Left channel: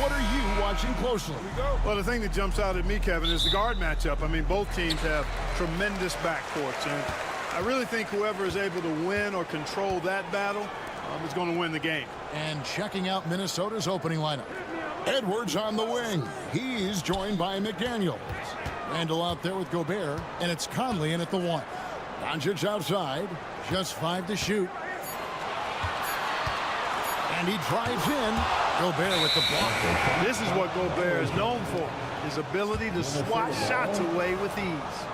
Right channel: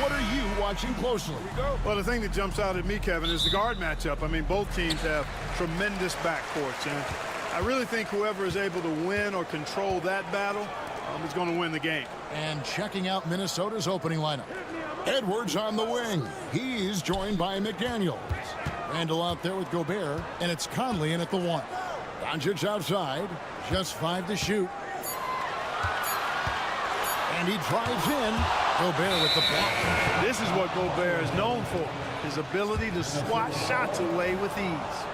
what are you watching closely? Well, the thing that jumps out at me, Kevin, is the guard matchup. I mean, both teams have tremendous backcourts, and I really think whoever is able to win or control that battle is going to win the game. And checking out Minnesota's opening lineup. Edwards on the wing. He's joined by McDaniels. Randall out there with Gobert, and it's Conley in at the 1. Doncic outside, just 5 to shoot. And he drives in. Gobert with the block. This is what Gobert is known for, his ability to swat shots away with ease.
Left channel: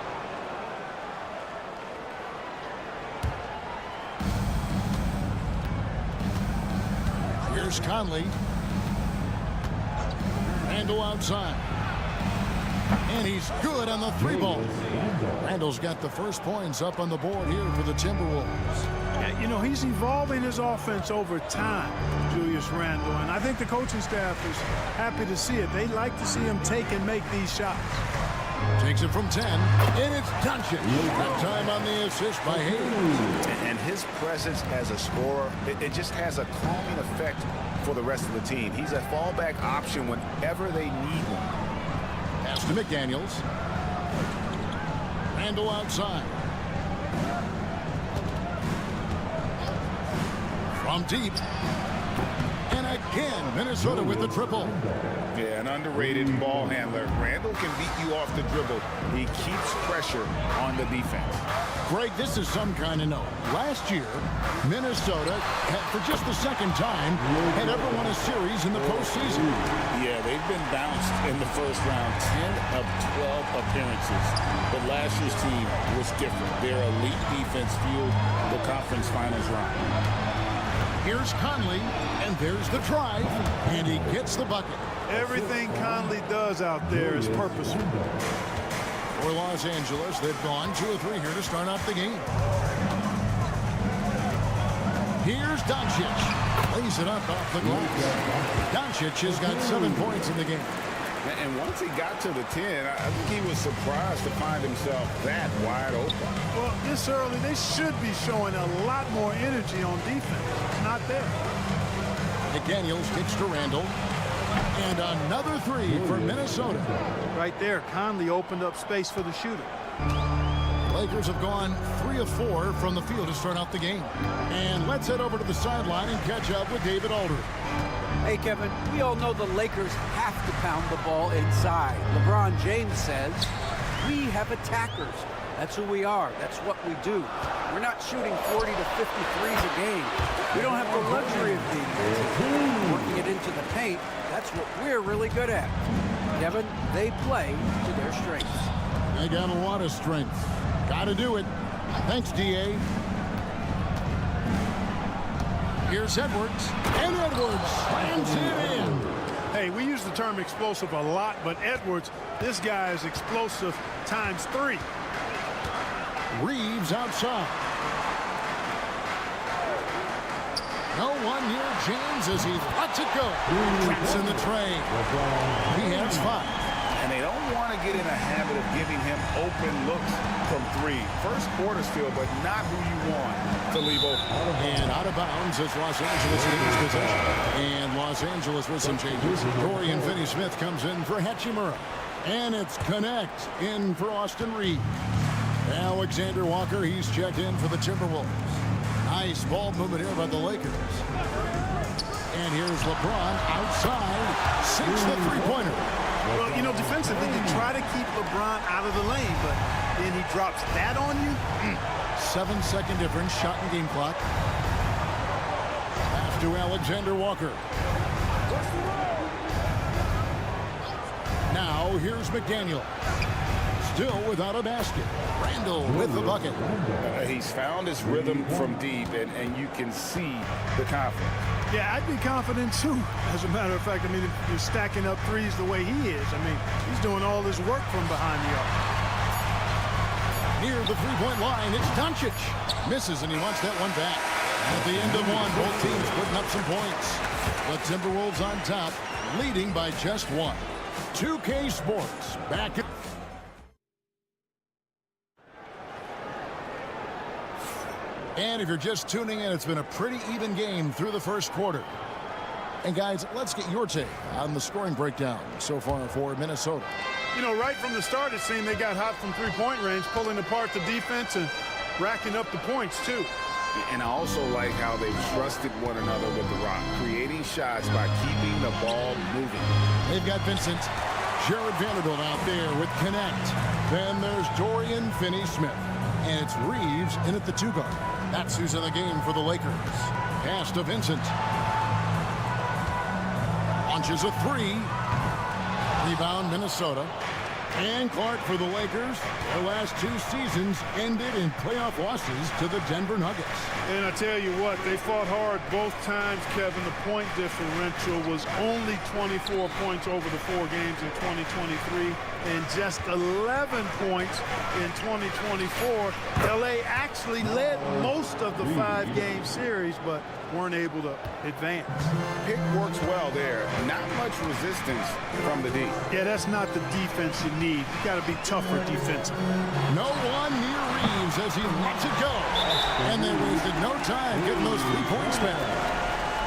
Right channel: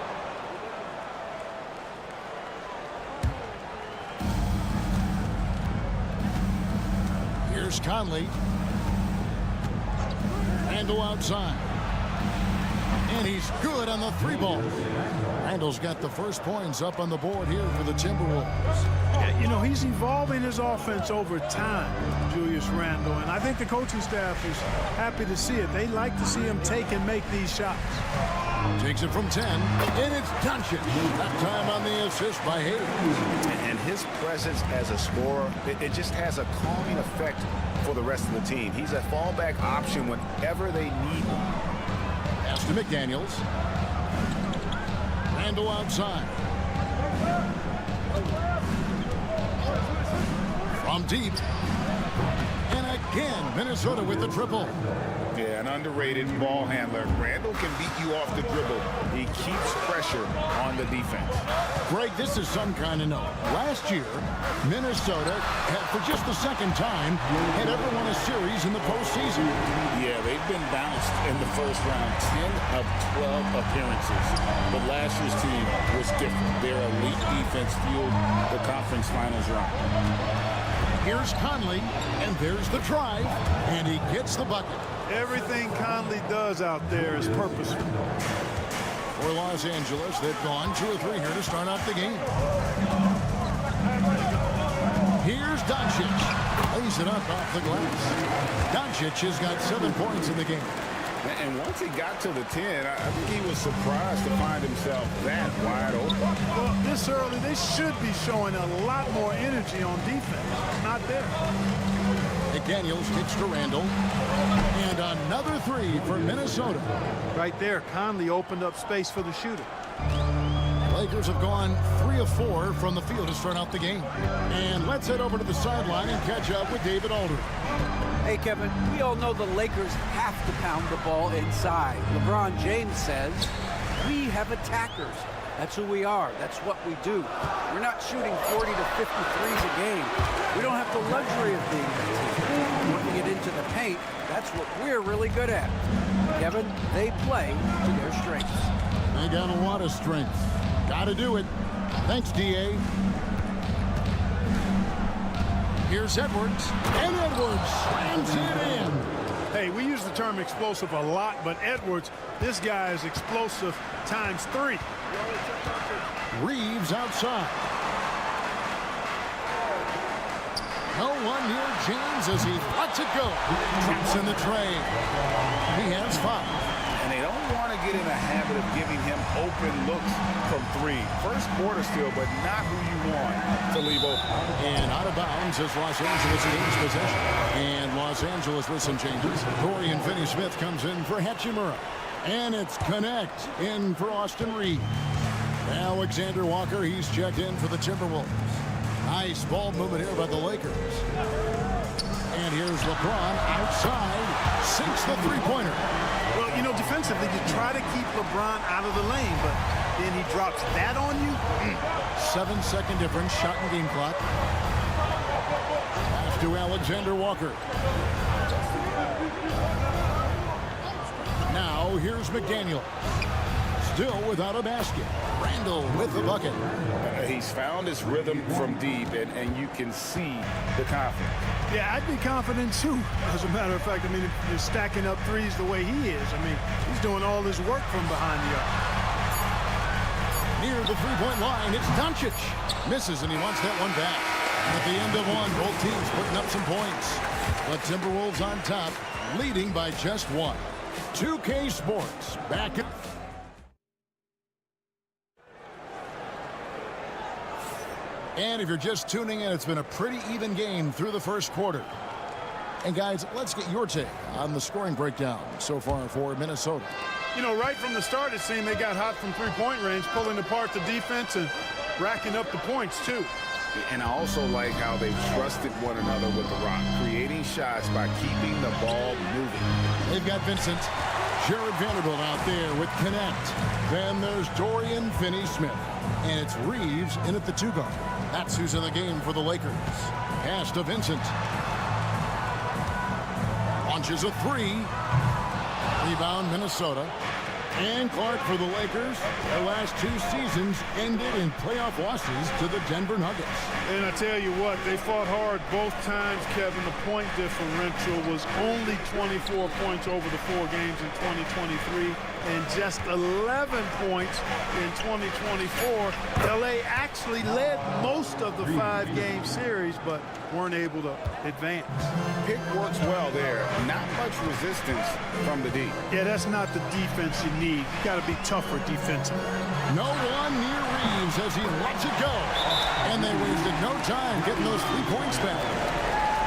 Here's Conley. Randall outside. And he's good on the 3-ball. Randall's got the first points up on the board here for the Timberwolves. Yeah, you know, he's evolving his offense over time, Julius Randle, and I think the coaching staff is happy to see it. They like to see him take and make these shots. Takes it from 10, and it's Doncic. That time on the assist by Hayes. And his presence as a scorer, it just has a calming effect for the rest of the team. He's a fallback option whenever they need one. Pass to McDaniels. Randall outside. From deep. And again, Minnesota with the triple. Yeah, an underrated ball handler. Randall can beat you off the dribble. He keeps pressure on the defense. Greg, this is some kind of note. Last year, Minnesota, for just the second time, had ever won a series in the postseason. Yeah, they've been bounced in the first round, 10 of 12 appearances. But last year's team was different. Their elite defense fueled the conference finals run. Here's Conley, and there's the drive, and he gets the bucket. Everything Conley does out there is purposeful. For Los Angeles, they've gone 2 of 3 here to start out the game. Here's Doncic. Lays it up off the glass. Doncic has got 7 points in the game. And once he got to the 10, I think he was surprised to find himself that wide open. Well, this early, they should be showing a lot more energy on defense. It's not there. McDaniels kicks to Randall. And another 3 for Minnesota. Right there, Conley opened up space for the shooter. Lakers have gone 3 of 4 from the field to start out the game. And let's head over to the sideline and catch up with David Aldridge. Hey, Kevin, we all know the Lakers have to pound the ball inside. LeBron James says, we have attackers. That's who we are. That's what we do. We're not shooting 40 to 53s a game. We don't have the luxury of being that team. Working it into the paint, that's what we're really good at. Kevin, they play to their strengths. They got a lot of strength. Got to do it. Thanks, D.A. Here's Edwards, and Edwards slams it in. Hey, we use the term explosive a lot, but Edwards, this guy is explosive times 3. Reeves outside. No one near James as he lets it go. Traps in the trade. He has 5. And they don't want to get in a habit of giving him open looks from 3. First quarter still, but not who you want to leave open. And out of bounds as Los Angeles gains possession. And Los Angeles with some changes. Dorian Finney-Smith comes in for Hachimura. And it's Connect in for Austin Reeves. Alexander Walker, he's checked in for the Timberwolves. Nice ball movement here by the Lakers. And here's LeBron outside. Sinks the three-pointer. Well, you know, defensively, you try to keep LeBron out of the lane, but then he drops that on you. 7-second difference, shot and game clock. Pass to Alexander Walker. Now, here's McDaniel. Still without a basket. Randall with the bucket. He's found his rhythm from deep, and you can see the confidence. Yeah, I'd be confident too. As a matter of fact, I mean, if you're stacking up threes the way he is, I mean, he's doing all his work from behind the arc. Near the three-point line, it's Doncic. Misses, and he wants that one back. And at the end of one, both teams putting up some points. The Timberwolves on top, leading by just 1. 2K Sports, back at... And if you're just tuning in, it's been a pretty even game through the first quarter. And guys, let's get your take on the scoring breakdown so far for Minnesota. You know, right from the start, it seemed they got hot from three-point range, pulling apart the defense and racking up the points, too. And I also like how they've trusted one another with the rock, creating shots by keeping the ball moving. They've got Vincent, Jared Vanderbilt out there with Connect. Then there's Dorian Finney-Smith. And it's Reeves in at the 2 guard. That's who's in the game for the Lakers. Pass to Vincent. Launches a 3. Rebound, Minnesota. And Clark for the Lakers. Their last 2 seasons ended in playoff losses to the Denver Nuggets. And I tell you what, they fought hard both times, Kevin. The point differential was only 24 points over the 4 games in 2023 and just 11 points in 2024. LA actually led most of the 5-game series, but weren't able to advance. Pick works well there. Not much resistance from the D. Yeah, that's not the defense you need. You got to be tougher defensively. No one near Reeves as he lets it go. And they wasted no time getting those 3 points back.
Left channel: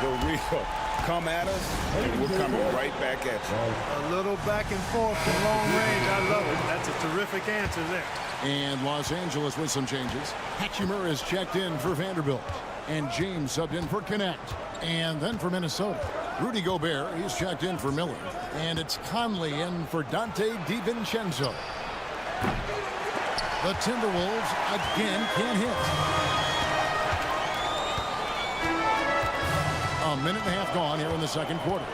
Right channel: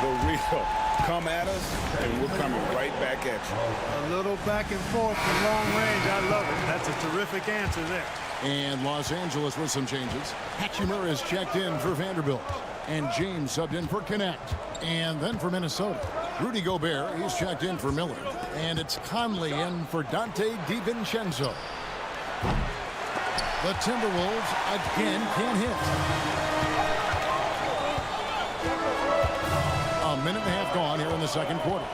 The real come at us, and we're coming right back at you. A little back and forth from long range. I love it. That's a terrific answer there. And Los Angeles with some changes. Hachimura is checked in for Vanderbilt. And James subbed in for Connect. And then for Minnesota, Rudy Gobert, he's checked in for Miller. And it's Conley in for Dante DiVincenzo. The Timberwolves again can't hit. A minute and a half gone here in the second quarter.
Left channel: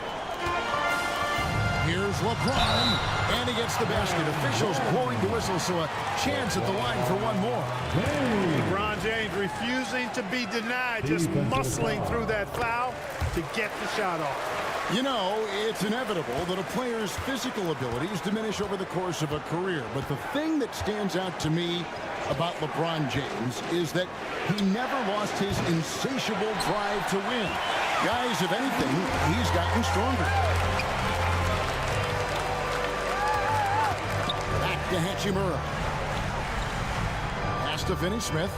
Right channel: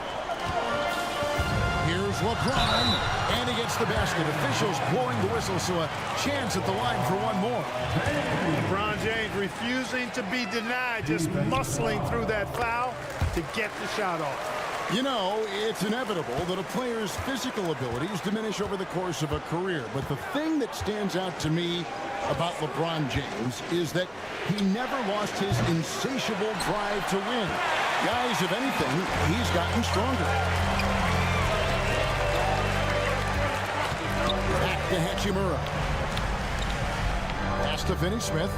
Here's LeBron, and he gets the basket. Officials blowing the whistle, so a chance at the line for one more. LeBron James refusing to be denied, just muscling through that foul to get the shot off. You know, it's inevitable that a player's physical abilities diminish over the course of a career. But the thing that stands out to me about LeBron James is that he never lost his insatiable drive to win. Guys, if anything, he's gotten stronger. Back to Hachimura. Pass to Finney-Smith.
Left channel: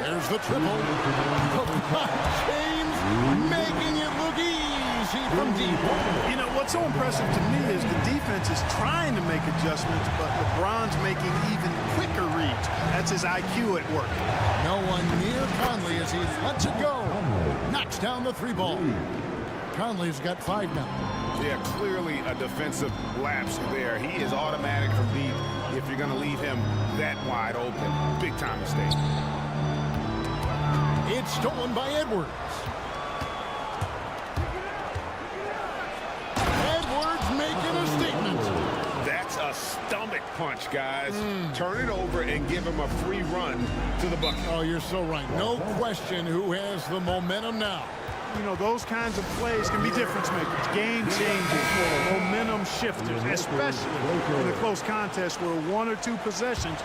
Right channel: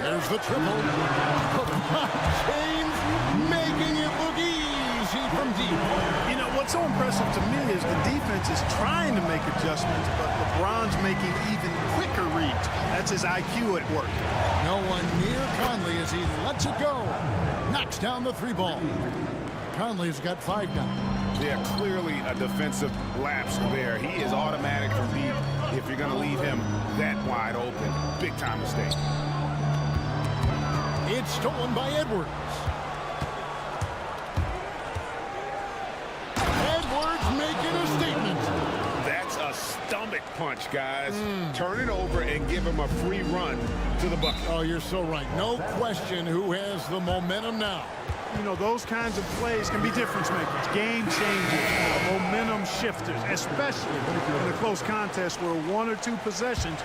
There's the triple. LeBron James making it look easy from deep. You know, what's so impressive to me is the defense is trying to make adjustments, but LeBron's making even quicker reads. That's his IQ at work. No one near Conley as he lets it go. Knocks down the 3 ball. Conley's got 5 now. Yeah, clearly a defensive lapse there. He is automatic from deep if you're going to leave him that wide open. Big time mistake. It's stolen by Edwards. Edwards making a statement. That's a stomach punch, guys. Turn it over and give him a free run to the bucket. Oh, you're so right. No question who has the momentum now. You know, those kinds of plays can be difference makers, game changers, momentum shifters, especially in a close contest where 1 or 2 possessions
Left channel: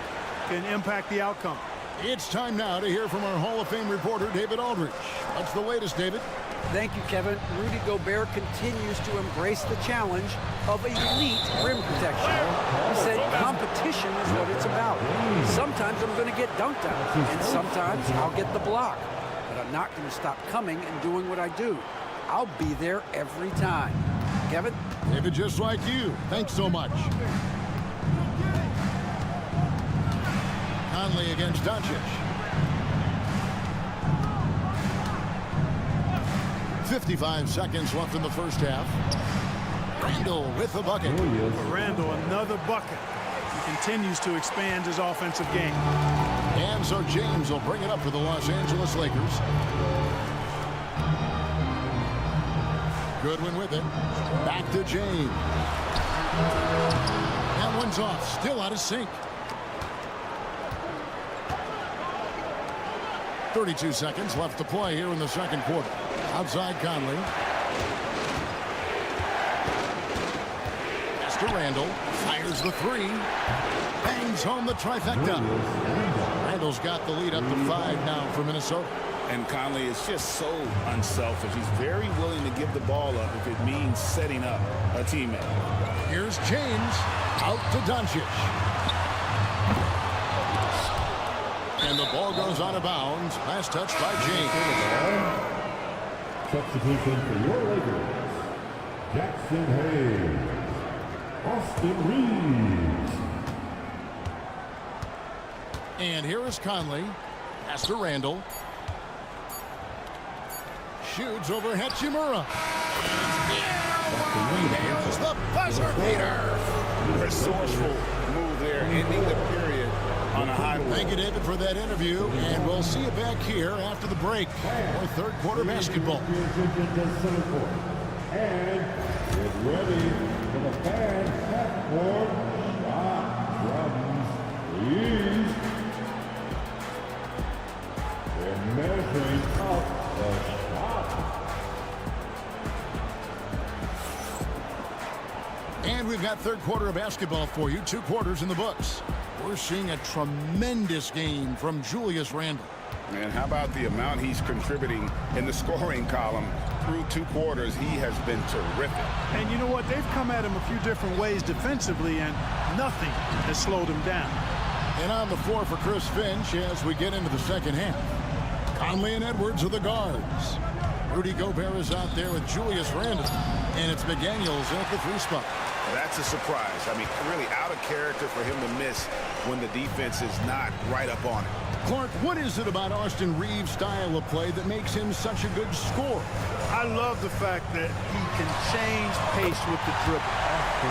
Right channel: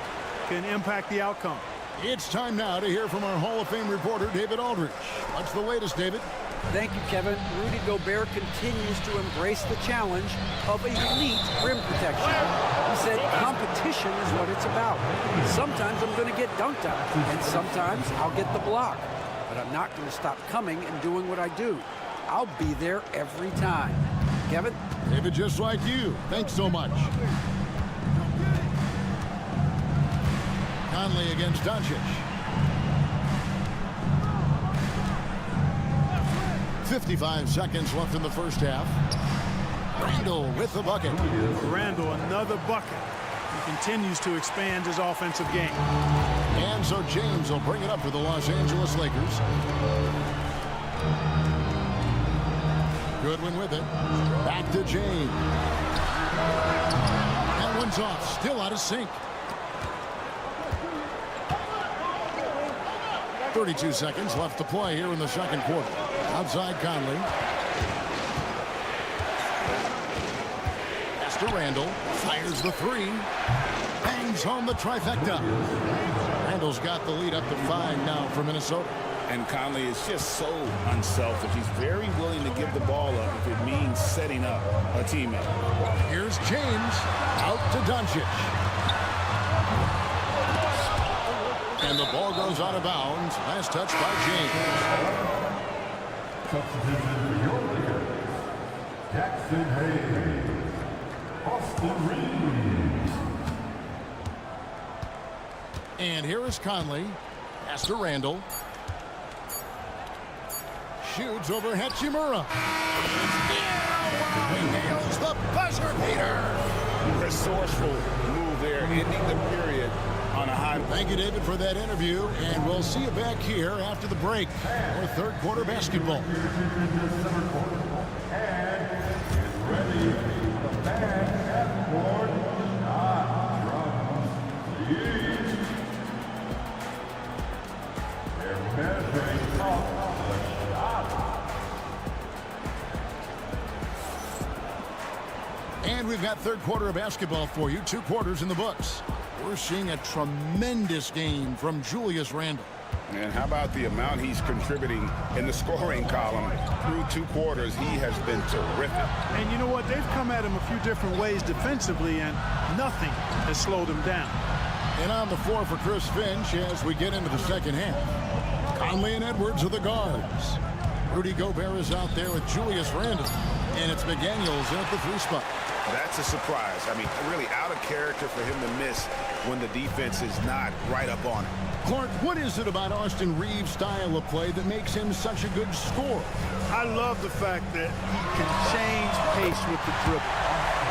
can impact the outcome. It's time now to hear from our Hall of Fame reporter, David Aldridge. What's the latest, David? Thank you, Kevin. Rudy Gobert continues to embrace the challenge of elite rim protection. He said competition is what it's about. Sometimes I'm going to get dunked on, and sometimes I'll get the block. But I'm not going to stop coming and doing what I do. I'll be there every time. Kevin? David, just like you. Thanks so much. Conley against Doncic. 55 seconds left in the first half. Randall with the bucket. For Randall, another bucket. He continues to expand his offensive game. And so James will bring it up for the Los Angeles Lakers. Goodwin with it. Back to James. That one's off. Still out of sync. 32 seconds left to play here in the second quarter. Outside Conley. Pass to Randall. Fires the 3. Bangs home the trifecta. Randall's got the lead up to 5 now for Minnesota. And Conley is just so unselfish. He's very willing to give the ball up if it means setting up a teammate. Here's James. Out to Doncic. And the ball goes out of bounds. Last touch by James. Substitution for your Lakers. Jackson Hayes. Austin Reeves. And here is Conley. Pass to Randall. Shoots over Hachimura. He nails the buzzer beater. Resourceful move there, ending the period on a high. Thank you, David, for that interview, and we'll see you back here after the break for third quarter basketball. And get ready for the fan half-court shot from Reeves. They're measuring up the shot. And we've got third quarter of basketball for you. 2 quarters in the books. We're seeing a tremendous game from Julius Randle. And how about the amount he's contributing in the scoring column? Through 2 quarters, he has been terrific. And you know what? They've come at him a few different ways defensively, and nothing has slowed him down. And on the floor for Chris Finch as we get into the second half. Conley and Edwards are the guards. Rudy Gobert is out there with Julius Randle. And it's McDaniels in at the 3 spot. That's a surprise. I mean, really out of character for him to miss when the defense is not right up on it. Clark, what is it about Austin Reeves' style of play that makes him such a good scorer? I love the fact that he can change pace with the dribble.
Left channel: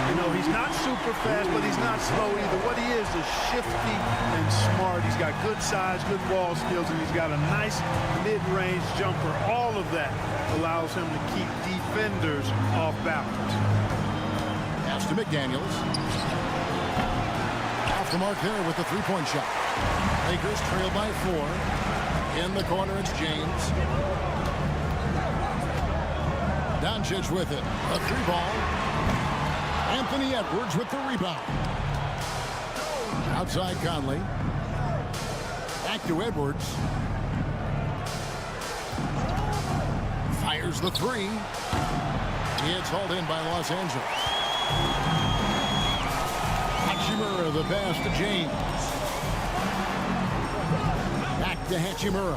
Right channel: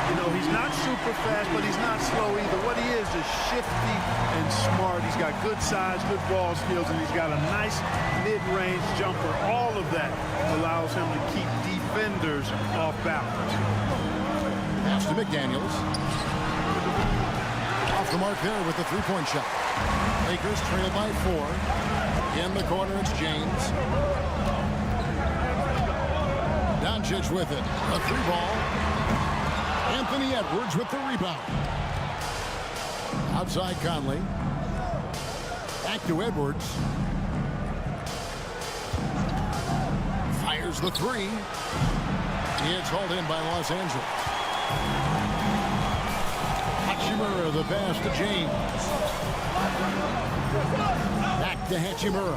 You know, he's not super fast, but he's not slow either. What he is shifty and smart. He's got good size, good ball skills, and he's got a nice mid-range jumper. All of that allows him to keep defenders off balance. Pass to McDaniels. Off the mark there with the 3-point shot. Lakers trail by 4. In the corner, it's James. Doncic with it. A 3-ball. Anthony Edwards with the rebound. Outside Conley. Back to Edwards. Fires the 3. It's hauled in by Los Angeles. Hachimura, the pass to James. Back to Hachimura.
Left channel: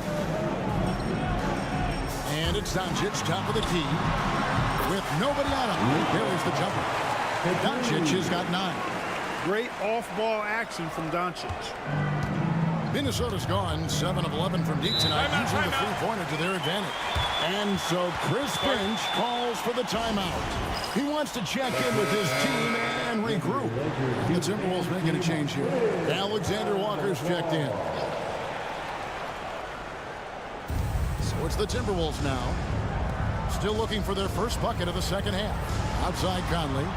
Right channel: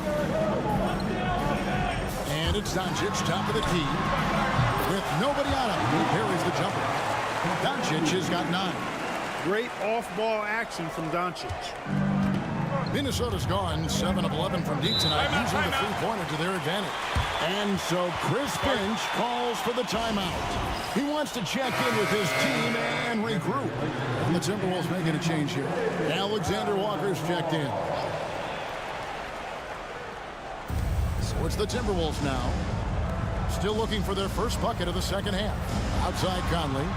And it's Doncic, top of the key. With nobody on him, he buries the jumper. Doncic has got 9. Great off-ball action from Doncic. Minnesota's gone 7 of 11 from deep tonight, using the 3-pointer to their advantage. And so Chris Finch calls for the timeout. He wants to check in with his team and regroup. And the Timberwolves making a change here. Alexander Walker's checked in. So it's the Timberwolves now. Still looking for their first bucket of the second half. Outside Conley.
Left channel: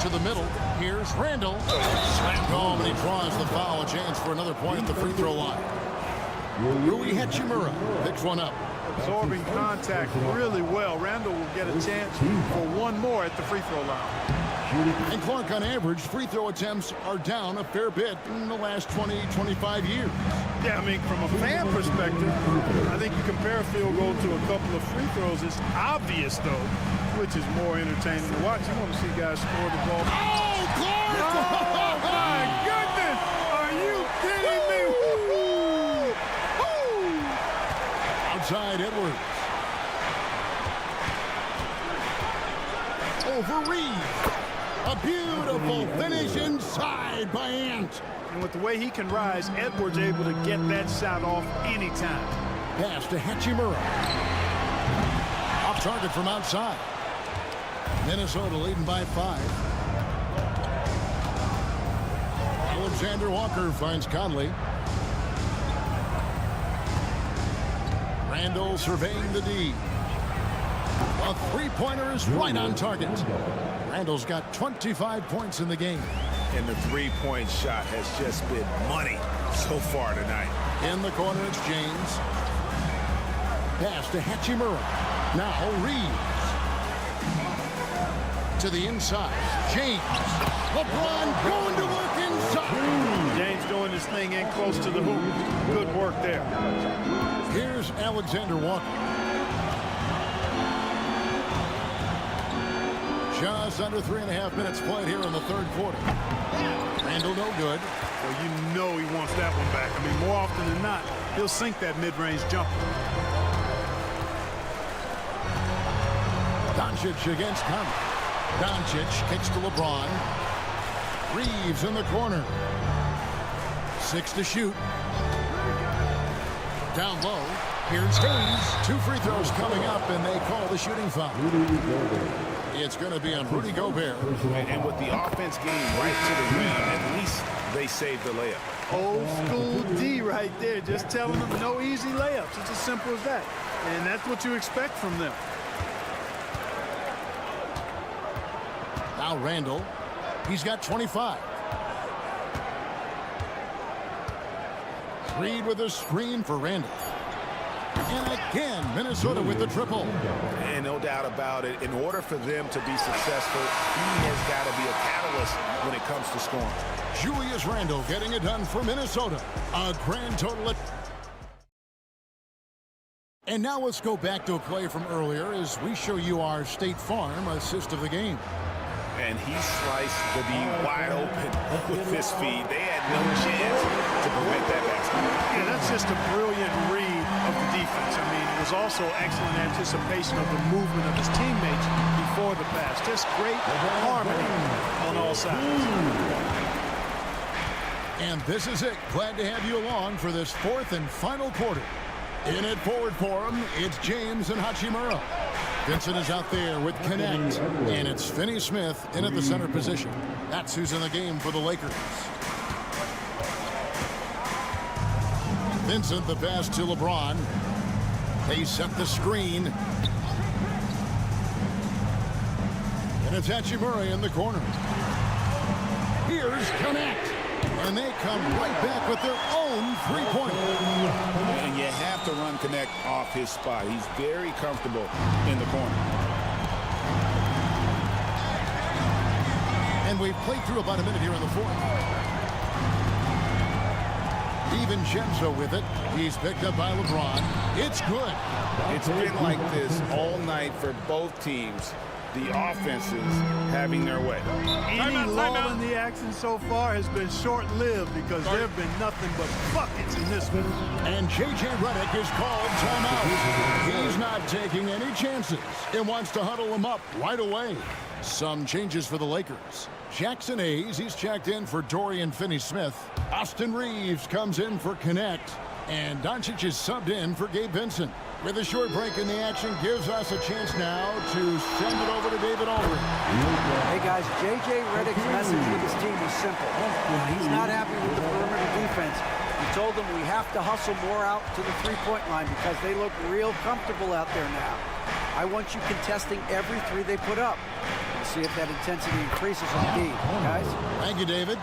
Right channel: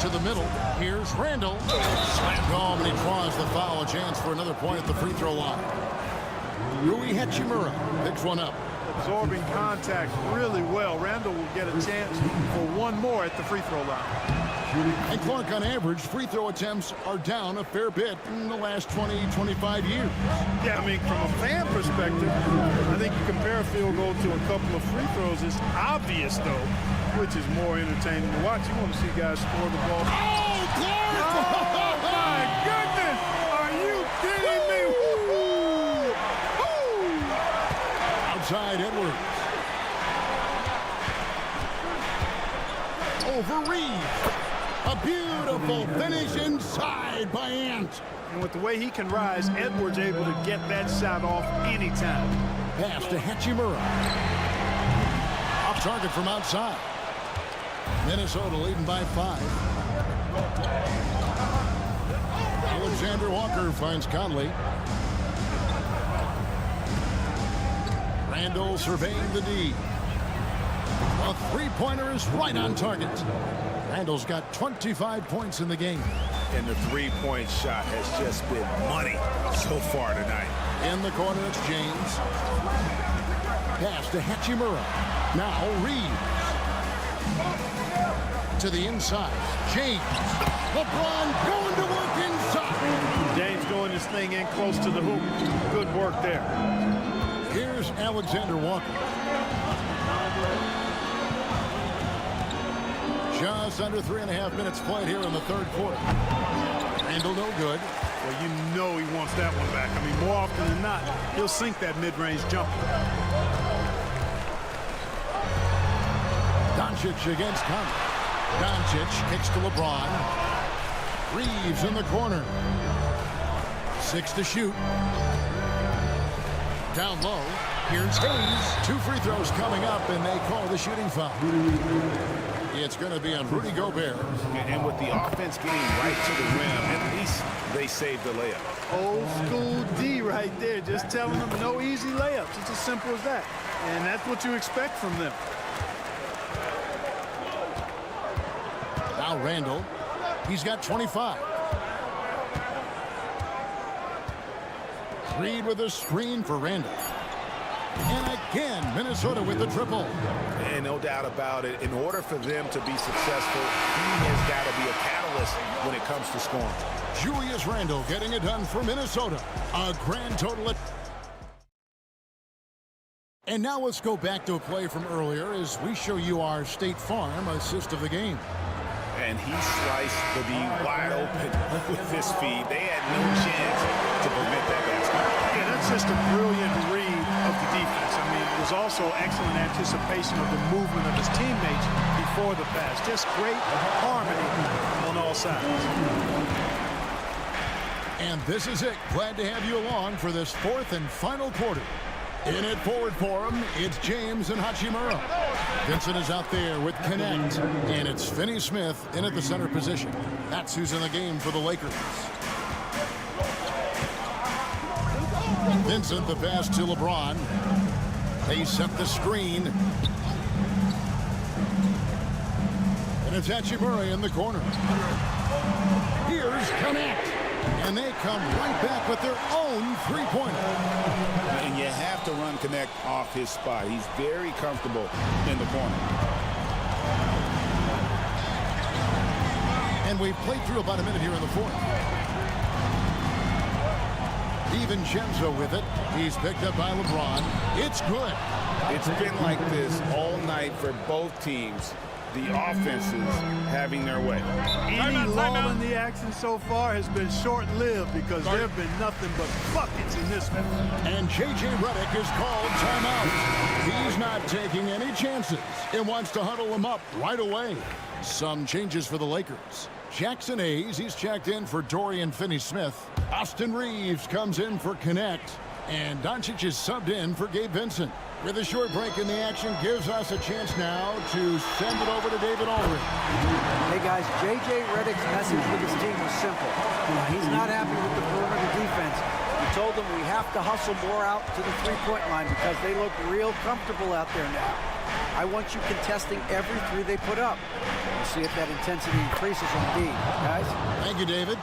To the middle. Here's Randall. Slammed home, and he draws the foul. A chance for another point at the free throw line. Rui Hachimura picks one up. Absorbing contact really well. Randall will get a chance for one more at the free throw line. And Clark, on average, free throw attempts are down a fair bit in the last 20-25 years. Yeah, I mean, from a fan perspective, I think you compare a field goal to a couple of free throws. It's obvious, though, which is more entertaining to watch. You want to see guys score the ball. Oh, Clark! Oh, my goodness! Are you kidding me? Woo-hoo! Woo! Outside Edwards. Over Reeves. A beautiful finish inside by Ant. And with the way he can rise, Edwards able to get that shot off anytime. Pass to Hachimura. Off target from outside. Minnesota leading by 5. Alexander Walker finds Conley. Randall surveying the D. A 3-pointer is right on target. Randall's got 25 points in the game. And the 3-point shot has just been money so far tonight. In the corner, it's James. Pass to Hachimura. Now Reeves. To the inside. James. LeBron going to work inside. James doing his thing in close to the hoop. Good work there. Here's Alexander Walker. Just under 3.5 minutes played here in the third quarter. Randall no good. Well, you know he wants that one back. I mean, more often than not, he'll sink that mid-range jumper. Doncic against Conley. Doncic kicks to LeBron. Reeves in the corner. 6 to shoot. Down low. Here's Hayes. 2 free throws coming up, and they call the shooting foul. It's going to be on Rudy Gobert. And with the offense getting right to the rim, at least they saved the layup. Old school D right there, just telling them no easy layups. It's as simple as that. And that's what you expect from them. Now Randall. He's got 25. Reed with a screen for Randall. And again, Minnesota with the triple. And no doubt about it, in order for them to be successful, he has got to be a catalyst when it comes to scoring. Julius Randle getting it done for Minnesota. A grand total. And now let's go back to a play from earlier as we show you our State Farm assist of the game. And he sliced the D wide open with this feed. They had no chance to prevent that basket. Yeah, that's just a brilliant read of the defense. I mean, it was also excellent anticipation of the movement of his teammates before the pass. Just great harmony on all sides. And this is it. Glad to have you along for this 4th and final quarter. In it forward for him, it's James and Hachimura. Vincent is out there with Connect, and it's Finney-Smith in at the center position. That's who's in the game for the Lakers. Vincent, the pass to LeBron. They set the screen. And it's Hachimura in the corner. Here's Connect. And they come right back with their own three-pointer. And you have to run Connect off his spot. He's very comfortable in the corner. And we've played through about a minute here in the 4th. DiVincenzo with it. He's picked up by LeBron. It's good. It's been like this all night for both teams. The offenses having their way. Any lull in the action so far has been short-lived because there have been nothing but buckets in this one. And J.J. Redick is called timeout. He's not taking any chances and wants to huddle him up right away. Some changes for the Lakers. Jackson Hayes, he's checked in for Dorian Finney-Smith. Austin Reeves comes in for Connect. And Doncic is subbed in for Gabe Vincent. With a short break in the action, gives us a chance now to send it over to David Aldridge. Hey guys, J.J. Redick's message with his team was simple. He's not happy with the perimeter defense. He told them we have to hustle more out to the three-point line because they look real comfortable out there now. I want you contesting every three they put up. We'll see if that intensity increases on D, guys. Thank you, David.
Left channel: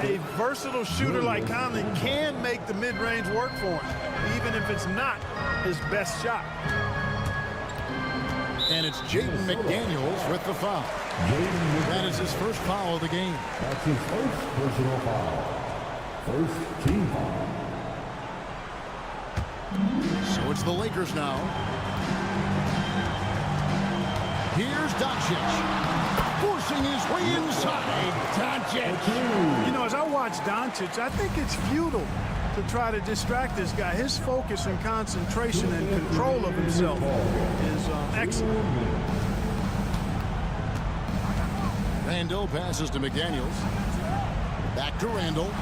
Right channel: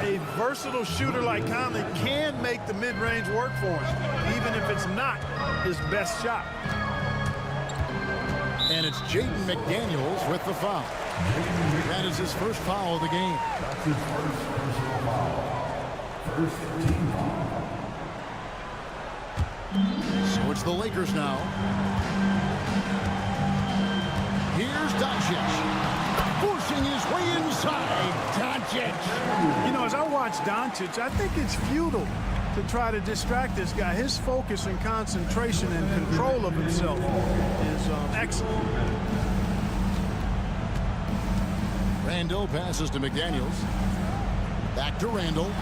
A versatile shooter like Conley can make the mid-range work for him, even if it's not his best shot. And it's Jaden McDaniels with the foul. That is his first foul of the game. That's his first personal foul. First team foul. So it's the Lakers now. Here's Doncic, forcing his way inside. Doncic. You know, as I watch Doncic, I think it's futile to try to distract this guy. His focus and concentration and control of himself is excellent. Randall passes to McDaniels. Back to Randall.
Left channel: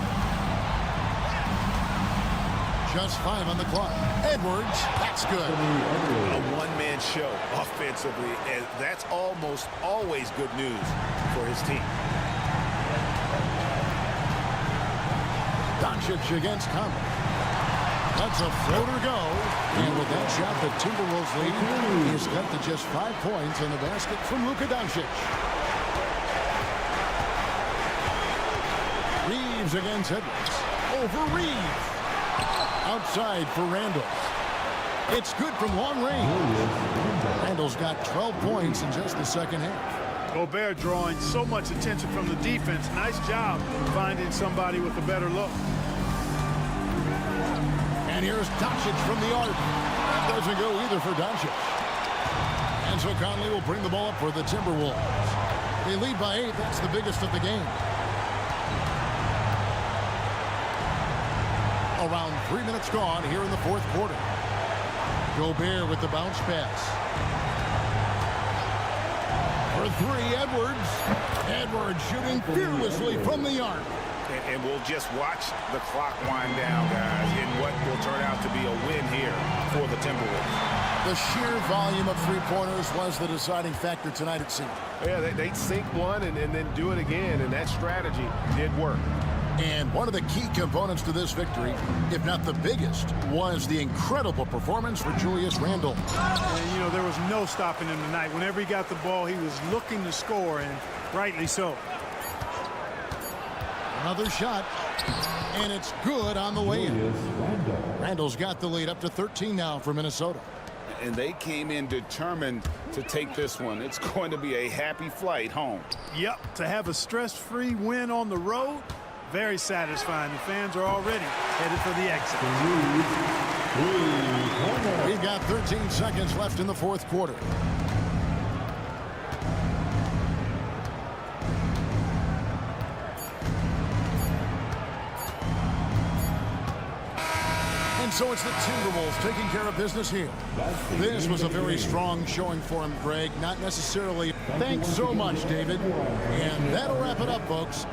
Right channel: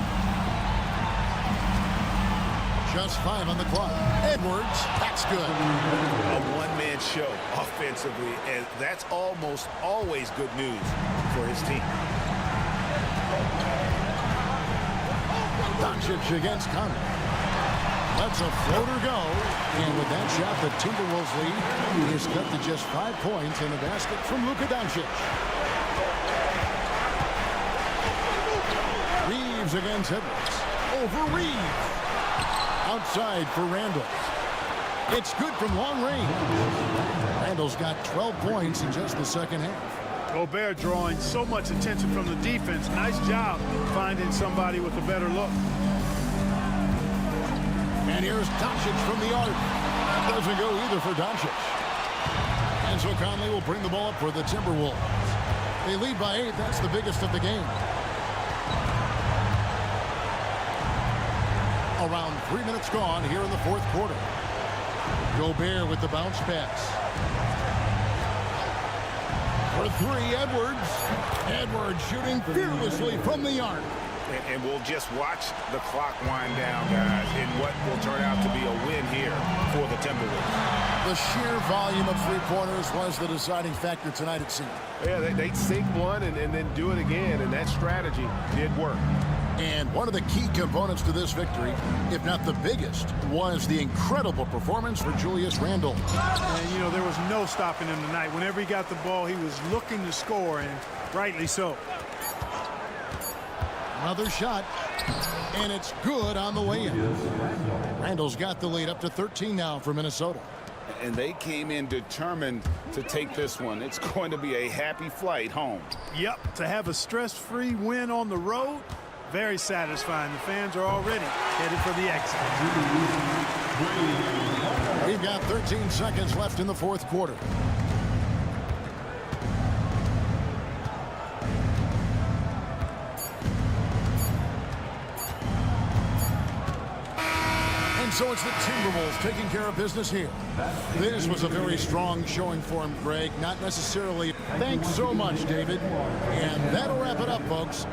Just 5 on the clock. Edwards, that's good. A one-man show offensively, and that's almost always good news for his team. Doncic against Conley. Lets a floater go. And with that shot, the Timberwolves lead is cut to just 5 points in the basket from Luka Doncic. Reeves against Edwards. Over Reeves. Outside for Randall. It's good from long range. Randall's got 12 points in just the second half. Gobert drawing so much attention from the defense. Nice job finding somebody with a better look. And here's Doncic from the arc. That doesn't go either for Doncic. And so Conley will bring the ball up for the Timberwolves. They lead by 8. That's the biggest of the game. Around 3 minutes gone here in the fourth quarter. Gobert with the bounce pass. For three, Edwards. Edwards shooting fearlessly from the arc. And we'll just watch the clock wind down, guys, in what will turn out to be a win here for the Timberwolves. The sheer volume of three-pointers was the deciding factor tonight, it seemed. Yeah, they sink one and then do it again, and that strategy did work. And one of the key components to this victory, if not the biggest, was the incredible performance for Julius Randle. And, you know, there was no stopping him tonight. Whenever he got the ball, he was looking to score, and rightly so. Another shot, and it's good on the way in. Randle's got the lead up to 13 now for Minnesota. And they came in determined to take this one. It's going to be a happy flight home. Yep, to have a stress-free win on the road, very satisfying. The fans are already headed for the exit. We've got 13 seconds left in the fourth quarter. And so it's the Timberwolves taking care of business here. This was a very strong showing for him, Greg. Not necessarily. Thanks so much, David. And that'll wrap it up, folks.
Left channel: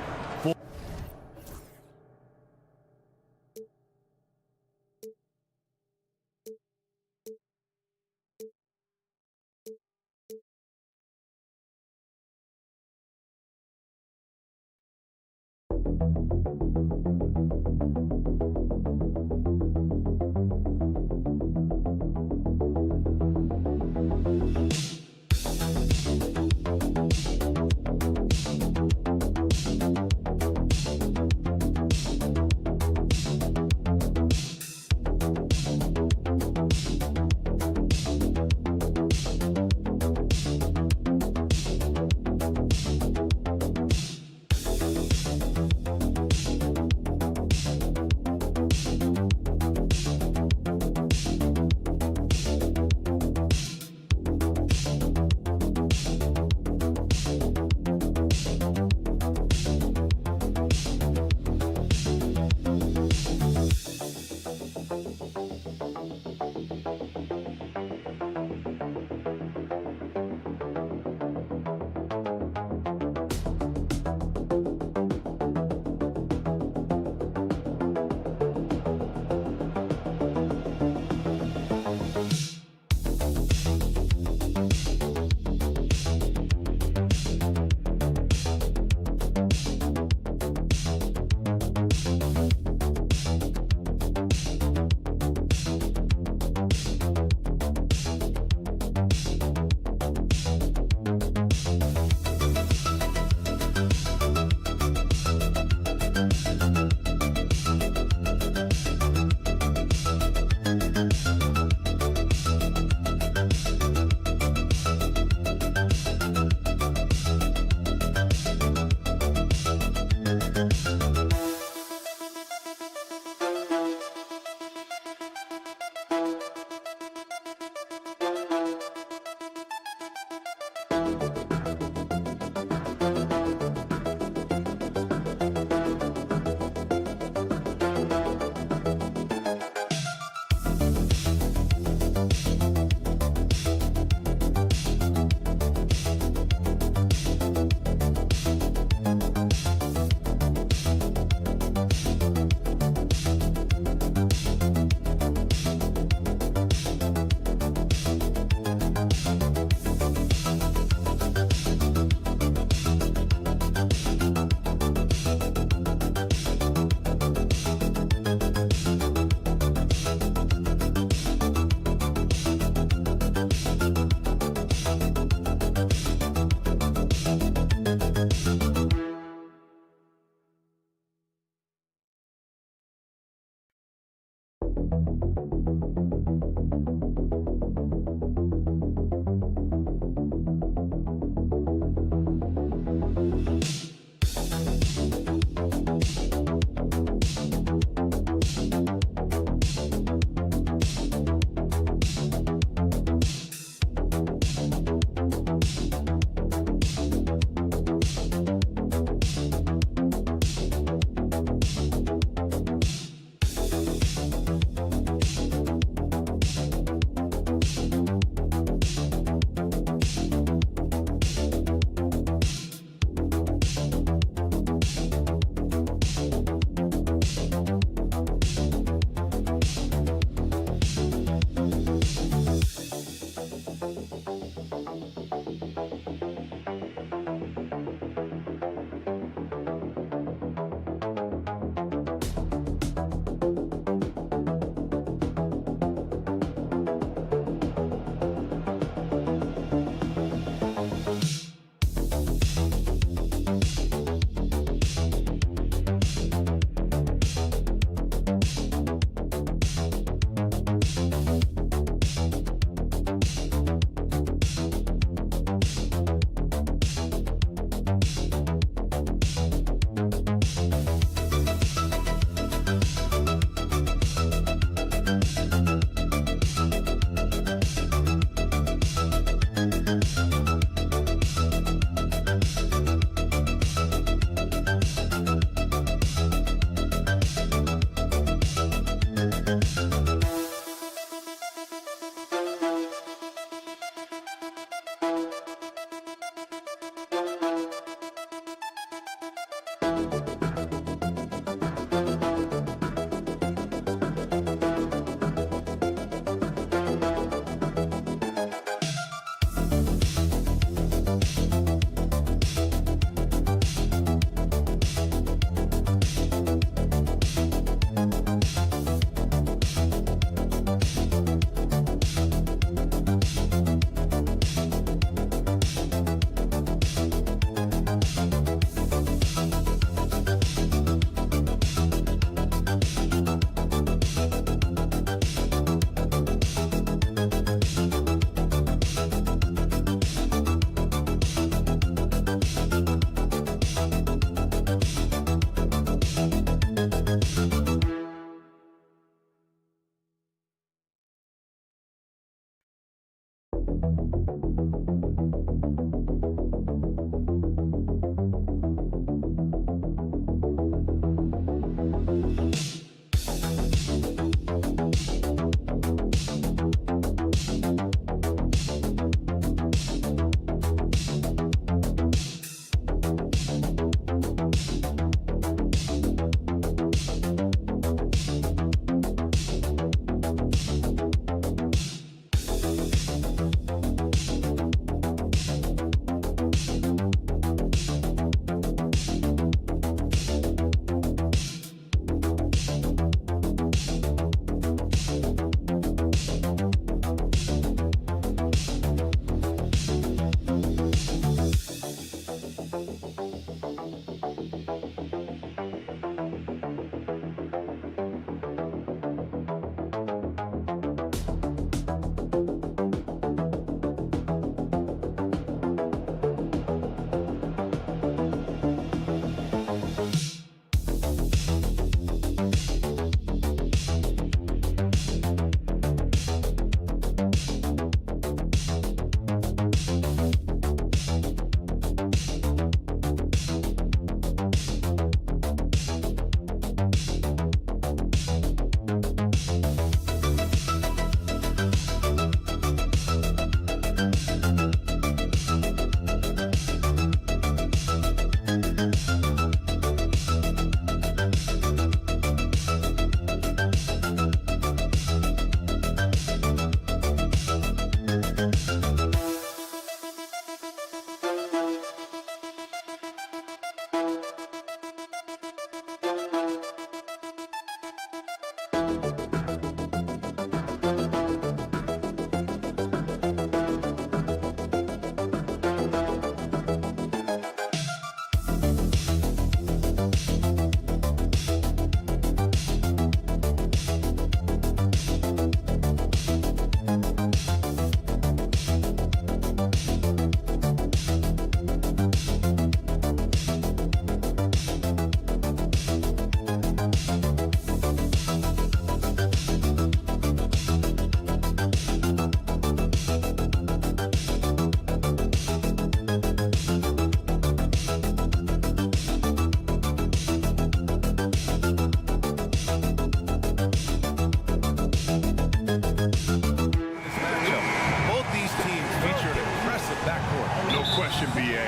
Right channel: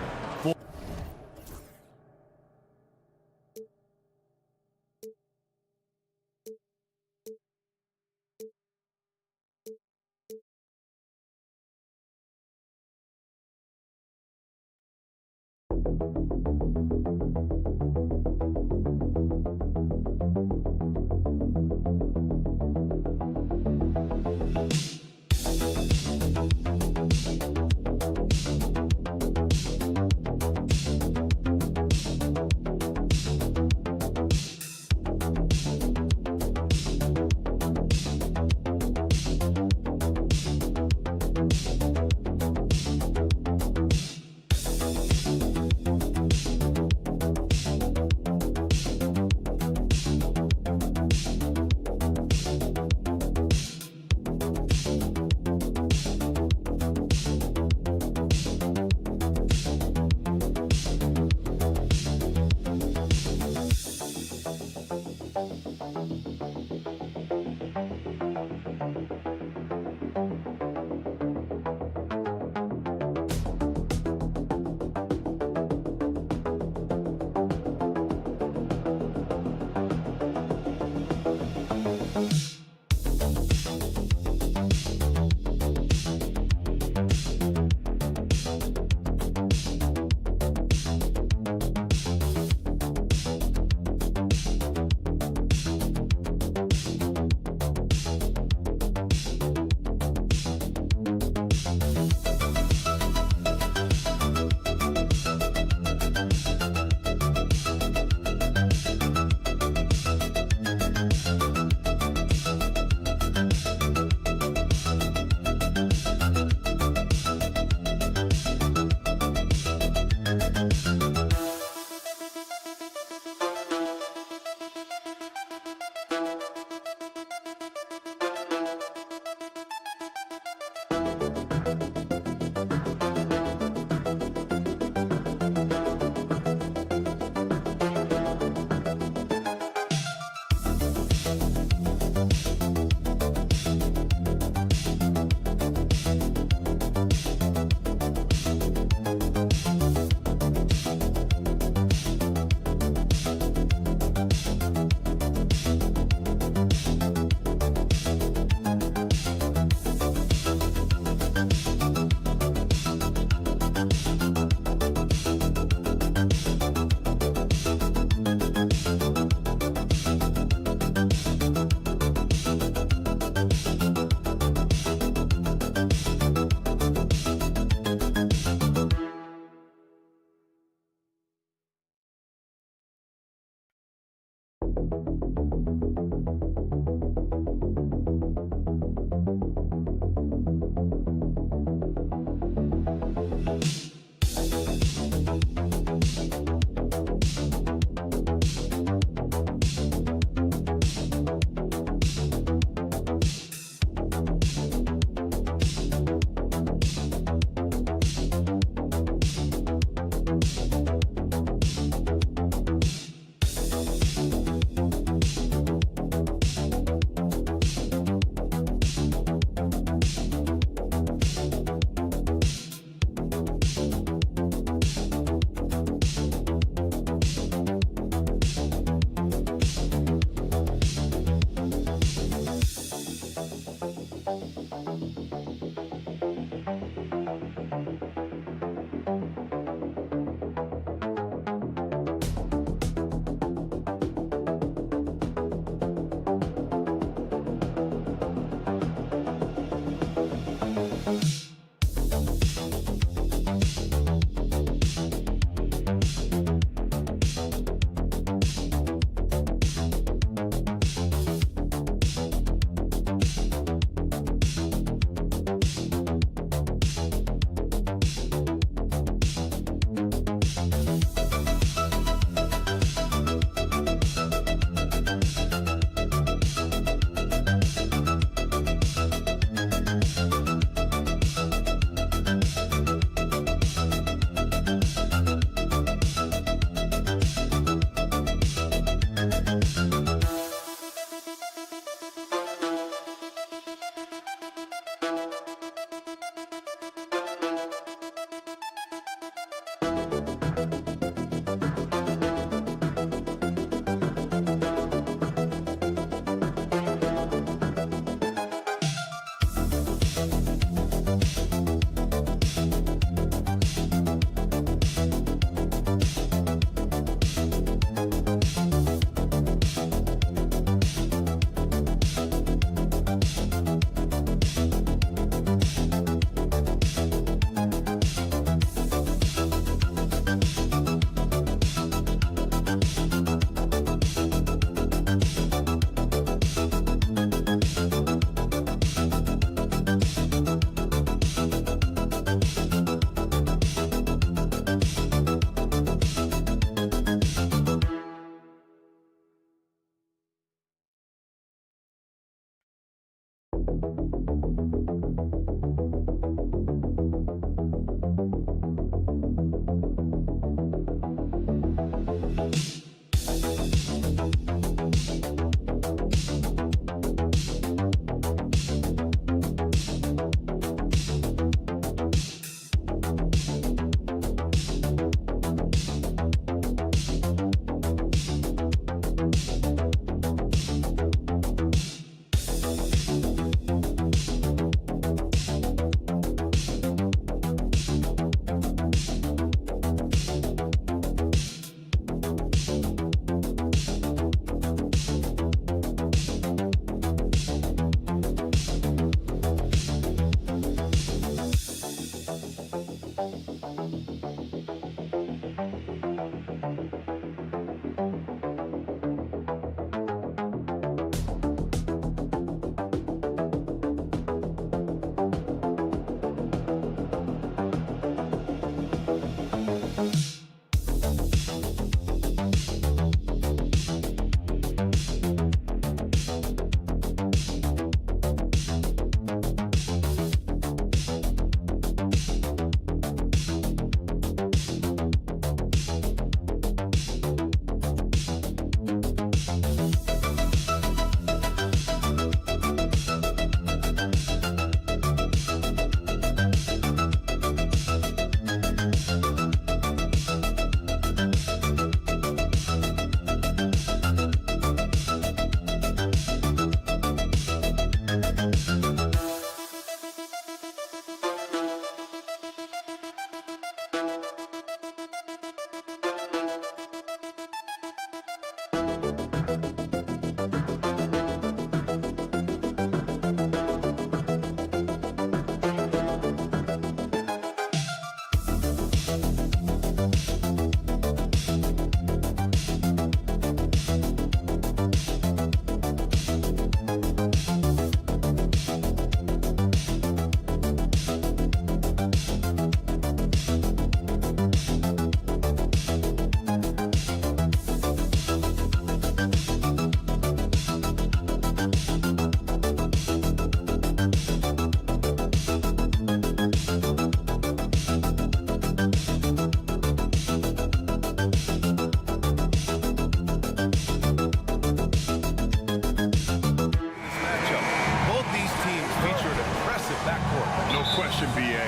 backcourt. No question, B.A.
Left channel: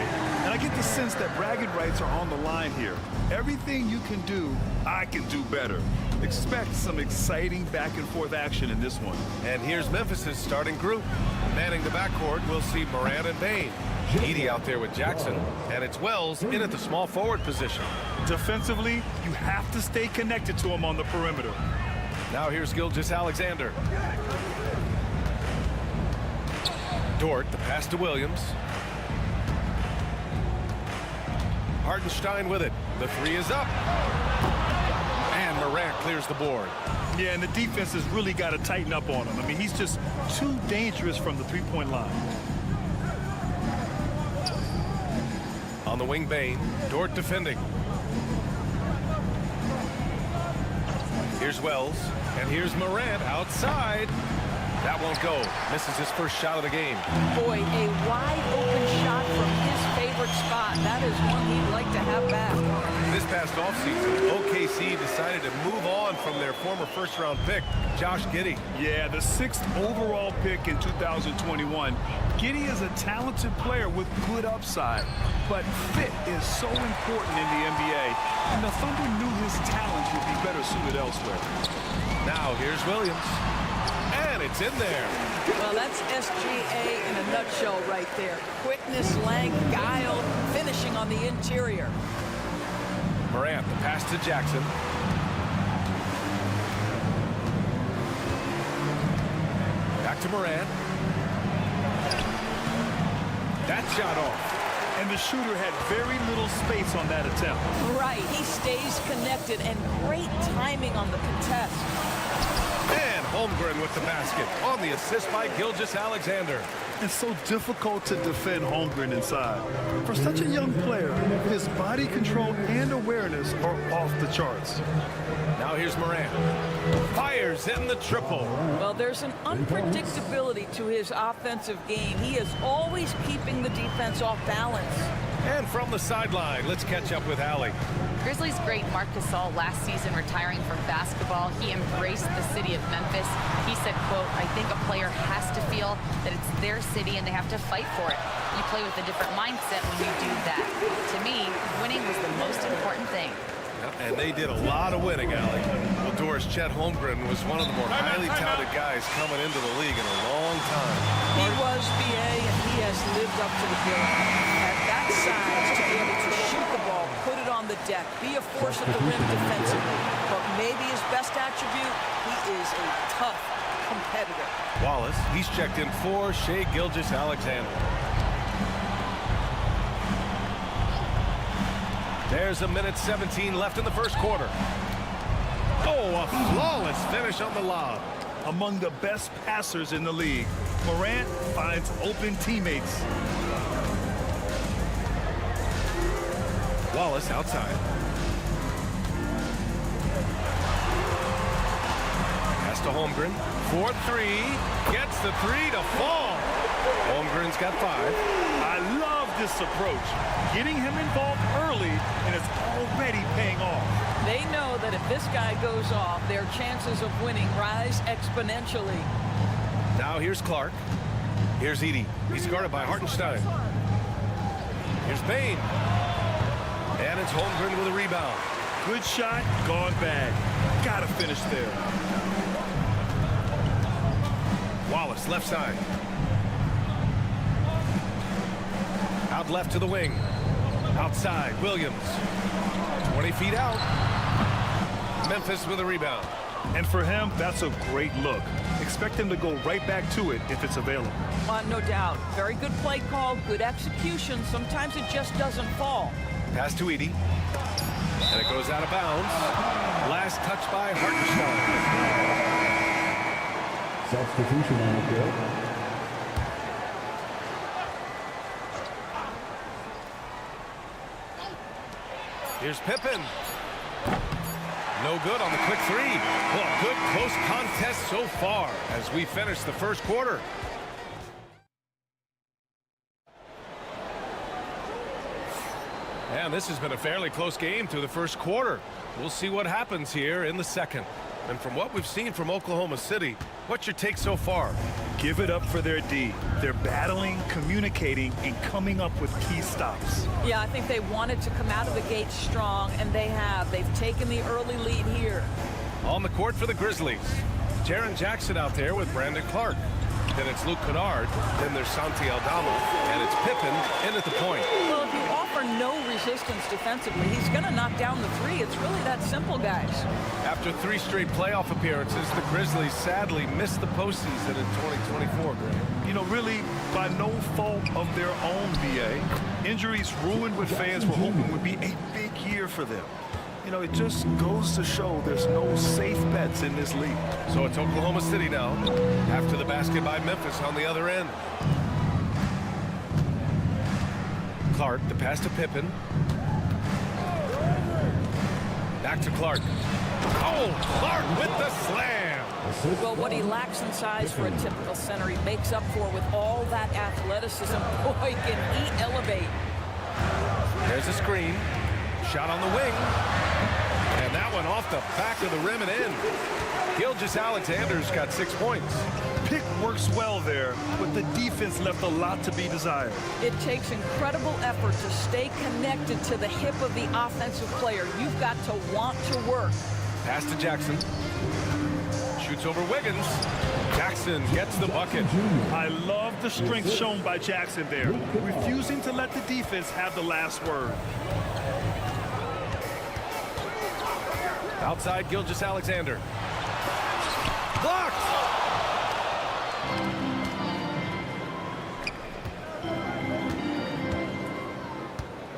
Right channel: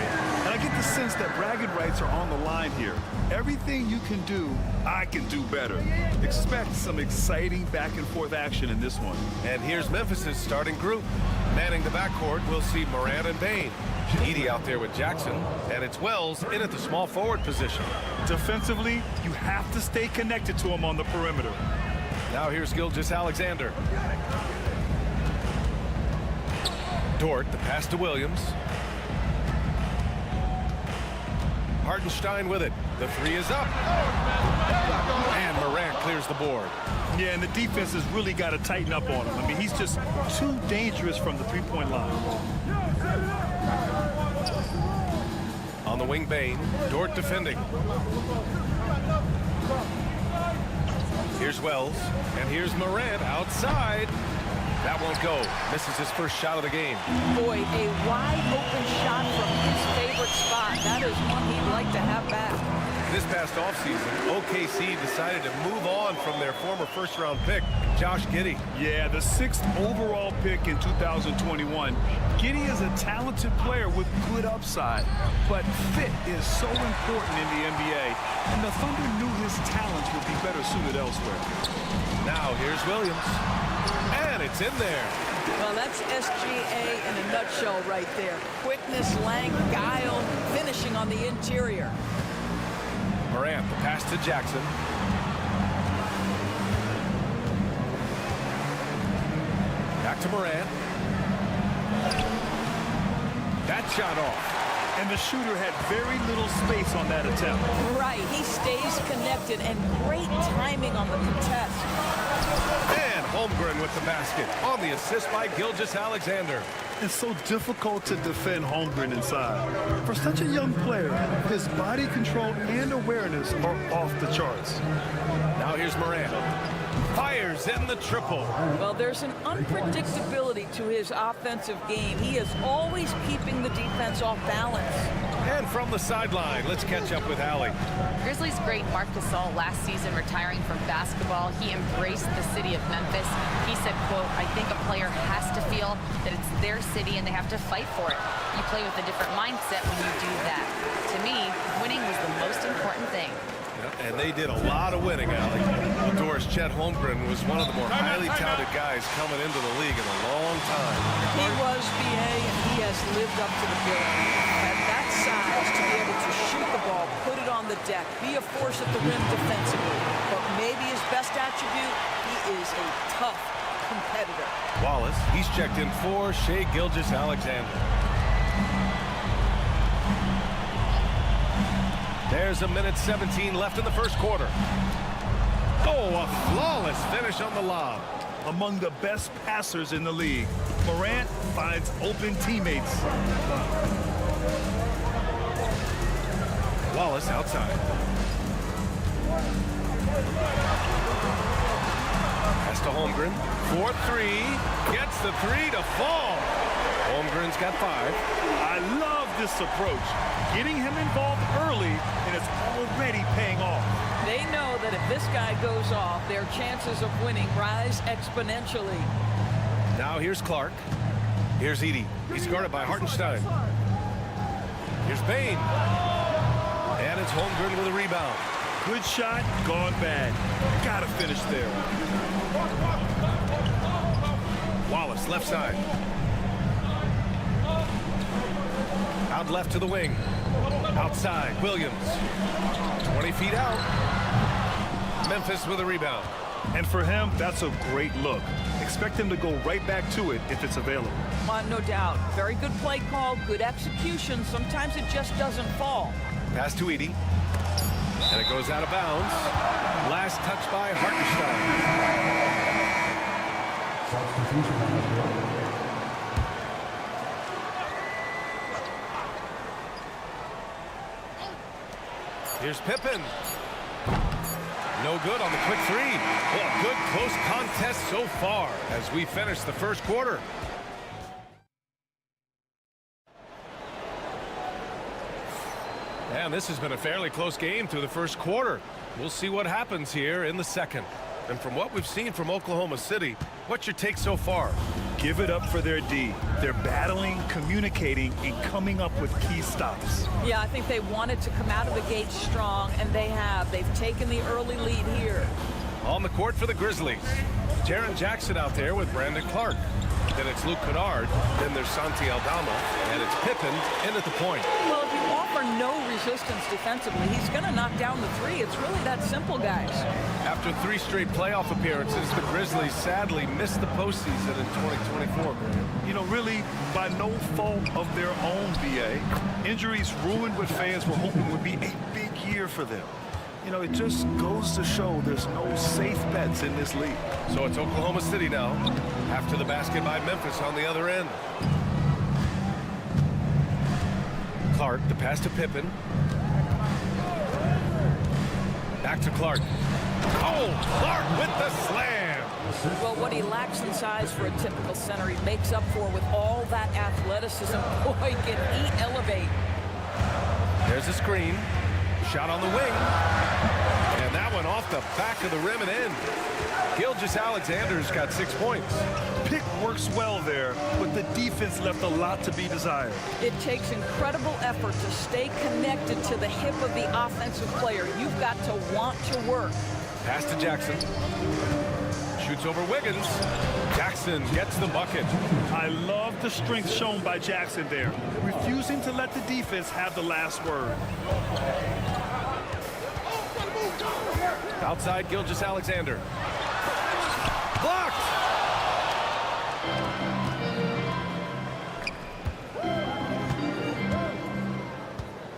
And I get the sense that bragging rights are on the line here. Everything you can do, I can do better. Expect some exciting back-and-forth action in this one. And here's Memphis's starting group. Manning the backcourt, we'll see Morant and Bane. Edey out there with Jackson, and it's Wells in at the small forward position. Defensively, you have to stay connected to him on the perimeter. Now here's Gilgeous-Alexander. Dort, the pass to Williams. Hartenstein with it. The three is up. And Morant clears the board. Yeah, and the defense has really got to tighten up on him. I mean, he's just too dangerous from the three-point line. On the wing, Bane. Dort defending. Here's Wells. And here's Morant outside. That won't go. Misses his first shot of the game. Boy, a wide-open shot from his favorite spot. That is one he'd like to have back. This past offseason, OKC decided to move on from their former first-round pick, Josh Giddey. Yeah, the 6th overall pick in 2021. Giddey is a talented player with good upside, but fit is so important in the NBA, and the Thunder knew his talents would be better suited elsewhere. Now here's Williams. And it's in there. Well, that's SGA in a nutshell right there. Quickness, length, guile, finishing on the interior. Morant, the pass to Jackson. Back to Morant. That shot off. And the shooter had very little space on that attempt. Right, he stays connected, and great timing on the contest. And Holmgren with the basket on the assist by Gilgeous-Alexander. It's so difficult to defend Holmgren inside. For such a young player, his body control and awareness are off the charts. Now here's Morant. Fires in the triple. Well, there's an unpredictability to his offensive game. He is always keeping the defense off balance. And from the sideline, let's catch up with Allie. Grizzlies great Marc Gasol last season retiring from basketball. He embraced the city of Memphis. He said, quote, "I think a player has to feel that it's their city and they have to fight for it. You play with a different mindset when you do that. To me, winning was the most important thing." Yeah, and they did a lot of winning, Allie. Well, Doris, Chet Holmgren was one of the more highly touted guys coming into the league in a long time. He was, BA, and he has lived up to the billing. At that size, to be able to shoot the ball, put it on the deck, be a force at the rim defensively. But maybe his best attribute, he is a tough competitor. Wallace, he's checked in for Shai Gilgeous-Alexander. There's a minute 17 left in the first quarter. Oh, a flawless finish on the lob. Among the best passers in the league, Morant finds open teammates. Wallace outside. Pass to Holmgren. 4-3. Gets the three to fall. Holmgren's got 5. I love this approach. Getting him involved early, and it's already paying off. They know that if this guy goes off, their chances of winning rise exponentially. Now here's Clark. Here's Edey. He's guarded by Hartenstein. Here's Bane. And it's Holmgren with a rebound. Good shot, gone bad. Gotta finish there. Wallace, left side. Out left to the wing. Outside, Williams. 20 feet out. Memphis with a rebound. And for him, that's a great look. Expect him to go right back to it if it's available. No doubt. Very good play call, good execution. Sometimes it just doesn't fall. Pass to Edey. And it goes out of bounds. Last touch by Hartenstein. Substitution on the field. Here's Pippen. No good on the quick three. Well, a good close contest so far as we finish the first quarter. And this has been a fairly close game through the first quarter. We'll see what happens here in the second. And from what we've seen from Oklahoma City, what's your take so far? Give it up for their D. They're battling, communicating, and coming up with key stops. Yeah, I think they wanted to come out of the gate strong, and they have. They've taken the early lead here. On the court for the Grizzlies. Jaren Jackson out there with Brandon Clark. Then it's Luke Kennard. Then there's Santi Aldama. And it's Pippen in at the point. Well, if you offer no resistance defensively, he's going to knock down the three. It's really that simple, guys. After 3 straight playoff appearances, the Grizzlies sadly missed the postseason in 2024, Graham. You know, really, by no fault of their own, BA. Injuries ruined what fans were hoping would be a big year for them. You know, it just goes to show there's no safe bets in this league. So it's Oklahoma City now, after the basket by Memphis on the other end. Clark, the pass to Pippen. Back to Clark. Oh, Clark with the slam. Well, what he lacks in size for a typical center, he makes up for with all that athleticism. Boy, can he elevate. There's a screen. Shot on the wing. And that one off the back of the rim and in. Gilgeous-Alexander's got 6 points. Pick works well there, but the defense left a lot to be desired. It takes incredible effort to stay connected to the hip of the offensive player. You've got to want to work. Pass to Jackson. Shoots over Wiggins. Jackson gets the bucket. I love the strength shown by Jackson there, refusing to let the defense have the last word. Outside, Gilgeous-Alexander. Blocked!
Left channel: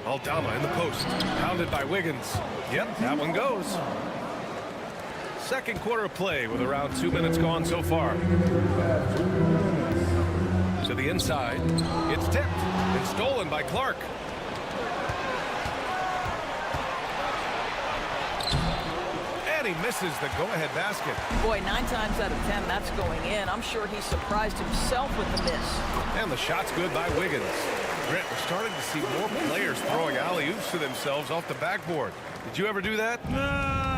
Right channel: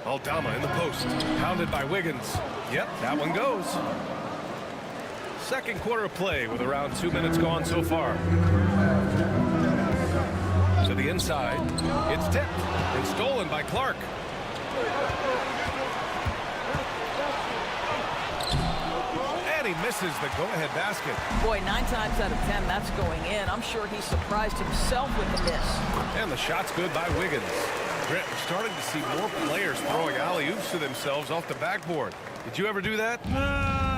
Aldama in the post. Pounded by Wiggins. Yep, that one goes. Second quarter of play with around 2 minutes gone so far. So the inside. It's tipped and stolen by Clark. And he misses the go-ahead basket. Boy, 9 times out of 10, that's going in. I'm sure he surprised himself with the miss. And the shot's good by Wiggins. Grant, we're starting to see more players throwing alley-oops to themselves off the backboard. Did you ever do that?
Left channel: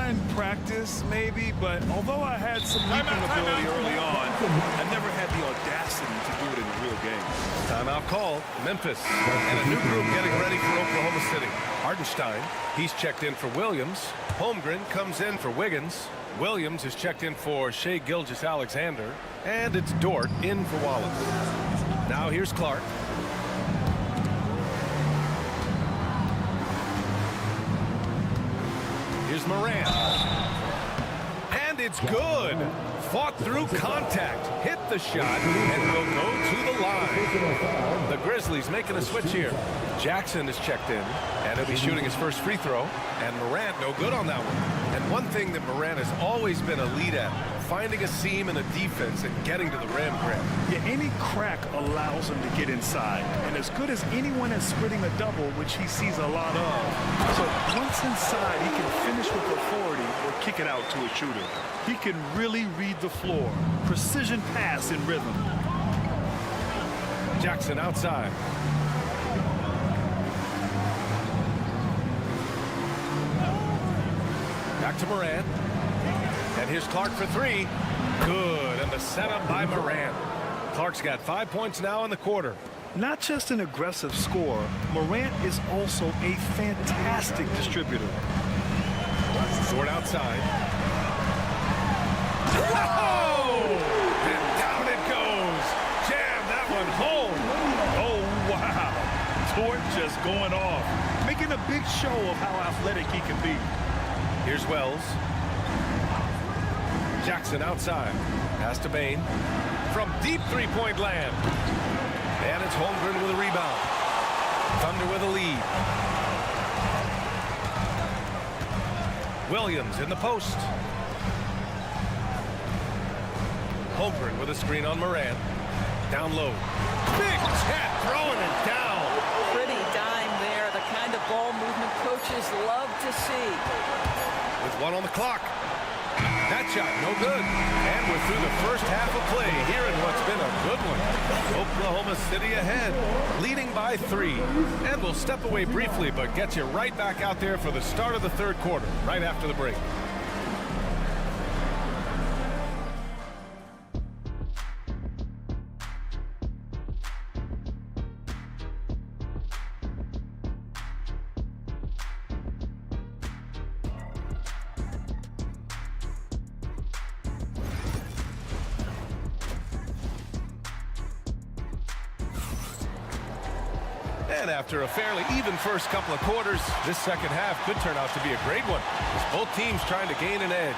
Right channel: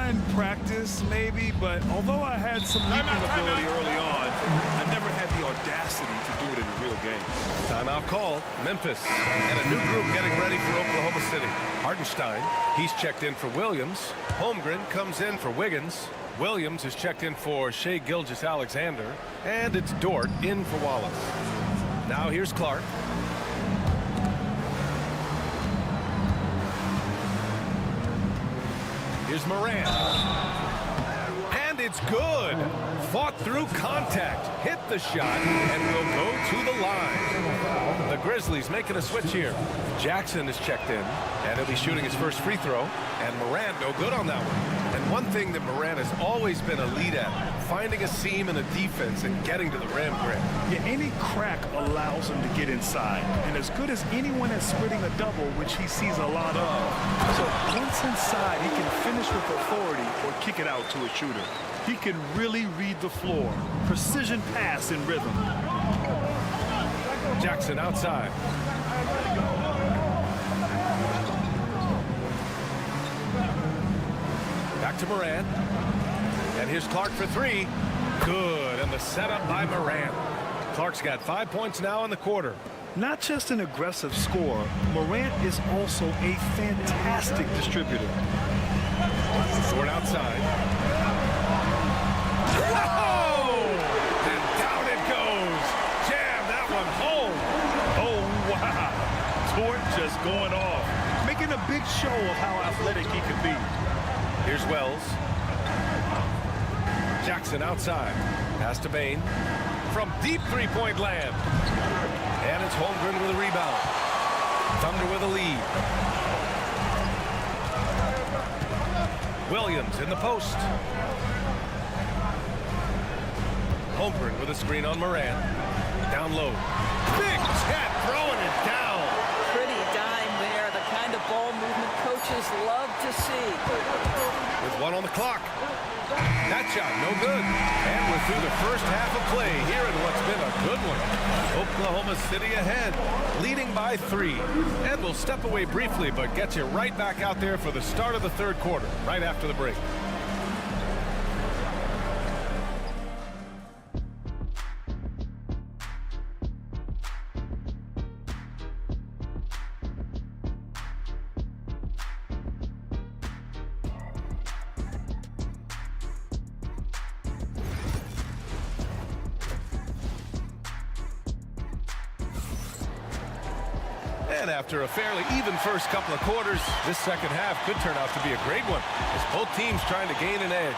In practice, maybe, but although I had some leaping ability early on, I never had the audacity to do it in a real game. Timeout called. Memphis. And a new group getting ready for Oklahoma City. Hardenstein, he's checked in for Williams. Holmgren comes in for Wiggins. Williams is checked in for Shai Gilgeous-Alexander. And it's Dort in for Wallace. Now here's Clark. Here's Moran. And it's good. Fought through contact. Hit the shot and will go to the line. The Grizzlies making a switch here. Jackson is checked in, and he'll be shooting his first free throw. And Moran no good on that one. And one thing that Moran has always been elite at, finding a seam in a defense and getting to the rim, Grant. Yeah, any crack allows him to get inside. And as good as anyone at splitting a double, which he sees a lot of. So once inside, he can finish with authority or kick it out to a shooter. He can really read the floor. Precision pass in rhythm. Jackson outside. Back to Moran. And here's Clark for 3. Good. And the setup by Moran. Clark's got 5 points now in the quarter. Not just an aggressive scorer, Morant is also a fantastic distributor. Short outside. Oh! And down it goes. Jam that one home. Oh, wow. Dort just going off, making a big show of how athletic he can be. Here's Wells. Jackson outside. Pass to Bain. From deep three-point land. And it's Holmgren with a rebound. Thunder with a lead. Williams in the post. Holmgren with a screen on Moran. Down low. Big Chet throwing it down. Pretty dime there, the kind of ball movement coaches love to see. With 1 on the clock. That shot no good. And we're through the first half of play here in what's been a good one. Oklahoma City ahead, leading by 3. And we'll step away briefly, but get you right back out there for the start of the third quarter, right after the break. And after a fairly even first couple of quarters, this second half could turn out to be a great one, as both teams trying to gain an edge.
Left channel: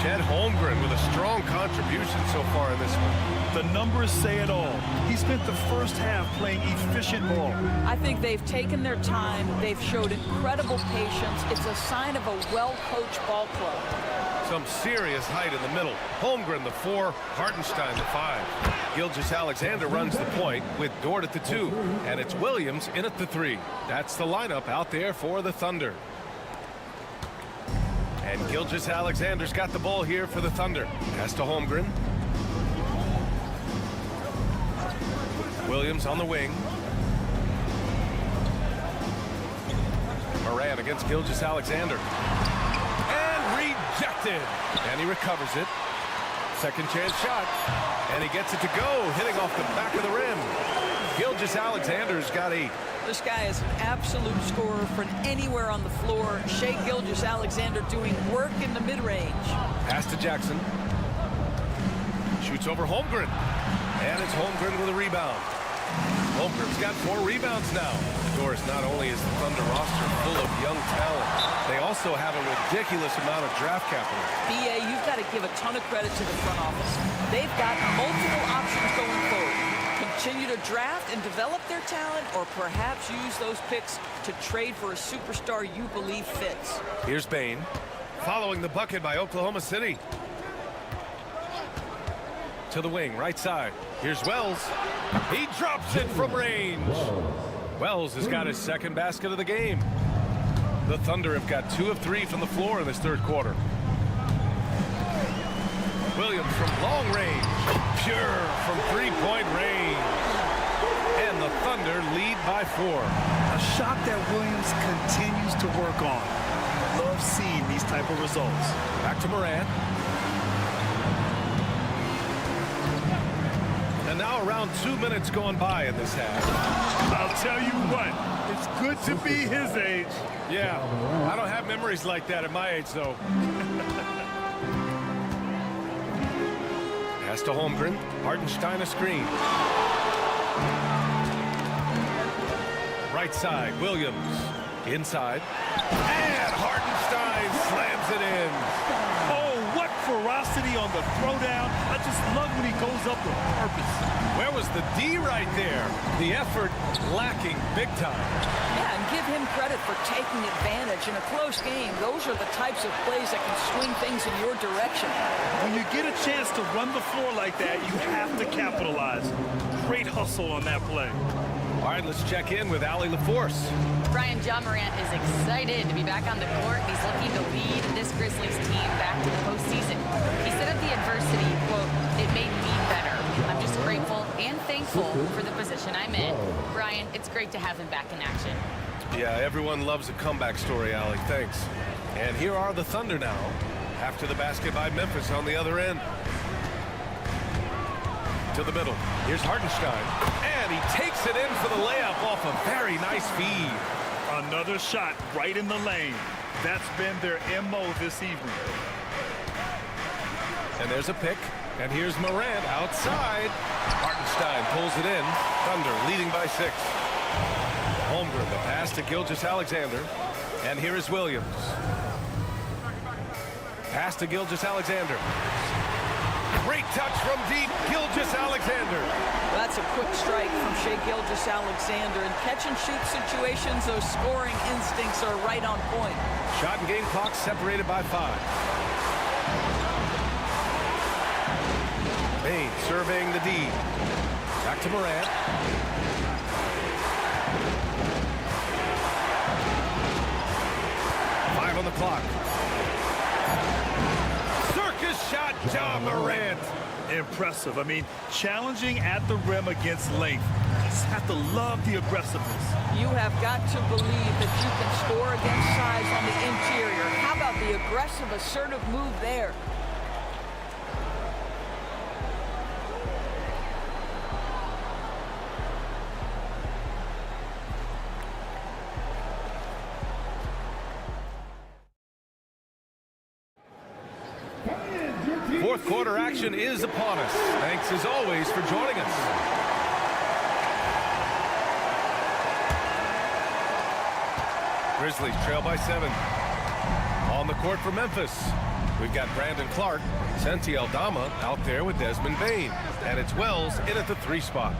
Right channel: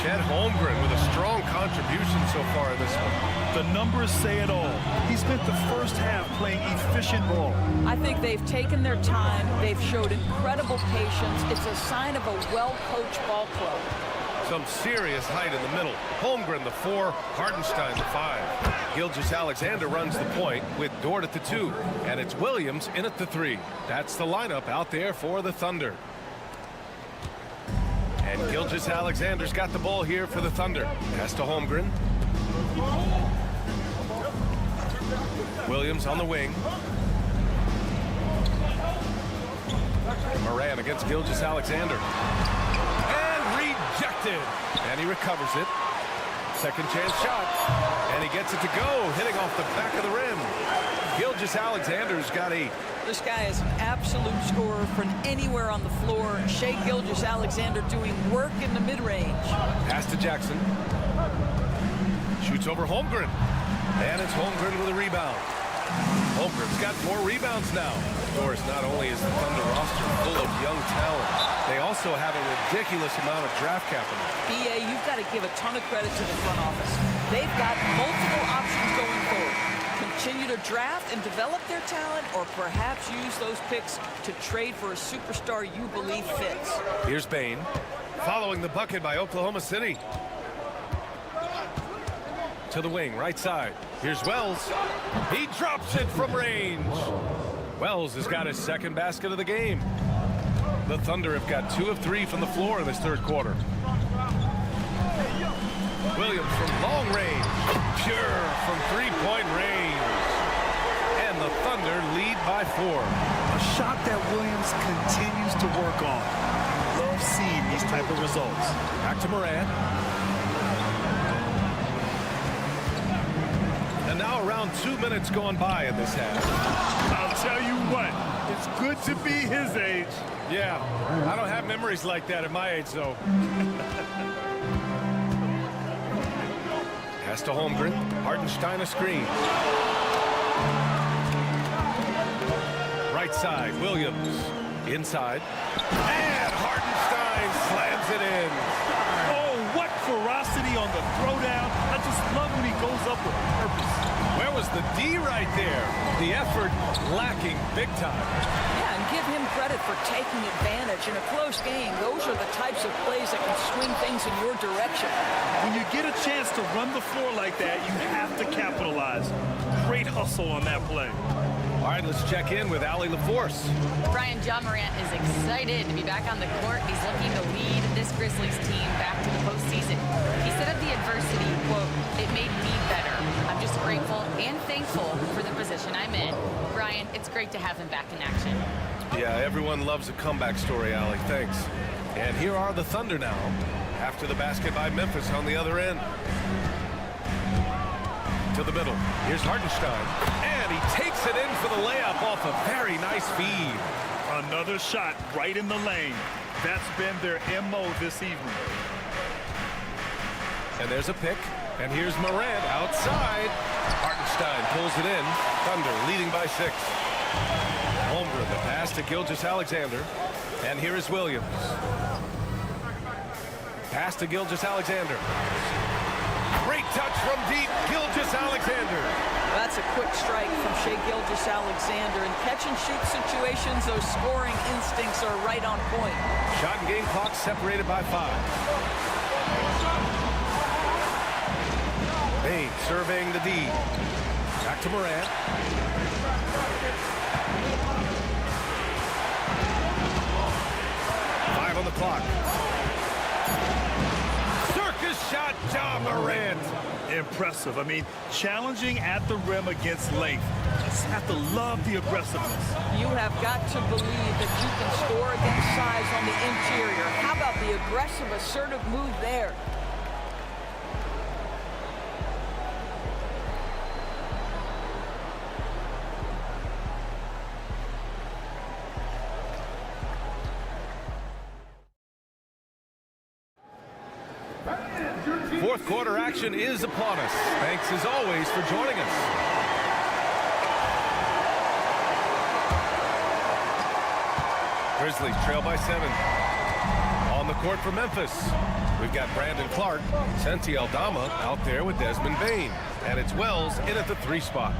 Chet Holmgren with a strong contribution so far in this one. The numbers say it all. He spent the first half playing efficient ball. I think they've taken their time. They've showed incredible patience. It's a sign of a well-coached ball club. Some serious height in the middle. Holmgren the 4, Hardenstein the 5. Gilgeous-Alexander runs the point with Dort at the 2. And it's Williams in at the 3. That's the lineup out there for the Thunder. And Gilgeous-Alexander's got the ball here for the Thunder. Pass to Holmgren. Williams on the wing. Moran against Gilgeous-Alexander. And rejected. And he recovers it. Second chance shot. And he gets it to go, hitting off the back of the rim. Gilgeous-Alexander's got 8. This guy is an absolute scorer from anywhere on the floor. Shai Gilgeous-Alexander doing work in the mid-range. Pass to Jackson. Shoots over Holmgren. And it's Holmgren with a rebound. Holmgren's got 4 rebounds now. Of course, not only is the Thunder roster full of young talent, they also have a ridiculous amount of draft capital. BA, you've got to give a ton of credit to the front office. They've got multiple options going forward. Continue to draft and develop their talent, or perhaps use those picks to trade for a superstar you believe fits. Here's Bain, following the bucket by Oklahoma City. To the wing, right side. Here's Wells. He drops it from range. Wells has got his second basket of the game. The Thunder have got 2 of 3 from the floor in this third quarter. Williams from long range. Pure from three-point range. And the Thunder lead by 4. A shot that Williams continues to work on. You love seeing these type of results. Back to Morant. And now around 2 minutes gone by in this half. I'll tell you what, it's good to be his age. Yeah, I don't have memories like that at my age, though. Pass to Holmgren. Hartenstein a screen. Right side, Williams. Inside. And Hartenstein slams it in. Oh, what ferocity on the throwdown. I just love when he goes up with purpose. Where was the D right there? The effort lacking big time. Yeah, and give him credit for taking advantage. In a close game, those are the types of plays that can swing things in your direction. When you get a chance to run the floor like that, you have to capitalize. Great hustle on that play. All right, let's check in with Allie LaForce. Brian, John Morant is excited to be back on the court. He's looking to lead this Grizzlies team back to the postseason. He said of the adversity, quote, "It made me better. I'm just grateful and thankful for the position I'm in." Brian, it's great to have him back in action. Yeah, everyone loves a comeback story, Allie. Thanks. And here are the Thunder now, after the basket by Memphis on the other end. To the middle. Here's Hartenstein. And he takes it in for the layup off a very nice feed. Another shot right in the lane. That's been their MO this evening. And there's a pick. And here's Morant outside. Hartenstein pulls it in. Thunder leading by 6. Holmgren, the pass to Gilgeous-Alexander. And here is Williams. Pass to Gilgeous-Alexander. Great touch from deep, Gilgeous-Alexander. That's a quick strike from Shai Gilgeous-Alexander. In catch-and-shoot situations, those scoring instincts are right on point. Shot and game clock separated by 5. Bain surveying the D. Back to Morant. On the clock. Circus shot, John Morant. Impressive. I mean, challenging at the rim against length. Just have to love the aggressiveness. You have got to believe that you can score against size on the interior. How about the aggressive, assertive move there? Fourth quarter action is upon us. Thanks as always for joining us. Grizzlies trail by 7. On the court for Memphis. We've got Brandon Clark, Santi Aldama out there with Desmond Bain. And it's Wells in at the 3 spot.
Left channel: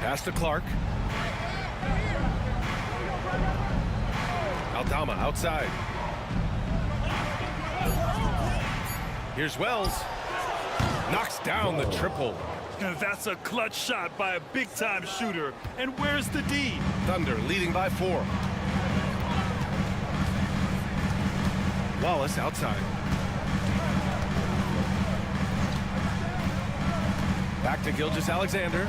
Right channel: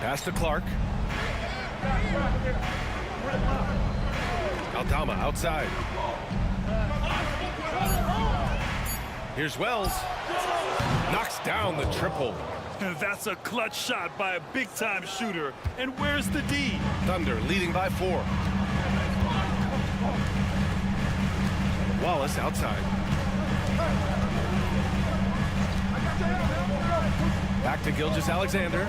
Pass to Clark. Aldama outside. Here's Wells. Knocks down the triple. And that's a clutch shot by a big-time shooter. And where's the D? Thunder leading by 4. Wallace outside. Back to Gilgeous-Alexander.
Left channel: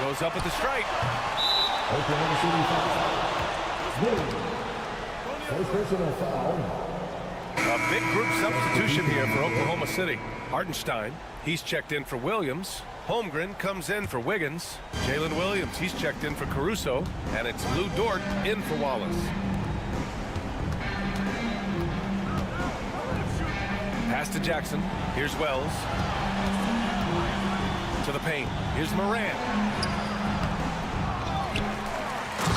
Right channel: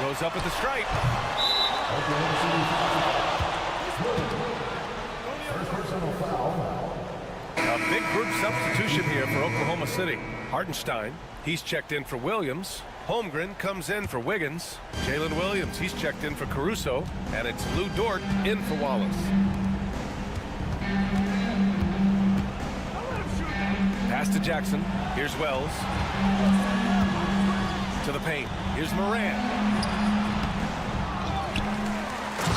Goes up at the stripe. First personal foul. A big group substitution here for Oklahoma City. Hartenstein, he's checked in for Williams. Holmgren comes in for Wiggins. Jalen Williams, he's checked in for Caruso. And it's Lou Dort in for Wallace. Pass to Jackson. Here's Wells. To the paint. Here's Morant.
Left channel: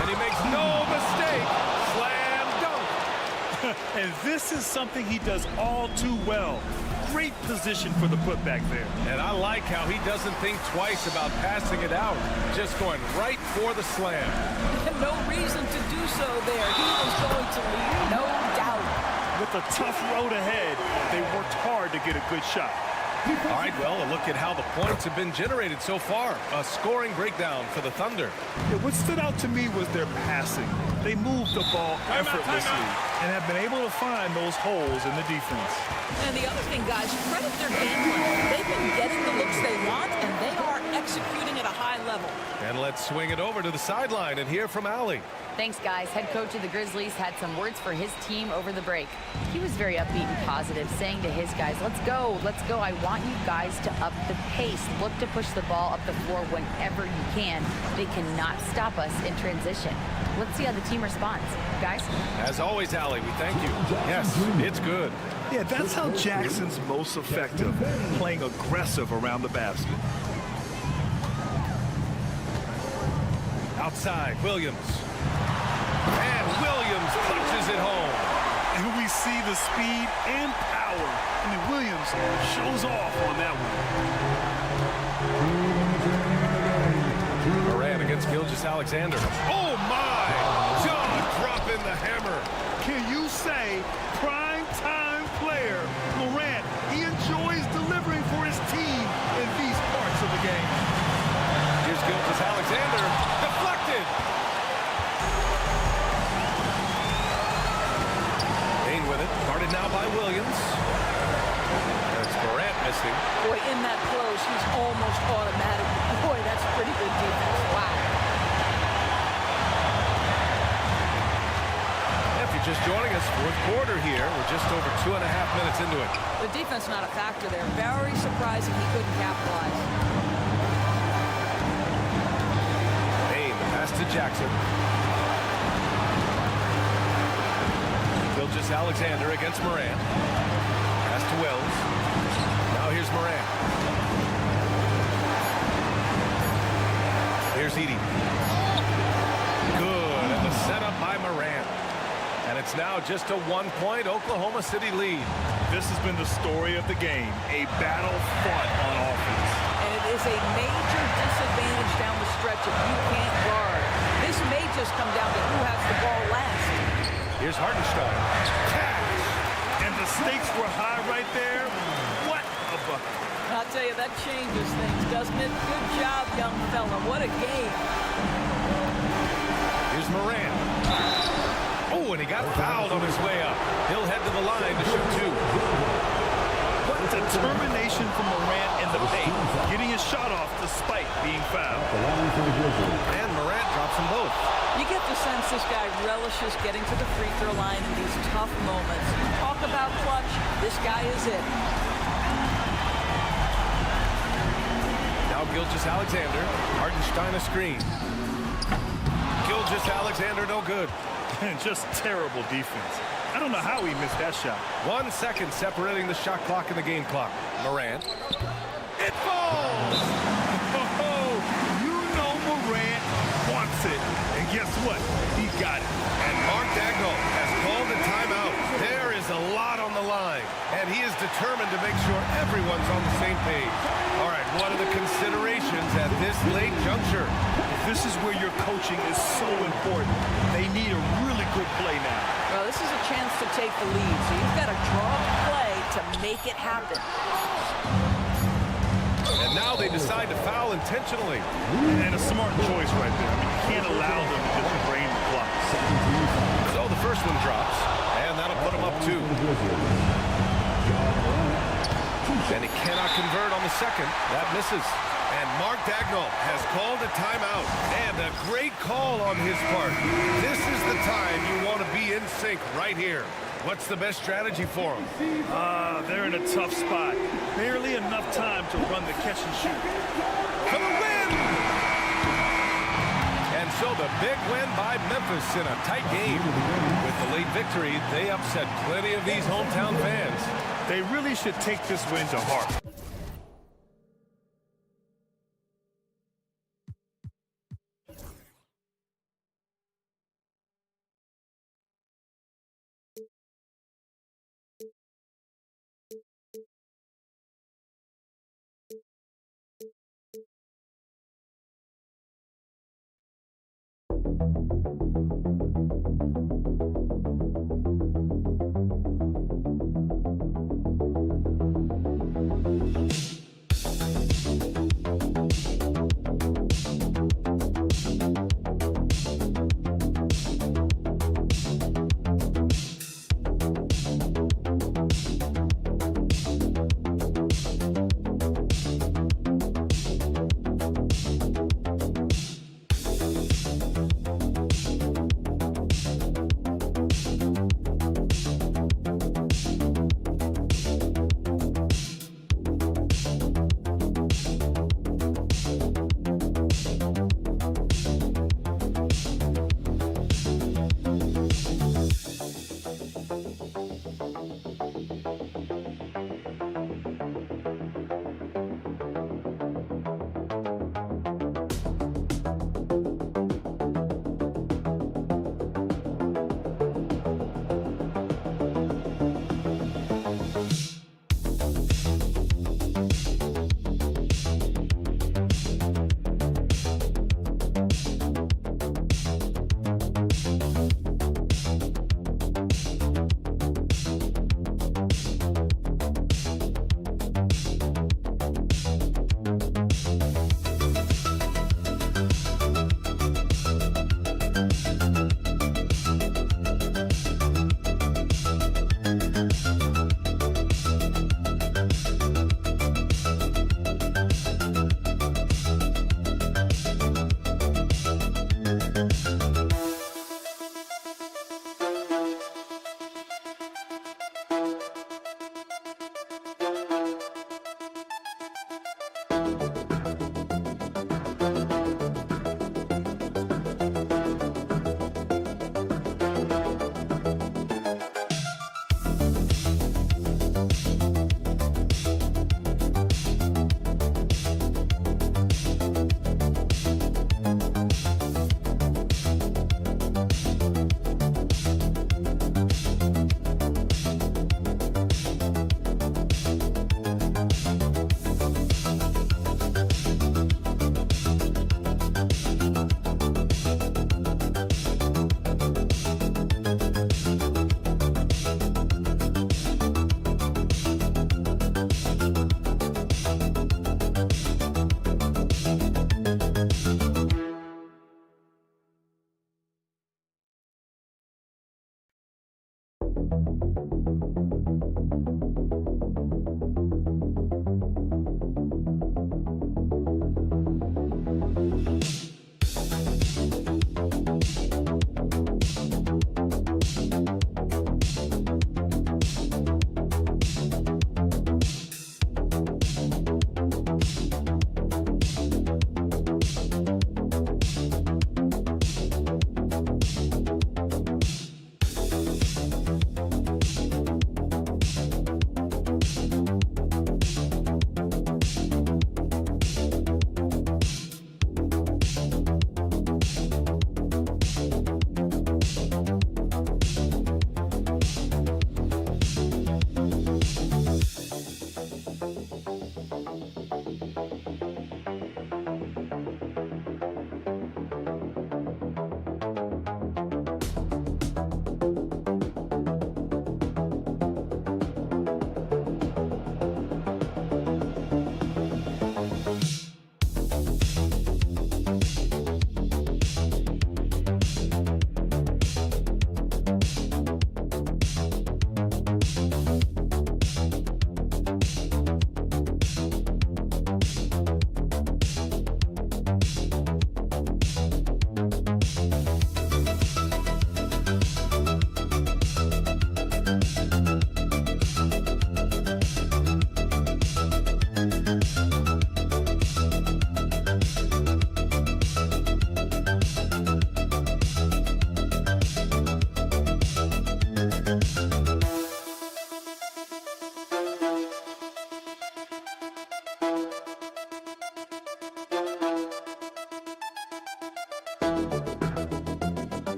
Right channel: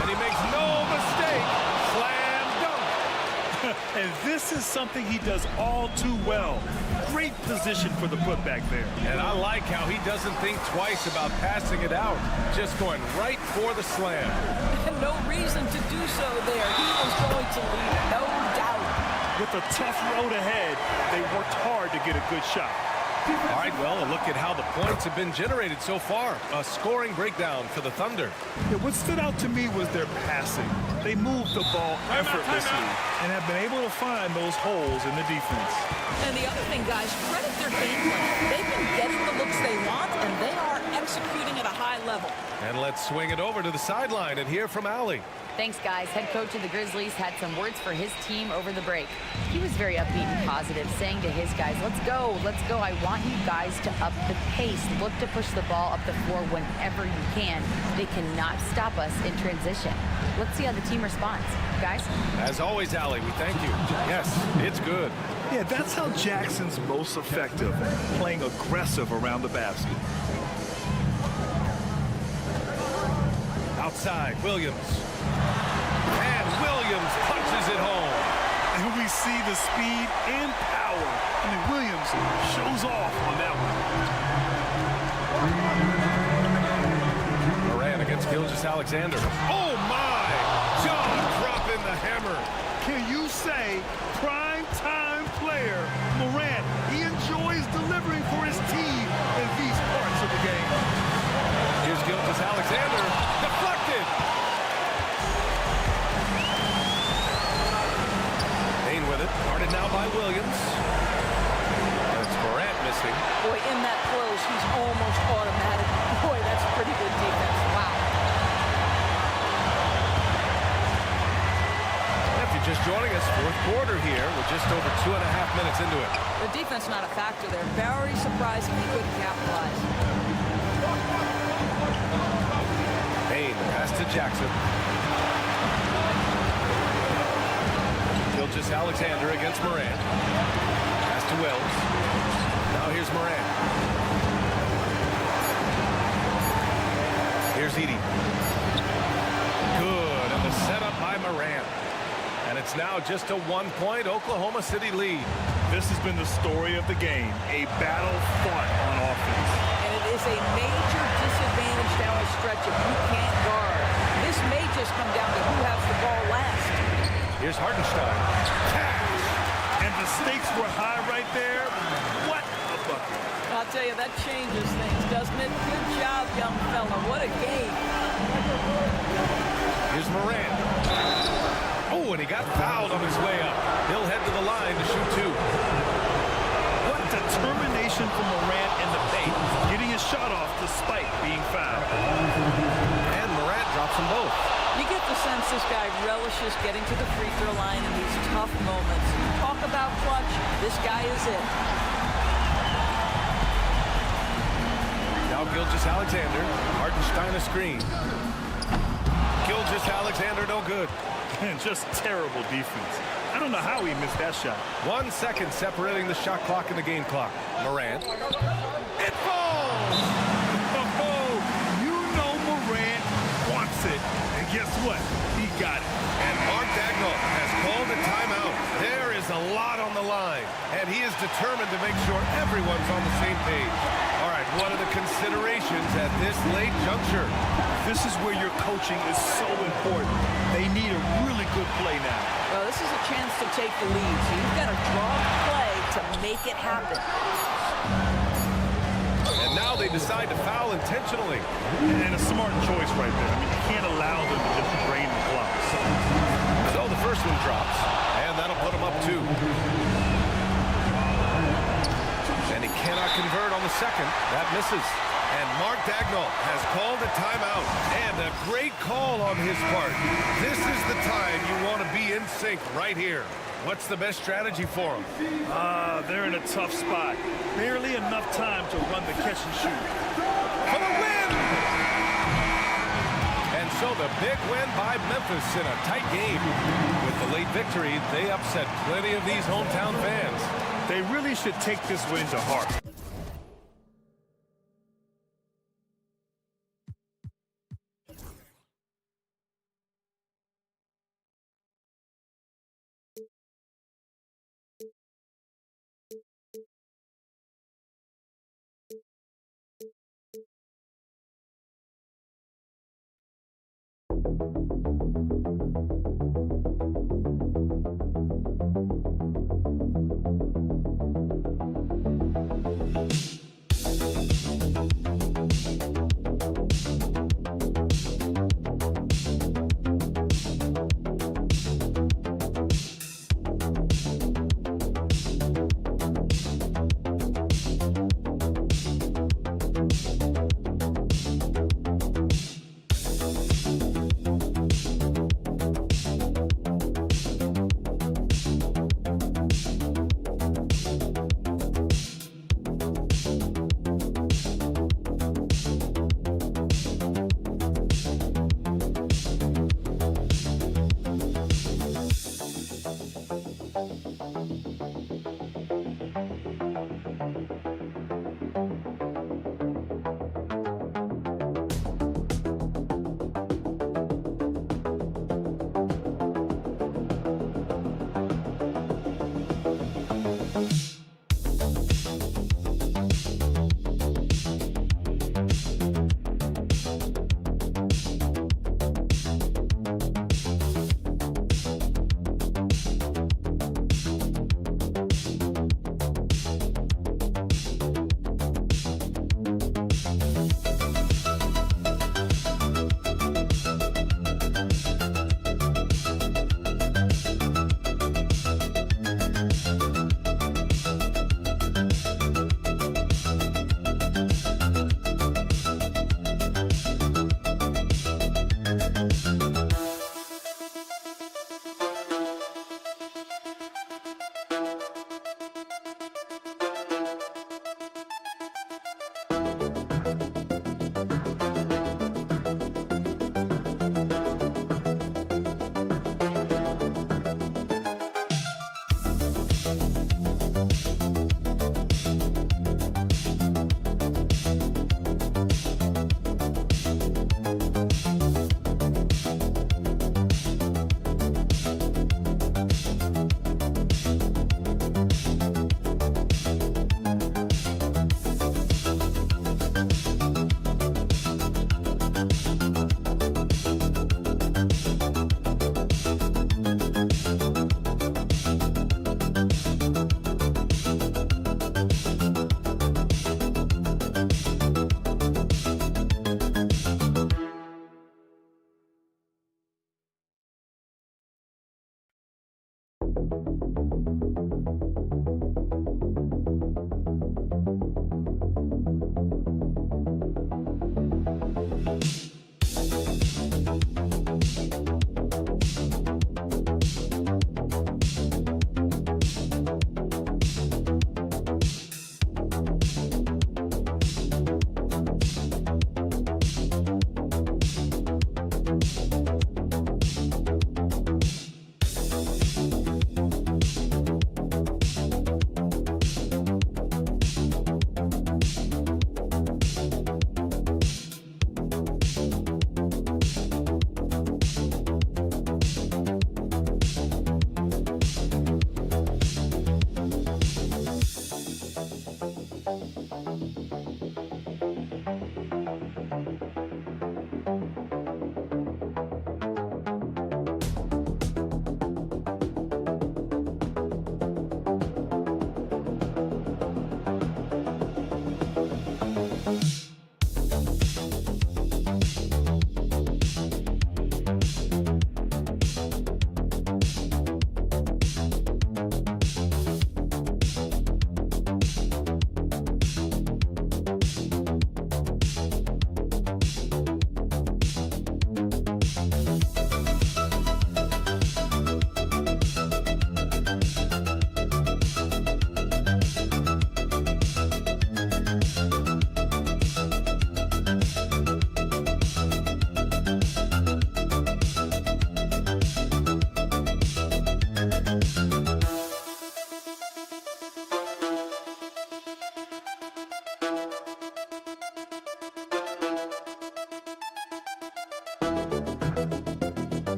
And he makes no mistake. Slam dunk. And this is something he does all too well. Great position for the putback there. And I like how he doesn't think twice about passing it out. Just going right for the slam. No reason to do so there. He was going to leave, no doubt. With a tough road ahead, they worked hard to get a good shot. All right, well, a look at how the points have been generated so far. A scoring breakdown for the Thunder. Yeah, what stood out to me was their passing. They moved the ball effortlessly and have been able to find those holes in the defense. And the other thing, guys, credit their game plan. They've been getting the looks they want, and they are executing at a high level. And let's swing it over to the sideline and hear from Allie. Thanks, guys. Head coach of the Grizzlies had some words for his team over the break. He was very upbeat and positive, saying to his guys, let's go, let's go. I want you guys to up the pace. Look to push the ball up the floor whenever you can. They cannot stop us in transition. Let's see how the team responds. Guys? As always, Allie, we thank you. Yes, it's good. Yeah, that's how Jackson's most effective, playing aggressive around the basket. Outside, Williams. And Williams punches it home. And we see the speed and power. I mean, Williams shows off on that one. Moran against Gilgeous-Alexander. Oh, my! Jaw dropping the hammer. Can you say prime-time player Morant? He enjoys delivering for his team in these parts of the game. Here's Gilgeous-Alexander. Deflected. Payne with it. Guarded now by Williams. And it's Morant missing. Boy, in that close, he's almost automatic. Boy, that's pretty good defense. Wow. If you're just joining us, fourth quarter here. We're just over 2.5 minutes into it. The defense not a factor there. Very surprising he couldn't capitalize. Payne, the pass to Jackson. Gilgeous-Alexander against Morant. Pass to Wells. Now here's Morant. Here's Edey. Good, and the setup by Morant. And it's now just a 1-point Oklahoma City lead. This has been the story of the game, a battle fought on offense. And it is a major disadvantage down the stretch if you can't guard. This may just come down to who has the ball last. Here's Hartenstein. Cash! And the stakes were high right there. What a bucket. I'll tell you, that changes things, doesn't it? Good job, young fella. What a game. Here's Morant. Oh, and he got fouled on his way up. He'll head to the line to shoot two. What determination from Morant in the paint, getting his shot off despite being fouled. And Morant drops them both. You get the sense this guy relishes getting to the free throw line in these tough moments. You talk about clutch, this guy is it. Now Gilgeous-Alexander. Hartenstein a screen. Gilgeous-Alexander no good. And just terrible defense. I don't know how he missed that shot. 1 second separating the shot clock and the game clock. Morant. It falls! Oh, you know Morant wants it. And guess what? He got it. And Mark Dagnall has called a timeout. There is a lot on the line, and he is determined to make sure everyone's on the same page. All right, what are the considerations at this late juncture? This is where your coaching is so important. They need a really good play now. Well, this is a chance to take the lead, so you've got to draw the play to make it happen. And now they decide to foul intentionally. And a smart choice right there. I mean, you can't allow them to just drain the clock. So the first one drops, and that'll put him up 2. And he cannot convert on the second. That misses. And Mark Dagnall has called a timeout. And a great call on his part. This is the time you want to be in sync right here. What's the best strategy for them? They're in a tough spot. Barely enough time to run the catch and shoot. For the win! And so the big win by Memphis in a tight game. With the late victory, they upset plenty of these hometown fans. They really should take this win to heart.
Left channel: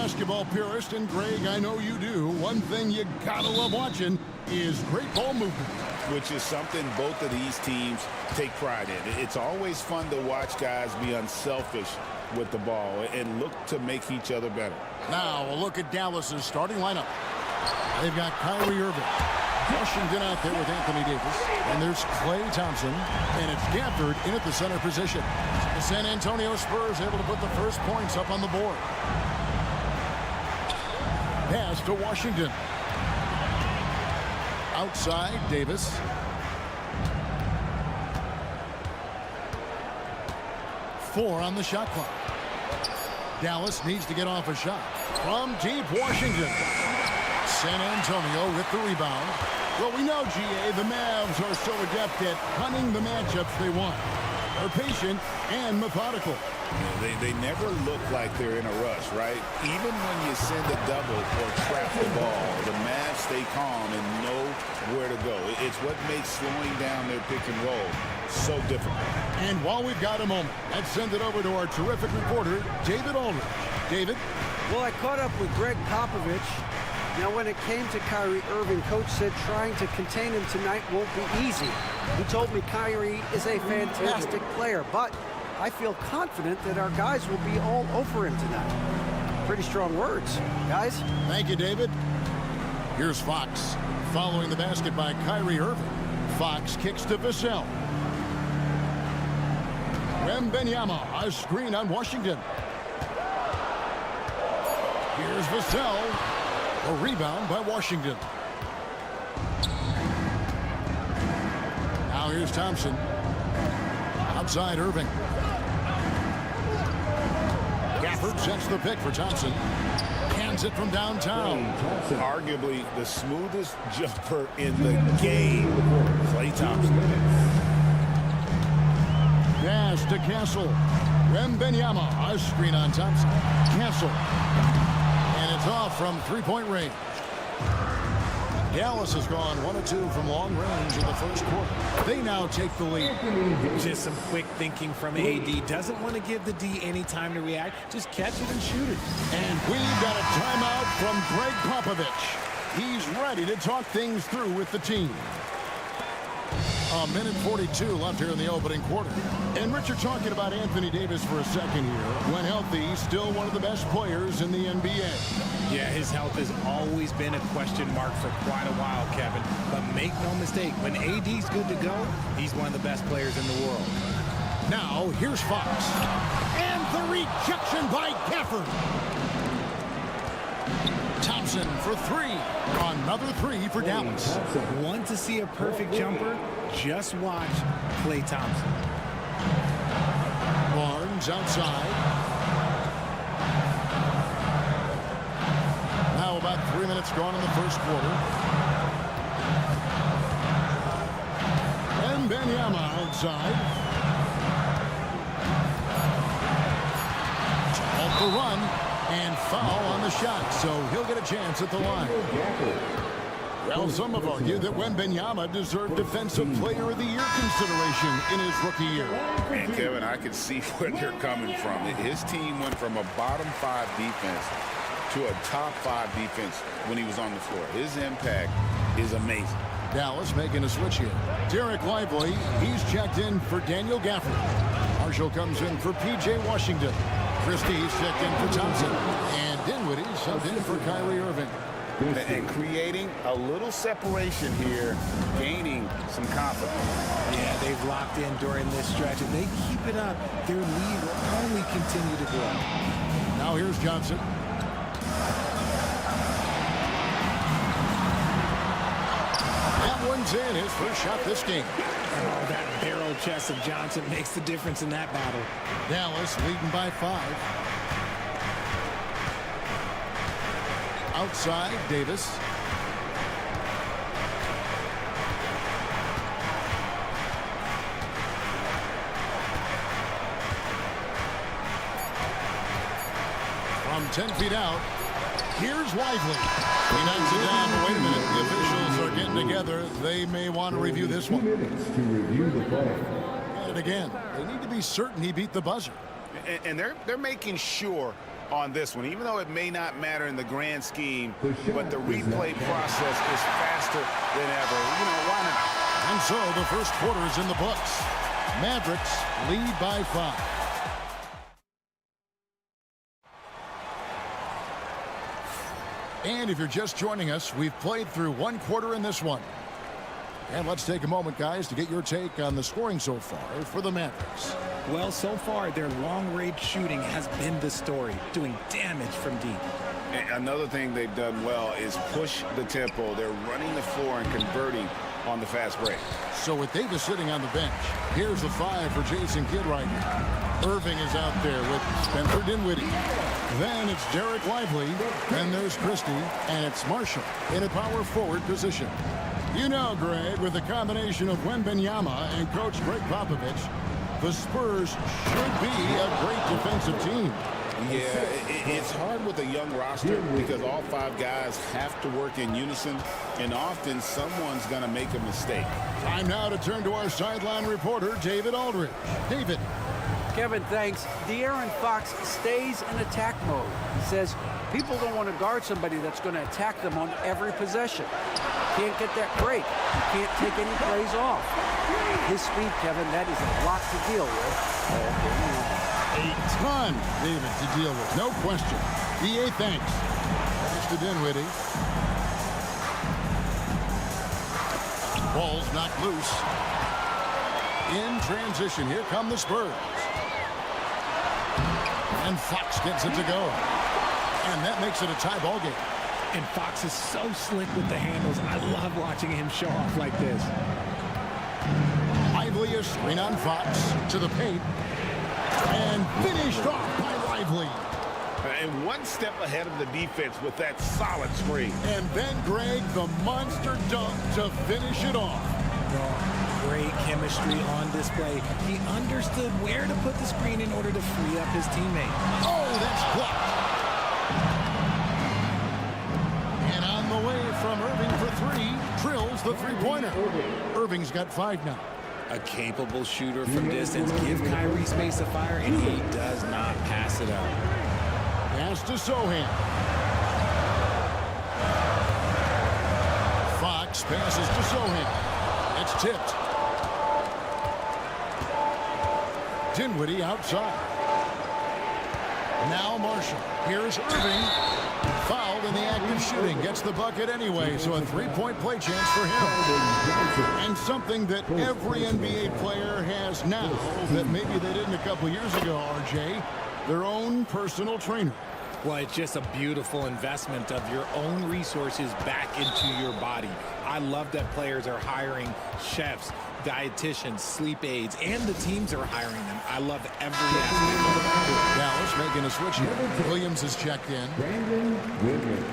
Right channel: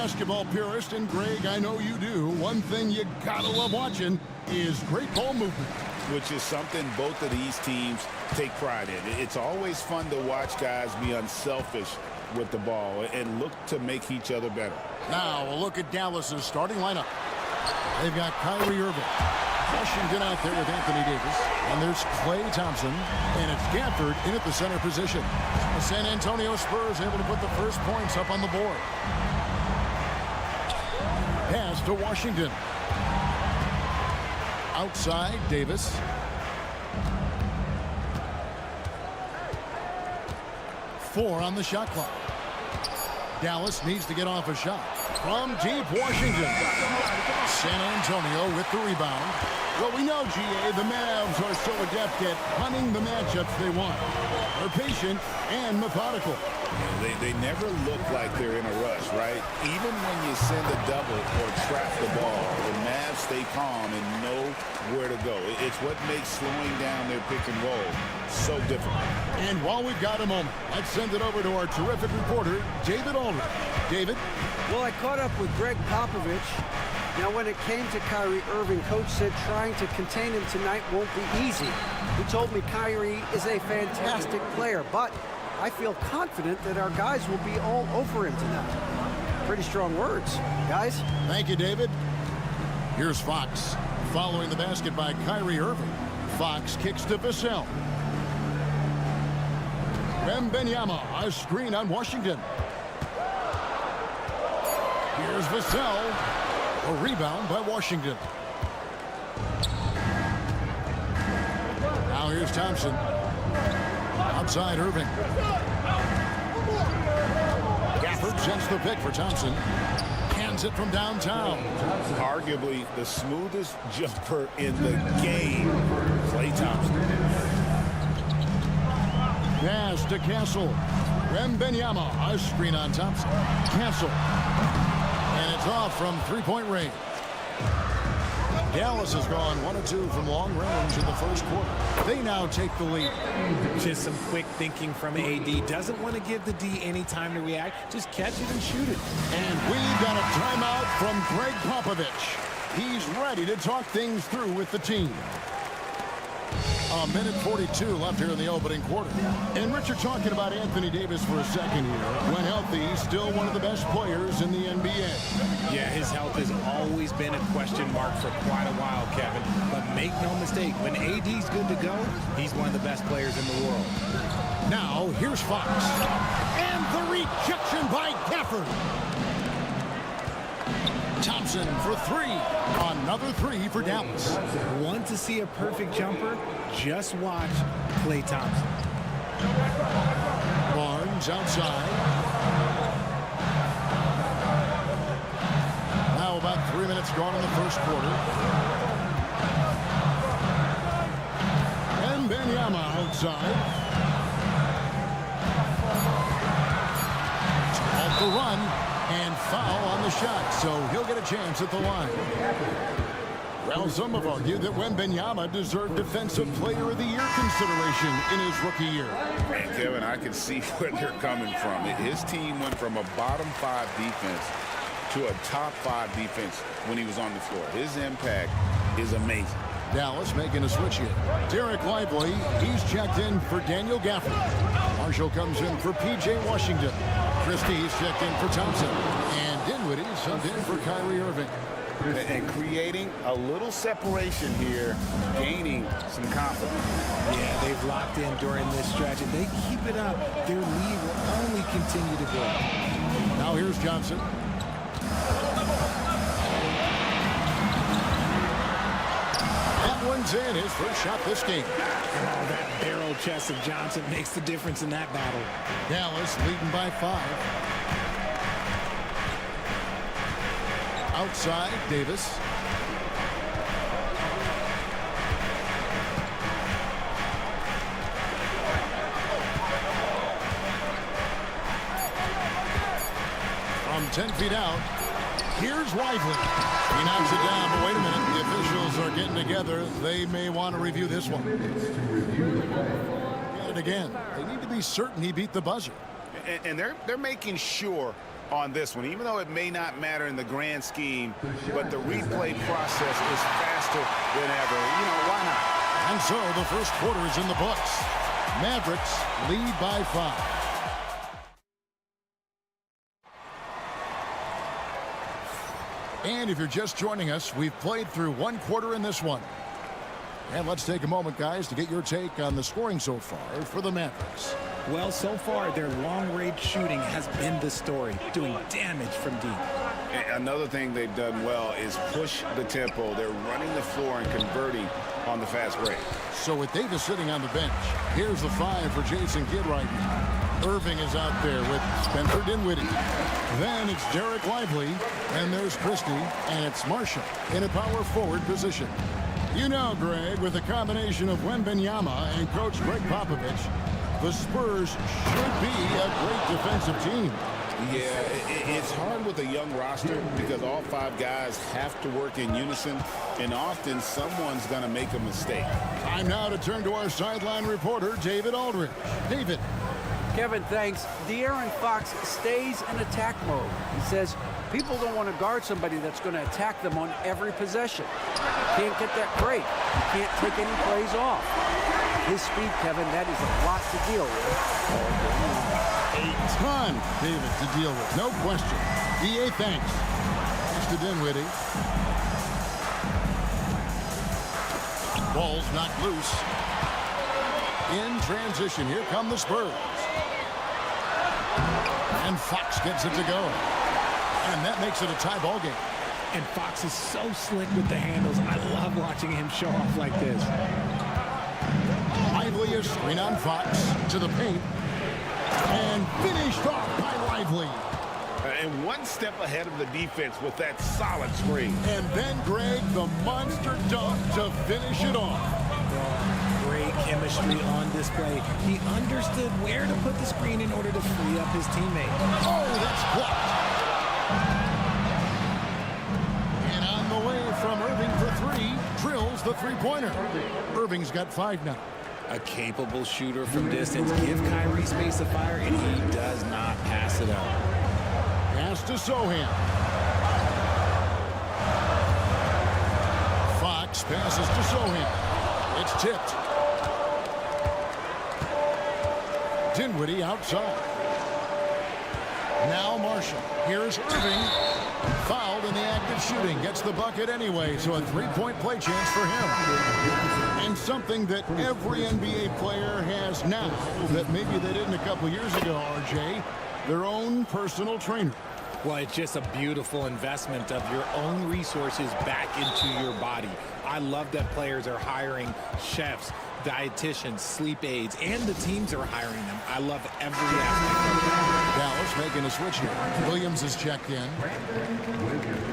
basketball purist, and Greg, I know you do, one thing you gotta love watching is great ball movement. Which is something both of these teams take pride in. It's always fun to watch guys be unselfish with the ball and look to make each other better. Now a look at Dallas's starting lineup. They've got Kyrie Irving, Washington out there with Anthony Davis, and there's Klay Thompson, and it's Gafford in at the center position. The San Antonio Spurs able to put the first points up on the board. Pass to Washington. Outside, Davis. Four on the shot clock. Dallas needs to get off a shot. From deep, Washington. San Antonio with the rebound. Well, we know, GA, the Mavs are so adept at hunting the matchups they want. They're patient and methodical. Yeah, they never look like they're in a rush, right? Even when you send a double or trap the ball, the Mavs stay calm and know where to go. It's what makes slowing down their pick and roll so difficult. And while we've got a moment, let's send it over to our terrific reporter, David Aldridge. David? Well, I caught up with Greg Popovich. Now, when it came to Kyrie Irving, Coach said trying to contain him tonight won't be easy. He told me Kyrie is a fantastic player, but I feel confident that our guys will be all over him tonight. Pretty strong words, guys. Thank you, David. Here's Fox. Following the basket by Kyrie Irving. Fox kicks to Vassell. Wembanyama, a screen on Washington. Here's Vassell. A rebound by Washington. Now here's Thompson. Outside Irving. Gafford sends the pick for Thompson. Hands it from downtown. Arguably the smoothest jumper in the game. Klay Thompson. Pass to Castle. Wembanyama, a screen on Thompson. Castle. And it's off from three-point range. Dallas has gone 1 of 2 from long range in the first quarter. They now take the lead. Just some quick thinking from AD. Doesn't want to give the D any time to react. Just catch it and shoot it. And we've got a timeout from Greg Popovich. He's ready to talk things through with the team. A minute 42 left here in the opening quarter. And Richard, talking about Anthony Davis for a second here. When healthy, still one of the best players in the NBA. Yeah, his health has always been a question mark for quite a while, Kevin. But make no mistake, when AD's good to go, he's one of the best players in the world. Now, here's Fox. And the rejection by Gafford. Thompson for three. Another three for Dallas. Want to see a perfect jumper? Just watch Klay Thompson. Barnes outside. Now about 3 minutes gone in the first quarter. And Wembanyama outside. To halt the run. And foul on the shot, so he'll get a chance at the line. Well, some have argued that Wembanyama deserved Defensive Player of the Year consideration in his rookie year. And Kevin, I can see where they're coming from. His team went from a bottom 5 defense to a top 5 defense when he was on the floor. His impact is amazing. Dallas making a switch here. Derek Lively, he's checked in for Daniel Gafford. Marshall comes in for P.J. Washington. Christie's checked in for Thompson. And Dinwiddie subbed in for Kyrie Irving. And creating a little separation here, gaining some confidence. Yeah, they've locked in during this stretch. If they keep it up, their lead will only continue to grow. Now here's Johnson. That one's in, his first shot this game. Oh, that barrel chest of Johnson makes the difference in that battle. Dallas leading by 5. Outside, Davis. From 10 feet out, here's Lively. He knocks it down, but wait a minute. The officials are getting together. They may want to review this one. Get it again. They need to be certain he beat the buzzer. And they're making sure on this one, even though it may not matter in the grand scheme, but the replay process is faster than ever. You know, why not? And so the first quarter is in the books. Mavericks lead by 5. And if you're just joining us, we've played through one quarter in this one. And let's take a moment, guys, to get your take on the scoring so far for the Mavericks. Well, so far, their long-range shooting has been the story, doing damage from deep. And another thing they've done well is push the tempo. They're running the floor and converting on the fast break. So with Davis sitting on the bench, here's the 5 for Jason Kidd right now. Irving is out there with Spencer Dinwiddie. Then it's Derek Lively, and there's Christie, and it's Marshall in a power forward position. You know, Greg, with the combination of Wembanyama and Coach Greg Popovich, the Spurs should be a great defensive team. Yeah, it's hard with a young roster because all 5 guys have to work in unison, and often someone's going to make a mistake. Time now to turn to our sideline reporter, David Aldridge. David. Kevin, thanks. De'Aaron Fox stays in attack mode. He says people don't want to guard somebody that's going to attack them on every possession. You can't get that break. You can't take any plays off. His speed, Kevin, that is a lot to deal with all game long. A ton, David, to deal with. No question. DA, thanks. Thanks to Dinwiddie. Ball's knocked loose. In transition, here come the Spurs. And Fox gets it to go. And that makes it a tie ball game. And Fox is so slick with the handles. I love watching him show off like this. Lively is screen on Fox to the paint. And finished off by Lively. And one step ahead of the defense with that solid screen. And then, Greg, the monster dunk to finish it off. Great chemistry on display. He understood where to put the screen in order to free up his teammate. Oh, that's blocked. And on the way from Irving for 3, drills the three-pointer. Irving's got 5 now. A capable shooter from distance. Give Kyrie space to fire, and he does not pass it up. Pass to Sohan. Fox passes to Sohan. It's tipped. Dinwiddie outside. Now Marshall. Here's Irving. Fouled in the act of shooting. Gets the bucket anyway, so a 3-point play chance for him. And something that every NBA player has now that maybe they didn't a couple years ago, RJ, their own personal trainer. Well, it's just a beautiful investment of your own resources back into your body. I love that players are hiring chefs, dietitians, sleep aides, and the teams are hiring them. I love every aspect of it. Dallas making a switch here. Williams is checked in. Brandon Williams.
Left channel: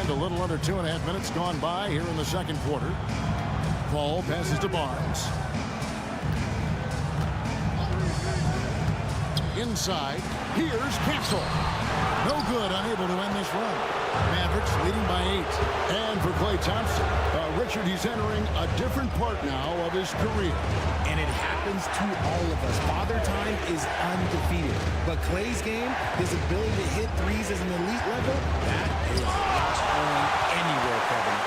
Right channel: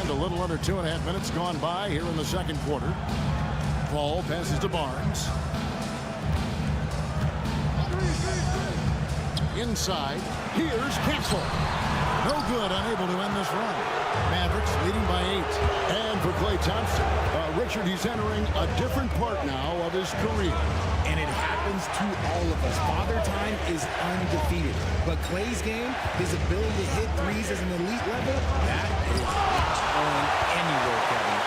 And a little under 2.5 minutes gone by here in the second quarter. Ball passes to Barnes. Inside, here's Castle. No good, unable to end this run. Mavericks leading by 8. And for Klay Thompson, Richard, he's entering a different part now of his career. And it happens to all of us. Father Time is undefeated. But Klay's game, his ability to hit threes as an elite level, that is not going anywhere, Kevin.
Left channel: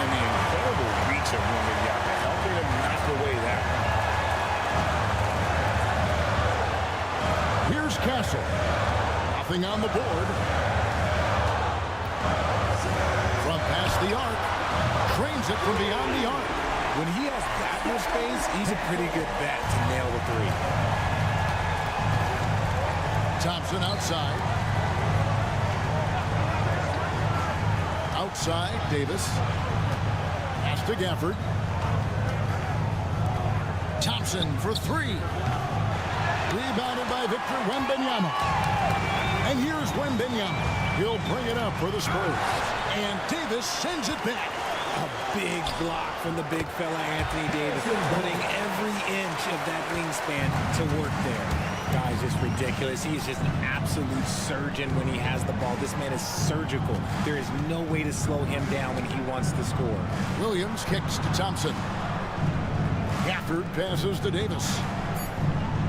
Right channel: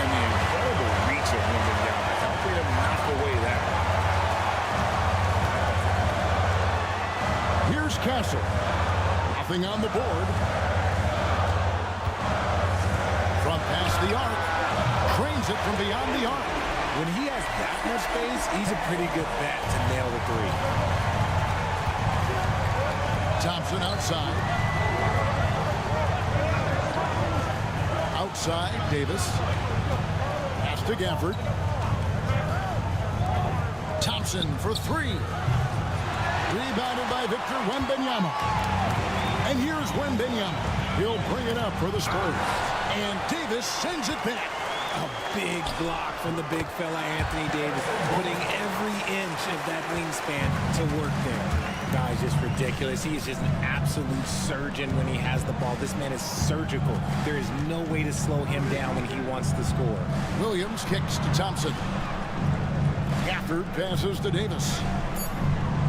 And the incredible reach of Wembanyama, helping him knock away that one. Here's Castle. Nothing on the board. From past the arc. Trains it from beyond the arc. When he has that much space, he's a pretty good bet to nail the 3. Thompson outside. Outside, Davis. Pass to Gafford. Thompson for 3. Rebounded by Victor Wembanyama. And here's Wembanyama. He'll bring it up for the Spurs. And Davis sends it back. A big block from the big fella Anthony Davis, putting every inch of that wingspan to work there. Guys, just ridiculous. He is just an absolute surgeon when he has the ball. This man is surgical. There is no way to slow him down when he wants to score. Williams kicks to Thompson. Gafford passes to Davis.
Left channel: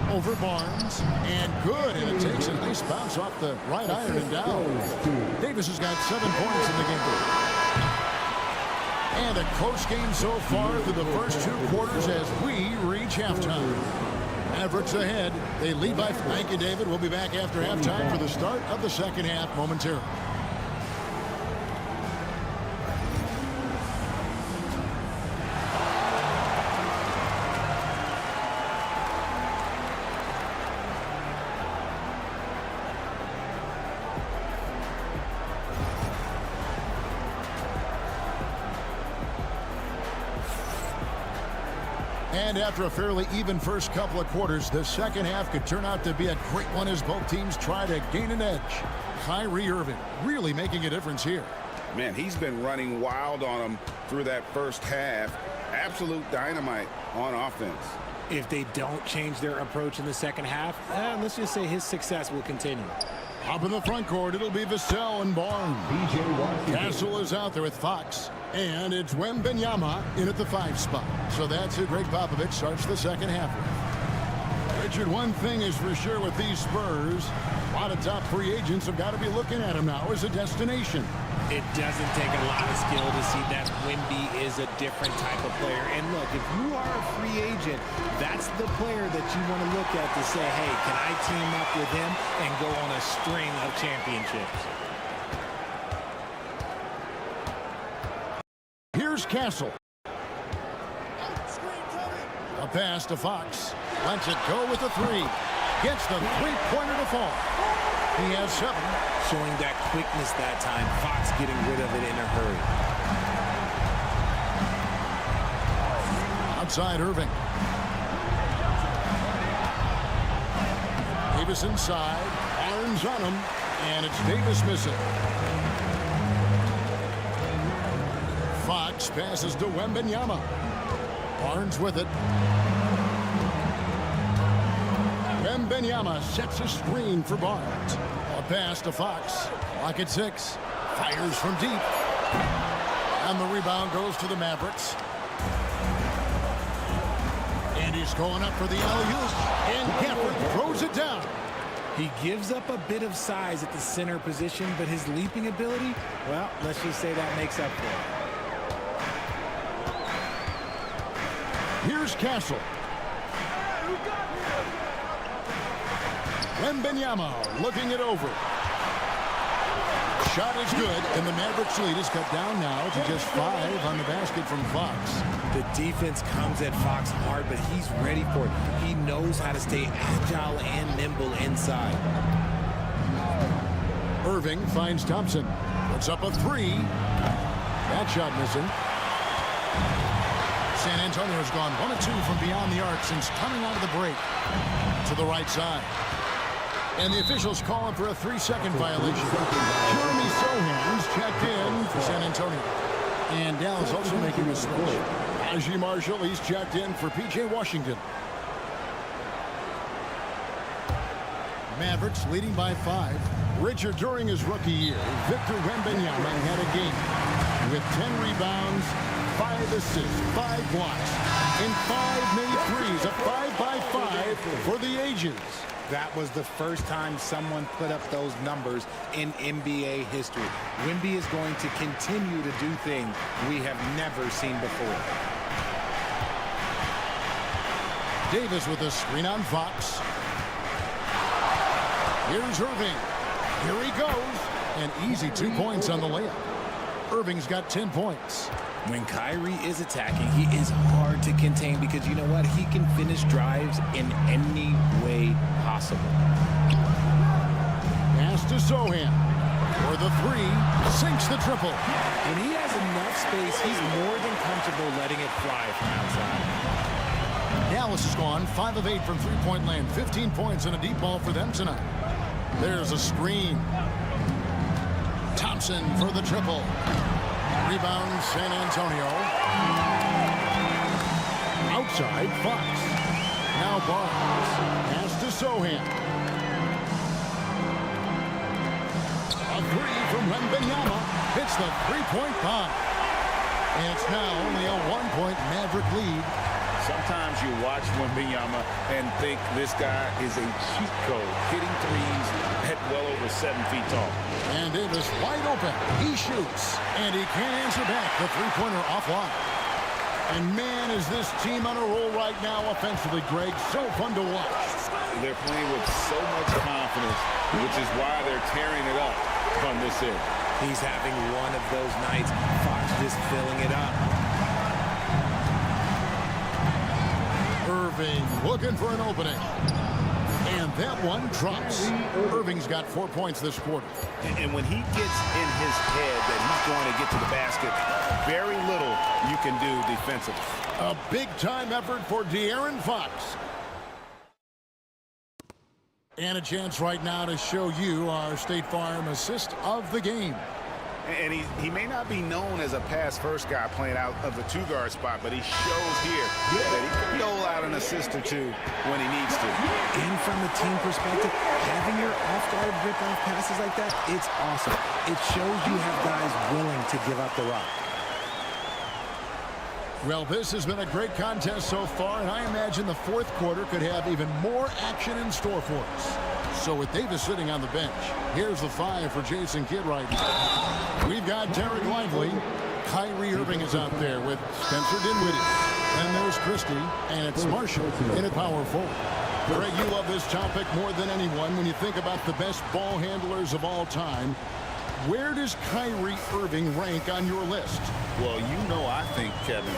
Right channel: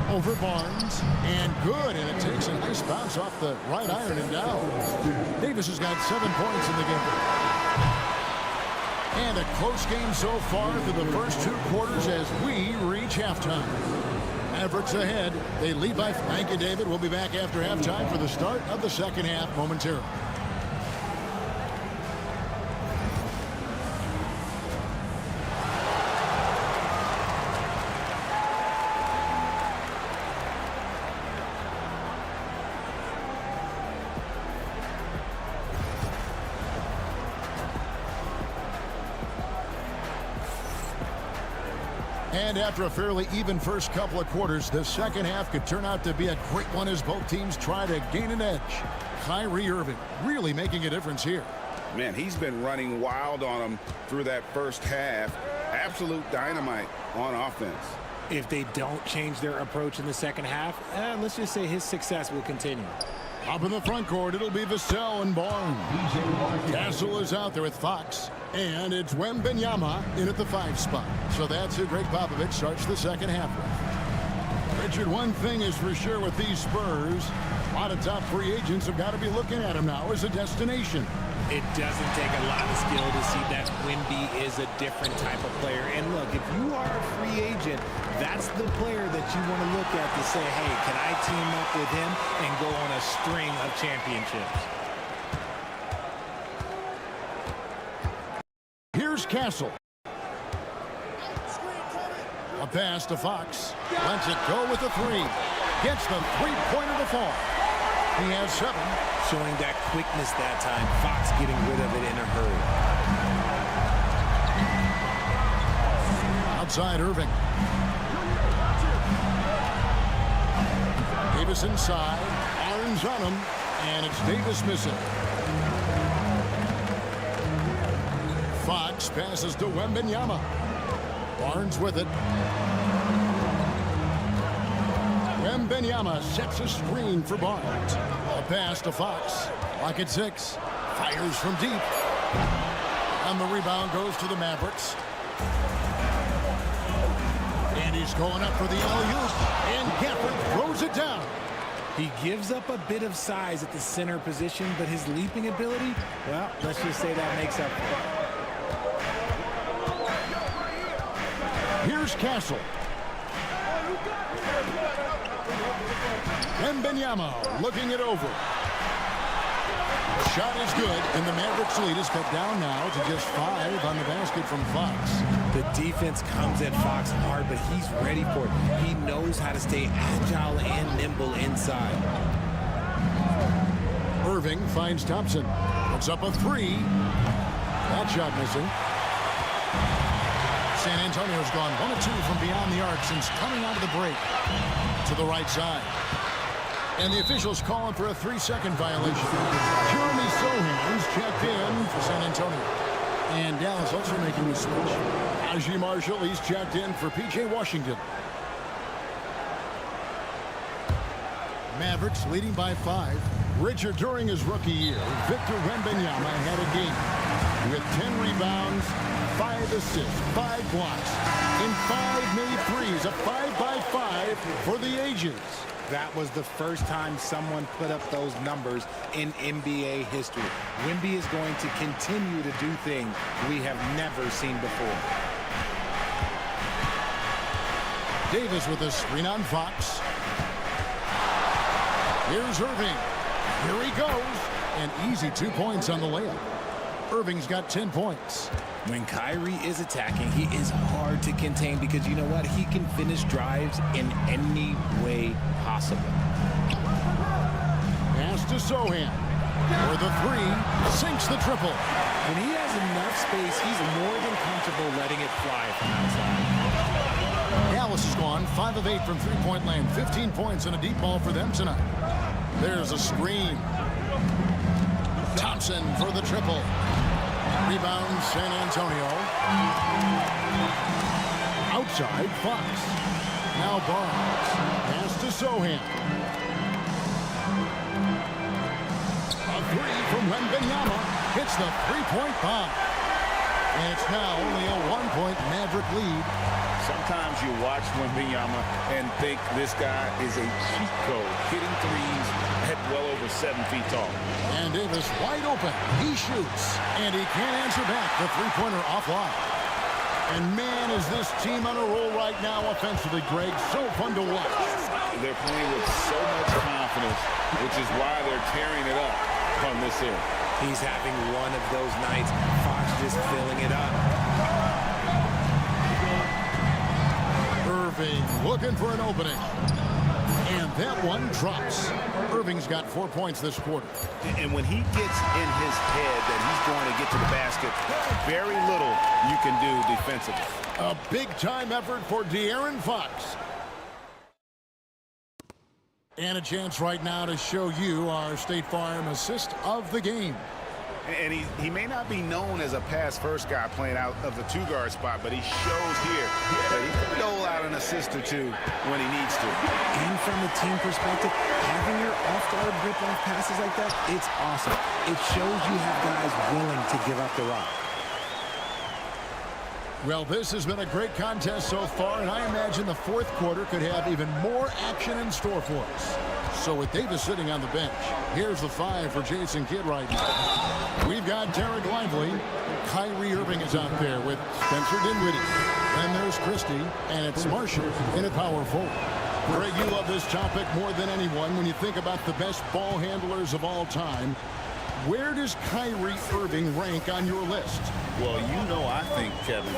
Over Barnes, and good, and it takes a nice bounce off the right iron and down. Davis has got 7 points in the game. And a close game so far through the first 2 quarters as we reach halftime. Mavericks ahead. They lead by. Thank you, David. We'll be back after halftime for the start of the second half momentarily. And after a fairly even first couple of quarters, the second half could turn out to be a great one as both teams try to gain an edge. Kyrie Irving really making a difference here. Man, he's been running wild on them through that first half. Absolute dynamite on offense. If they don't change their approach in the second half, let's just say his success will continue. Up in the front court, it'll be Vassell and Barnes. Castle is out there with Fox. And it's Wembanyama in at the 5 spot. So that's who Greg Popovich starts the second half with. Richard, one thing is for sure with these Spurs, a lot of top free agents have got to be looking at him now as a destination. It doesn't take a lot of skill to see that Wemby is a different type of player. And look, if you are a free agent, that's the player that you want to look at to say, hey, can I team up with him and go on a string of championships? Here's Castle. A pass to Fox. Lets it go with the 3. Gets the 3-pointer to fall. He has 7. Showing that quickness that time. Fox getting rid of it in a hurry. Outside Irving. Davis inside. Barnes on him. And it's Davis missing. Fox passes to Wembanyama. Barnes with it. Wembanyama sets a screen for Barnes. A pass to Fox. Lock at 6. Fires from deep. And the rebound goes to the Mavericks. And he's going up for the alley-oop. And Gafford throws it down. He gives up a bit of size at the center position, but his leaping ability, well, let's just say that makes up for it. Here's Castle. Wembanyama looking it over. Shot is good, and the Mavericks lead is cut down now to just 5 on the basket from Fox. The defense comes at Fox hard, but he's ready for it. He knows how to stay agile and nimble inside. Irving finds Thompson. Puts up a 3. That shot missing. San Antonio's gone 1 of 2 from beyond the arc since coming out of the break. To the right side. And the officials calling for a 3-second violation. Jeremy Sohan's checked in for San Antonio. And Dallas also making a switch. Najee Marshall, he's checked in for P.J. Washington. Mavericks leading by 5. Richard, during his rookie year, Victor Wembanyama had a game with 10 rebounds, 5 assists, 5 blocks, and 5 made threes. A 5-by-5 for the ages. That was the first time someone put up those numbers in NBA history. Wemby is going to continue to do things we have never seen before. Davis with a screen on Fox. Here's Irving. Here he goes. An easy 2 points on the layup. Irving's got 10 points. When Kyrie is attacking, he is hard to contain because you know what? He can finish drives in any way possible. Pass to Sohan. For the 3, sinks the triple. When he has enough space, he's more than comfortable letting it fly from outside. Dallas has gone 5 of 8 from three-point land. 15 points and a deep ball for them tonight. There's a screen. Thompson for the triple. Rebound, San Antonio. Outside, Fox. Now Barnes. Pass to Sohan. A 3 from Wembanyama. Hits the 3-point bomb. And it's now only a 1-point Maverick lead. Sometimes you watch Wembanyama and think this guy is a cheat code, hitting threes at well over 7 feet tall. And Davis wide open. He shoots, and he can't answer back. The three-pointer offline. And man, is this team on a roll right now offensively, Greg. So fun to watch. They're playing with so much confidence, which is why they're tearing it up on this end. He's having one of those nights. Fox just filling it up. Irving looking for an opening. And that one drops. Irving's got 4 points this quarter. And when he gets in his head that he's going to get to the basket, very little you can do defensively. A big-time effort for De'Aaron Fox. And a chance right now to show you our State Farm assist of the game. And he may not be known as a pass-first guy playing out of the two-guard spot, but he shows here that he can dole out an assist or two when he needs to. And from a team perspective, having your off-guard rip-off passes like that, it's awesome. It shows you have guys willing to give up the rock. Well, this has been a great contest so far, and I imagine the fourth quarter could have even more action in store for us. So with Davis sitting on the bench, here's the 5 for Jason Kidd right now. We've got Derek Lively. Kyrie Irving is out there with Spencer Dinwiddie. Then there's Christie, and it's Marshall in at power forward. Greg, you love this topic more than anyone when you think about the best ball handlers of all time. Where does Kyrie Irving rank on your list? Well, you know, I think, Kevin,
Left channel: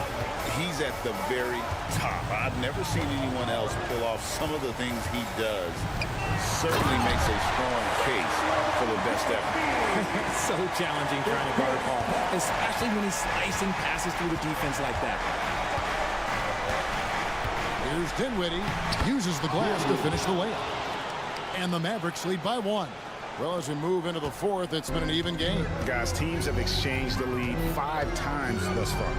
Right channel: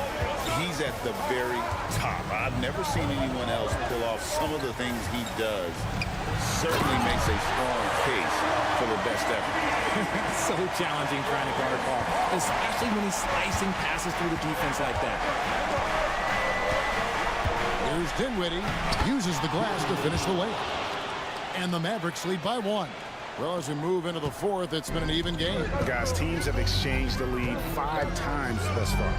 he's at the very top. I've never seen anyone else pull off some of the things he does. Certainly makes a strong case for the best ever. It's so challenging trying to guard Paul, especially when he's slicing passes through the defense like that. Here's Dinwiddie. Uses the glass to finish the layup. And the Mavericks lead by 1. Well, as we move into the fourth, it's been an even game. Guys, teams have exchanged the lead 5 times thus far.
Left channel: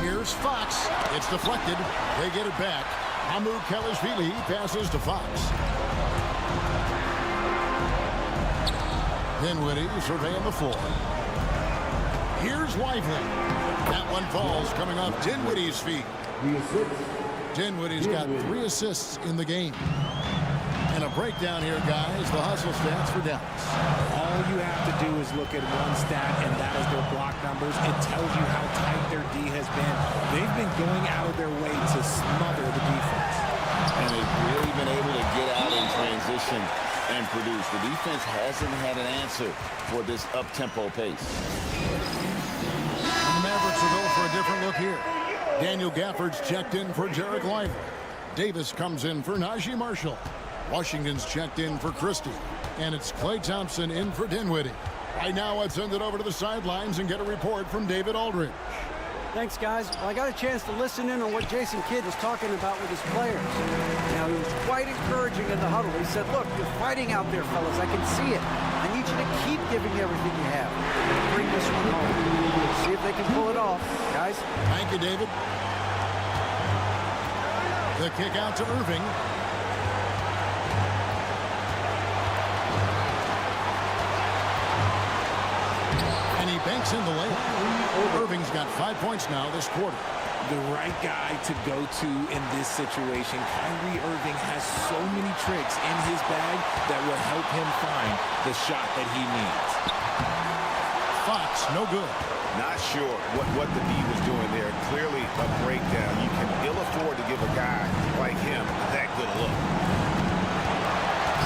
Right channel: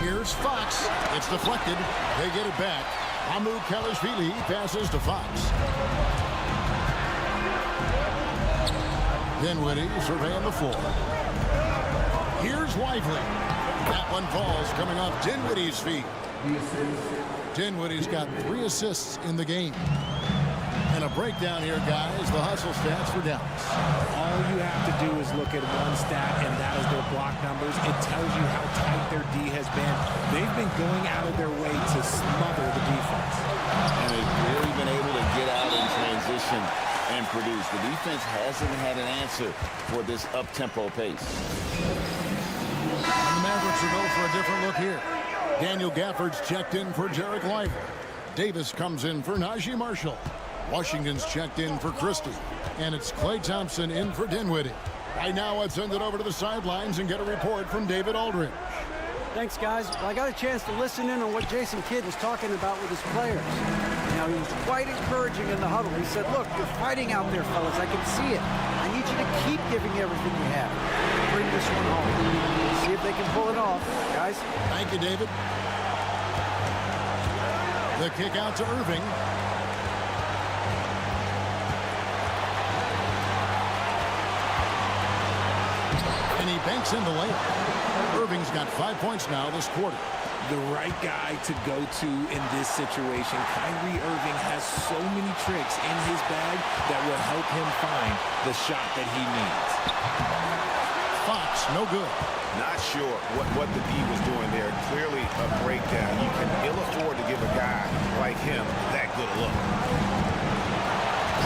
Here's Fox. It's deflected. They get it back. Hamu Kelishvili passes to Fox. Dinwiddie surveying the floor. Here's Lively. That one falls coming off Dinwiddie's feet. Dinwiddie's got 3 assists in the game. And a breakdown here, guys. The hustle stats for Dallas. All you have to do is look at one stat, and that is their block numbers. It tells you how tight their D has been. They've been going out of their way to smother the defense. And they've really been able to get out in transition and produce. The defense hasn't had an answer for this up-tempo pace. And the Mavericks will go for a different look here. Daniel Gafford's checked in for Derek Lively. Davis comes in for Najee Marshall. Washington's checked in for Christie. And it's Klay Thompson in for Dinwiddie. Right now, let's send it over to the sidelines and get a report from David Aldridge. Thanks, guys. Well, I got a chance to listen in on what Jason Kidd was talking about with his players. Now, he was quite encouraging in the huddle. He said, look, you're fighting out there, fellas. I can see it. I need you to keep giving everything you have. Bring this one home. See if they can pull it off. Guys? Thank you, David. The kick out to Irving. And he banks in the layup. Irving's got 5 points now this quarter. The right guy to go to in this situation. Kyrie Irving has so many tricks in his bag that will help him find the shot that he needs. Fox, no good. Not sure what the D was doing there. Clearly a breakdown. You can ill afford to give a guy like him that good a look.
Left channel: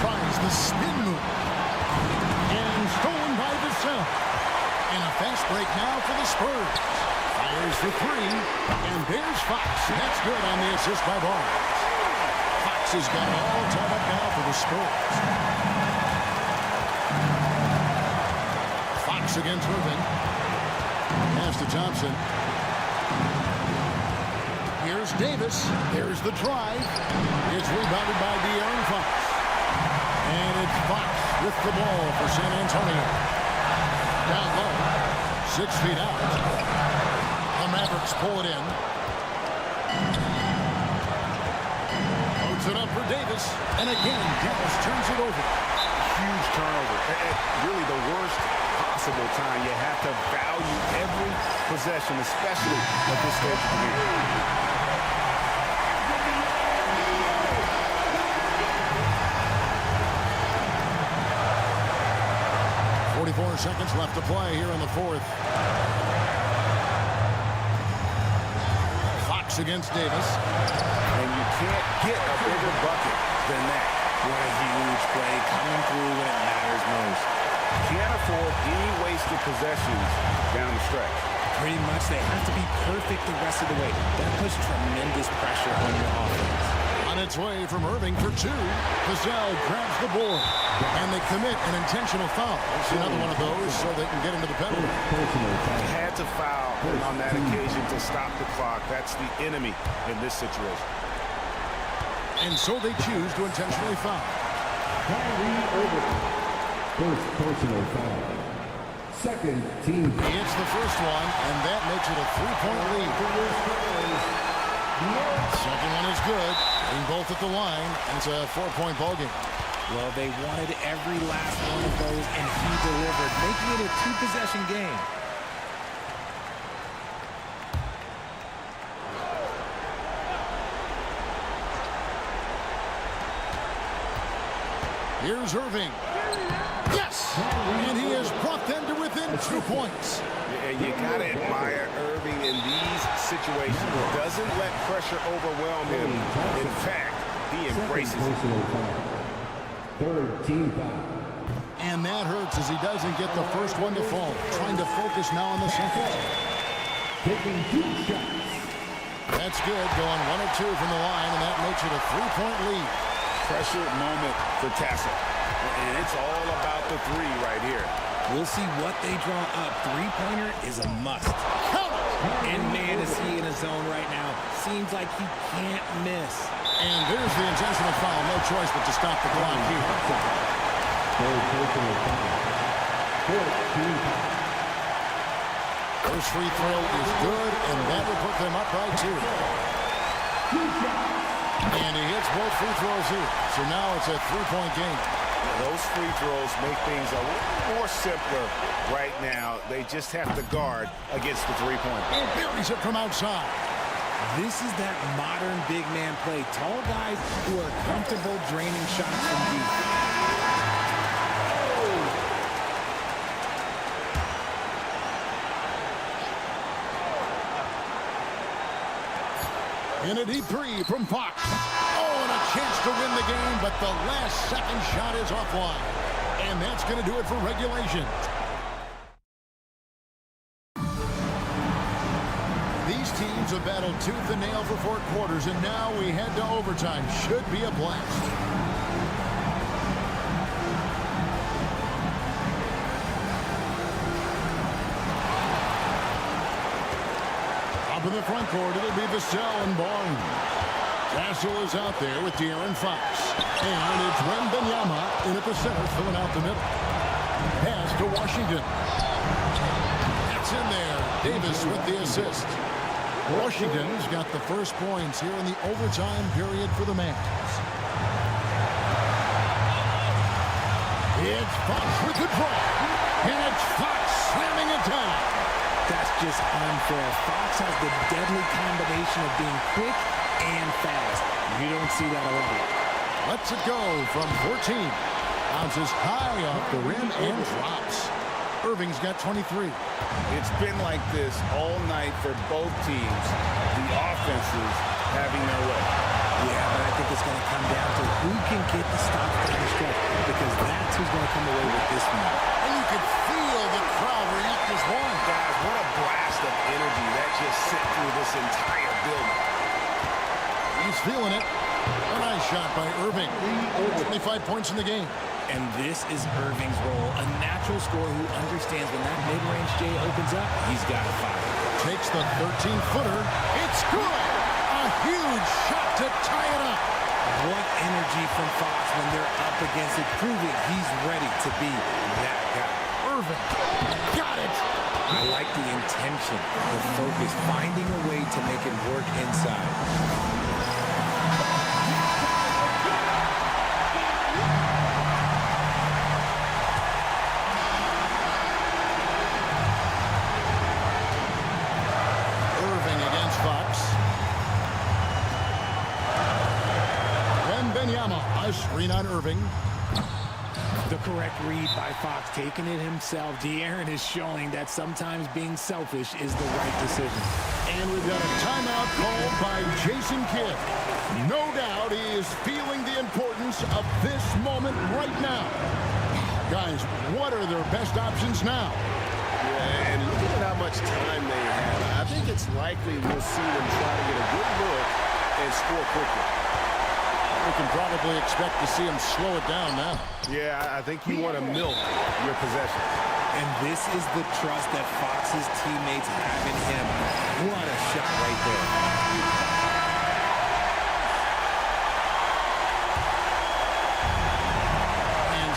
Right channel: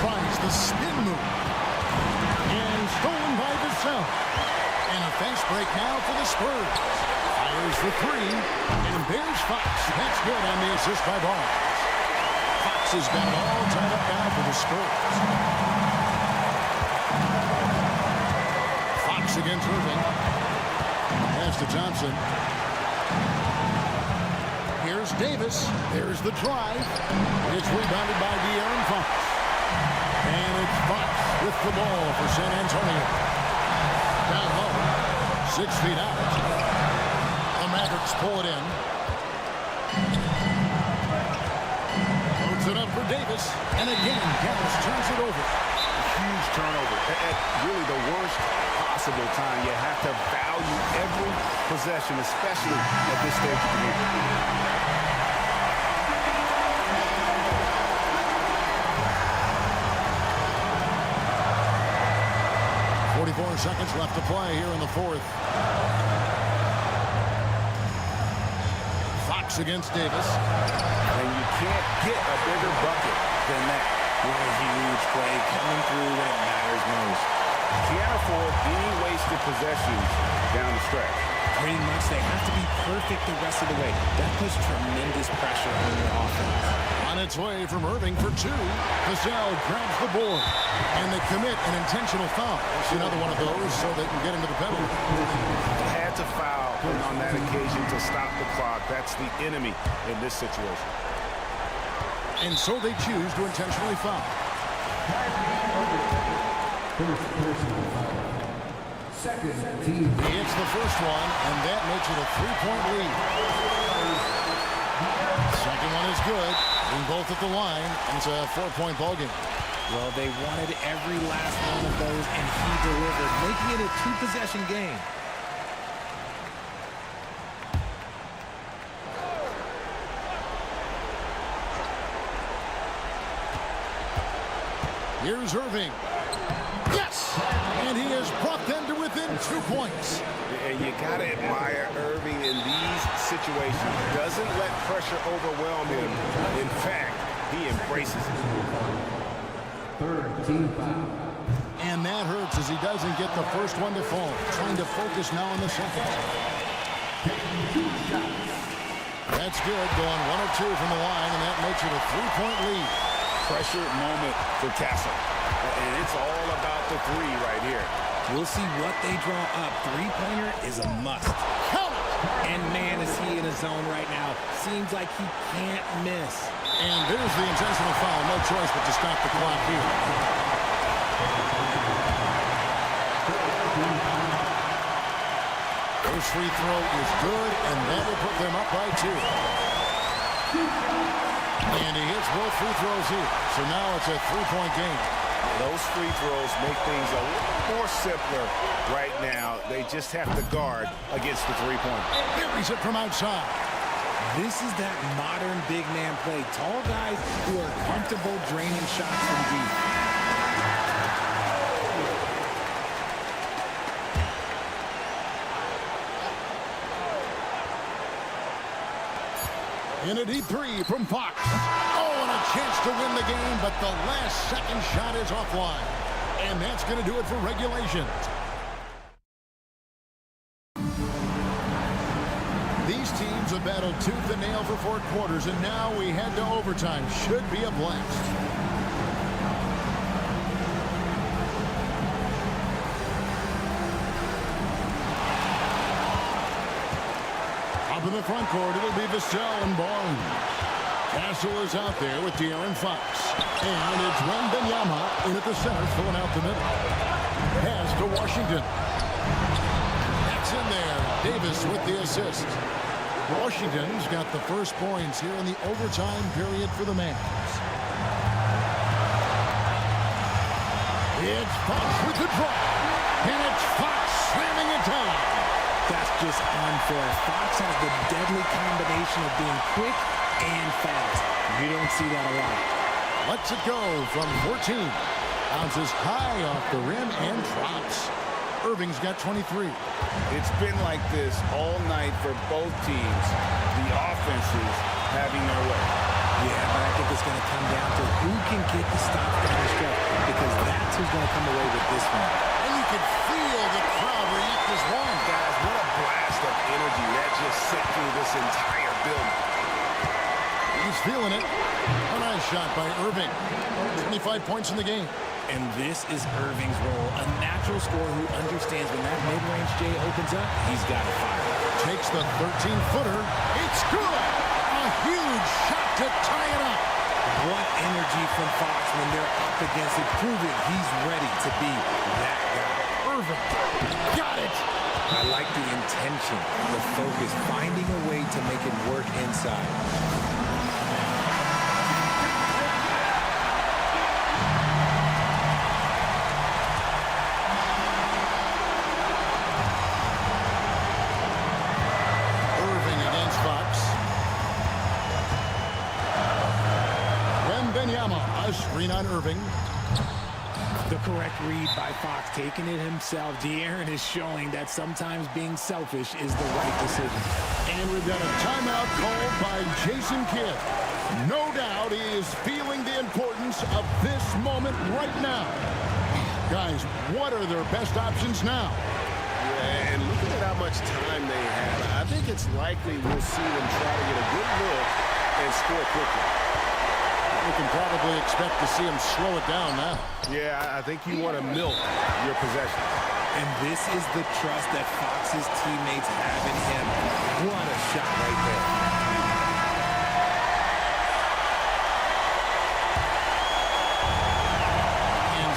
Tries the spin move. And stolen by Vassell. And a fast break now for the Spurs. Fires for 3. And there's Fox. That's good on the assist by Barnes. Fox has got it all tied up now for the Spurs. Fox against Irving. Pass to Thompson. Here's Davis. There's the drive. It's rebounded by De'Aaron Fox. And it's Fox with the ball for San Antonio. Down low, 6 feet out. The Mavericks pull it in. Loads it up for Davis. And again, Dallas turns it over. huge turnover at really the worst possible time. You have to value every possession, especially at this stage of the game. 44 seconds left to play here in the fourth. Fox against Davis. And you can't get a bigger bucket than that. What a huge play coming through when it matters most. Can't afford any wasted possessions down the stretch. Pretty much they have to be perfect the rest of the way. That puts tremendous pressure on your offense. On its way from Irving for two. Vassell grabs the board. And they commit an intentional foul. It's another one of those so they can get into the penalty. Had to foul on that occasion to stop the clock. That's the enemy in this situation. And so they choose to intentionally foul. First personal foul. Second team. He hits the first one, and that makes it a 3-point lead. Second one is good. Getting both at the line, and it's a 4-point ball game. Well, they wanted every last one of those, and he delivered, making it a two-possession game. Here's Irving. Yes! And he has brought them to within 2 points. And you got to admire Irving in these situations. Doesn't let pressure overwhelm him. In fact, he embraces it. Third team foul. And that hurts as he doesn't get the first one to fall. Trying to focus now on the second. Taking 2 shots. That's good. Going 1 or 2 from the line, and that makes it a 3-point lead. Pressure moment for Castle. And it's all about the three right here. We'll see what they draw up. Three-pointer is a must. Count it! And man, is he in a zone right now. Seems like he can't miss. And there's the intentional foul. No choice but to stop the clock here. First free throw is good, and that will put them up by 2. And he hits both free throws here. So now it's a 3-point game. Those free throws make things a little more simpler right now. They just have to guard against the three-pointer. And buries it from outside. This is that modern big man play. Tall guys who are comfortable draining shots from deep. In a deep three from Fox. Oh, and a chance to win the game, but the last second shot is offline. And that's going to do it for regulation. These teams have battled tooth and nail for 4 quarters, and now we head to overtime. Should be a blast. Up in the front court, it'll be Vassell and Barnes. Castle is out there with De'Aaron Fox. And it's Wembanyama in at the center, filling out the middle. Pass to Washington. That's in there. Davis with the assist. Washington's got the first points here in the overtime period for the Mavs. It's Fox with the drive. And it's Fox slamming it down. That's just unfair. Fox has the deadly combination of being quick and fast. You don't see that a lot. Lets it go from 14. Bounces high off the rim and drops. Irving's got 23. It's been like this all night for both teams. The offenses having their way. Yeah, but I think it's going to come down to who can get the stops down the stretch, because that's who's going to come away with this one. And you can feel the crowd react as one. Guys, what a blast of energy that just sent through this entire building. He's feeling it. A nice shot by Irving. 25 points in the game. And this is Irving's role, a natural scorer who understands when that mid-range J opens up, he's got to fire. Takes the 13-footer. It's good. A huge shot to tie it up. What energy from Fox when they're up against it, proving he's ready to be that guy. Irving got it. I like the intention, the focus, finding a way to make it work inside. Wembanyama, a screen on Irving. The correct read by Fox, taking it himself. De'Aaron is showing that sometimes being selfish is the right decision. And we've got a timeout called by Jason Kidd. No doubt he is feeling the importance of this moment right now. Guys, what are their best options now? Yeah, and looking at how much time they have, I think it's likely we'll see them try to get a good look and score quickly. We can probably expect to see him slow it down now. Yeah, I think you want to milk your possessions. And this is the trust that Fox's teammates have in him. What a shot right there.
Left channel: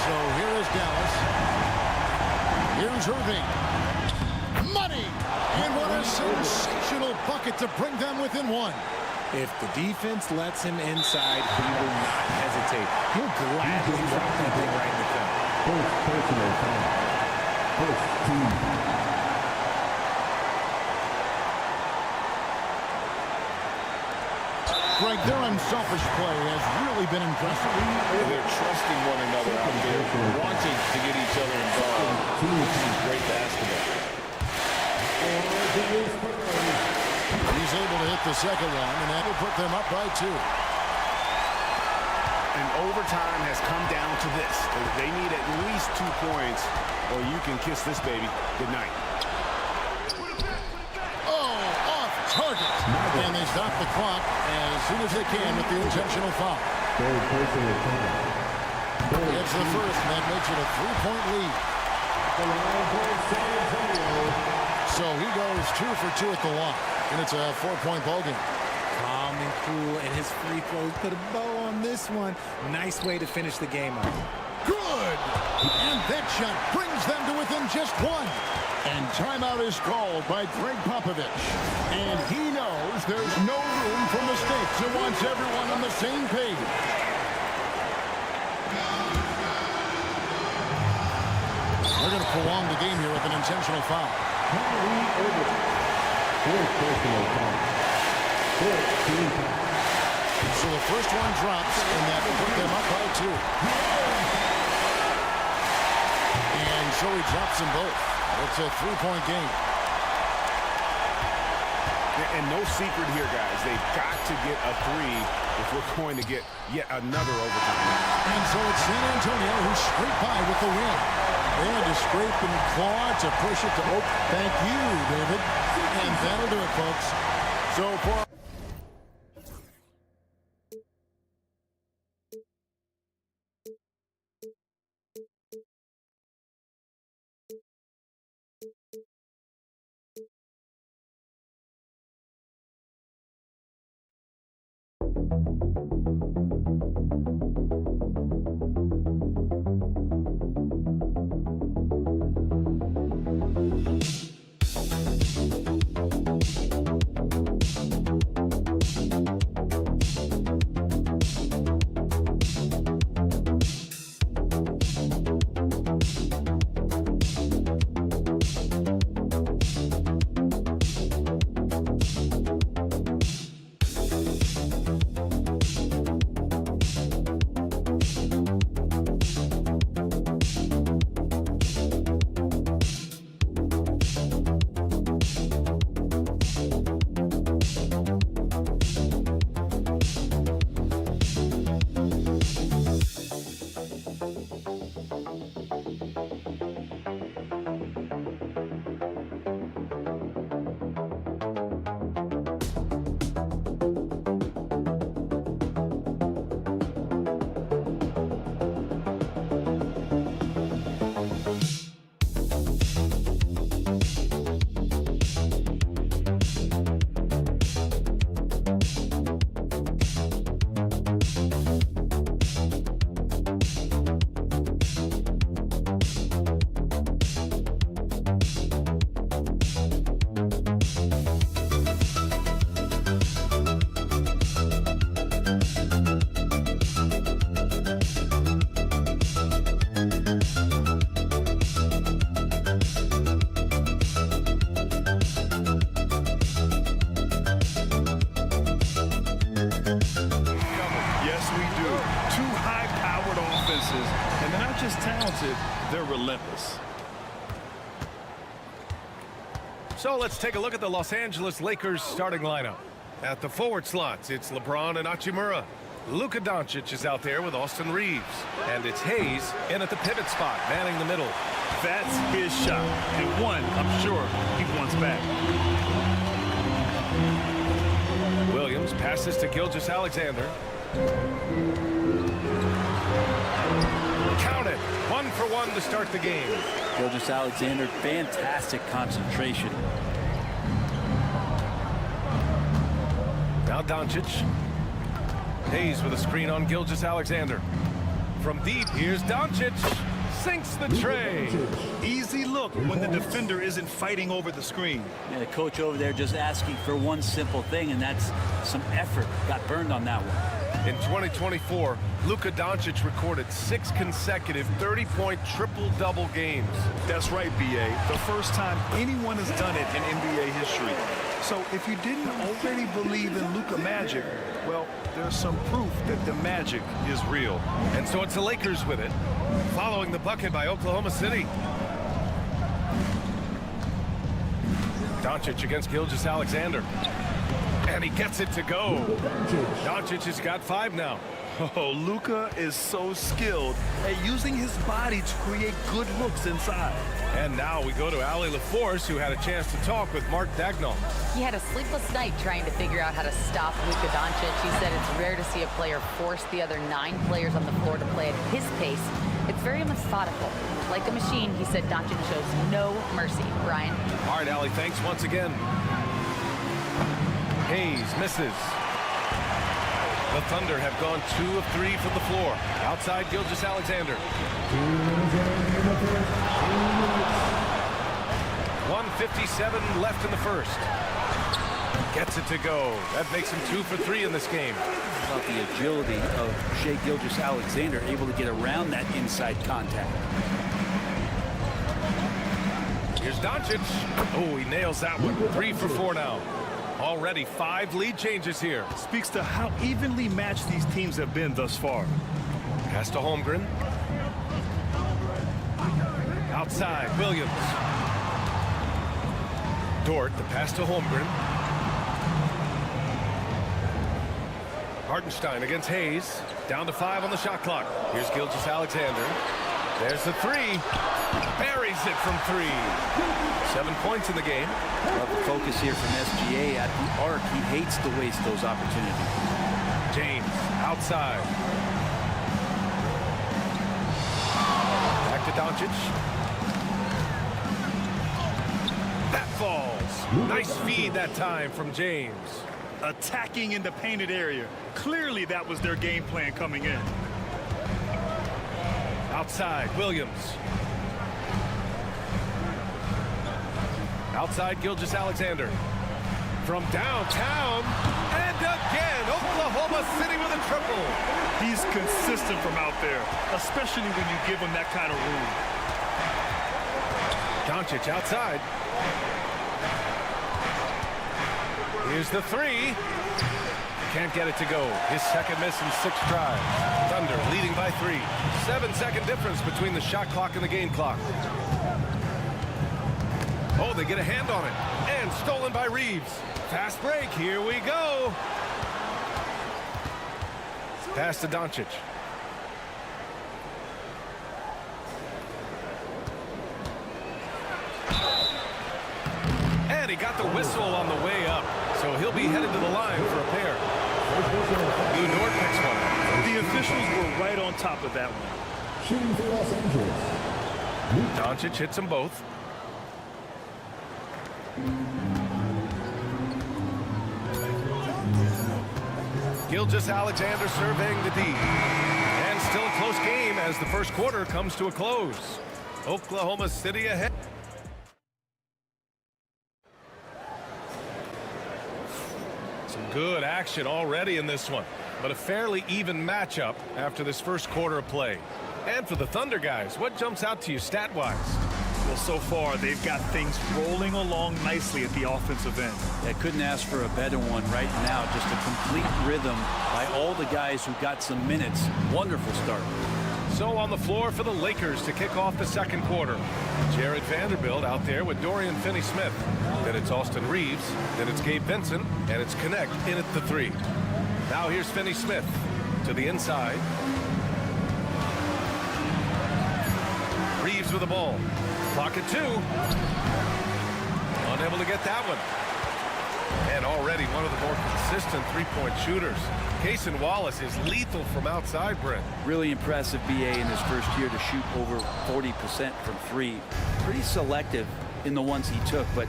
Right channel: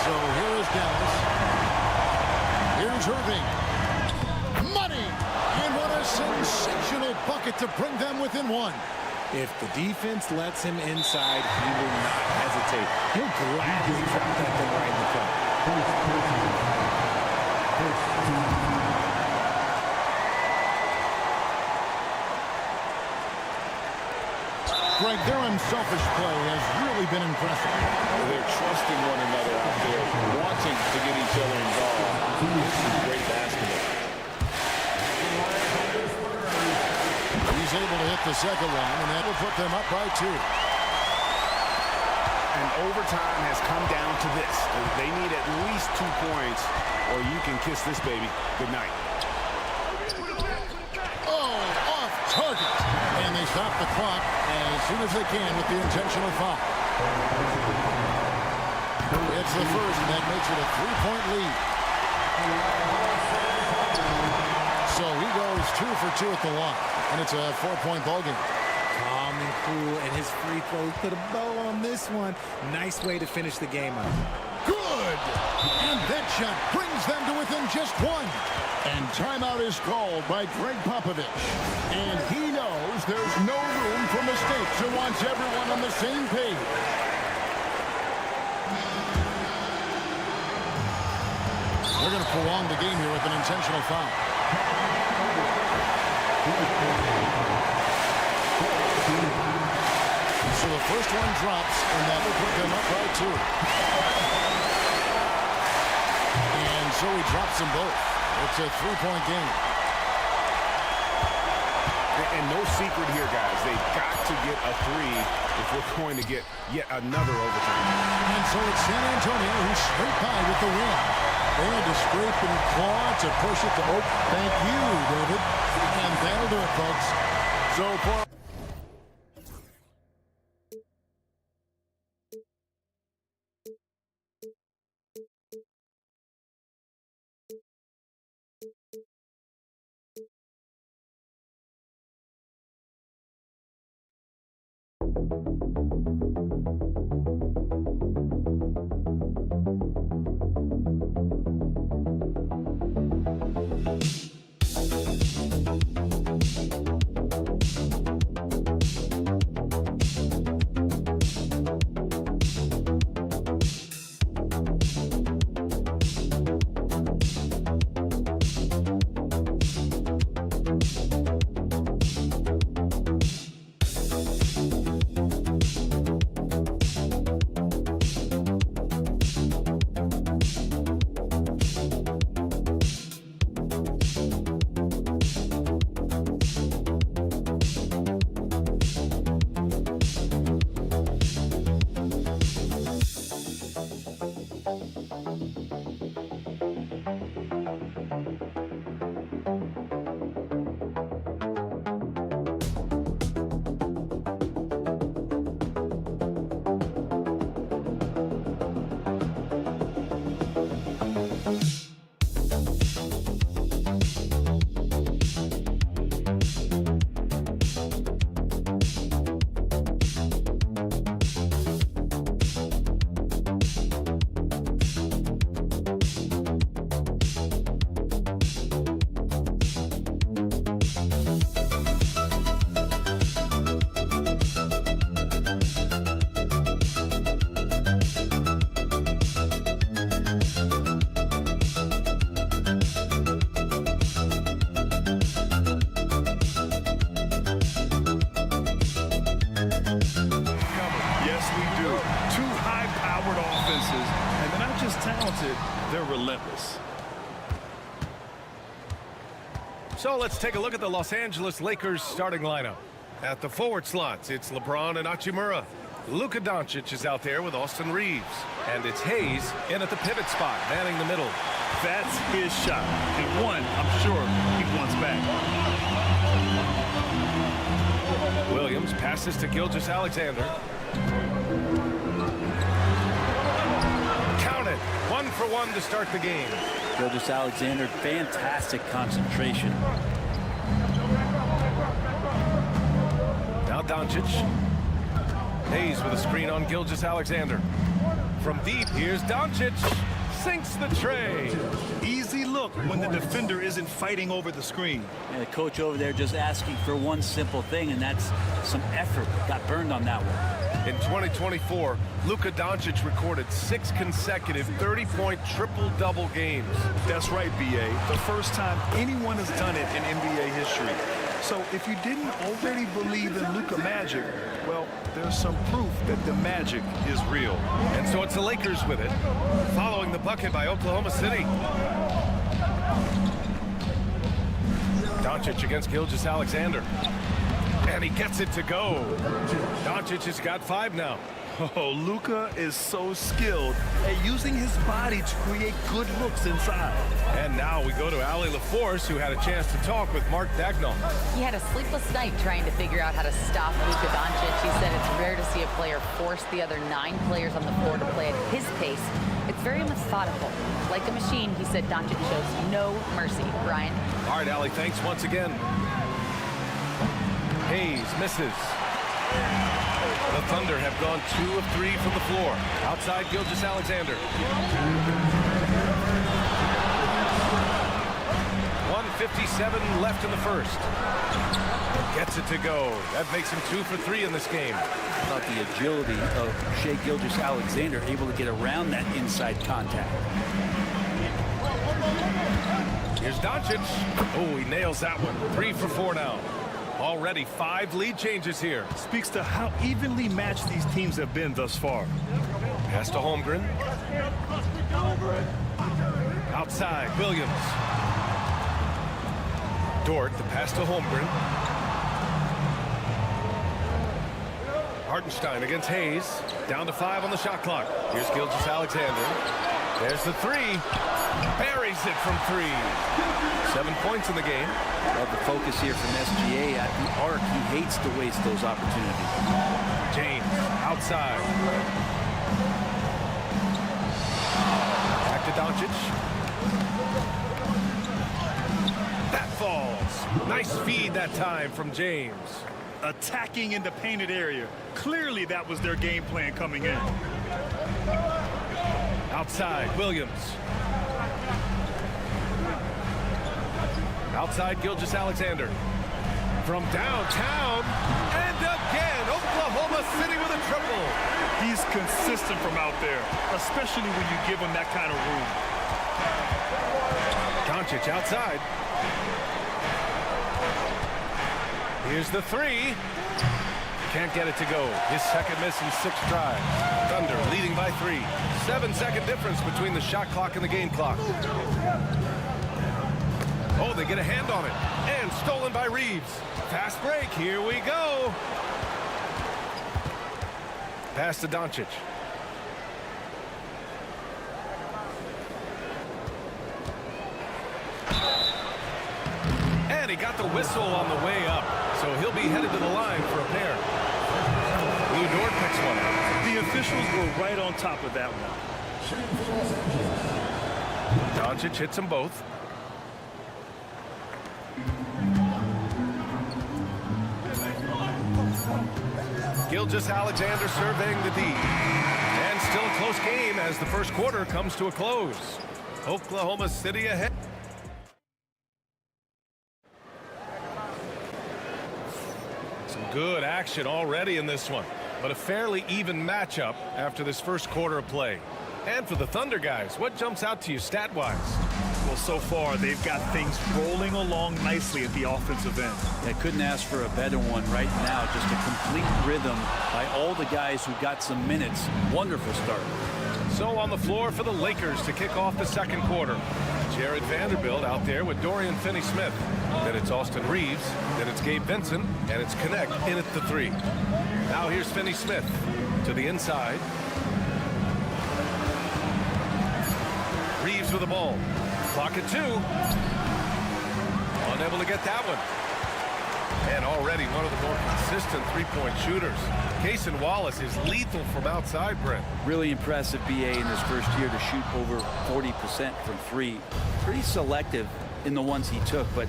So here is Dallas. Here's Irving. Money! And what a sensational bucket to bring them within one. If the defense lets him inside, he will not hesitate. He'll gladly drop that thing right in the cup. First personal foul. First team foul. Greg, their unselfish play has really been impressive. They're trusting one another out there, wanting to get each other involved. This is great basketball. He's able to hit the second one, and that will put them up by 2. And overtime has come down to this. They need at least 2 points, or you can kiss this baby goodnight. Oh, off target. And they stop the clock as soon as they can with the intentional foul. It's the first, and that makes it a 3-point lead. So he goes 2 for 2 at the line, and it's a 4-point ball game. Calm and cool, and his free throws put a bow on this one. Nice way to finish the game up. Good! And that shot brings them to within just 1. And timeout is called by Greg Popovich. And he knows there's no room for mistakes and wants everyone on the same page. They're going to prolong the game here with an intentional foul. So the first one drops, and that will put them up by 2. And so he drops them both. It's a 3-point game. And no secret here, guys. They've got to get a 3 if we're going to get yet another overtime. And so it's San Antonio who scraped by with the win. They had to scrape and claw to push it to Oak. Thank you, David. And that'll do it, folks. So for high-powered offenses, and they're not just talented, they're relentless. So let's take a look at the Los Angeles Lakers starting lineup. At the forward slots, it's LeBron and Hachimura. Luka Doncic is out there with Austin Reeves. And it's Hayes in at the pivot spot, manning the middle. That's his shot. And one, I'm sure, he wants back. Williams passes to Gilgeous-Alexander. Count it. 1 for 1 to start the game. Gilgeous-Alexander, fantastic concentration. Now Doncic. Hayes with a screen on Gilgeous-Alexander. From deep, here's Doncic. Sinks the tray. Easy look when the defender isn't fighting over the screen. Yeah, the coach over there just asking for one simple thing, and that's some effort. Got burned on that one. In 2024, Luka Doncic recorded 6 consecutive 30-point triple-double games. That's right, B.A. The first time anyone has done it in NBA history. So if you didn't already believe in Luka magic, well, there's some proof that the magic is real. And so it's the Lakers with it, following the bucket by Oklahoma City. Doncic against Gilgeous-Alexander. And he gets it to go. Doncic has got 5 now. Oh, Luka is so skilled at using his body to create good looks inside. And now we go to Allie LaForce, who had a chance to talk with Mark Dagnall. He had a sleepless night trying to figure out how to stop Luka Doncic. He said it's rare to see a player force the other 9 players on the floor to play at his pace. It's very methodical. Like a machine, he said Doncic shows no mercy. Brian? All right, Allie, thanks once again. Hayes misses. The Thunder have gone 2 of 3 from the floor. Outside Gilgeous-Alexander. 1:57 left in the first. Gets it to go. That makes him 2 for 3 in this game. About the agility of Shai Gilgeous-Alexander, able to get around that inside contact. Here's Doncic. Oh, he nails that one. 3 for 4 now. Already 5 lead changes here. Speaks to how evenly matched these teams have been thus far. Pass to Holmgren. Outside, Williams. Dort, the pass to Holmgren. Hartenstein against Hayes. Down to 5 on the shot clock. Here's Gilgeous-Alexander. There's the 3. Buries it from 3. 7 points in the game. Love the focus here from SGA at the arc. He hates to waste those opportunities. James outside. Back to Doncic. That falls. Nice feed that time from James. Attacking in the painted area. Clearly that was their game plan coming in. Outside, Williams. Outside, Gilgeous-Alexander. From downtown, and again, Oklahoma City with a triple. He's consistent from out there, especially when you give him that kind of room. Doncic outside. Here's the 3. Can't get it to go. His second miss in 6 tries. Thunder leading by 3. 7-second difference between the shot clock and the game clock. Oh, they get a hand on it. And stolen by Reeves. Fast break. Here we go. Pass to Doncic. And he got the whistle on the way up. So he'll be headed to the line for a pair. Lou Dort picks one up. The officials were right on top of that one. Doncic hits them both. Gilgeous-Alexander surveying the D. And still a close game as the first quarter comes to a close. Oklahoma City ahead. Some good action already in this one, but a fairly even matchup after this first quarter of play. And for the Thunder guys, what jumps out to you stat-wise? Well, so far, they've got things rolling along nicely at the offensive end. Yeah, couldn't ask for a better one right now. Just a complete rhythm by all the guys who got some minutes. Wonderful start. So on the floor for the Lakers to kick off the second quarter. Jared Vanderbilt out there with Dorian Finney-Smith. Then it's Austin Reeves. Then it's Gabe Vincent. And it's Connect in at the 3. Now here's Finney-Smith to the inside. Reeves with the ball. Clock at 2. Unable to get that one. And already one of the more consistent three-point shooters. Cason Wallace is lethal from outside, Brent. Really impressive, BA, in his first year to shoot over 40% from 3. Pretty selective in the ones he took, but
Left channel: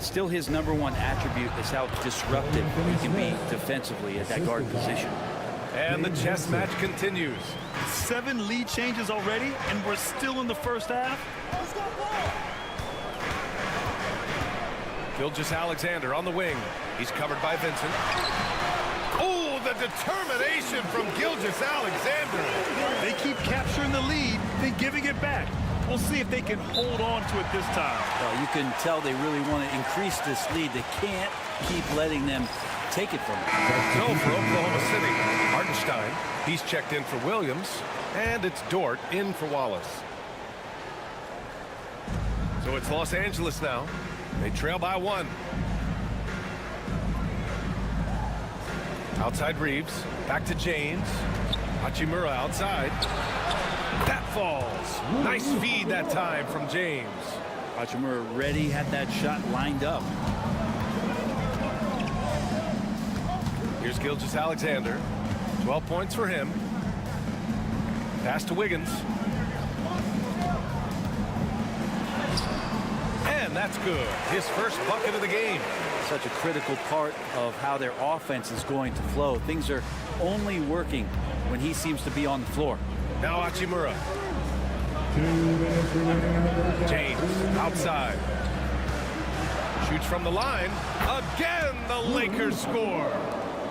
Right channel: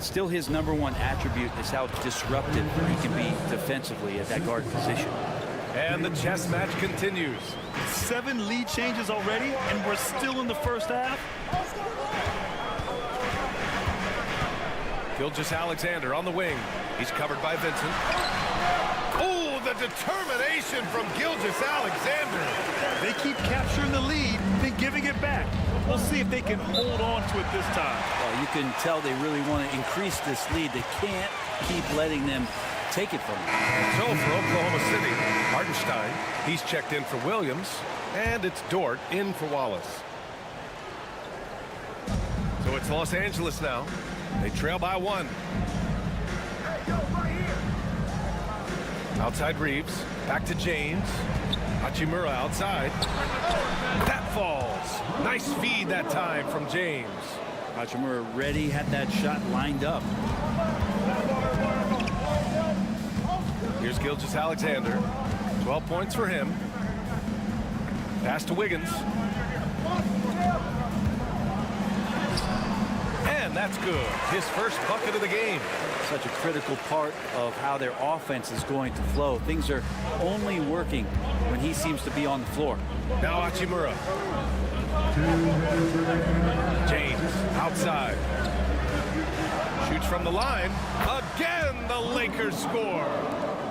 still his #1 attribute is how disruptive he can be defensively at that guard position. And the chess match continues. 7 lead changes already, and we're still in the first half. Gilgeous-Alexander on the wing. He's covered by Vincent. Oh, the determination from Gilgeous-Alexander. They keep capturing the lead, then giving it back. We'll see if they can hold on to it this time. Well, you can tell they really want to increase this lead. They can't keep letting them take it from them. So for Oklahoma City, Hartenstein, he's checked in for Williams, and it's Dort in for Wallace. So it's Los Angeles now. They trail by 1. Outside Reeves, back to James. Hachimura outside. That falls. Nice feed that time from James. Hachimura ready, had that shot lined up. Here's Gilgeous-Alexander. 12 points for him. Pass to Wiggins. And that's good. His first bucket of the game. Such a critical part of how their offense is going to flow. Things are only working when he seems to be on the floor. Now Hachimura. James outside. Shoots from the line. Again, the Lakers score.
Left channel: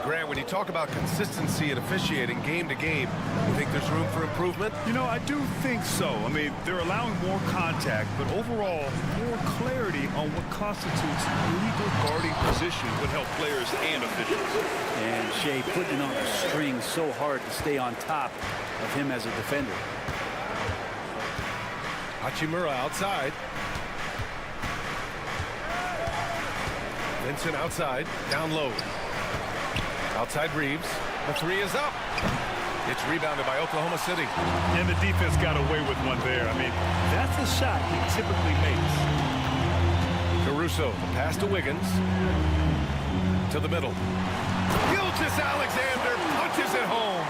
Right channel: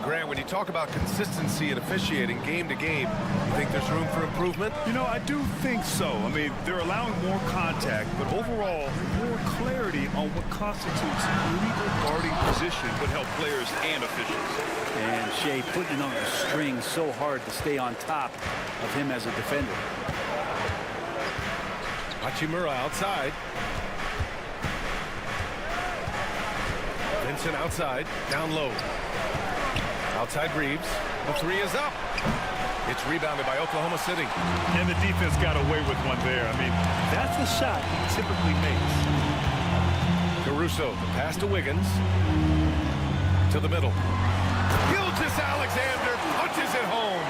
Grant, when you talk about consistency and officiating game to game, you think there's room for improvement? You know, I do think so. I mean, they're allowing more contact, but overall, more clarity on what constitutes legal guarding position would help players and officials. And Shea putting it on the string so hard to stay on top of him as a defender. Hachimura outside. Vincent outside, down low. Outside Reeves. The 3 is up. It's rebounded by Oklahoma City. And the defense got away with one there. I mean, that's the shot he typically makes. Caruso, the pass to Wiggins. To the middle. Gilgeous-Alexander punches it home.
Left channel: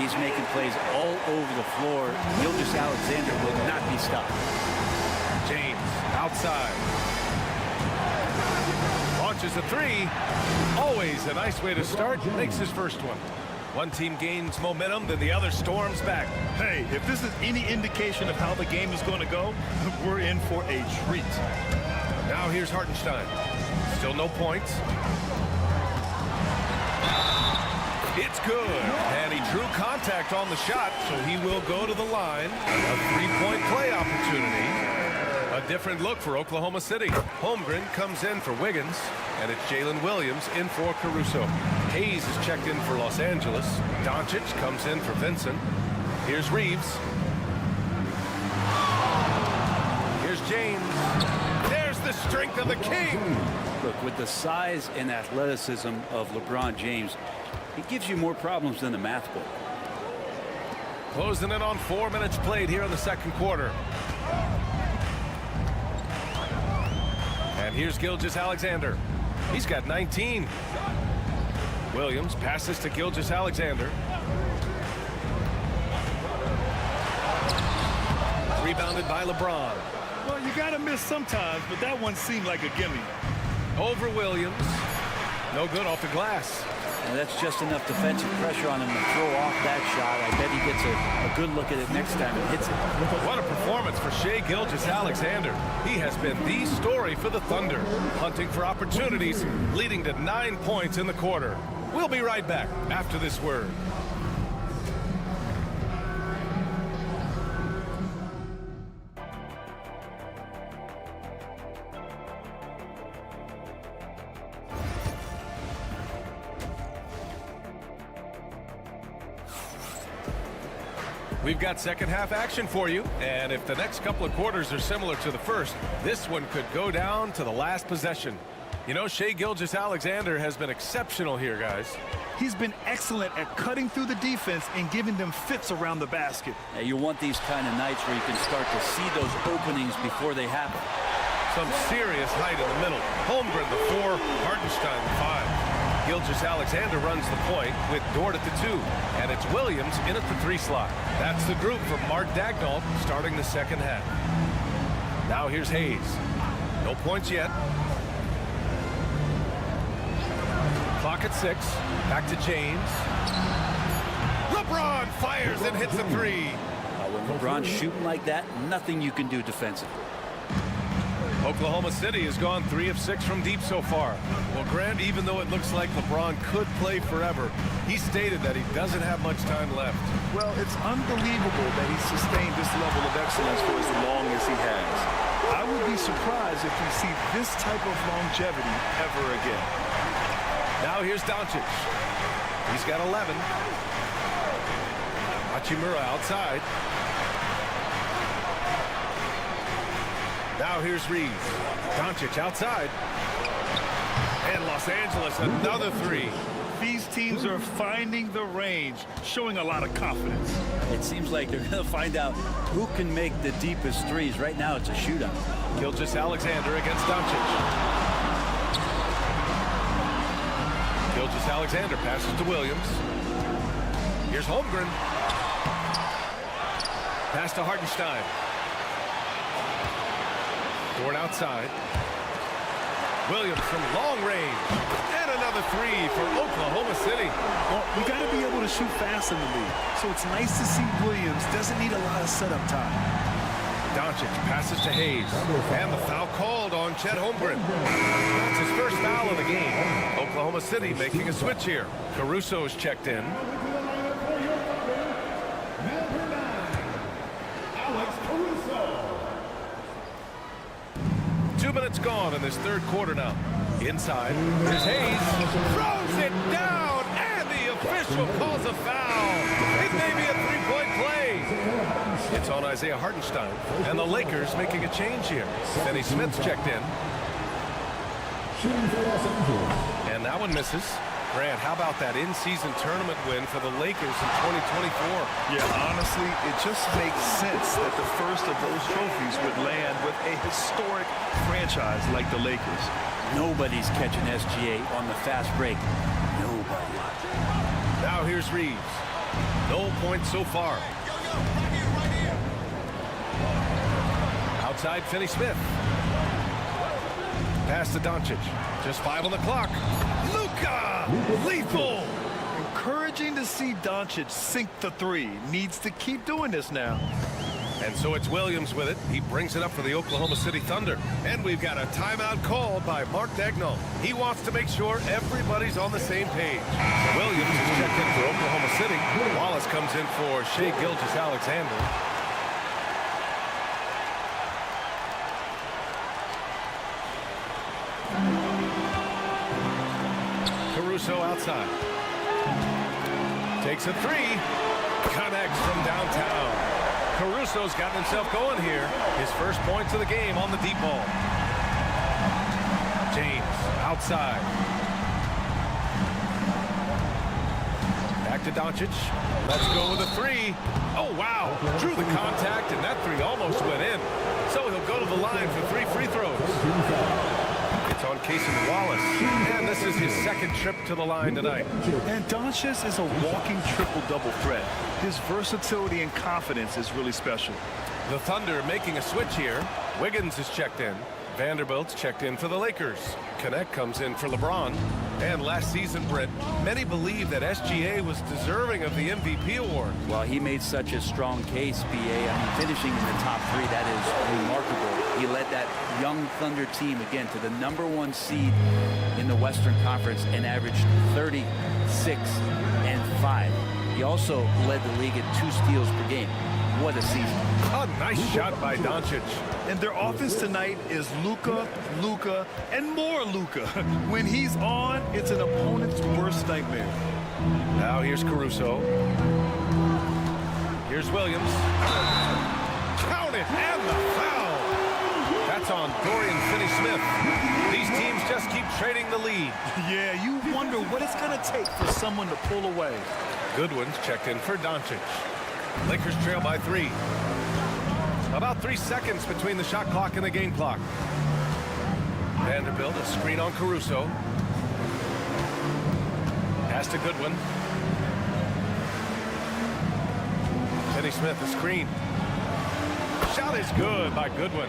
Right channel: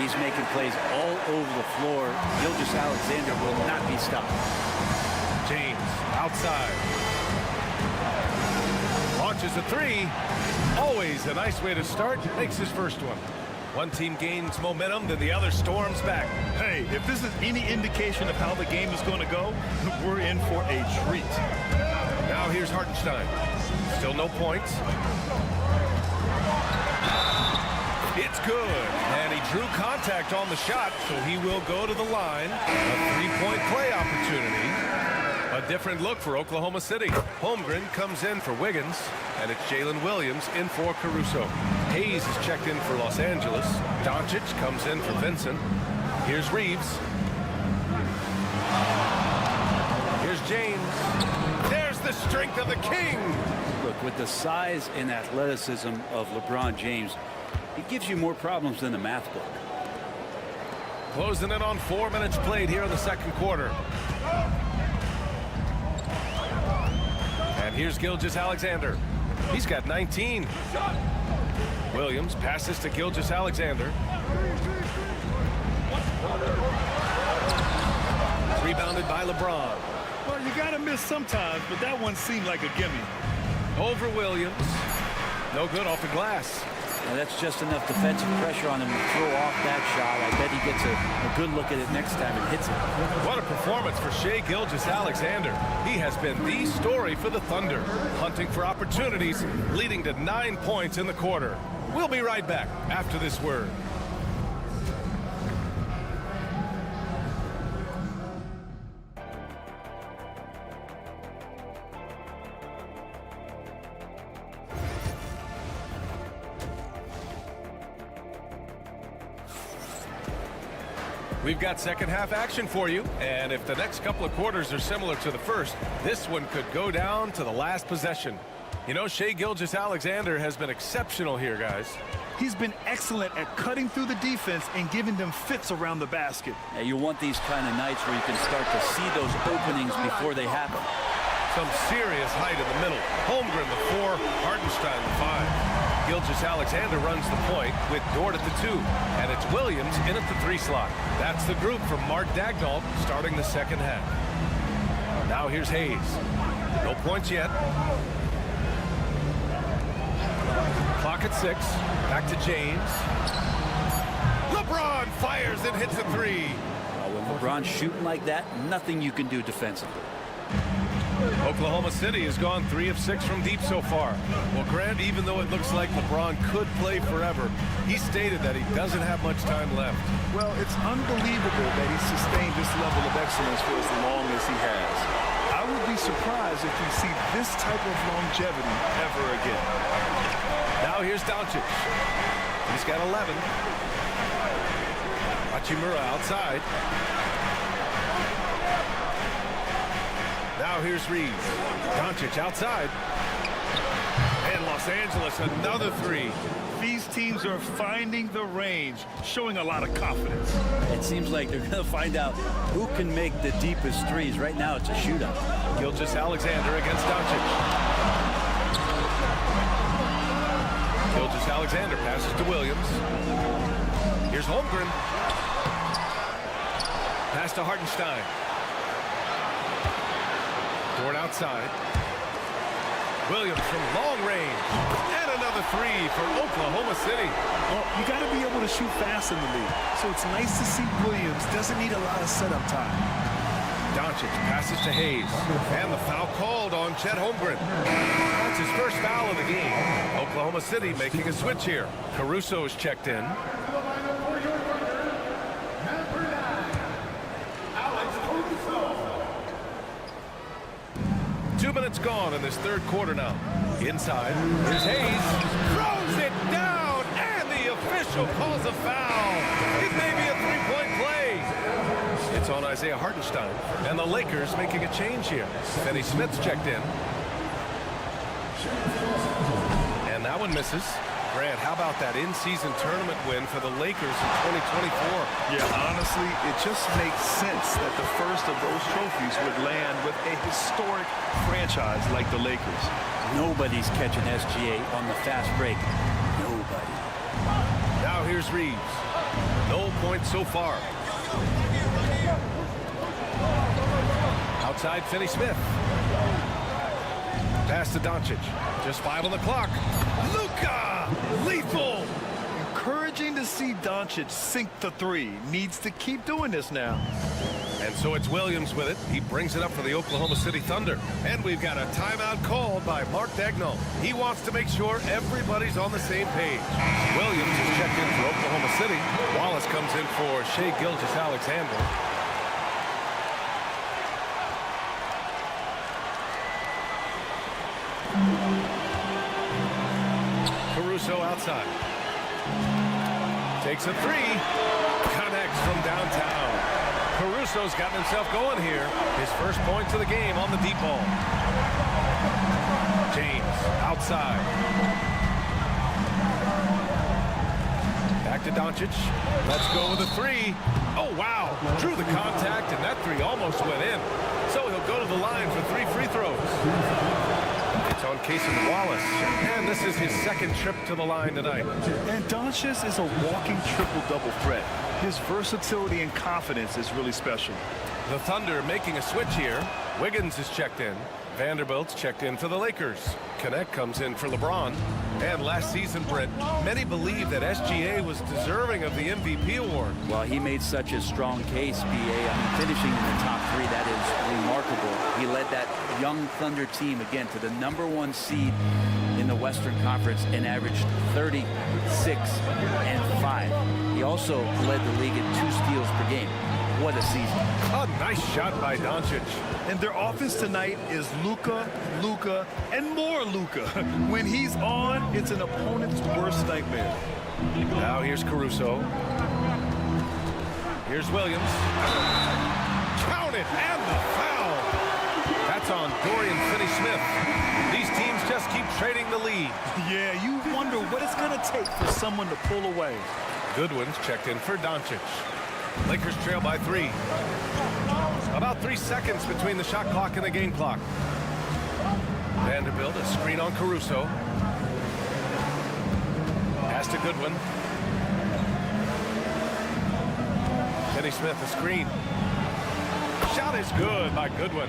He's making plays all over the floor. Gilgeous-Alexander will not be stopped. James outside. Launches a 3. Always a nice way to start. Makes his first one. One team gains momentum, then the other storms back. Hey, if this is any indication of how the game is going to go, we're in for a treat. Now here's Hartenstein. Still no points. It's good. And he drew contact on the shot, so he will go to the line. A 3-point play opportunity. A different look for Oklahoma City. Holmgren comes in for Wiggins, and it's Jalen Williams in for Caruso. Hayes is checked in for Los Angeles. Doncic comes in for Vincent. Here's Reeves. Here's James. There's the strength of the king. Look, with the size and athleticism of LeBron James, it gives you more problems than the math book. Closing in on 4 minutes played here in the second quarter. And here's Gilgeous-Alexander. He's got 19. Williams passes to Gilgeous-Alexander. Rebounded by LeBron. Well, you got to miss sometimes, but that one seemed like a gimme. Over Williams. No good off the glass. Now that's just enough defensive pressure on him to throw off that shot. I bet he gets a good look at it next time and hits it. What a performance for Shai Gilgeous-Alexander. He has been the story for the Thunder, hunting for opportunities, leading to 9 points in the quarter. We'll be right back after this word. We've got second half action for you, and if the next couple of quarters are similar to the first, this one could go down to the last possession. You know, Shai Gilgeous-Alexander has been exceptional here, guys. He's been excellent at cutting through the defense and giving them fits around the basket. Now, you want these kind of nights where you can start to see those openings before they happen. Some serious height in the middle. Holmgren, the 4, Hartenstein, the 5. Gilgeous-Alexander runs the point with Dort at the 2, and it's Williams in at the 3 slot. That's the group from Mark Daigneault starting the second half. Now here's Hayes. No points yet. Clock at 6. Back to James. LeBron fires and hits a 3. When LeBron's shooting like that, nothing you can do defensively. Oklahoma City has gone 3 of 6 from deep so far. Well, Grant, even though it looks like LeBron could play forever, he stated that he doesn't have much time left. Well, it's unbelievable that he's sustained this level of excellence for as long as he has. I would be surprised if we see this type of longevity ever again. Now here's Doncic. He's got 11. Hachimura outside. Now here's Reeves. Doncic outside. And Los Angeles, another 3. These teams are finding the range, showing a lot of confidence. It seems like they're going to find out who can make the deepest threes. Right now, it's a shootout. Gilgeous-Alexander against Doncic. Gilgeous-Alexander passes to Williams. Here's Holmgren. Pass to Hartenstein. Dort outside. Williams from long range. And another 3 for Oklahoma City. Well, you got to be able to shoot fast in the league. So it's nice to see Williams doesn't need a lot of setup time. Doncic passes to Hayes. And the foul called on Chet Holmgren. That's his first foul of the game. Oklahoma City making a switch here. Caruso is checked in. 2 minutes gone in this third quarter now. Inside, here's Hayes. Throws it down, and the official calls a foul. It may be a 3-point play. It's on Isaiah Hartenstein, and the Lakers making a change here. Finney Smith's checked in. And that one misses. Grant, how about that in-season tournament win for the Lakers in 2024? Yeah, honestly, it just makes sense that the first of those trophies would land with a historic franchise like the Lakers. Nobody's catching SGA on the fast break. Nobody. Now here's Reeves. No points so far. Outside, Finney Smith. Pass to Doncic. Just 5 on the clock. Luka! Lethal! Encouraging to see Doncic sink the 3. Needs to keep doing this now. And so it's Williams with it. He brings it up for the Oklahoma City Thunder. And we've got a timeout called by Mark Daigneault. He wants to make sure everybody's on the same page. Williams is checked in for Oklahoma City. Wallace comes in for Shai Gilgeous-Alexander. Caruso outside. Takes a 3. Connects from downtown. Caruso's gotten himself going here. His first points of the game on the deep ball. James outside. Back to Doncic. Let's go with a 3. Oh, wow. Drew the contact, and that 3 almost went in. So he'll go to the line for 3 free throws. It's on Cason Wallace, and this is his second trip to the line tonight. And Doncic is a walking triple-double threat. His versatility and confidence is really special. The Thunder making a switch here. Wiggins is checked in. Vanderbilt's checked in for the Lakers. Connect comes in for LeBron. And last season, Britt, many believe that SGA was deserving of the MVP award. Well, he made such a strong case, BA. I mean, finishing in the top 3, that is remarkable. He led that young Thunder team, again, to the #1 seed in the Western Conference and averaged 36 and 5. He also led the league in 2 steals per game. What a season. A nice shot by Doncic. And their offense tonight is Luka, Luka, and more Luka. When he's on, it's an opponent's worst nightmare. Now here's Caruso. Here's Williams. Count it, and the foul. That's on Dorian Finney-Smith. These teams just keep trading the lead. Yeah, you wonder what it's going to take for someone to pull away. Goodwin's checked in for Doncic. Lakers trail by 3. About 3 seconds between the shot clock and the game clock. Vanderbilt, a screen on Caruso. Pass to Goodwin. Finney-Smith, a screen. Shot is good by Goodwin.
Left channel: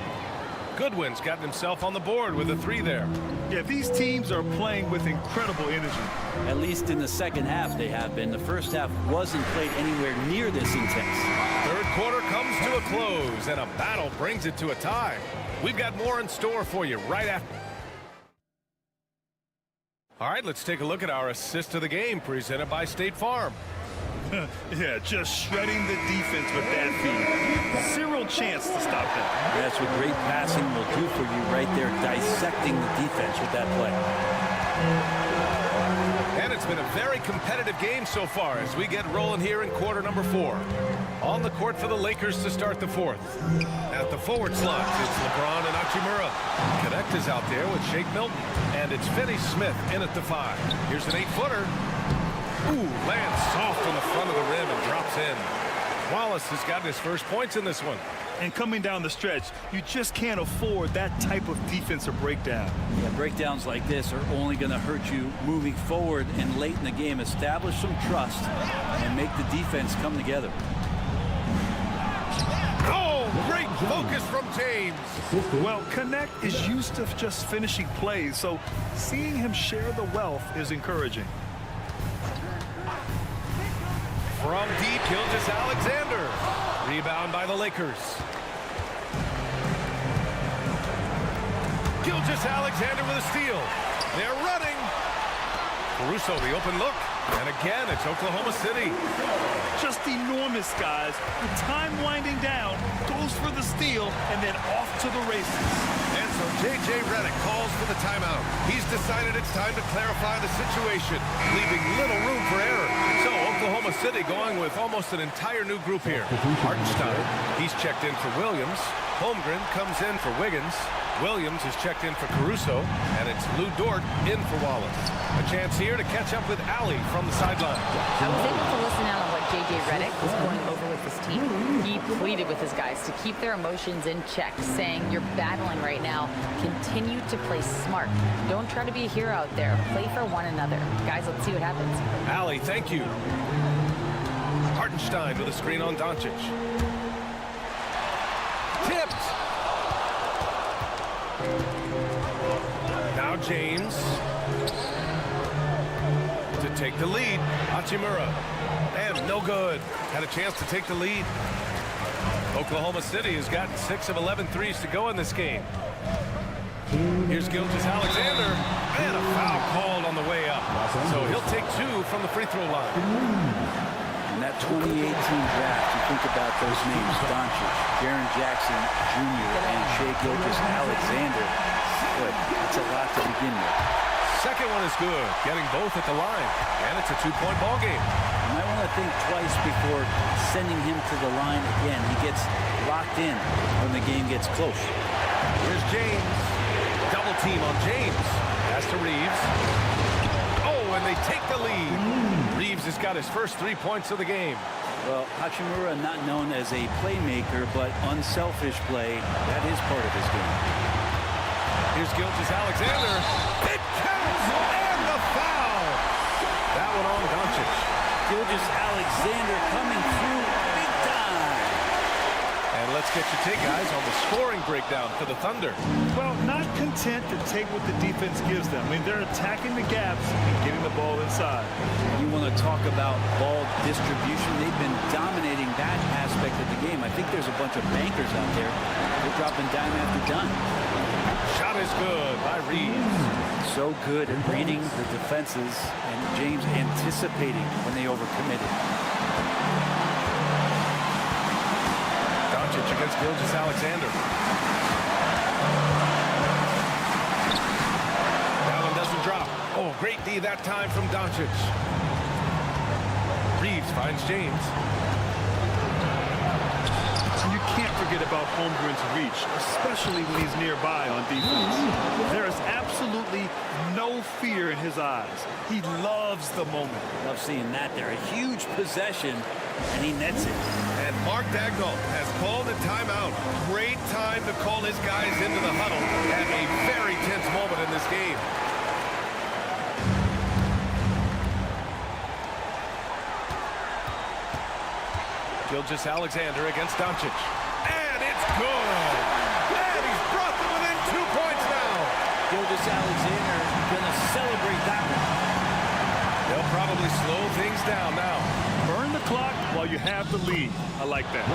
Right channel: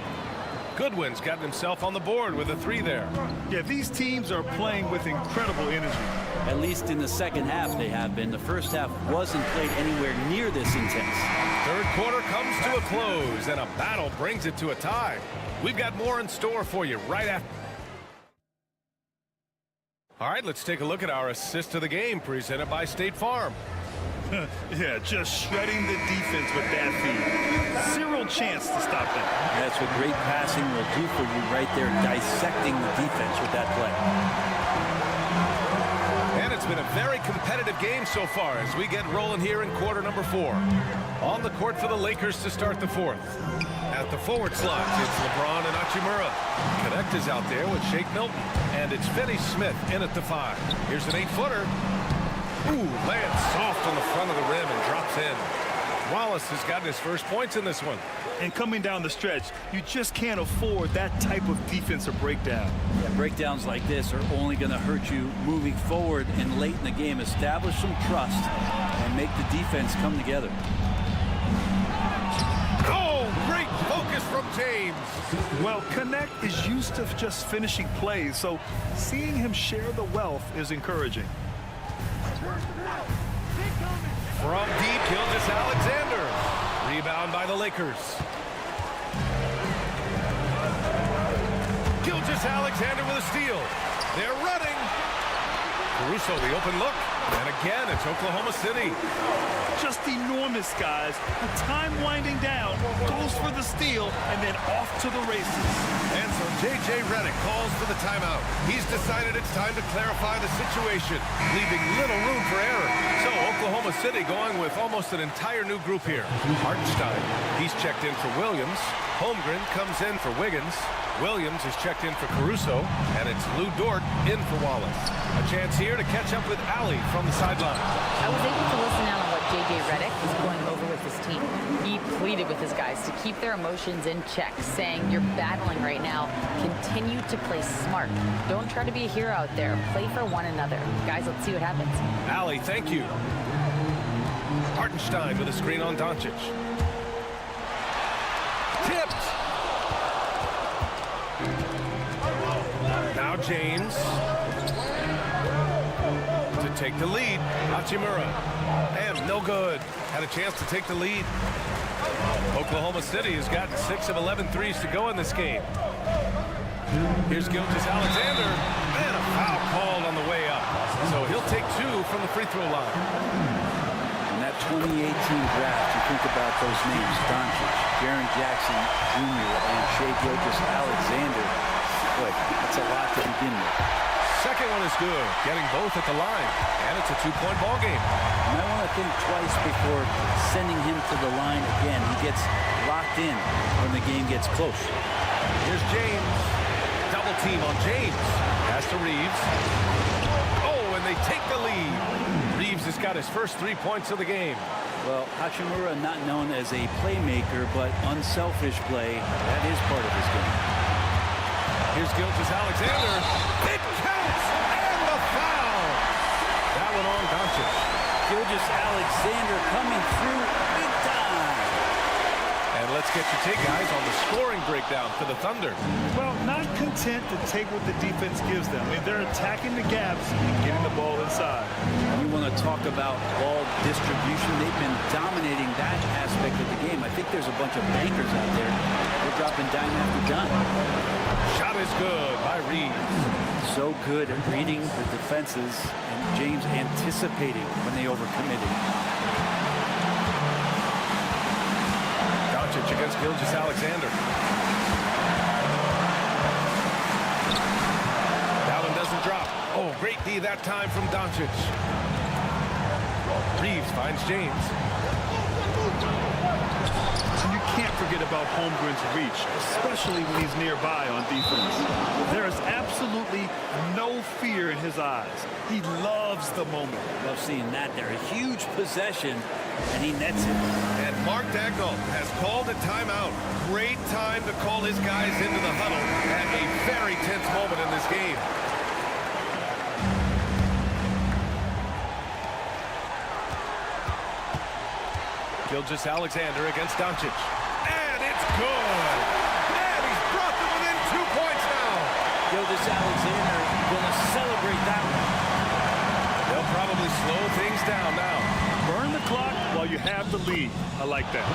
Goodwin's gotten himself on the board with a 3 there. Yeah, these teams are playing with incredible energy. At least in the second half they have been. The first half wasn't played anywhere near this intense. Third quarter comes to a close, and a battle brings it to a tie. We've got more in store for you right after. All right, let's take a look at our assist of the game presented by State Farm. Yeah, just shredding the defense with that feed. Zero chance to stop that. That's what great passing will do for you right there, dissecting the defense with that play. And it's been a very competitive game so far as we get rolling here in quarter number 4. On the court for the Lakers to start the 4th. At the forward slots, it's LeBron and Hachimura. Connect is out there with Shake Milton. And it's Finney-Smith in at the 5. Here's an 8-footer. Ooh, lands soft on the front of the rim and drops in. Wallace has gotten his first points in this one. And coming down the stretch, you just can't afford that type of defensive breakdown. Yeah, breakdowns like this are only going to hurt you moving forward and late in the game. Establish some trust and make the defense come together. Oh, great focus from James. Well, Connect is used to just finishing plays, so seeing him share the wealth is encouraging. From deep, Gilgeous-Alexander. Rebound by the Lakers. Gilgeous-Alexander with a steal. They're running. Caruso, the open look. And again, it's Oklahoma City. Just enormous, guys. With time winding down, goes for the steal, and then off to the races. And so J.J. Redick calls for the timeout. He's decided it's time to clarify the situation, leaving little room for error. So Oklahoma City going with almost an entire new group here. Hartenstein, he's checked in for Williams. Holmgren comes in for Wiggins. Williams is checked in for Caruso, and it's Lou Dort in for Wallace. A chance here to catch up with Allie from the sideline. I was able to listen out on what J.J. Redick was going over with his team. He pleaded with his guys to keep their emotions in check, saying, you're battling right now. Continue to play smart. Don't try to be a hero out there. Play for one another. Guys, let's see what happens. Allie, thank you. Hartenstein with a screen on Doncic. Tipped. Now James to take the lead. Hachimura. And no good. Had a chance to take the lead. Oklahoma City has gotten 6 of 11 threes to go in this game. Here's Gilgeous-Alexander. And a foul called on the way up. So he'll take 2 from the free throw line. In that 2018 draft, you think about those names, Doncic, Jaren Jackson Jr., and Shai Gilgeous-Alexander. Boy, that's a lot to begin with. Second one is good, getting both at the line, and it's a 2-point ball game. You might want to think twice before sending him to the line again. He gets locked in when the game gets close. Here's James. Double team on James. Pass to Reeves. Oh, and they take the lead. Reeves has got his first 3 points of the game. Well, Hachimura not known as a playmaker, but unselfish play. That is part of his game. Here's Gilgeous-Alexander. It counts, and the foul. That one on Doncic. Gilgeous-Alexander coming through big time. And let's get your take, guys, on the scoring breakdown for the Thunder. Well, not content to take what the defense gives them. I mean, they're attacking the gaps and getting the ball inside. You want to talk about ball distribution. They've been dominating that aspect of the game. I think there's a bunch of bankers out there. They're dropping dime after dime. Shot is good by Reeves. So good at reading the defenses, and James anticipating when they overcommitted. Doncic against Gilgeous-Alexander. That one doesn't drop. Oh, great D that time from Doncic. Reeves finds James. forget about Holmgren's reach, especially when he's nearby on defense. There is absolutely no fear in his eyes. He loves the moment. Love seeing that there. A huge possession, and he nets it. And Mark Dagnall has called a timeout. Great time to call his guys into the huddle at a very tense moment in this game. Gilgeous-Alexander against Doncic. And it's good. And he's brought them within 2 points now. Gilgeous-Alexander gonna celebrate that one. They'll probably slow things down now. Burn the clock while you have the lead. I like that.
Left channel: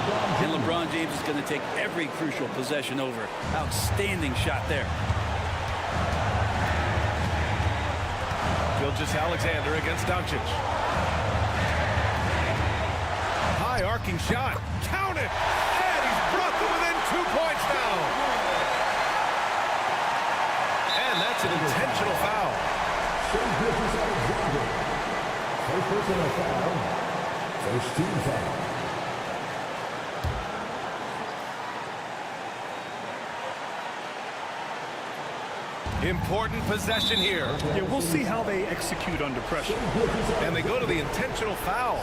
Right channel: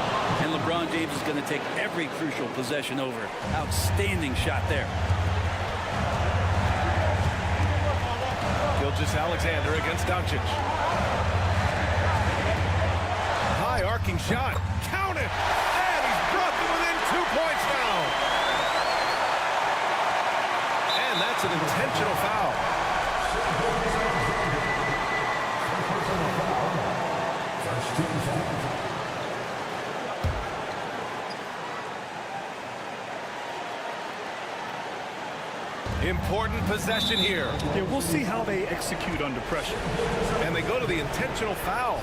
And LeBron James is going to take every crucial possession over. Outstanding shot there. Gilgeous-Alexander against Doncic. High arcing shot. Count it. And he's brought them within 2 points now. And that's an intentional foul. First personal foul. First team foul. Important possession here. Yeah, we'll see how they execute under pressure. And they go to the intentional foul.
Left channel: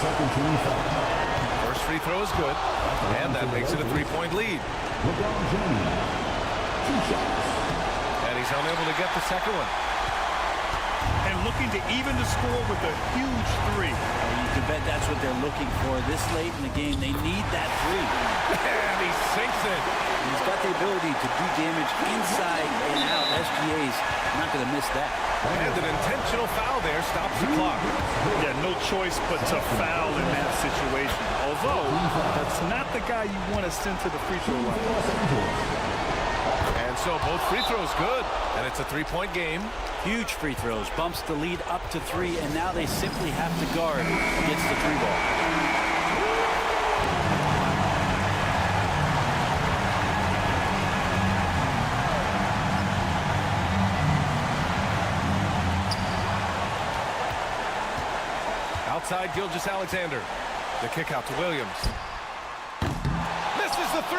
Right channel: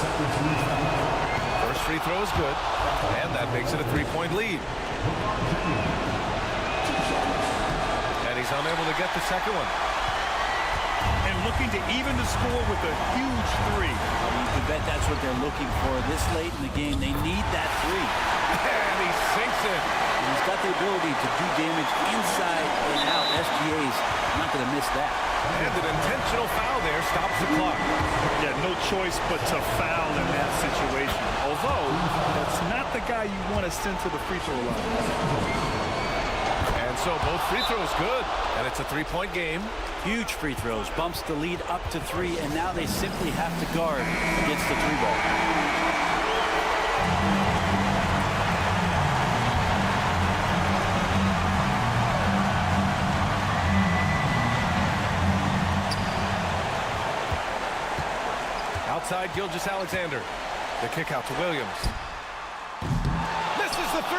Second team foul. First free throw is good. And that makes it a 3-point lead. LeBron James. 2 shots. And he's unable to get the second one. And looking to even the score with a huge 3. Well, you can bet that's what they're looking for this late in the game. They need that 3. And he sinks it. And he's got the ability to do damage inside and out. SGA's not going to miss that. And an intentional foul there stops the clock. Yeah, no choice but to foul in that situation. Although, that's not the guy you want to send to the free throw line. And so both free throws good. And it's a 3-point game. Huge free throws. Bumps the lead up to 3, and now they simply have to guard against the 3 ball. Outside Gilgeous-Alexander. The kick out to Williams. Misses the 3.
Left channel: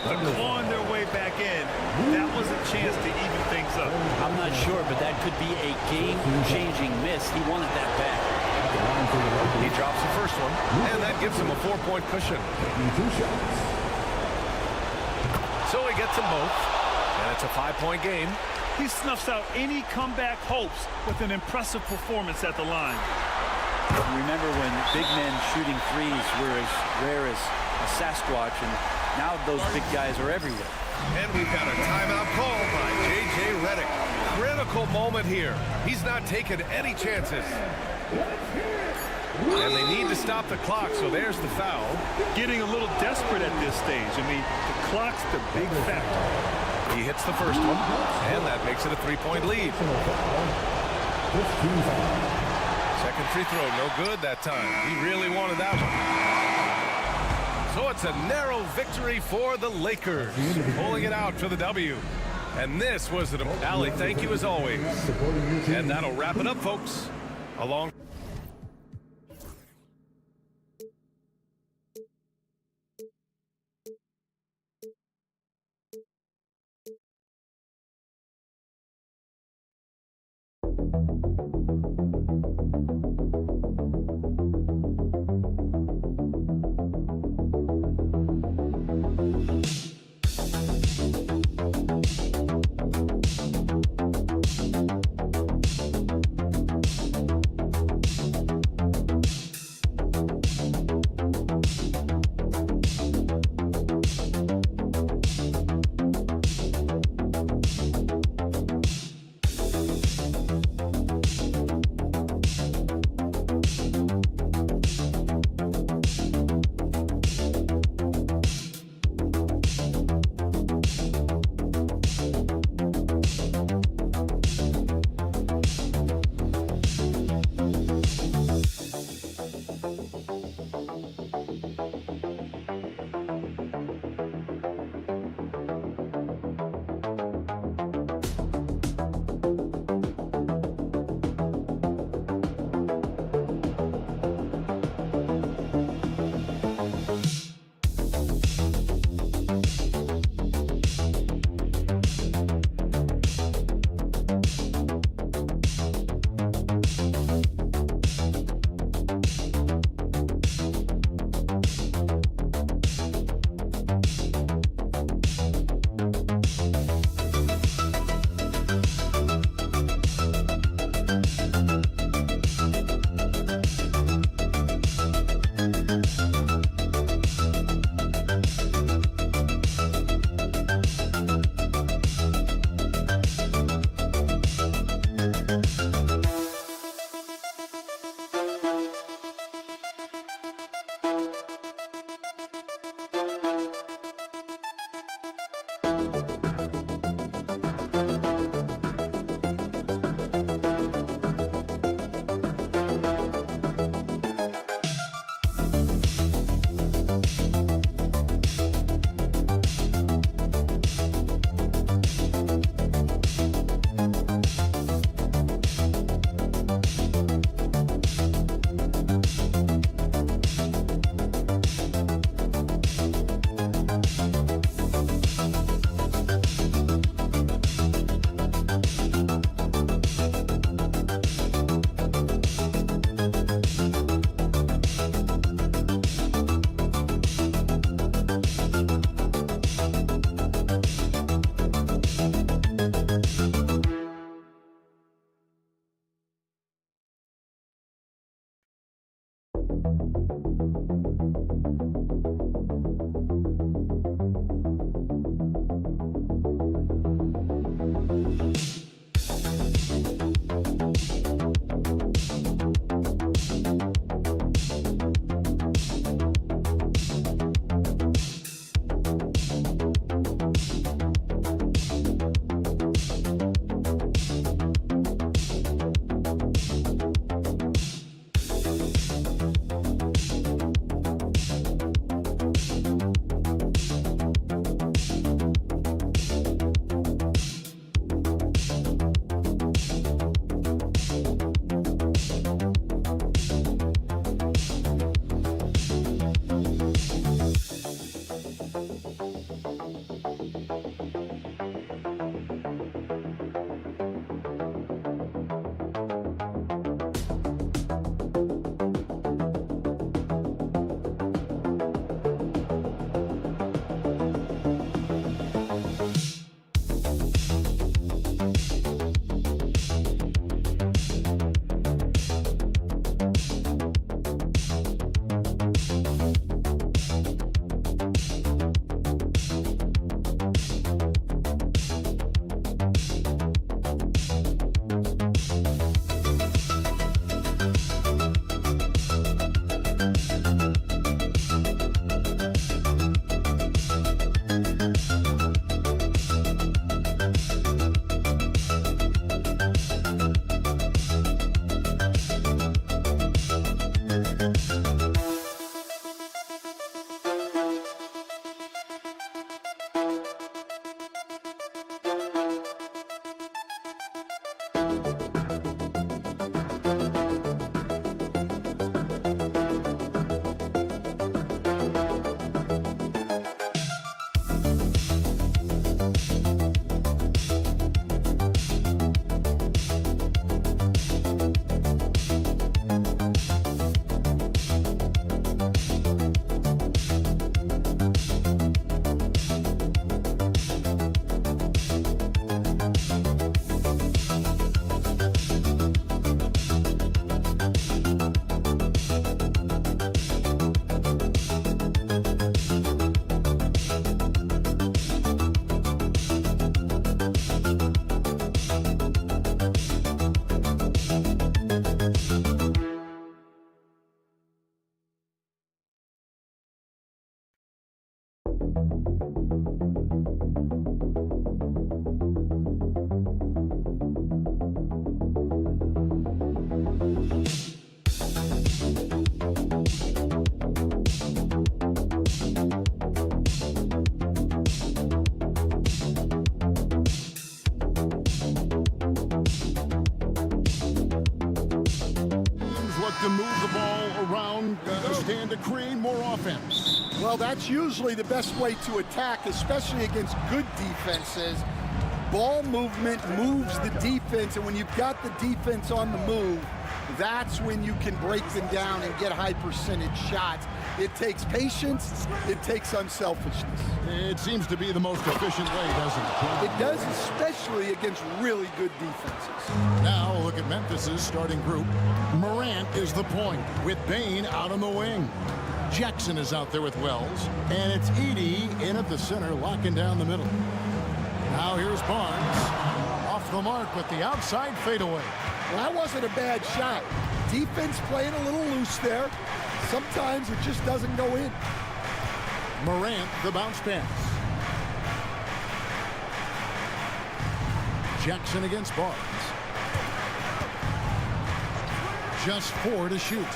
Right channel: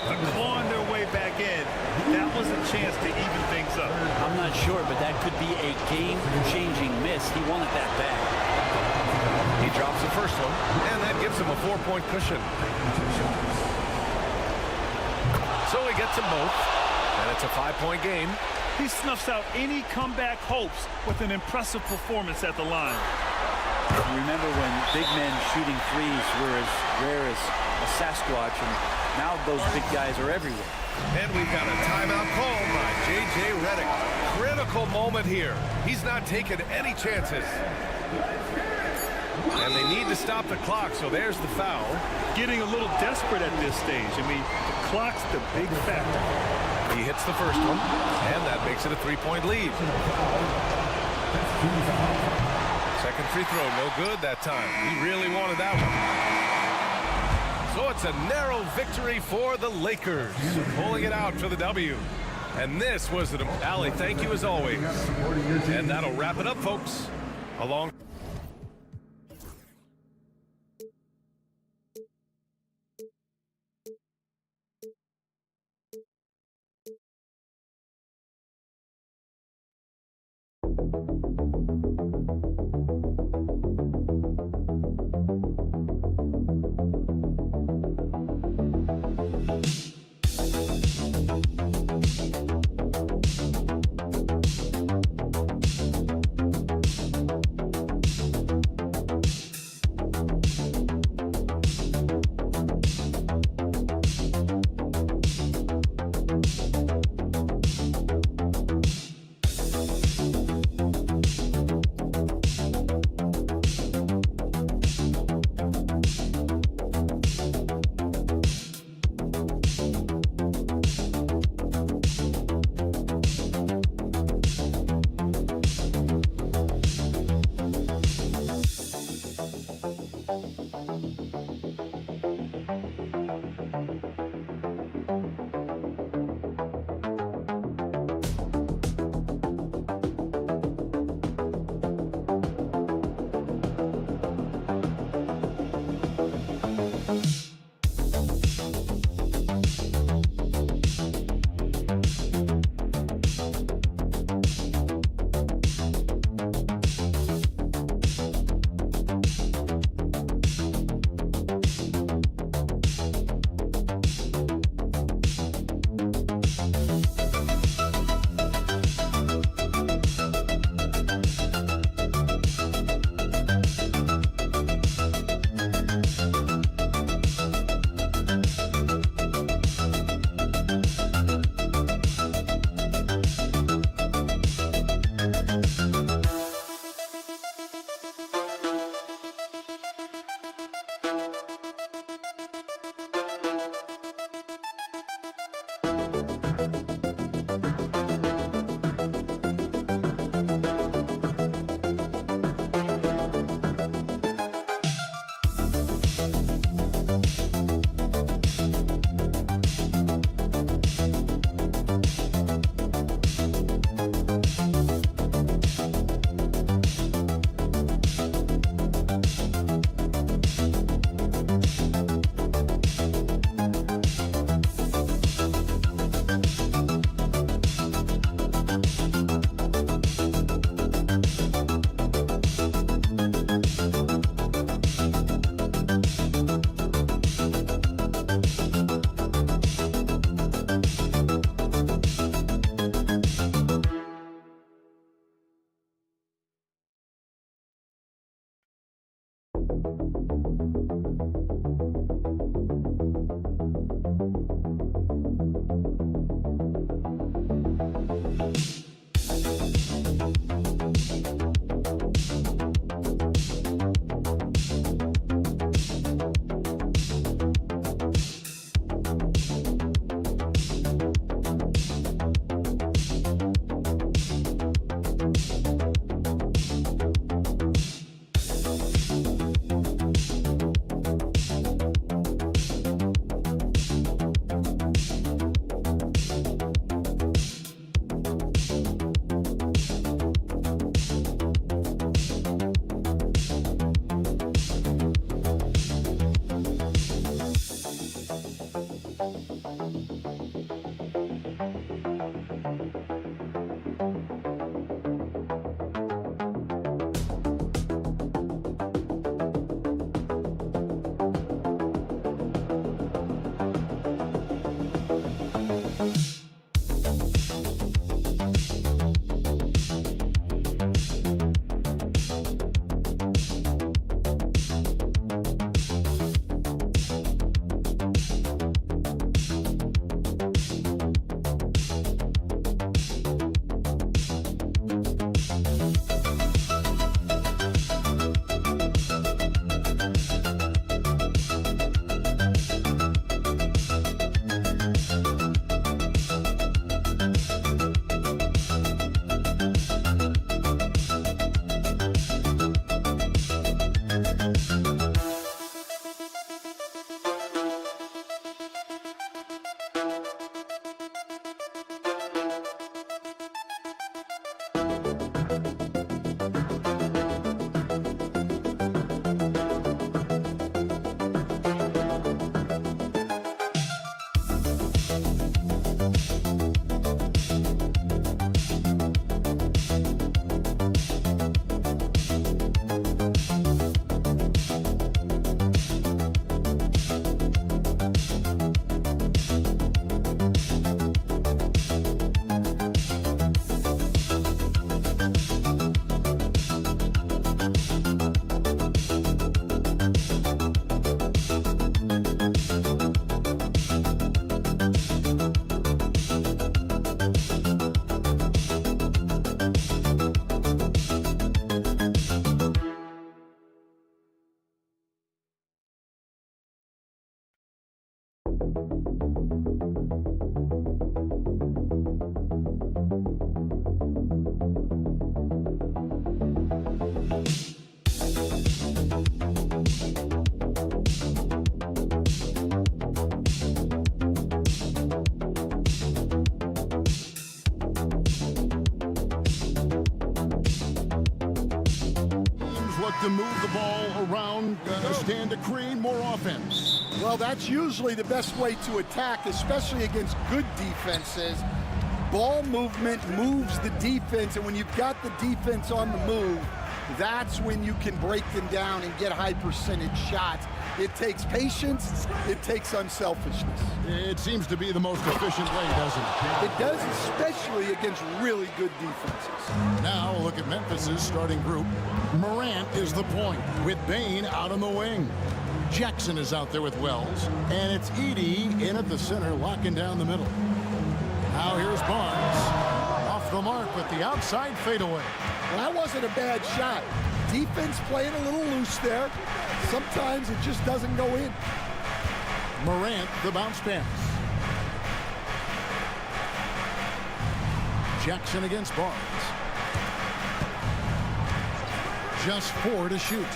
After clawing their way back in, that was a chance to even things up. I'm not sure, but that could be a game-changing miss. He wanted that back. He drops the first one, and that gives him a 4-point cushion. So he gets them both, and it's a 5-point game. He snuffs out any comeback hopes with an impressive performance at the line. Remember when big men shooting threes were as rare as a Sasquatch, and now those big guys are everywhere. And we've got a timeout called by J.J. Redick. Critical moment here. He's not taking any chances. And they need to stop the clock, so there's the foul. Getting a little desperate at this stage. I mean, the clock's the big factor. He hits the first one, and that makes it a 3-point lead. Second free throw, no good that time. He really wanted that one. So it's a narrow victory for the Lakers, pulling it out for the W. And this was an Allie, thank you as always. And that'll wrap it up, folks. Along. Look to move the ball around, stand to create more offense. Well, that's usually the best way to attack, especially against good defenses. Ball movement moves the defense, and when you've got the defense on the move, that's when you can break them down and get high percentage shots. It takes patience, it takes unselfishness. It seems to be the most efficient way, doesn't it? It does, especially against really good defenses. Now look at Memphis's starting group. Morant is the point, with Bane out on the wing. Jackson is out there with Wells, and it's Edey in at the center, locking down the middle. Now here's Barnes, off the mark with the outside fadeaway. Well, that wasn't a bad shot. Defense playing a little loose there. Sometimes it just doesn't go in. Morant, the bounce pass. Jackson against Barnes. Just 4 to shoot.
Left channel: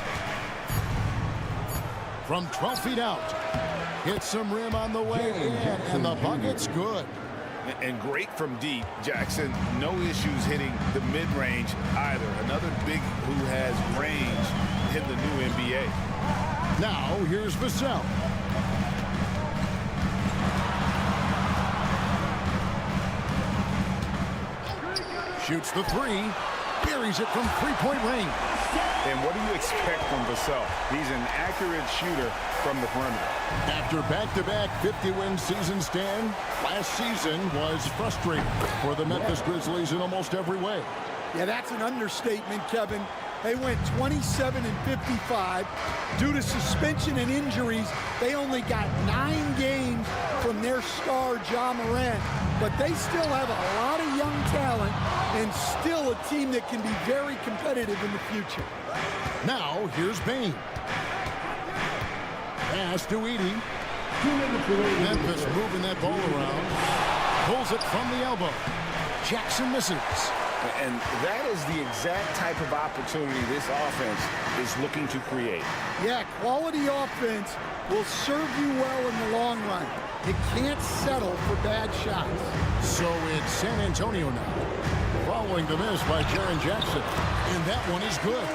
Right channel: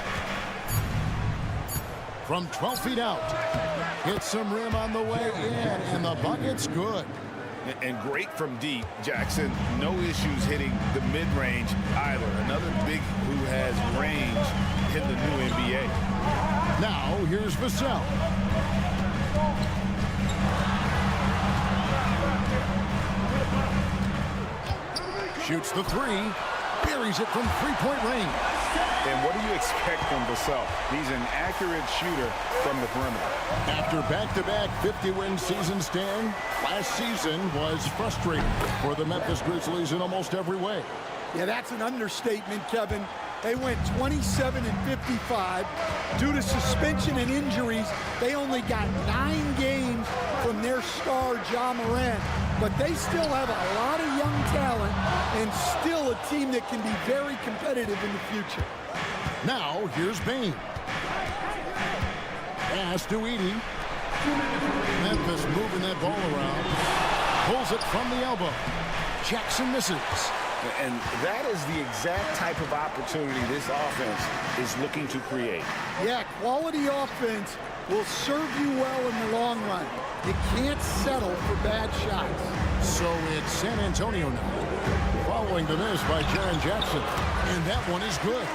From 12 feet out. Hits some rim on the way in, and the bucket's good. And great from deep. Jackson, no issues hitting the mid-range either. Another big who has range in the new NBA. Now, here's Vassell. Shoots the 3. Buries it from three-point range. And what do you expect from Vassell? He's an accurate shooter from the perimeter. After back-to-back 50-win seasons, Stan, last season was frustrating for the Memphis Grizzlies in almost every way. Yeah, that's an understatement, Kevin. They went 27-55. Due to suspension and injuries, they only got 9 games from their star, Ja Morant. But they still have a lot of young talent and still a team that can be very competitive in the future. Now, here's Bane. Pass to Edey. Memphis moving that ball around. Pulls it from the elbow. Jackson misses. And that is the exact type of opportunity this offense is looking to create. Yeah, quality offense will serve you well in the long run. You can't settle for bad shots. So it's San Antonio now, following the miss by Jaren Jackson. And that one is good.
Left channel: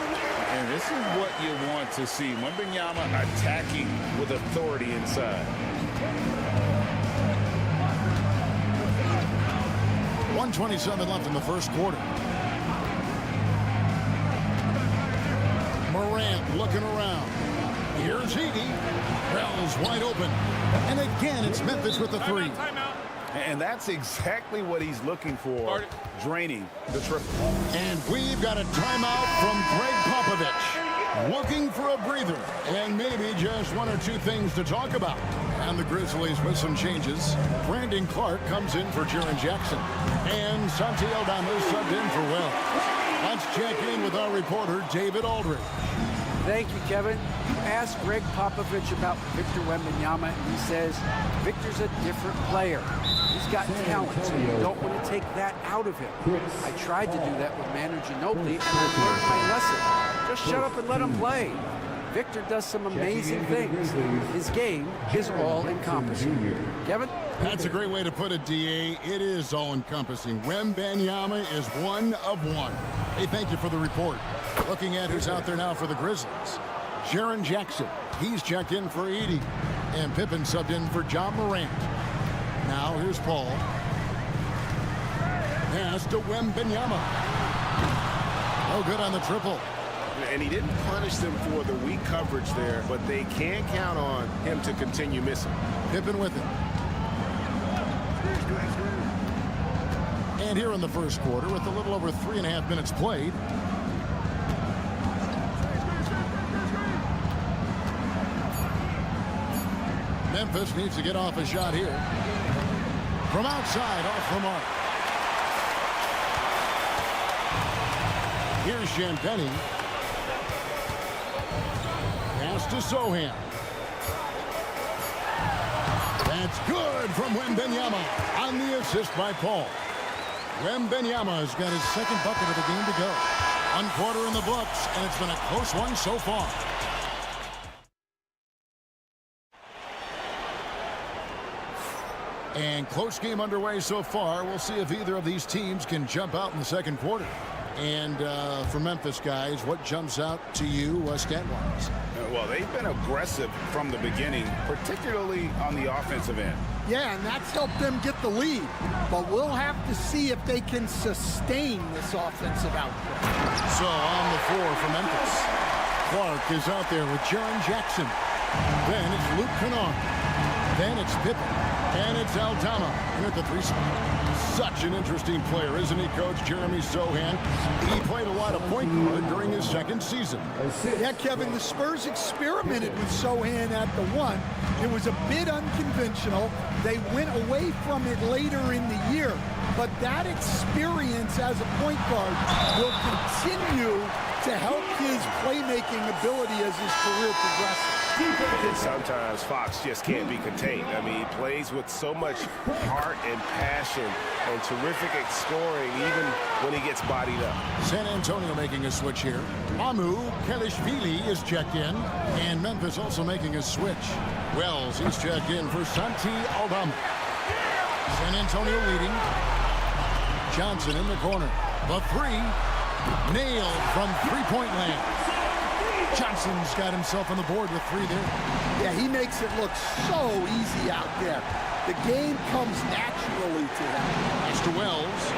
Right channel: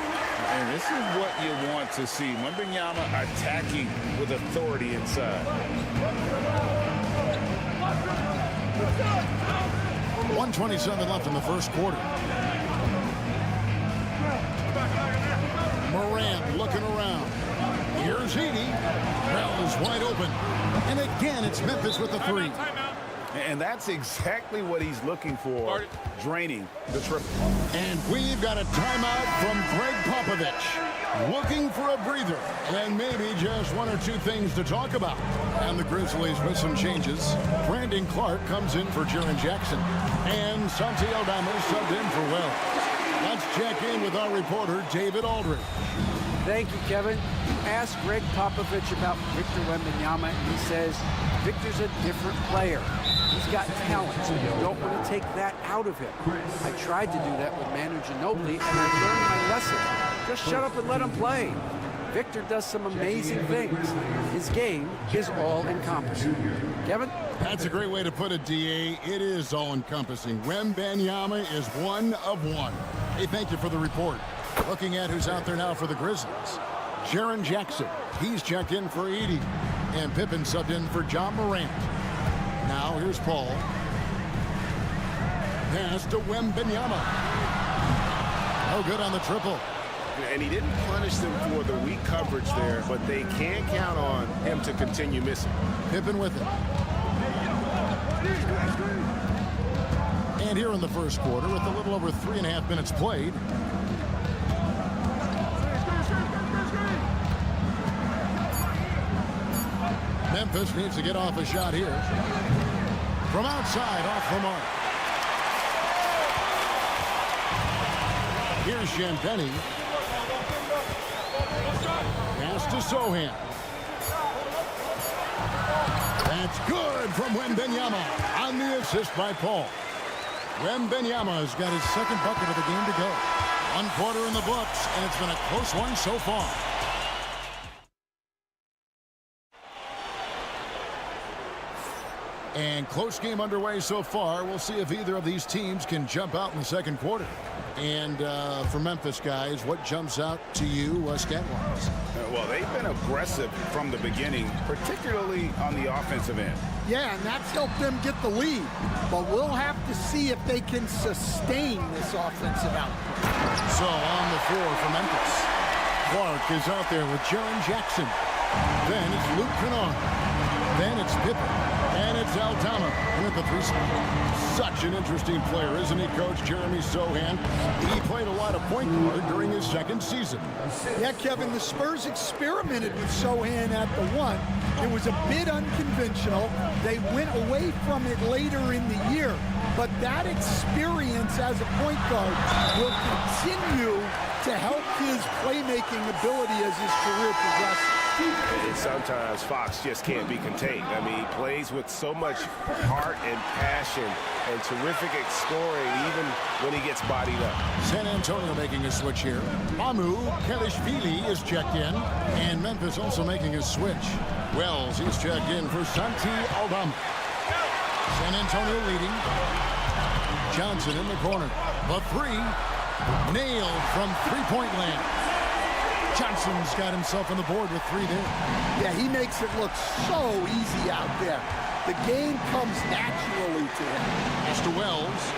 And this is what you want to see. Wembanyama attacking with authority inside. 1:27 left in the first quarter. Morant looking around. Here's Edey. Wells wide open. And again, it's Memphis with the 3. And that's exactly what he's looking for, draining the triple. And we've got a timeout from Greg Popovich. Looking for a breather and maybe just 1 or 2 things to talk about. And the Grizzlies with some changes. Brandon Clark comes in for Jaren Jackson. And Santi Aldama subbed in for Wells. Let's check in with our reporter, David Aldridge. Thank you, Kevin. You asked Greg Popovich about Victor Wembanyama, and he says Victor's a different player. He's got talent, so you don't want to take that out of him. I tried to do that with Manu Ginobili, and I learned my lesson. Just shut up and let him play. Victor does some amazing things. His game is all-encompassing. Kevin? That's a great way to put it, D.A. It is all-encompassing. Wembanyama is 1 of 1. Hey, thank you for the report. Looking at who's out there now for the Grizzlies. Jaren Jackson. He's checked in for Edey. And Pippen subbed in for Ja Morant. Now here's Paul. Pass to Wembanyama. No good on the triple. And he didn't punish them for the weak coverage there, but they can't count on him to continue missing. Pippen with it. And here in the first quarter, with a little over 3.5 minutes played, Memphis needs to get off a shot here. From outside, off the mark. Here's Champagnie. Pass to Sohan. That's good from Wembanyama on the assist by Paul. Wembanyama has got his second bucket of the game to go. 1 quarter in the books, and it's been a close one so far. And close game underway so far. We'll see if either of these teams can jump out in the second quarter. And for Memphis, guys, what jumps out to you stat-wise? Well, they've been aggressive from the beginning, particularly on the offensive end. Yeah, and that's helped them get the lead. But we'll have to see if they can sustain this offensive output. So on the floor for Memphis, Clark is out there with Jaren Jackson. Then it's Luke Kennard. Then it's Pippen. And it's Aldama in at the 3 spot. Such an interesting player, isn't he, Coach Jeremy Sohan? He played a lot of point guard during his second season. Yeah, Kevin, the Spurs experimented with Sohan at the 1. It was a bit unconventional. They went away from it later in the year. But that experience as a point guard will continue to help his playmaking ability as his career progresses. And sometimes Fox just can't be contained. I mean, he plays with so much heart and passion and terrific at scoring even when he gets bodied up. San Antonio making a switch here. Mamu Kelishvili is checked in, and Memphis also making a switch. Wells, he's checked in for Santi Aldama. San Antonio leading. Johnson in the corner. The 3 nailed from three-point land. Johnson's got himself on the board with 3 there. Yeah, he makes it look so easy out there. The game comes naturally to him. Pass to Wells.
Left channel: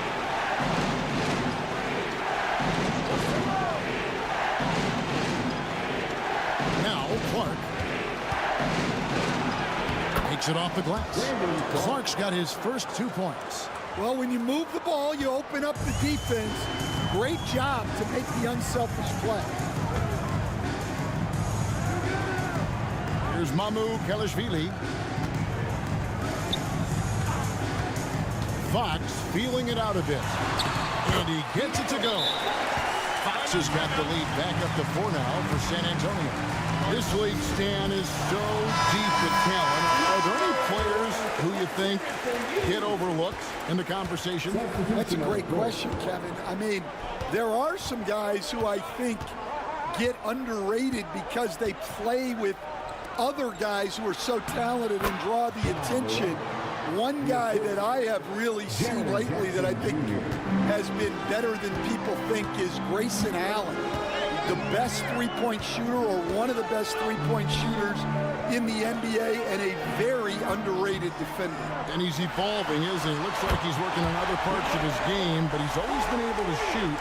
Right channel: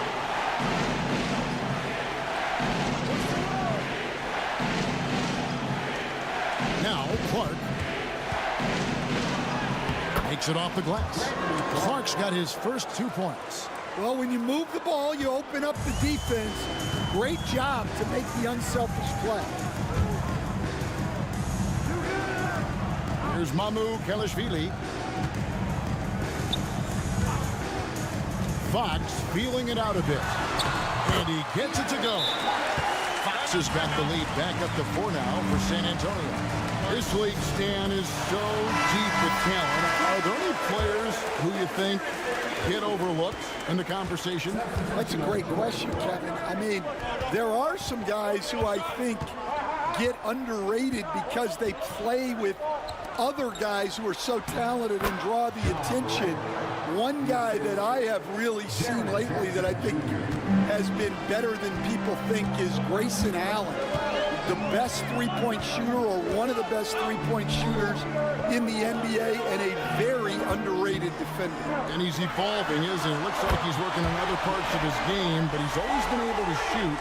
Now Clark makes it off the glass. Clark's got his first 2 points. Well, when you move the ball, you open up the defense. Great job to make the unselfish play. Here's Mamu Kelishvili. Fox feeling it out a bit. And he gets it to go. Fox has got the lead back up to 4 now for San Antonio. This league, Stan, is so deep with talent. Are there any players who you think get overlooked in the conversation? That's a great question, Kevin. I mean, there are some guys who I think get underrated because they play with other guys who are so talented and draw the attention. One guy that I have really seen lately that I think has been better than people think is Grayson Allen. The best three-point shooter, or one of the best three-point shooters in the NBA, and a very underrated defender. And he's evolving, isn't he? Looks like he's working on other parts of his game, but he's always been able to shoot,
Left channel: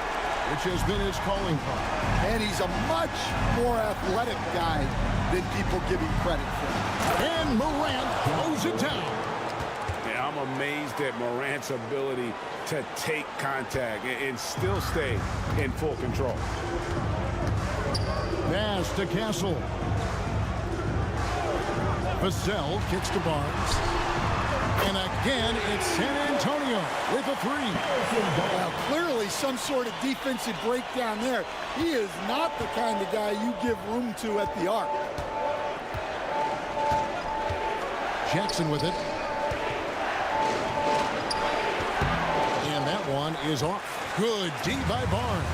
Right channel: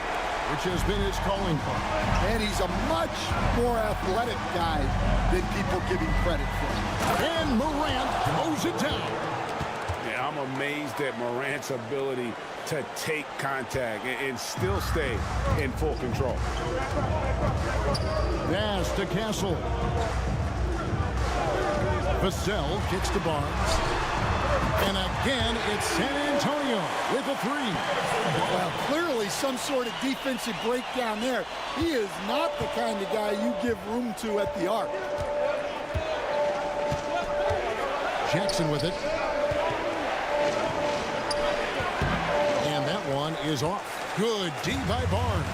which has been his calling card. And he's a much more athletic guy than people give him credit for. And Morant throws it down. Yeah, I'm amazed at Morant's ability to take contact and still stay in full control. Pass to Castle. Vassell kicks to Barnes. And again, it's San Antonio with a 3. Well, clearly some sort of defensive breakdown there. He is not the kind of guy you give room to at the arc. Jackson with it. And that one is off. Good D by Barnes.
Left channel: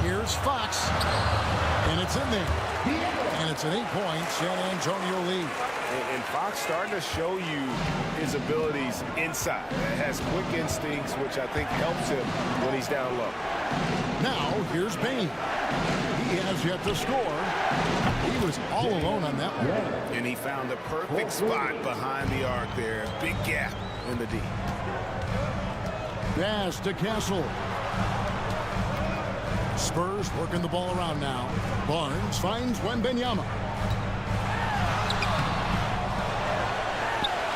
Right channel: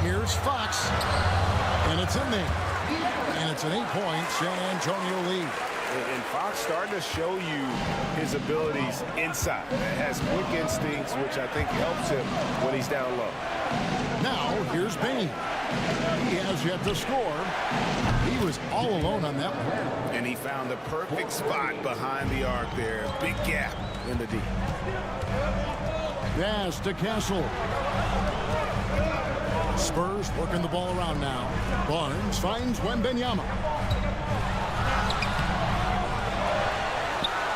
Here's Fox. And it's in there. And it's an 8-point San Antonio lead. And Fox starting to show you his abilities inside. It has quick instincts, which I think helps him when he's down low. Now, here's Bain. He has yet to score. He was all alone on that one. And he found the perfect spot behind the arc there. Big gap in the D. Pass to Castle. Spurs working the ball around now. Barnes finds Wembanyama.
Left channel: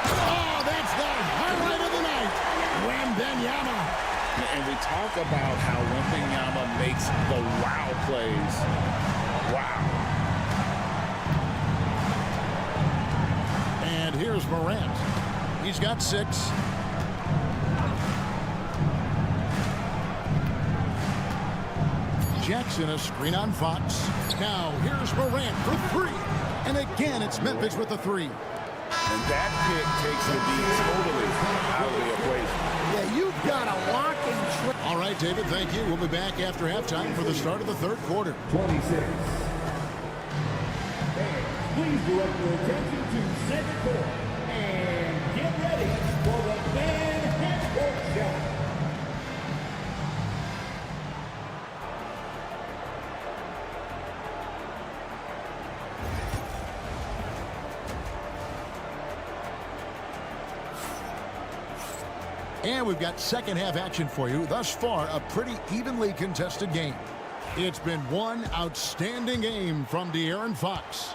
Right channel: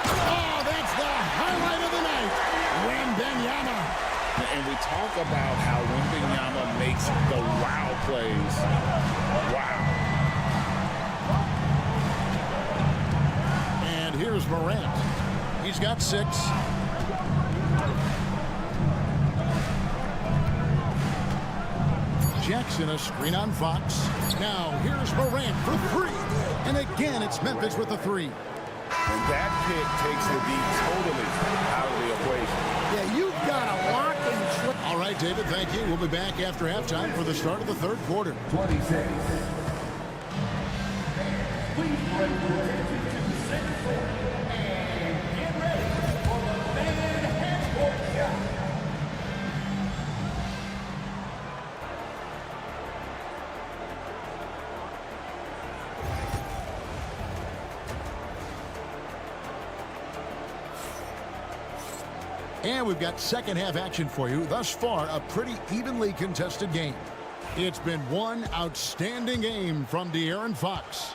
Oh, that's the highlight of the night. Wembanyama. And we talk about how Wembanyama makes the wow plays. Wow. And here's Morant. He's got 6. Jackson a screen on Fox. Now here's Morant for 3. And again, it's Memphis with the three. And that pick takes the D totally out of the equation. Yeah, you've got to lock and trap. All right, David, thank you. We'll be back after halftime for the start of the third quarter. 26. Please direct your attention to center court and get ready for the fan half-court shot. And we've got second half action for you. Thus far, a pretty evenly contested game. It's been one outstanding game from De'Aaron Fox.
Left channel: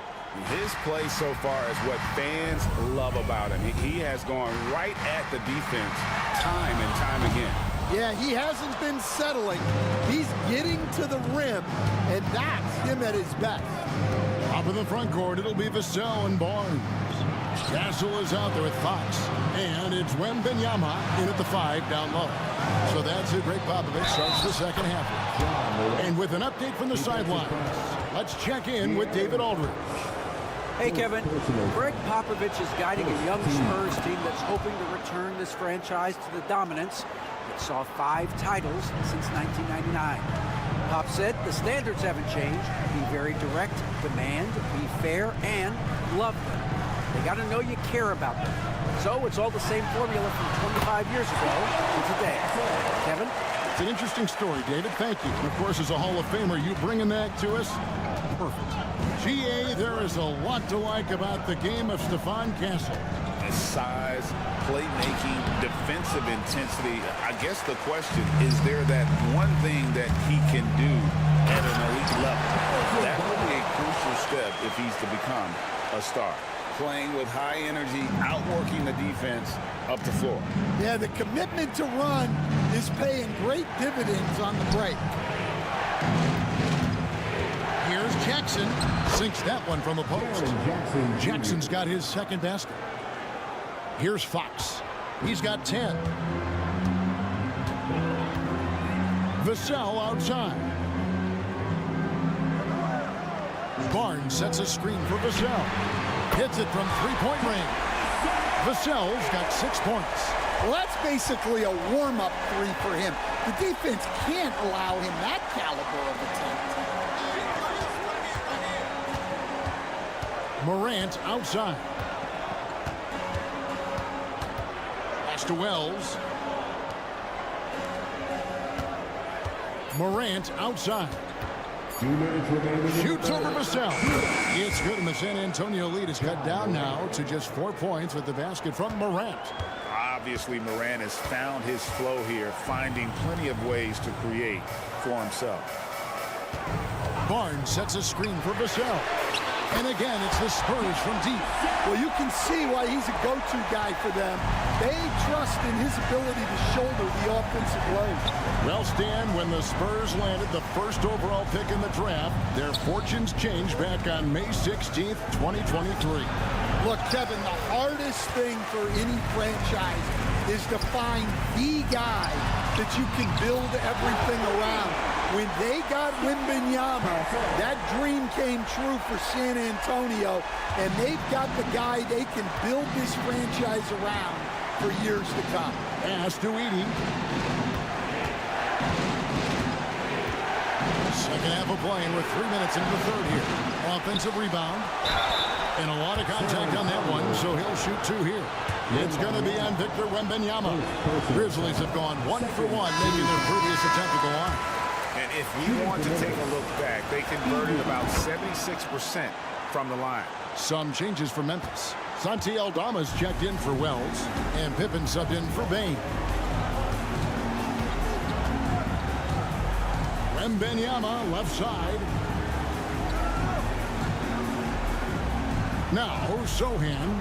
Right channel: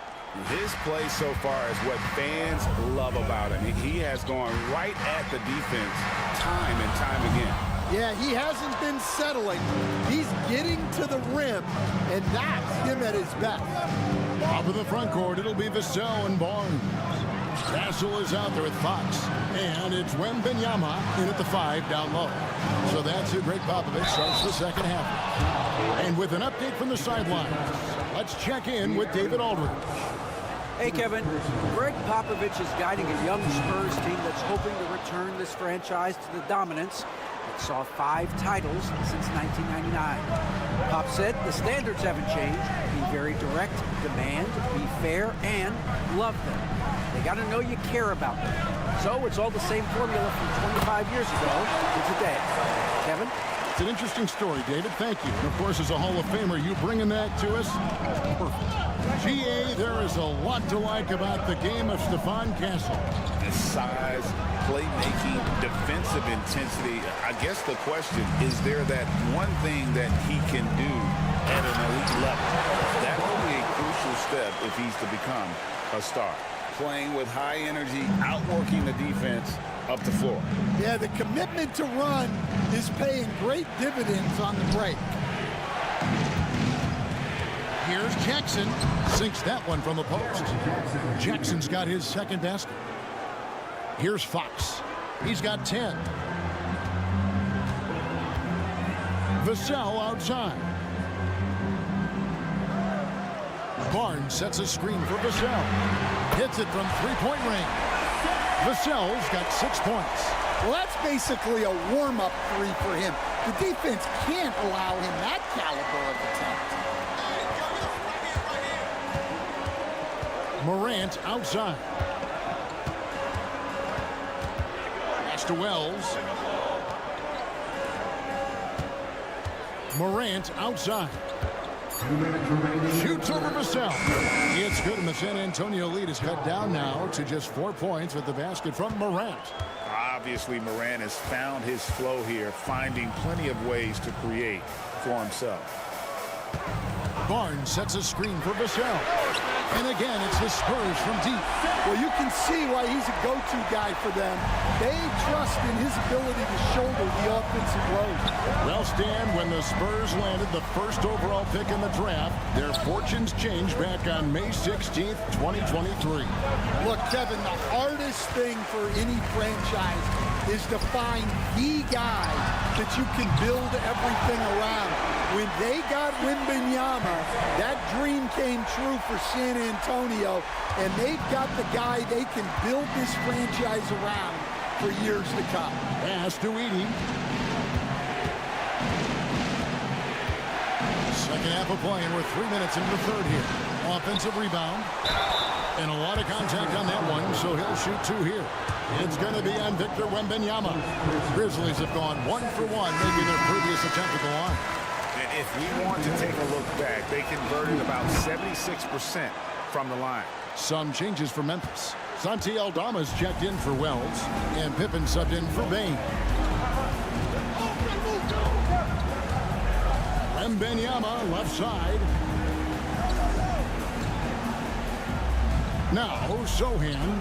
His play so far is what fans love about him. He has gone right at the defense time and time again. Yeah, he hasn't been settling. He's getting to the rim, and that's him at his best. Up in the front court, it'll be Vassell and Barnes. Castle is out there with Fox, and it's Wembanyama in at the 5 down low. So that's who Greg Popovich starts the second half with. And with an update from the sidelines, let's check in with David Aldridge. Hey, Kevin. Greg Popovich is guiding a young Spurs team that's hoping to return this franchise to the dominance that saw 5 titles since 1999. Pop said the standards haven't changed. Be very direct, demand, be fair, and love them. They got to know you care about them. So it's all the same formula from 25 years ago to today. Kevin? It's an interesting story, David. Thank you. And, of course, as a Hall of Famer, you bringing that to us? Perfect. GA, there is a lot to like about the game of Stephon Castle. His size, playmaking, defensive intensity. I guess the question, is there that one thing that he can do at an elite level? That will be a crucial step if he's to become a star. Playing with high energy, outworking the defense up the floor. Yeah, the commitment to run is paying great dividends on the break. Here's Jackson. Sinks that one from the post. Jackson's got his second basket. Here's Fox. He's got 10. Vassell outside. Barnes sets a screen for Vassell. Hits it from three-point range. Vassell's got 6 points. Well, that's basically a warm-up 3 for him. The defense can't allow him that caliber of attempt. Morant outside. Pass to Wells. Morant outside. 2 minutes remaining. Shoots over Vassell. It's good, and the San Antonio lead is cut down now to just 4 points with the basket from Morant. Obviously, Morant has found his flow here, finding plenty of ways to create for himself. Barnes sets a screen for Vassell. And again, it's the Spurs from deep. Well, you can see why he's a go-to guy for them. They trust in his ability to shoulder the offensive load. Well, Stan, when the Spurs landed the first overall pick in the draft, their fortunes changed back on May 16th, 2023. Look, Kevin, the hardest thing for any franchise is to find the guy that you can build everything around. When they got Wembanyama, that dream came true for San Antonio, and they've got the guy they can build this franchise around for years to come. Pass to Edey. Second half of play, and we're 3 minutes into the third here. Offensive rebound. And a lot of contact on that one, so he'll shoot 2 here. It's going to be on Victor Wembanyama. Grizzlies have gone 1 for 1, making their previous attempt at the line. And if we want to take a look back, they converted about 76% from the line. Some changes for Memphis. Santi Aldama's checked in for Wells, and Pippen subbed in for Bain. Wembanyama left side. Now Sohan.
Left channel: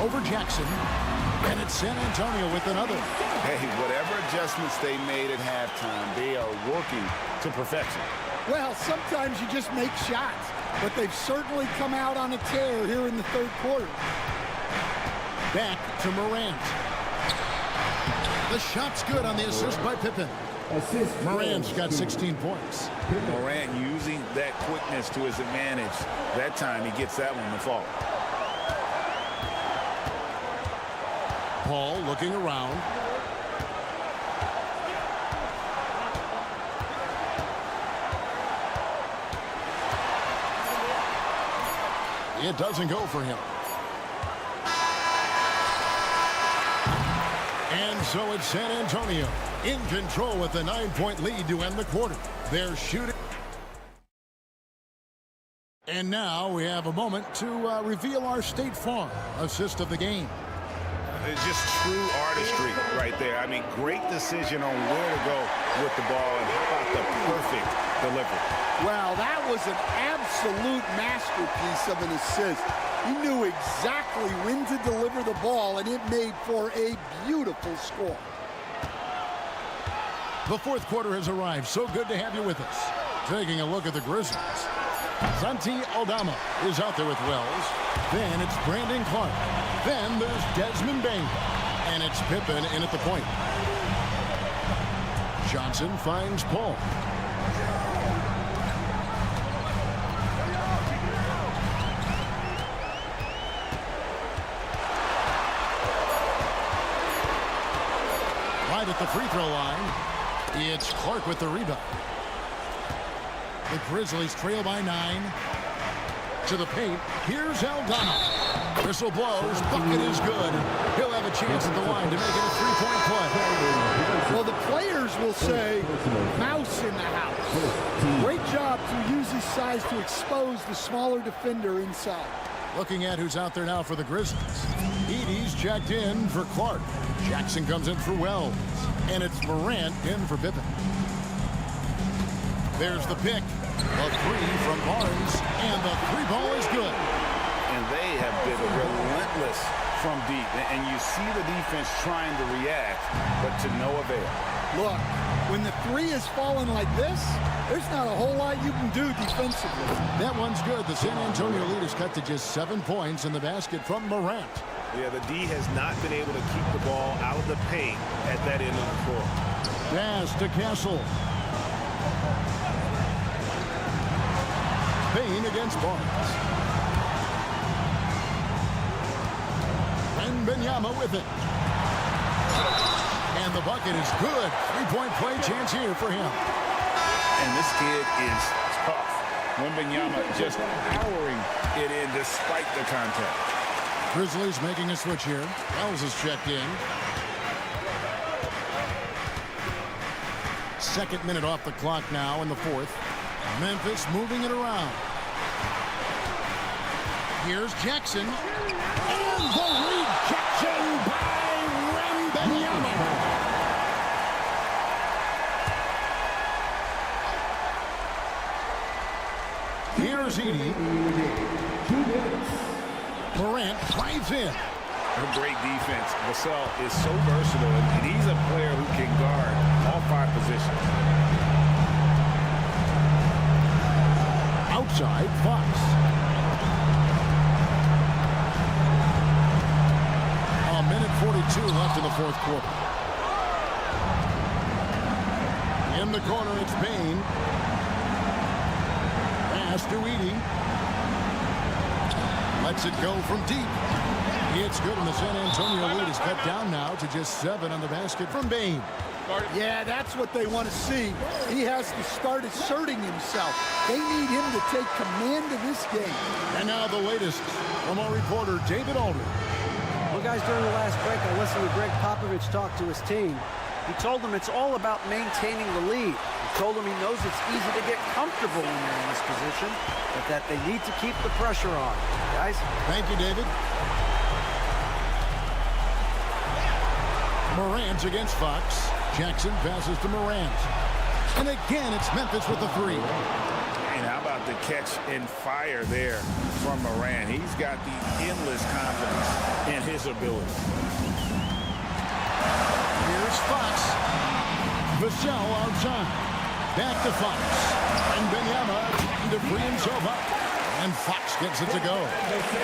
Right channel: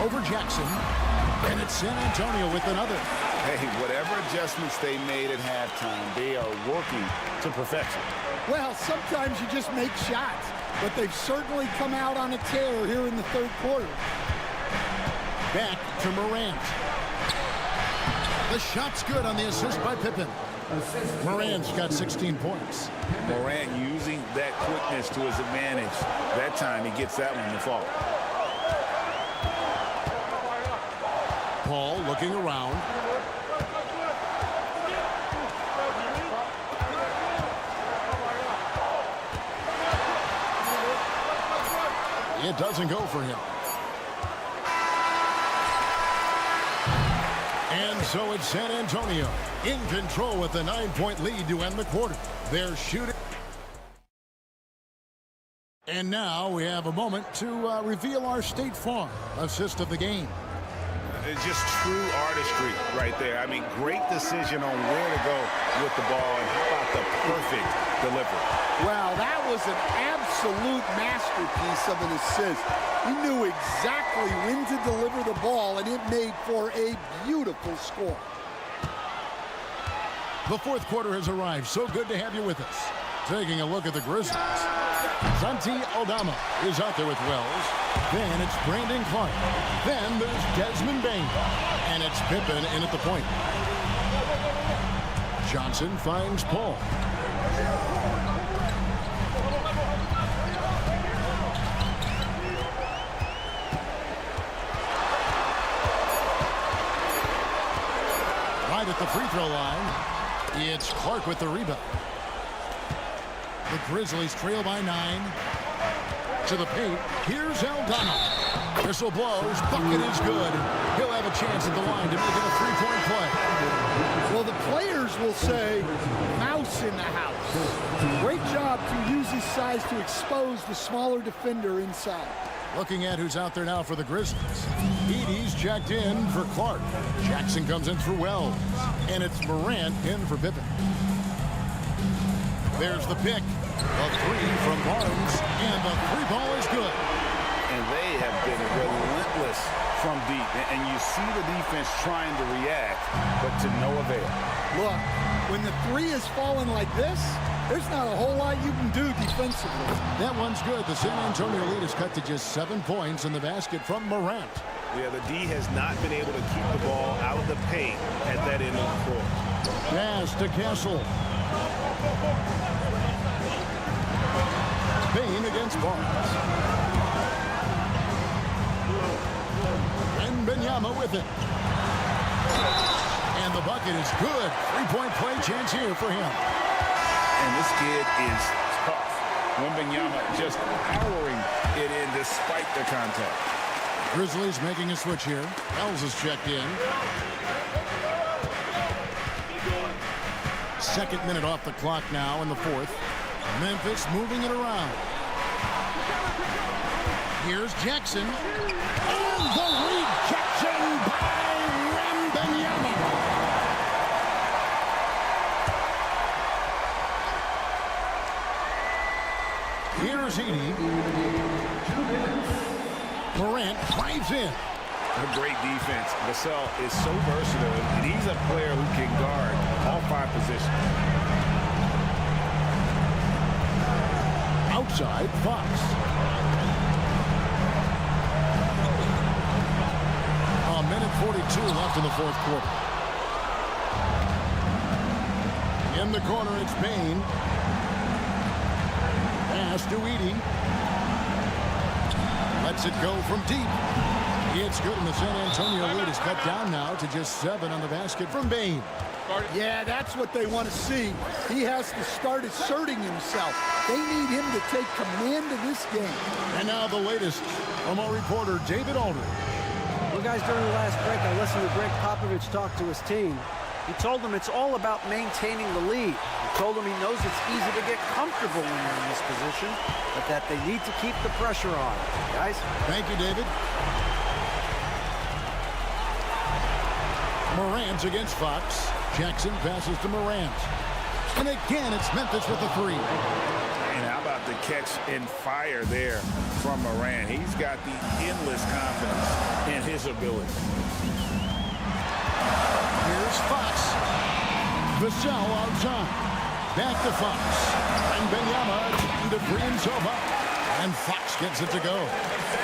Over Jackson. And it's San Antonio with another. Hey, whatever adjustments they made at halftime, they are working to perfection. Well, sometimes you just make shots, but they've certainly come out on a tear here in the third quarter. Back to Morant. The shot's good on the assist by Pippen. Morant's got 16 points. Morant using that quickness to his advantage. That time he gets that one to fall. Paul looking around. It doesn't go for him. And so it's San Antonio in control with a 9-point lead to end the quarter. They're shooting. And now we have a moment to reveal our State Farm assist of the game. It's just true artistry right there. I mean, great decision on where to go with the ball, and how about the perfect delivery? Well, that was an absolute masterpiece of an assist. He knew exactly when to deliver the ball, and it made for a beautiful score. The fourth quarter has arrived. So good to have you with us. Taking a look at the Grizzlies. Santi Aldama is out there with Wells. Then it's Brandon Clark. Then there's Desmond Bain. And it's Pippen in at the point. Johnson finds Paul. Right at the free throw line, it's Clark with the rebound. The Grizzlies trail by 9. To the paint, here's Aldama. Whistle blows, bucket is good. He'll have a chance at the line to make it a three-point play. Well, the players will say, mouse in the house. Great job to use his size to expose the smaller defender inside. Looking at who's out there now for the Grizzlies. Edey's checked in for Clark. Jackson comes in for Wells. And it's Morant in for Pippen. There's the pick. The three from Barnes. And the three ball is good. And they have been relentless from deep. And you see the defense trying to react, but to no avail. Look, when the three is falling like this, there's not a whole lot you can do defensively. That one's good. The San Antonio lead is cut to just 7 points in the basket from Morant. Yeah, the D has not been able to keep the ball out of the paint at that end of the court. Pass to Castle. Bain against Barnes. Wembanyama with it. And the bucket is good. Three-point play chance here for him. And this kid is tough. Wembanyama just powering it in despite the contact. Grizzlies making a switch here. Wells is checked in. Second minute off the clock now in the fourth. Memphis moving it around. Here's Jackson. And the rejection by Wembanyama. Here's Edey. Morant drives in. A great defense. Vassell is so versatile, and he's a player who can guard all 5 positions. Outside, Fox. A minute 42 left in the fourth quarter. In the corner, it's Bain. Pass to Edey. Lets it go from deep. It's good, and the San Antonio lead is cut down now to just 7 on the basket from Bain. Yeah, that's what they want to see. He has to start asserting himself. They need him to take command of this game. And now the latest from our reporter, David Aldridge. Well, guys, during the last break, I listened to Greg Popovich talk to his team. He told them it's all about maintaining the lead. He told them he knows it's easy to get comfortable when you're in this position, but that they need to keep the pressure on. Guys? Thank you, David. Morant against Fox. Jackson passes to Morant. And again, it's Memphis with the three. And how about the catch and fire there from Morant? He's got the endless confidence in his ability. Here's Fox. Vassell outside. Back to Fox. Wembanyama trying to free himself up. And Fox gets it to go.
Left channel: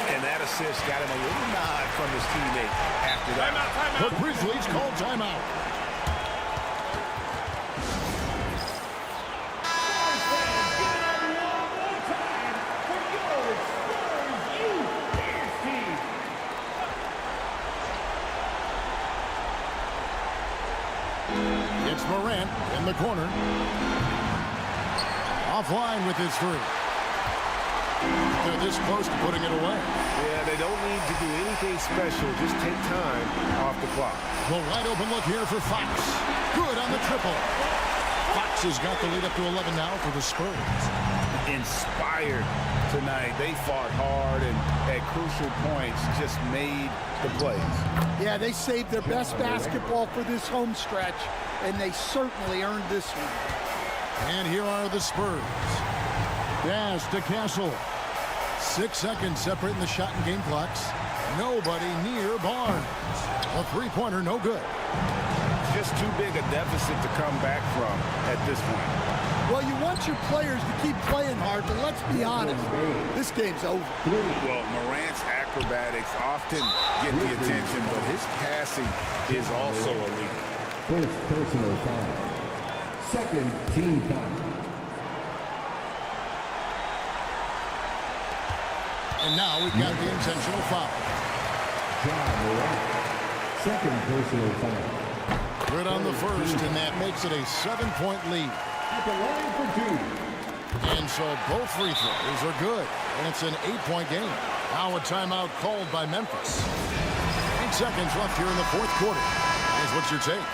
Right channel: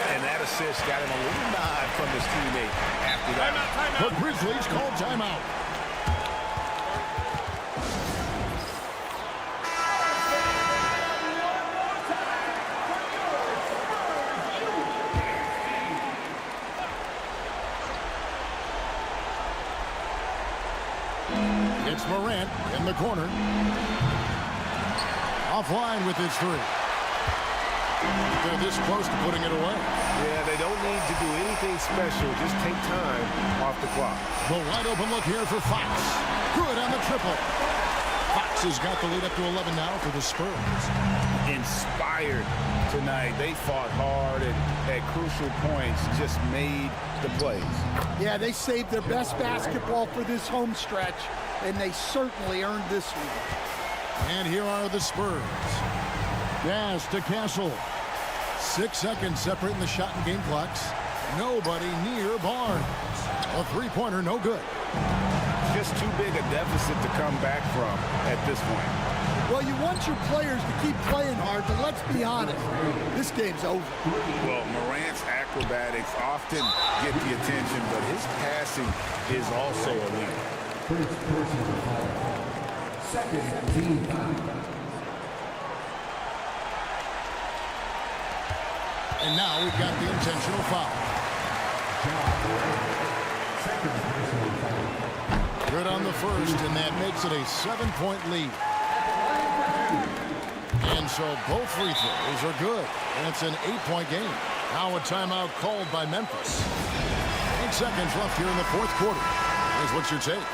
And that assist got him a little nod from his teammate after that. The Grizzlies call timeout. Morant in the corner. Offline with his three. They're this close to putting it away. Yeah, they don't need to do anything special. Just take time off the clock. The wide open look here for Fox. Good on the triple. Fox has got the lead up to 11 now for the Spurs. Inspired tonight. They fought hard and at crucial points just made the plays. Yeah, they saved their best basketball for this home stretch, and they certainly earned this one. And here are the Spurs. Pass to Castle. 6 seconds separating the shot and game clocks. Nobody near Barnes. A three-pointer, no good. Just too big a deficit to come back from at this point. Well, you want your players to keep playing hard, but let's be honest, this game's over. Well, Morant's acrobatics often get the attention, but his passing is also elite. First personal foul. Second team foul. And now we've got the intentional foul. Ja Morant. Second personal foul. Good on the first, and that makes it a 7-point lead. At the line for two. And so both free throws are good, and it's an 8-point game. Now a timeout called by Memphis. 8 seconds left here in the fourth quarter. Here's what's your take?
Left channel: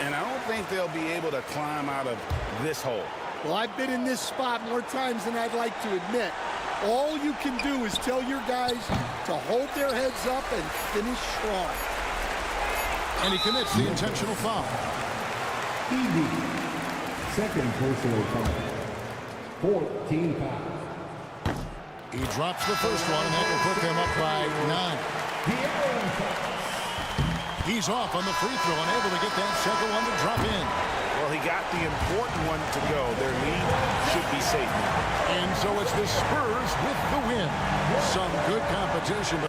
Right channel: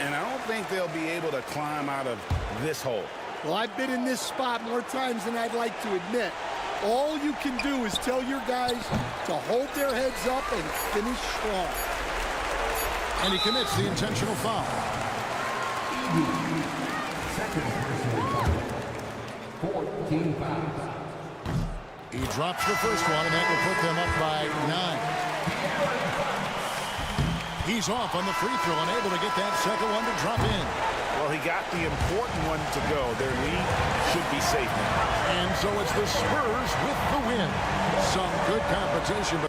And I don't think they'll be able to climb out of this hole. Well, I've been in this spot more times than I'd like to admit. All you can do is tell your guys to hold their heads up and finish strong. And he commits the intentional foul. ED. Second personal foul. 14 fouls. He drops the first one, and that will put them up by 9. He's off on the free throw and able to get that second one to drop in. Well, he got the important one to go. Their lead should be safe now. And so it's the Spurs with the win. Some good competition, but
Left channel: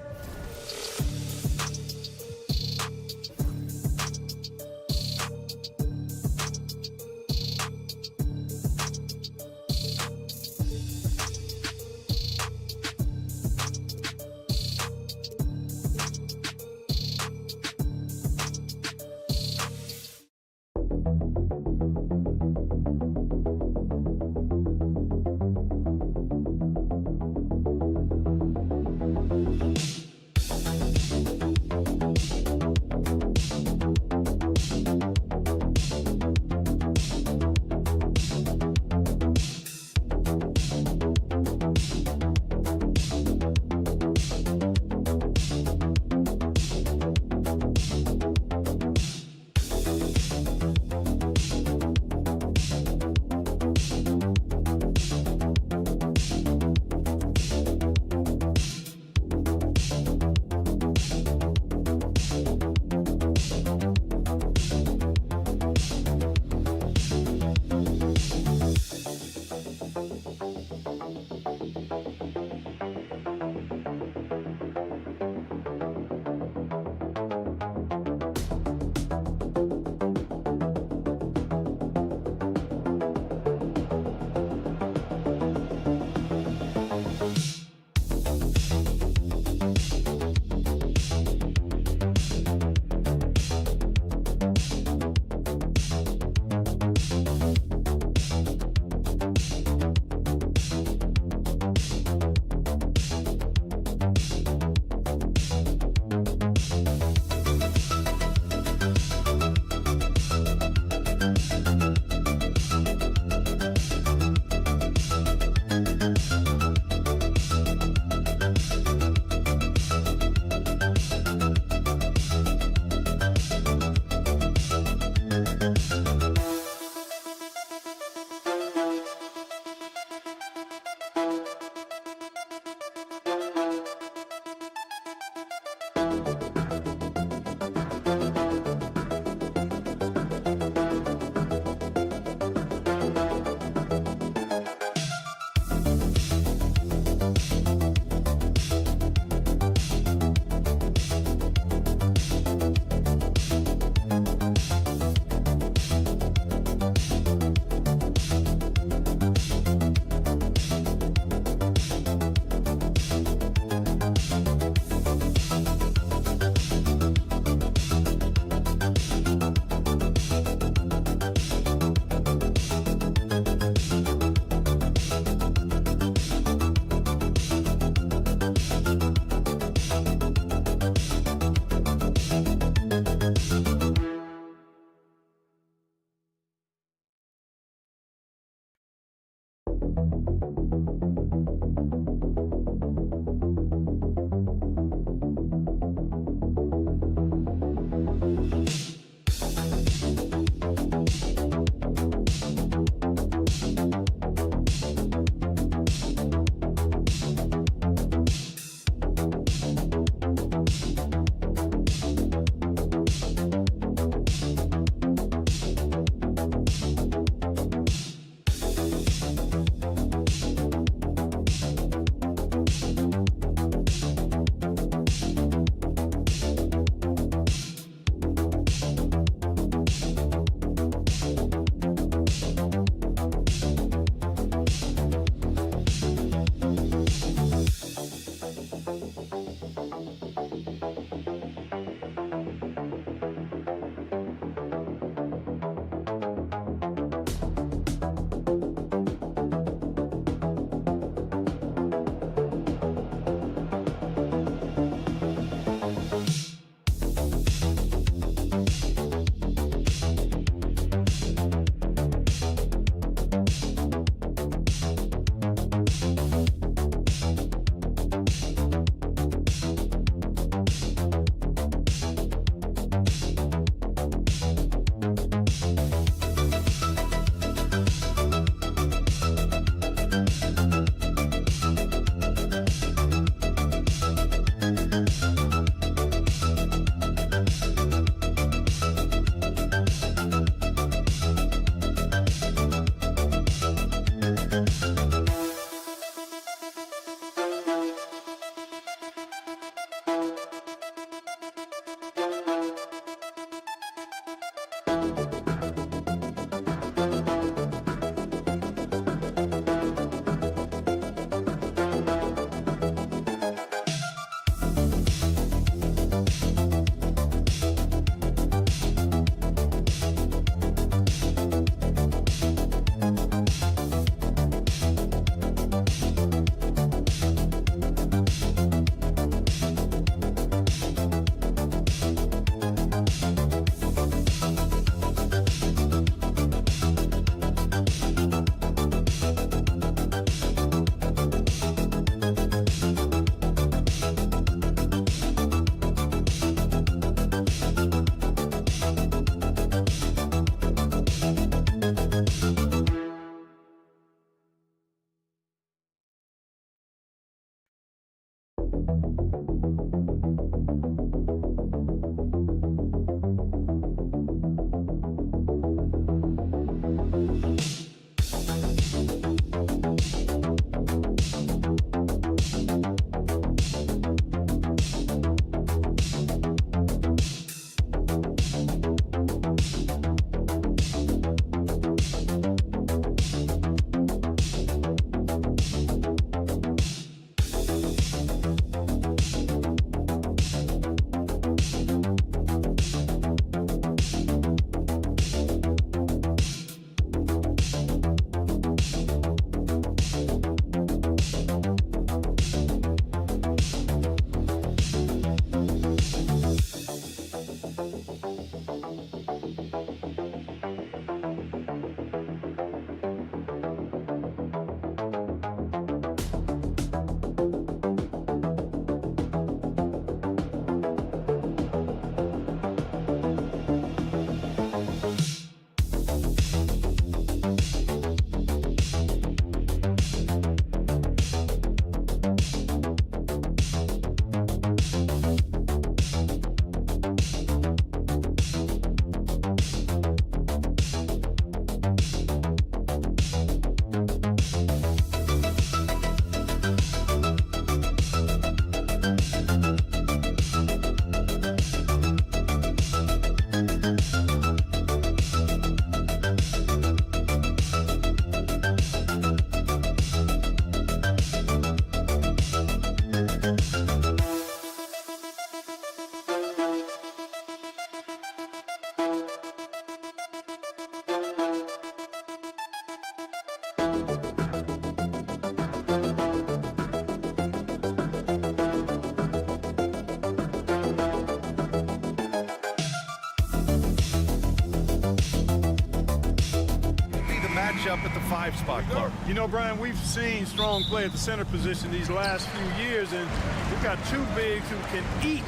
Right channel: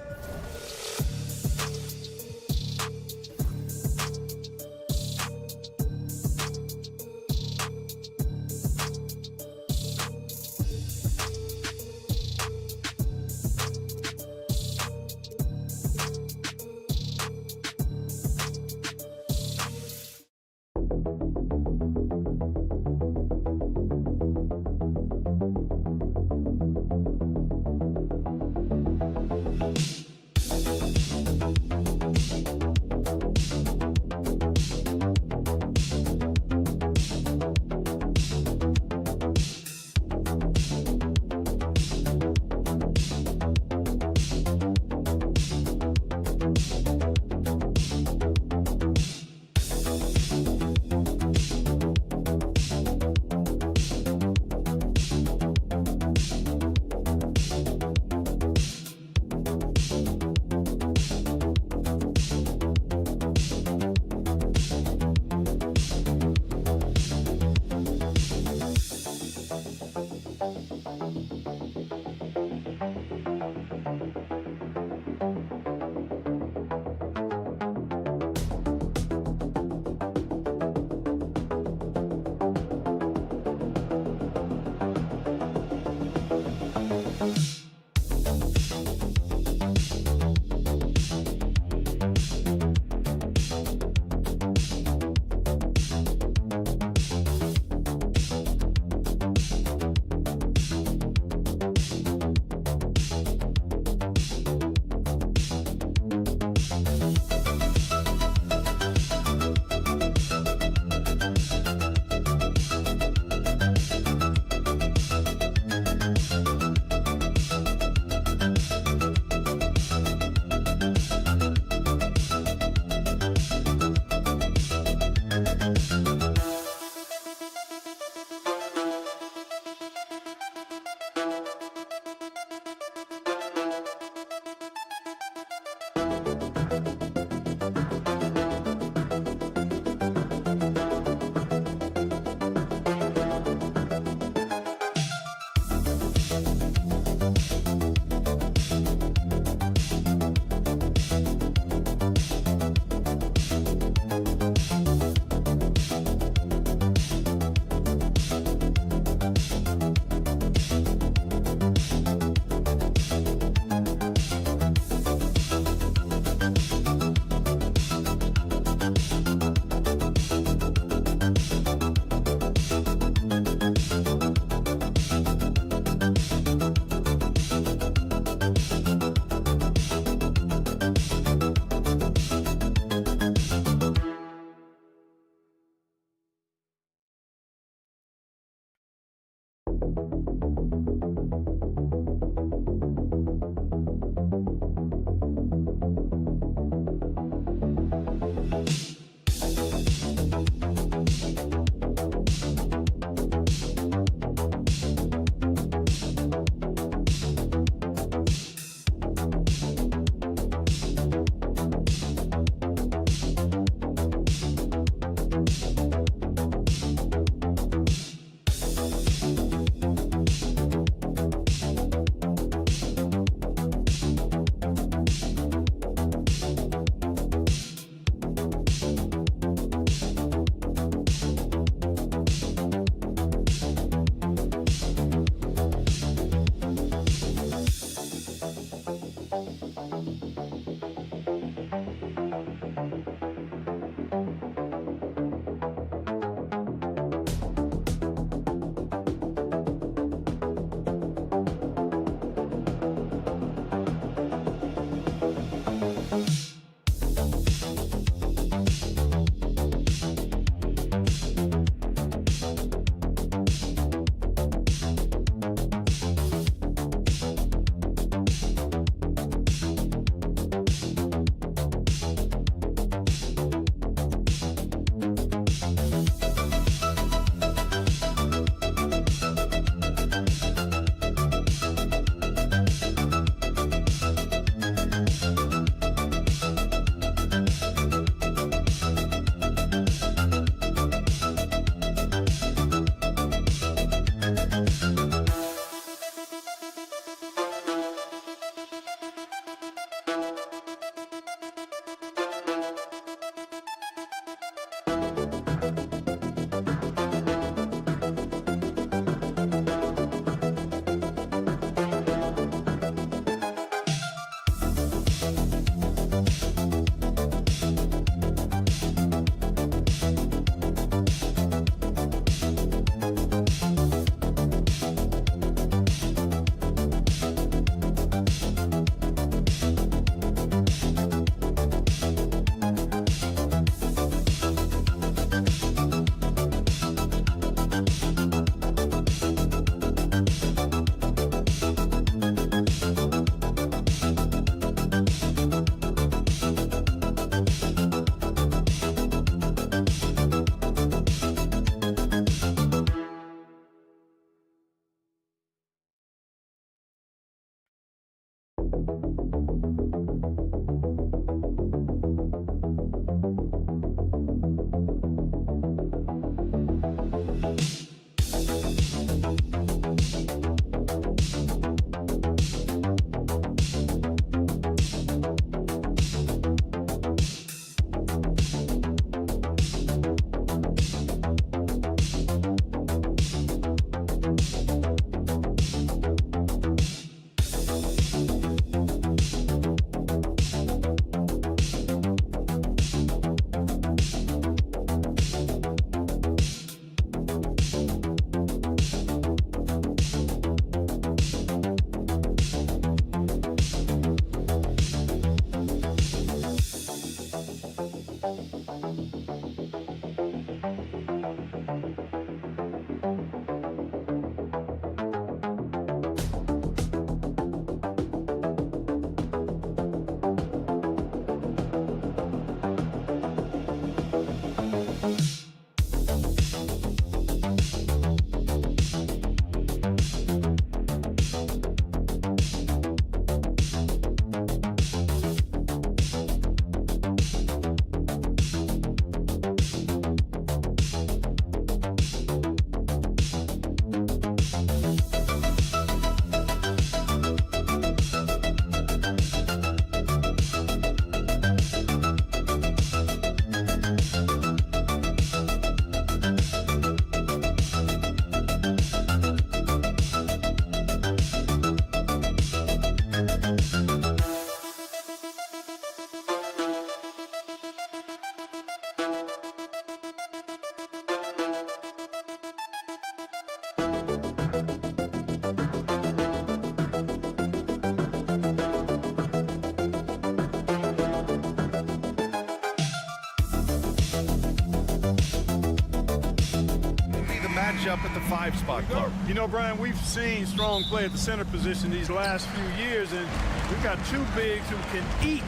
matchup at the 5 spot, Clark? You know, Brian, we've seen strong play at the center position these last few years, and we've got two bigs who can each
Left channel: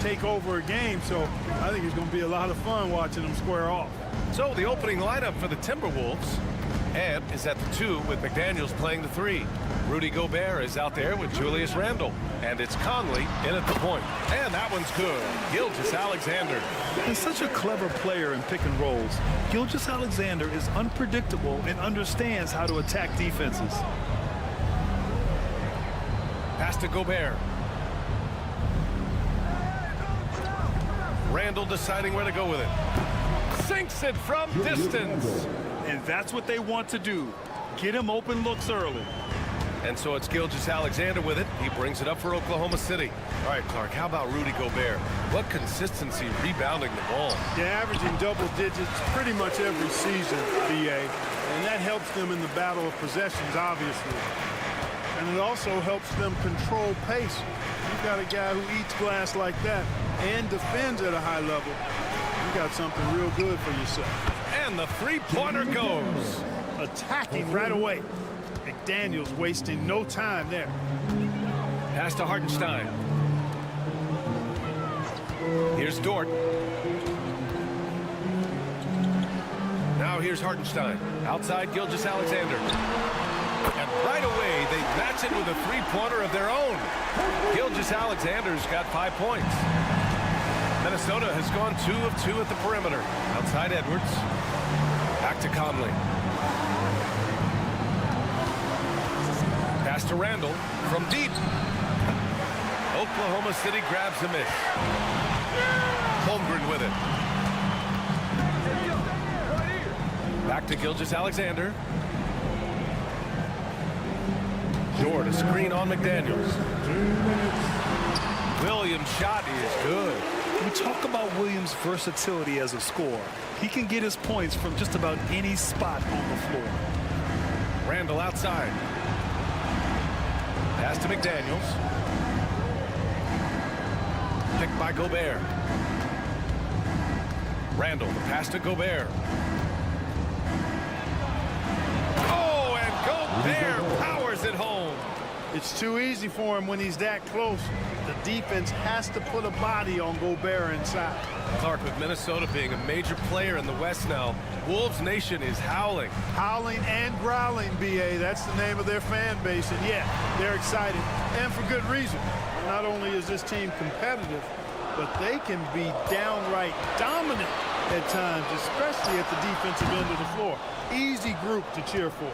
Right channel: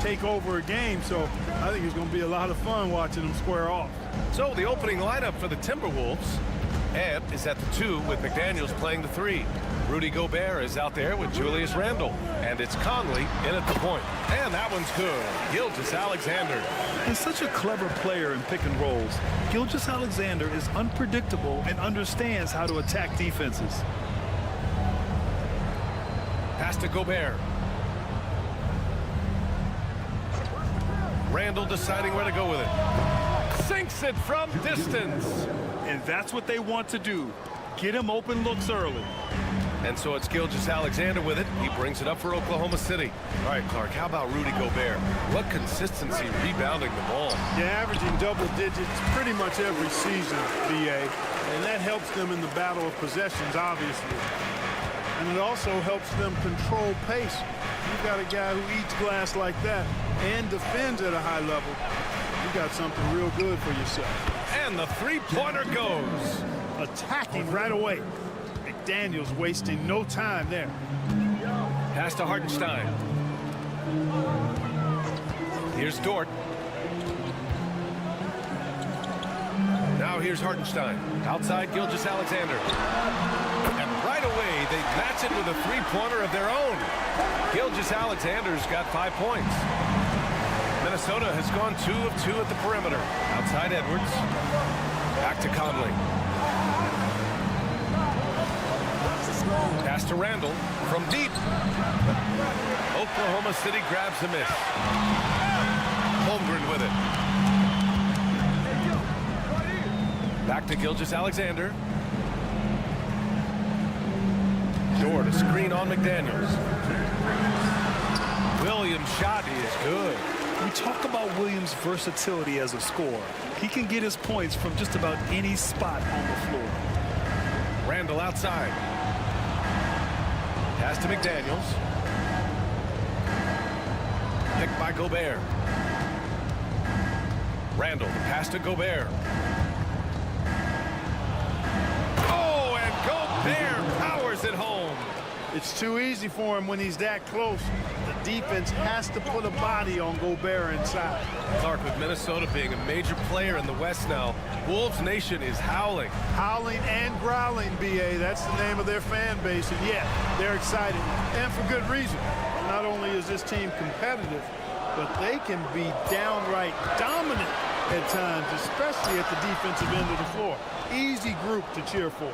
take over a game, so I think it's going to be a lot of fun watching them square off. So the opening lineup for the Timberwolves. Ant is at the 2 with McDaniels playing the 3. Rudy Gobert is out there with Julius Randle. And it's Conley in at the point. And that one's good. Gilgeous-Alexander. And such a clever player in pick and rolls. Gilgeous-Alexander is unpredictable and understands how to attack defenses. Pass to Gobert. Randle deciding where to go with it. Sinks it from distance. And that's what they want to do. Get him open looks early. And so it's Gilgeous-Alexander with it. He brings it up for Oklahoma City. All right, Clark, how about Rudy Gobert? What consistency rebounding the ball. Yeah, averaging double digits pretty much every season, BA. And that helps them in the battle of possessions, obviously. And it also helps them control pace. You've got a guy who eats glass like that and defends at a high level. You got something real good for yourself. And the three-pointer goes. Attacking right away. McDaniels wasting no time there. Pass to Hartenstein. Here's Dort. Now here's Hartenstein. Outside Gilgeous-Alexander. And right away, they match it with a three-pointer of their own. Gilgeous-Alexander's got 5 points. Minnesota has gone 2 of 2 at the perimeter. Outside Edwards. Back to Conley. Pass to Randle from deep. Oklahoma City grabs a miss. Holmgren with it. Back to Gilgeous-Alexander. Dort, a screen on McDaniels. Williams' shot is good. We talk about Williams' versatility as a scorer. He can get his points from just about any spot on the floor. Randle outside. Pass to McDaniels. Picked by Gobert. Randle, the pass to Gobert. Oh, and Gobert powers it home. It's too easy for him when he's that close. The defense has to put a body on Gobert inside. Clark, with Minnesota being a major player in the West now, Wolves Nation is howling. Howling and growling, BA. That's the name of their fan base. And yeah, they're excited. And for good reason. Not only is this team competitive, but they can be downright dominant at times, especially at the defensive end of the floor. Easy group to cheer for.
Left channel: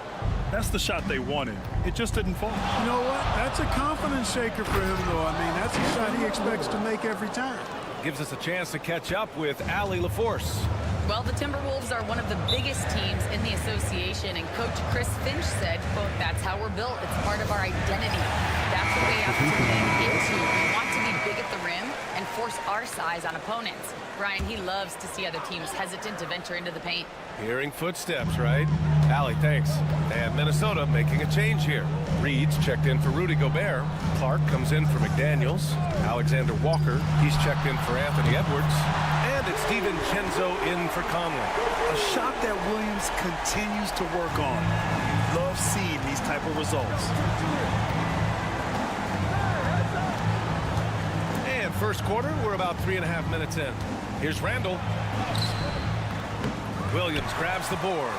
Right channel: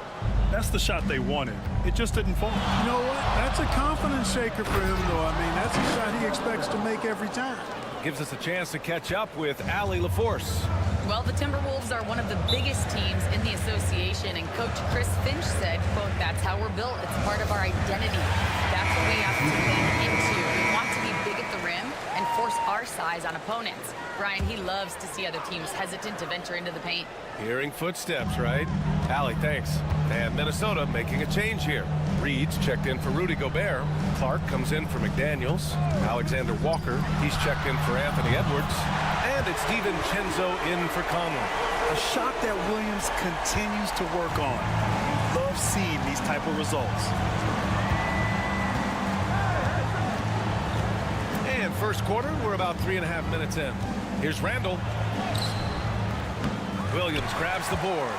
That's the shot they wanted. It just didn't fall. You know what? That's a confidence shaker for him, though. I mean, that's a shot he expects to make every time. Gives us a chance to catch up with Allie LaForce. Well, the Timberwolves are one of the biggest teams in the association, and Coach Chris Finch said, quote, "That's how we're built. It's part of our identity. That's what we have to lean into. We want to be big at the rim and force our size on opponents." Brian, he loves to see other teams hesitant to venture into the paint. Hearing footsteps, right? Allie, thanks. And Minnesota making a change here. Reed's checked in for Rudy Gobert. Clark comes in for McDaniels. Alexander Walker, he's checked in for Anthony Edwards. And it's DiVincenzo in for Conley. A shot that Williams continues to work on. You love seeing these type of results. And first quarter, we're about 3.5 minutes in. Here's Randle. Williams grabs the board.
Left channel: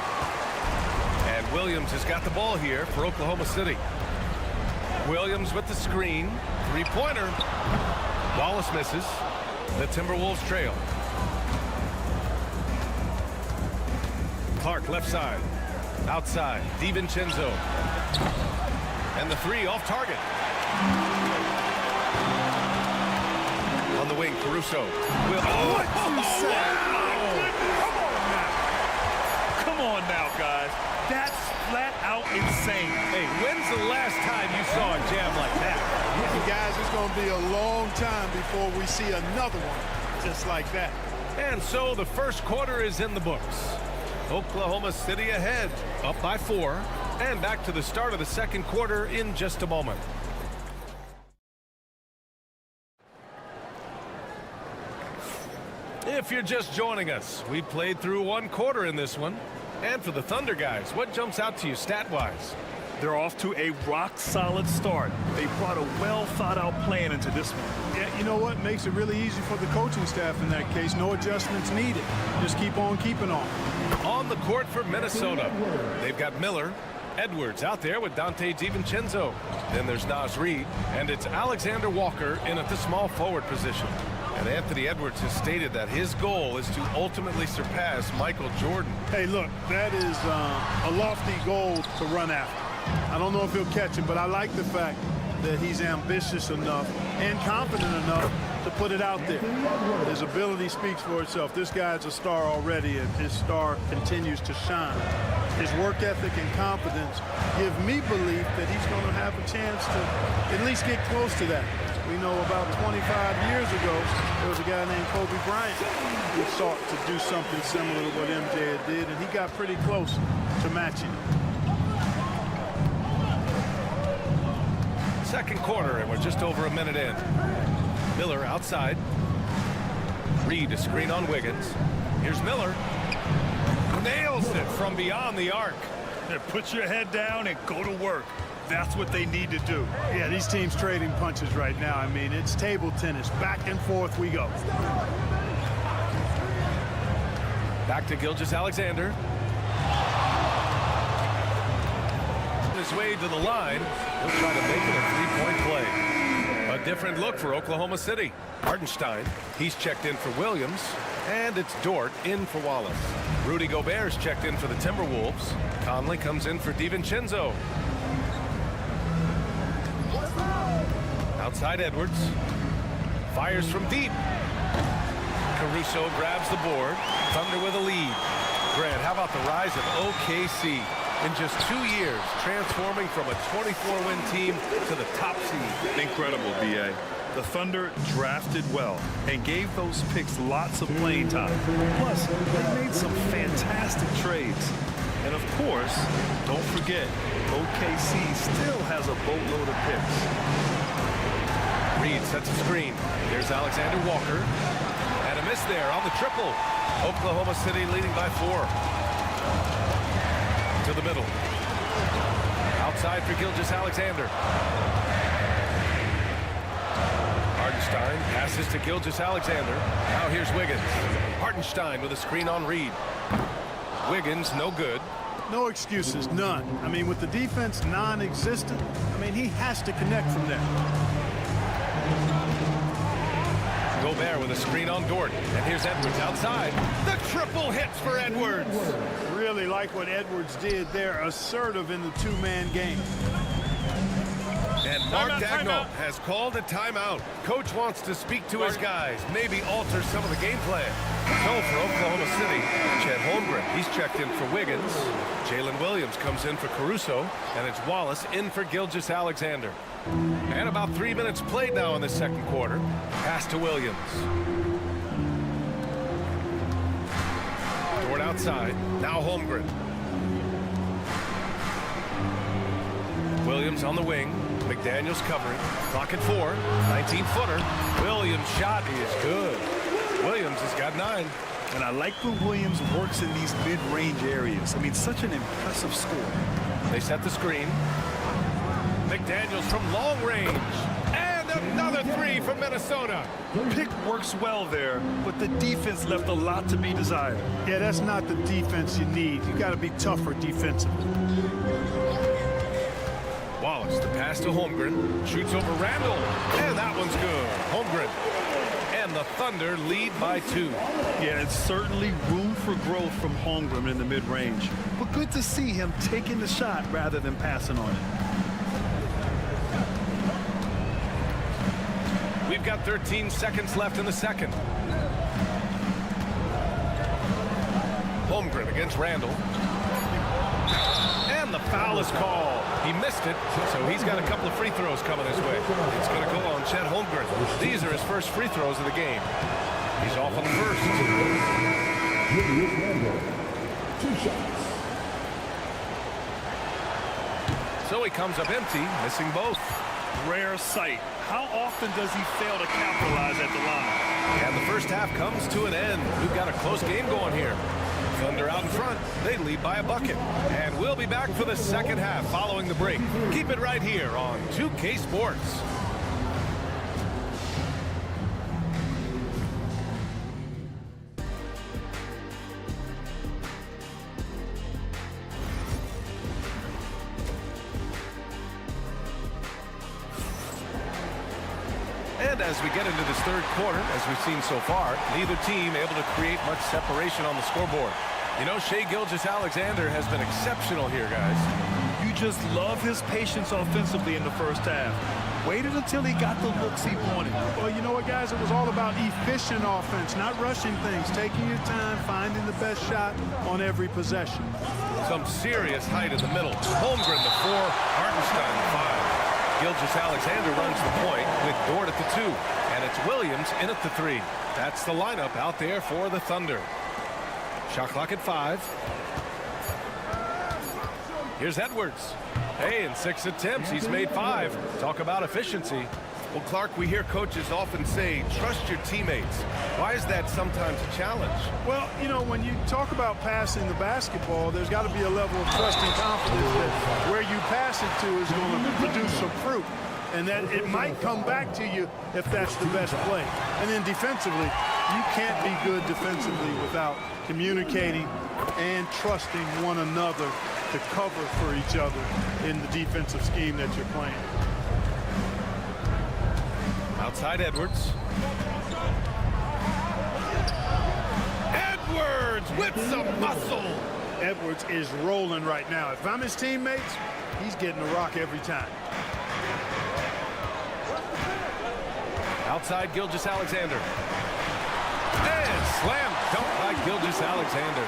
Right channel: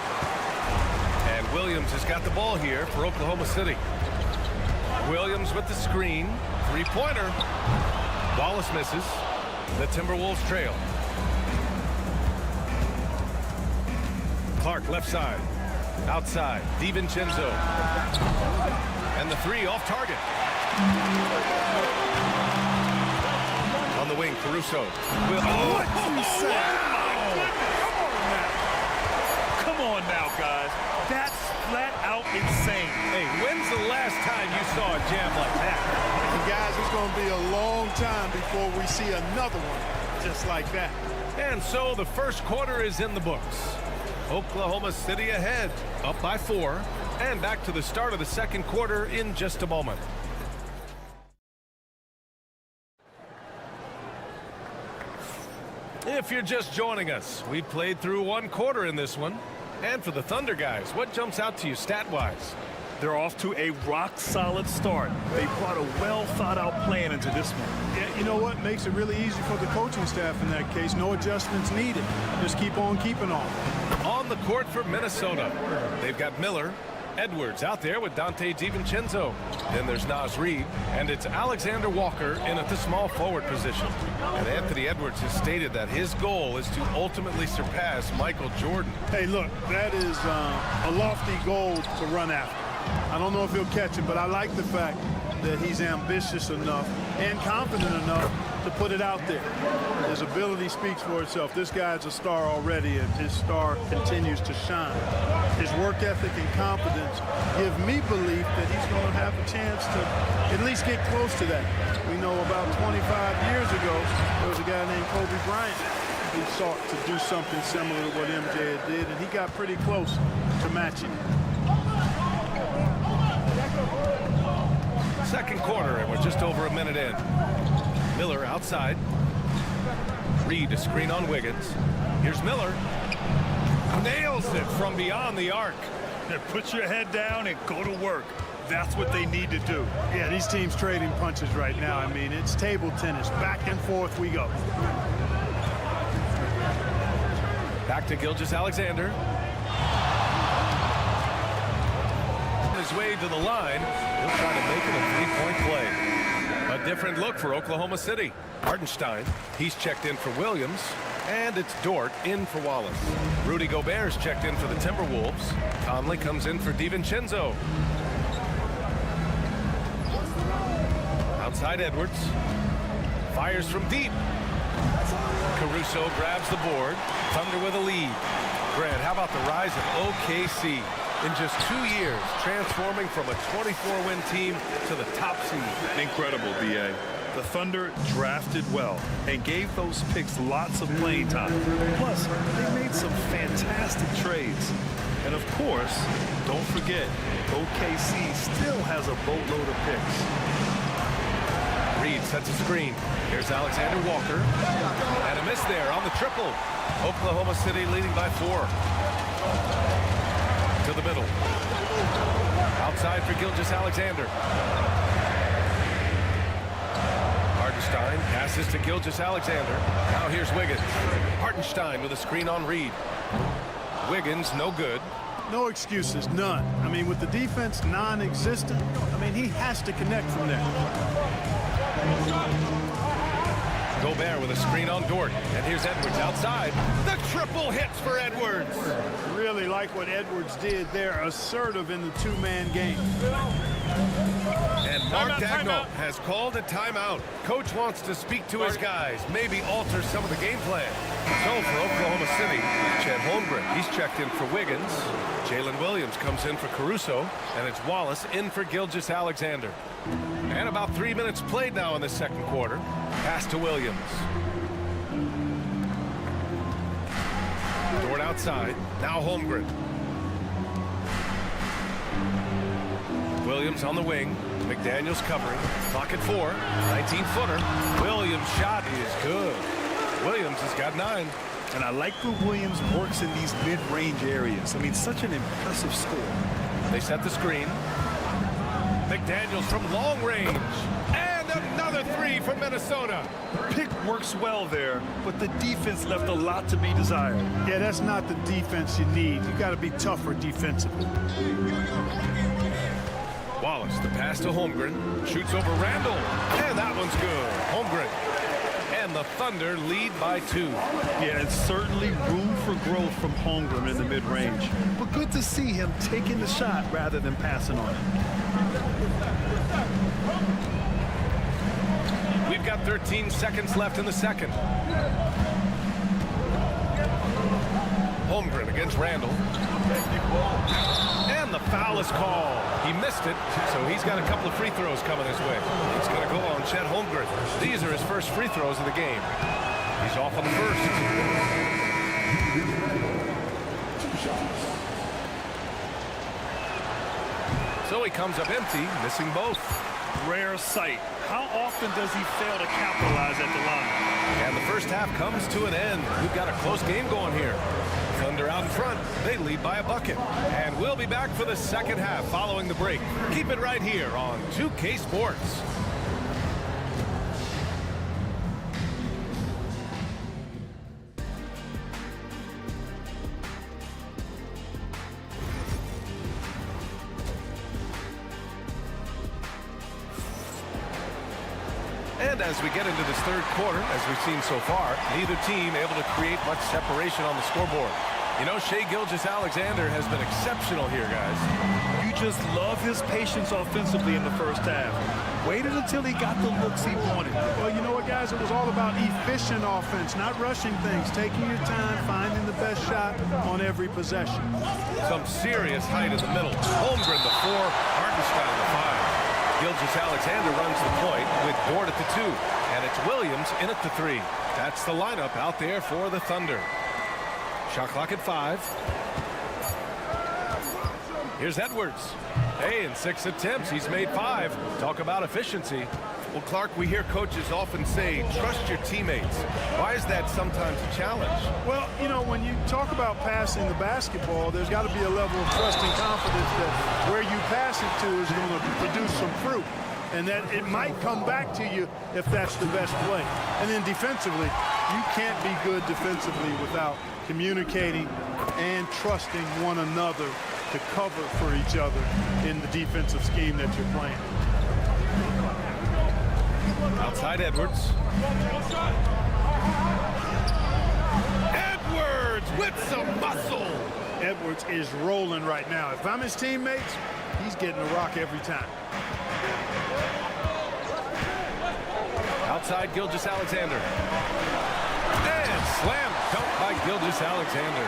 And Williams has got the ball here for Oklahoma City. Williams with the screen. Three-pointer. Wallace misses. The Timberwolves trail. Clark left side. Outside. DiVincenzo. And the three off target. On the wing, Caruso. What you say? Oh, my goodness. Come on now, guys. That's flat out insane. Hey, when's the last time you saw a jam like that? And guys, it's going to be a long time before we see another one just like that. And so the first quarter is in the books. Oklahoma City ahead, up by 4, and back to the start of the second quarter in just a moment. If you're just joining us, we played through one quarter in this one. And for the Thunder guys, what jumps out to you stat-wise? They're off to a rock-solid start. They brought a well-thought-out plan into this one. Yeah, you know what? Makes it really easy for the coaching staff in that case. No adjustments needed. Just keep on keeping on. On the court for Minnesota, they've got Miller, Edwards out there with Dante DiVincenzo. Then there's Naz Reid, and it's Alexander Walker in at the small forward position. And Anthony Edwards has stated that his goal is to ultimately surpass Michael Jordan. Hey, look, that is a lofty goal to run after. I don't know if he'll catch him, but I like the fact that he's ambitious enough and confident enough to put it out there. His ability speaks for itself. This guy's a star already, and his star continues to shine. His work ethic and confidence give me belief that he's going to have a chance to at least get close to that. We know about 25 years ago, there was a guy named Kobe Bryant who sought to do something similar to what MJ did, and he got pretty close to matching it. Second quarter, and we're just over a minute in. Miller outside. Reid a screen on Wiggins. Here's Miller. Nails it from beyond the arc. Yeah, put your head down and go to work. That's what they need to do. Yeah, these teams trading punches right now. I mean, it's table tennis. Back and forth we go. Back to Gilgeous-Alexander. On his way to the line, he'll try to make it a three-point play. A different look for Oklahoma City. Hartenstein, he's checked in for Williams. And it's Dort in for Wallace. Rudy Gobert's checked in for the Timberwolves. Conley comes in for DiVincenzo. Outside Edwards. Fires from deep. Caruso grabs the board. Thunder with a lead. Grant, how about the rise of OKC? In just 2 years, transforming from a 24-win team to the top seed. Incredible, B.A. The Thunder drafted well and gave those picks lots of playing time. Plus, they made some fantastic trades. And of course, don't forget, OKC still has a boatload of picks. Reid sets a screen. Here's Alexander Walker. And a miss there on the triple. Oklahoma City leading by 4. To the middle. Outside for Gilgeous-Alexander. Hartenstein passes to Gilgeous-Alexander. Now here's Wiggins. Hartenstein with a screen on Reid. Wiggins no good. No excuses, none. I mean, with the defense non-existent, I mean, he has to connect from there. Gobert with a screen on Dort. And here's Edwards outside. The triple hits for Edwards. Really like what Edwards did there, assertive in the two-man game. And Mark Dagnall has called a timeout. Coach wants to speak to his guys, maybe alter some of the game plan. So for Oklahoma City, Chet Holmgren, he's checked in for Wiggins. Jalen Williams comes in for Caruso, and it's Wallace in for Gilgeous-Alexander. And about 3 minutes played now in the second quarter. Pass to Williams. Dort outside. Now Holmgren. Williams on the wing. McDaniels covering. Clock at 4. 19-footer. Williams' shot is good. Williams has got 9. And I like when Williams works in these mid-range areas. I mean, such an impressive score. They set the screen. McDaniels from long range. And another 3 from Minnesota. Pick works well there, but the defense left a lot to be desired. Yeah, that's not the defense you need. You got to be tougher defensively. Wallace, the pass to Holmgren. Shoots over Randall. And that one's good. Holmgren. And the Thunder lead by 2. Yeah, it's certainly room for growth from Holmgren in the mid-range. But good to see him taking the shot rather than passing on it. We've got 13 seconds left in the second. Holmgren against Randall. And the foul is called. He missed it, so he's got a couple of free throws coming his way. It's going to go on Chet Holmgren. These are his first free throws of the game. He's off on the first. 2 shots. So he comes up empty, missing both. Rare sight. How often does he fail to capitalize at the line? And the first half comes to an end. We've got a close game going here. Thunder out in front. They lead by a bucket. And we'll be back for the second half following the break. Keep it right here on 2K Sports. And as we get into this third quarter, as we've seen so far, neither team able to create much separation on the scoreboard. You know, Shai Gilgeous-Alexander has been exceptional here, guys. You just love his patience offensively in the first half. Waited until he got the looks he wanted. Well, you know what, guys? It was all about efficient offense, not rushing things, taking your time, finding the best shot on every possession. Some serious height in the middle. Holmgren the 4, Hartenstein the 5. Gilgeous-Alexander runs the point with Dort at the 2. And it's Williams in at the 3. That's the lineup out there for the Thunder. Shot clock at 5. Here's Edwards. Hey, in 6 attempts, he's made 5. Talk about efficiency. Well, Clark, we hear coaches often say, trust your teammates. Why is that sometimes a challenge? Well, you know, when you talk about passing the basketball, there's got to be a level of trust and confidence that where you pass it to is going to produce some fruit, and that it might come back to you if that's the best play. And then defensively, you can't be good defensively without communicating and trusting one another to cover for each other in the defensive scheme that you're playing. Outside Edwards. Edwards with some muscle. Edwards is rolling right now. If I'm his teammates, he's getting a rock every time. Outside Gilgeous-Alexander. And slam dunk by Gilgeous-Alexander.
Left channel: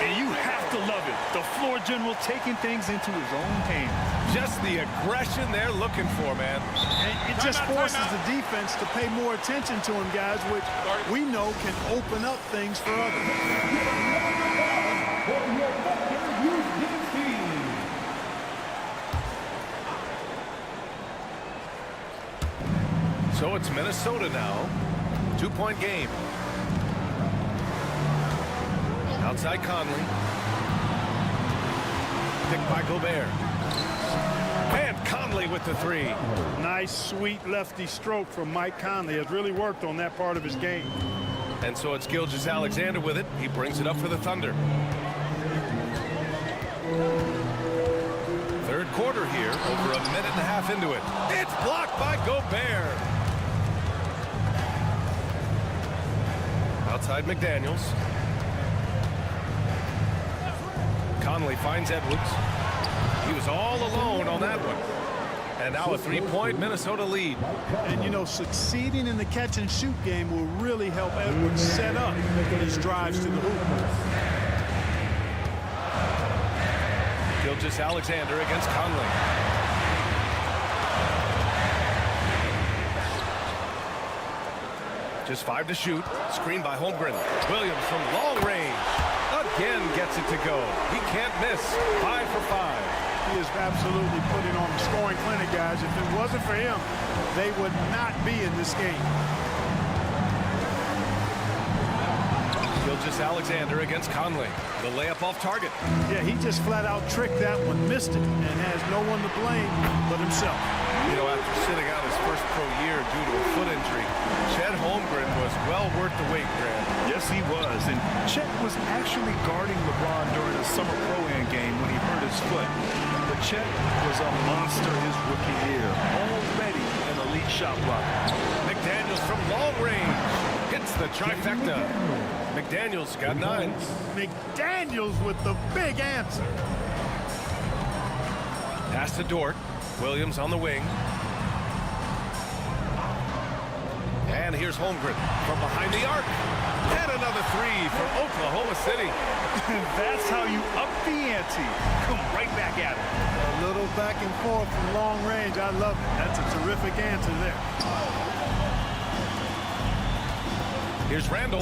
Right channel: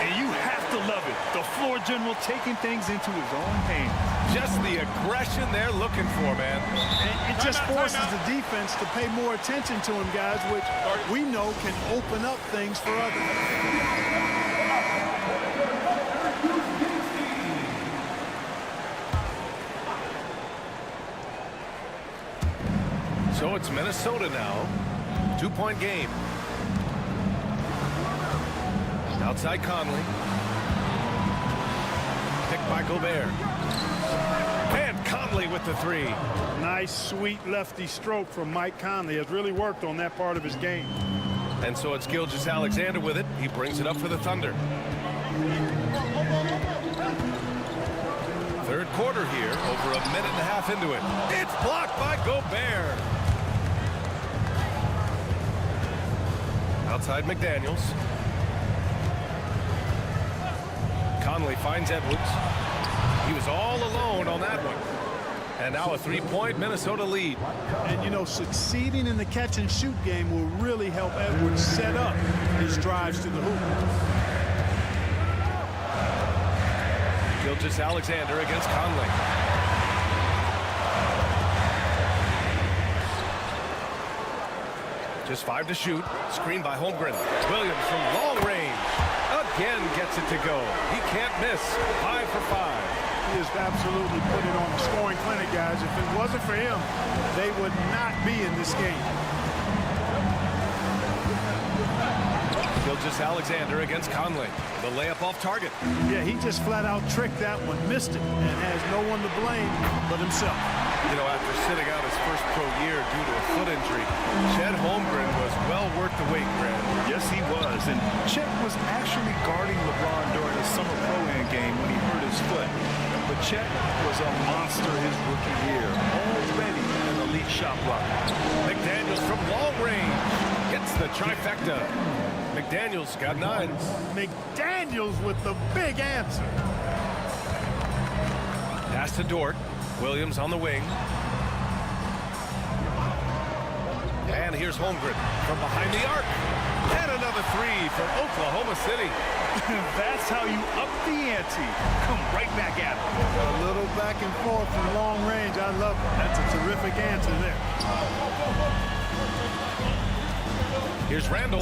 And you have to love it. The floor general taking things into his own hands. Just the aggression they're looking for, man. And it just forces the defense to pay more attention to him, guys, which we know can open up things for others. So it's Minnesota now. 2-point game. Outside Conley. Picked by Gobert. And Conley with the 3. Nice, sweet lefty stroke from Mike Conley. Has really worked on that part of his game. And so it's Gilgeous-Alexander with it. He brings it up for the Thunder. Third quarter here, over a minute and a half into it. It's blocked by Gobert. Outside McDaniels. Conley finds Edwards. He was all alone on that one. And now a 3-point Minnesota lead. And, you know, succeeding in the catch-and-shoot game will really help Edwards set up his drives to the hoop. Gilgeous-Alexander against Conley. Just 5 to shoot. Screen by Holmgren. Williams from long range. Again gets it to go. He can't miss. 5 for 5. He is absolutely putting on the scoring clinic, guys. If it wasn't for him, they would not be in this game. Gilgeous-Alexander against Conley. The layup off target. Yeah, he just flat out tricked that one, missed it, and has no one to blame but himself. You know, after sitting out his first pro year due to a foot injury, Chet Holmgren was well worth the wait, Grant. Yes, he was. And Chet was actually guarding LeBron during a summer pro-am game when he hurt his foot. But Chet was a monster his rookie year. Already an elite shot blocker. McDaniels from long range. Hits the trifecta. McDaniels got 9. McDaniels with the big answer. Pass to Dort. Williams on the wing. And here's Holmgren from behind the arc. And another 3 for Oklahoma City. That's how you up the ante. Come right back at it. A little back and forth from long range. I love it. That's a terrific answer there. Here's Randall.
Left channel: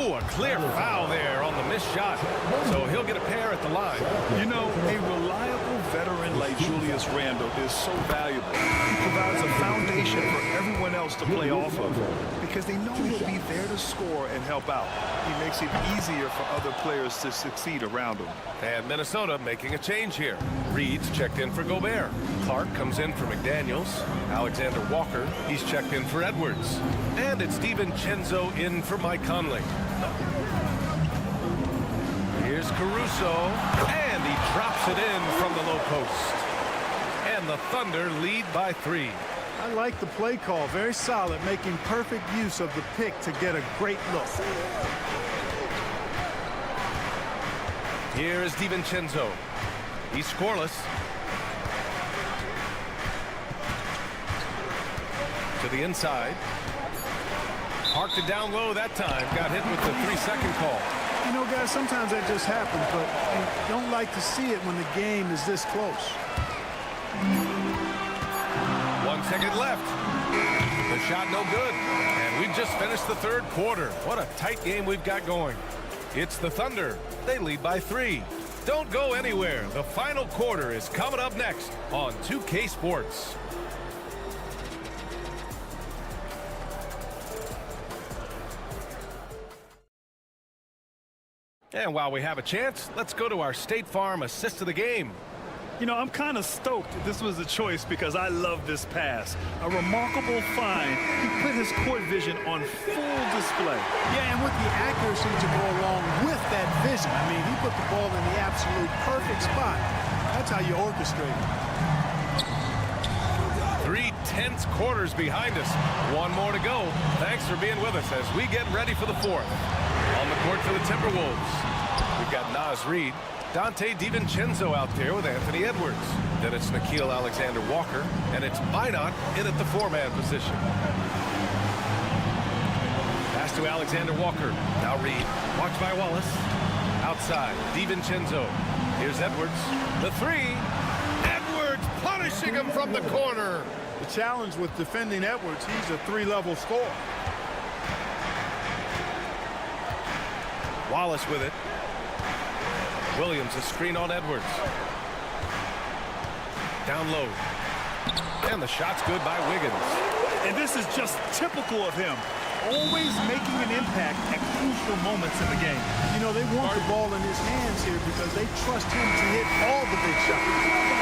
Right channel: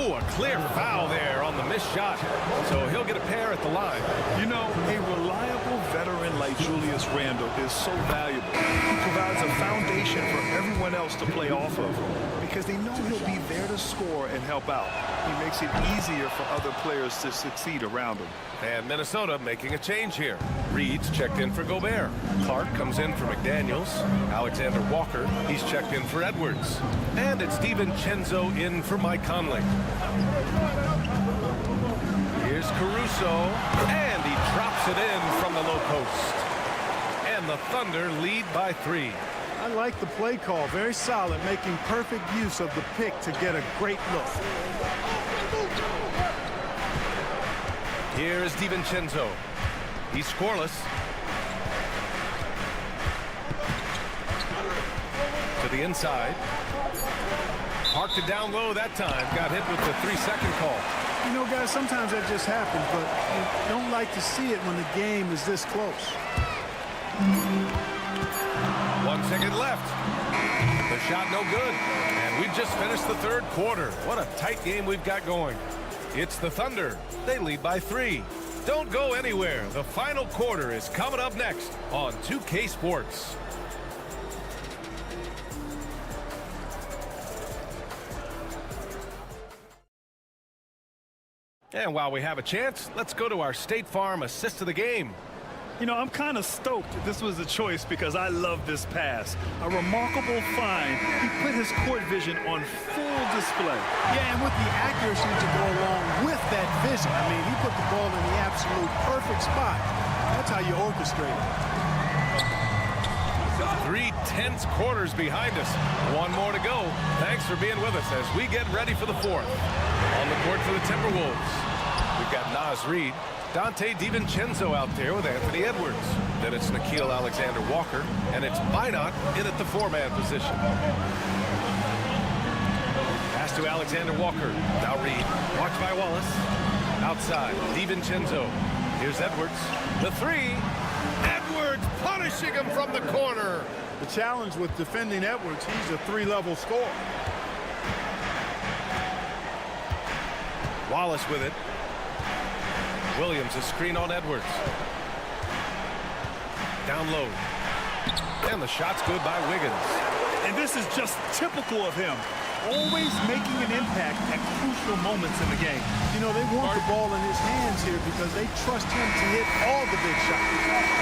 Oh, a clear foul there on the missed shot. So he'll get a pair at the line. You know, a reliable veteran like Julius Randle is so valuable. He provides a foundation for everyone else to play off of because they know he'll be there to score and help out. He makes it easier for other players to succeed around him. And Minnesota making a change here. Reed's checked in for Gobert. Clark comes in for McDaniels. Alexander Walker, he's checked in for Edwards. And it's DiVincenzo in for Mike Conley. Here's Caruso, and he drops it in from the low post. And the Thunder lead by 3. I like the play call. Very solid, making perfect use of the pick to get a great look. Here is DiVincenzo. He's scoreless. To the inside. Parked it down low that time. Got hit with the 3-second call. You know, guys, sometimes that just happens, but you don't like to see it when the game is this close. 1 second left. The shot no good. And we've just finished the third quarter. What a tight game we've got going. It's the Thunder. They lead by 3. Don't go anywhere. The final quarter is coming up next on 2K Sports. And while we have a chance, let's go to our State Farm assist of the game. You know, I'm kind of stoked this was a choice because I love this pass. A remarkable find. He put his court vision on full display. Yeah, and with the accuracy to go along with that vision. I mean, he put the ball in the absolute perfect spot. That's how you orchestrate it. 3 tense quarters behind us. One more to go. Thanks for being with us as we get ready for the fourth. On the court for the Timberwolves, we've got Naz Reid. Dante DiVincenzo out there with Anthony Edwards. Then it's Nickeil Alexander-Walker, and it's Minot in at the 4-man position. Pass to Alexander-Walker. Now Reid. Watched by Wallace. Outside, DiVincenzo. Here's Edwards. The 3. Edwards punishing him from the corner. The challenge with defending Edwards, he's a 3-level scorer. Wallace with it. Williams, a screen on Edwards. Down low. And the shot's good by Wiggins. And this is just typical of him. Always making an impact at crucial moments in the game. You know, they want the ball in his hands here because they trust him to hit all the big shots.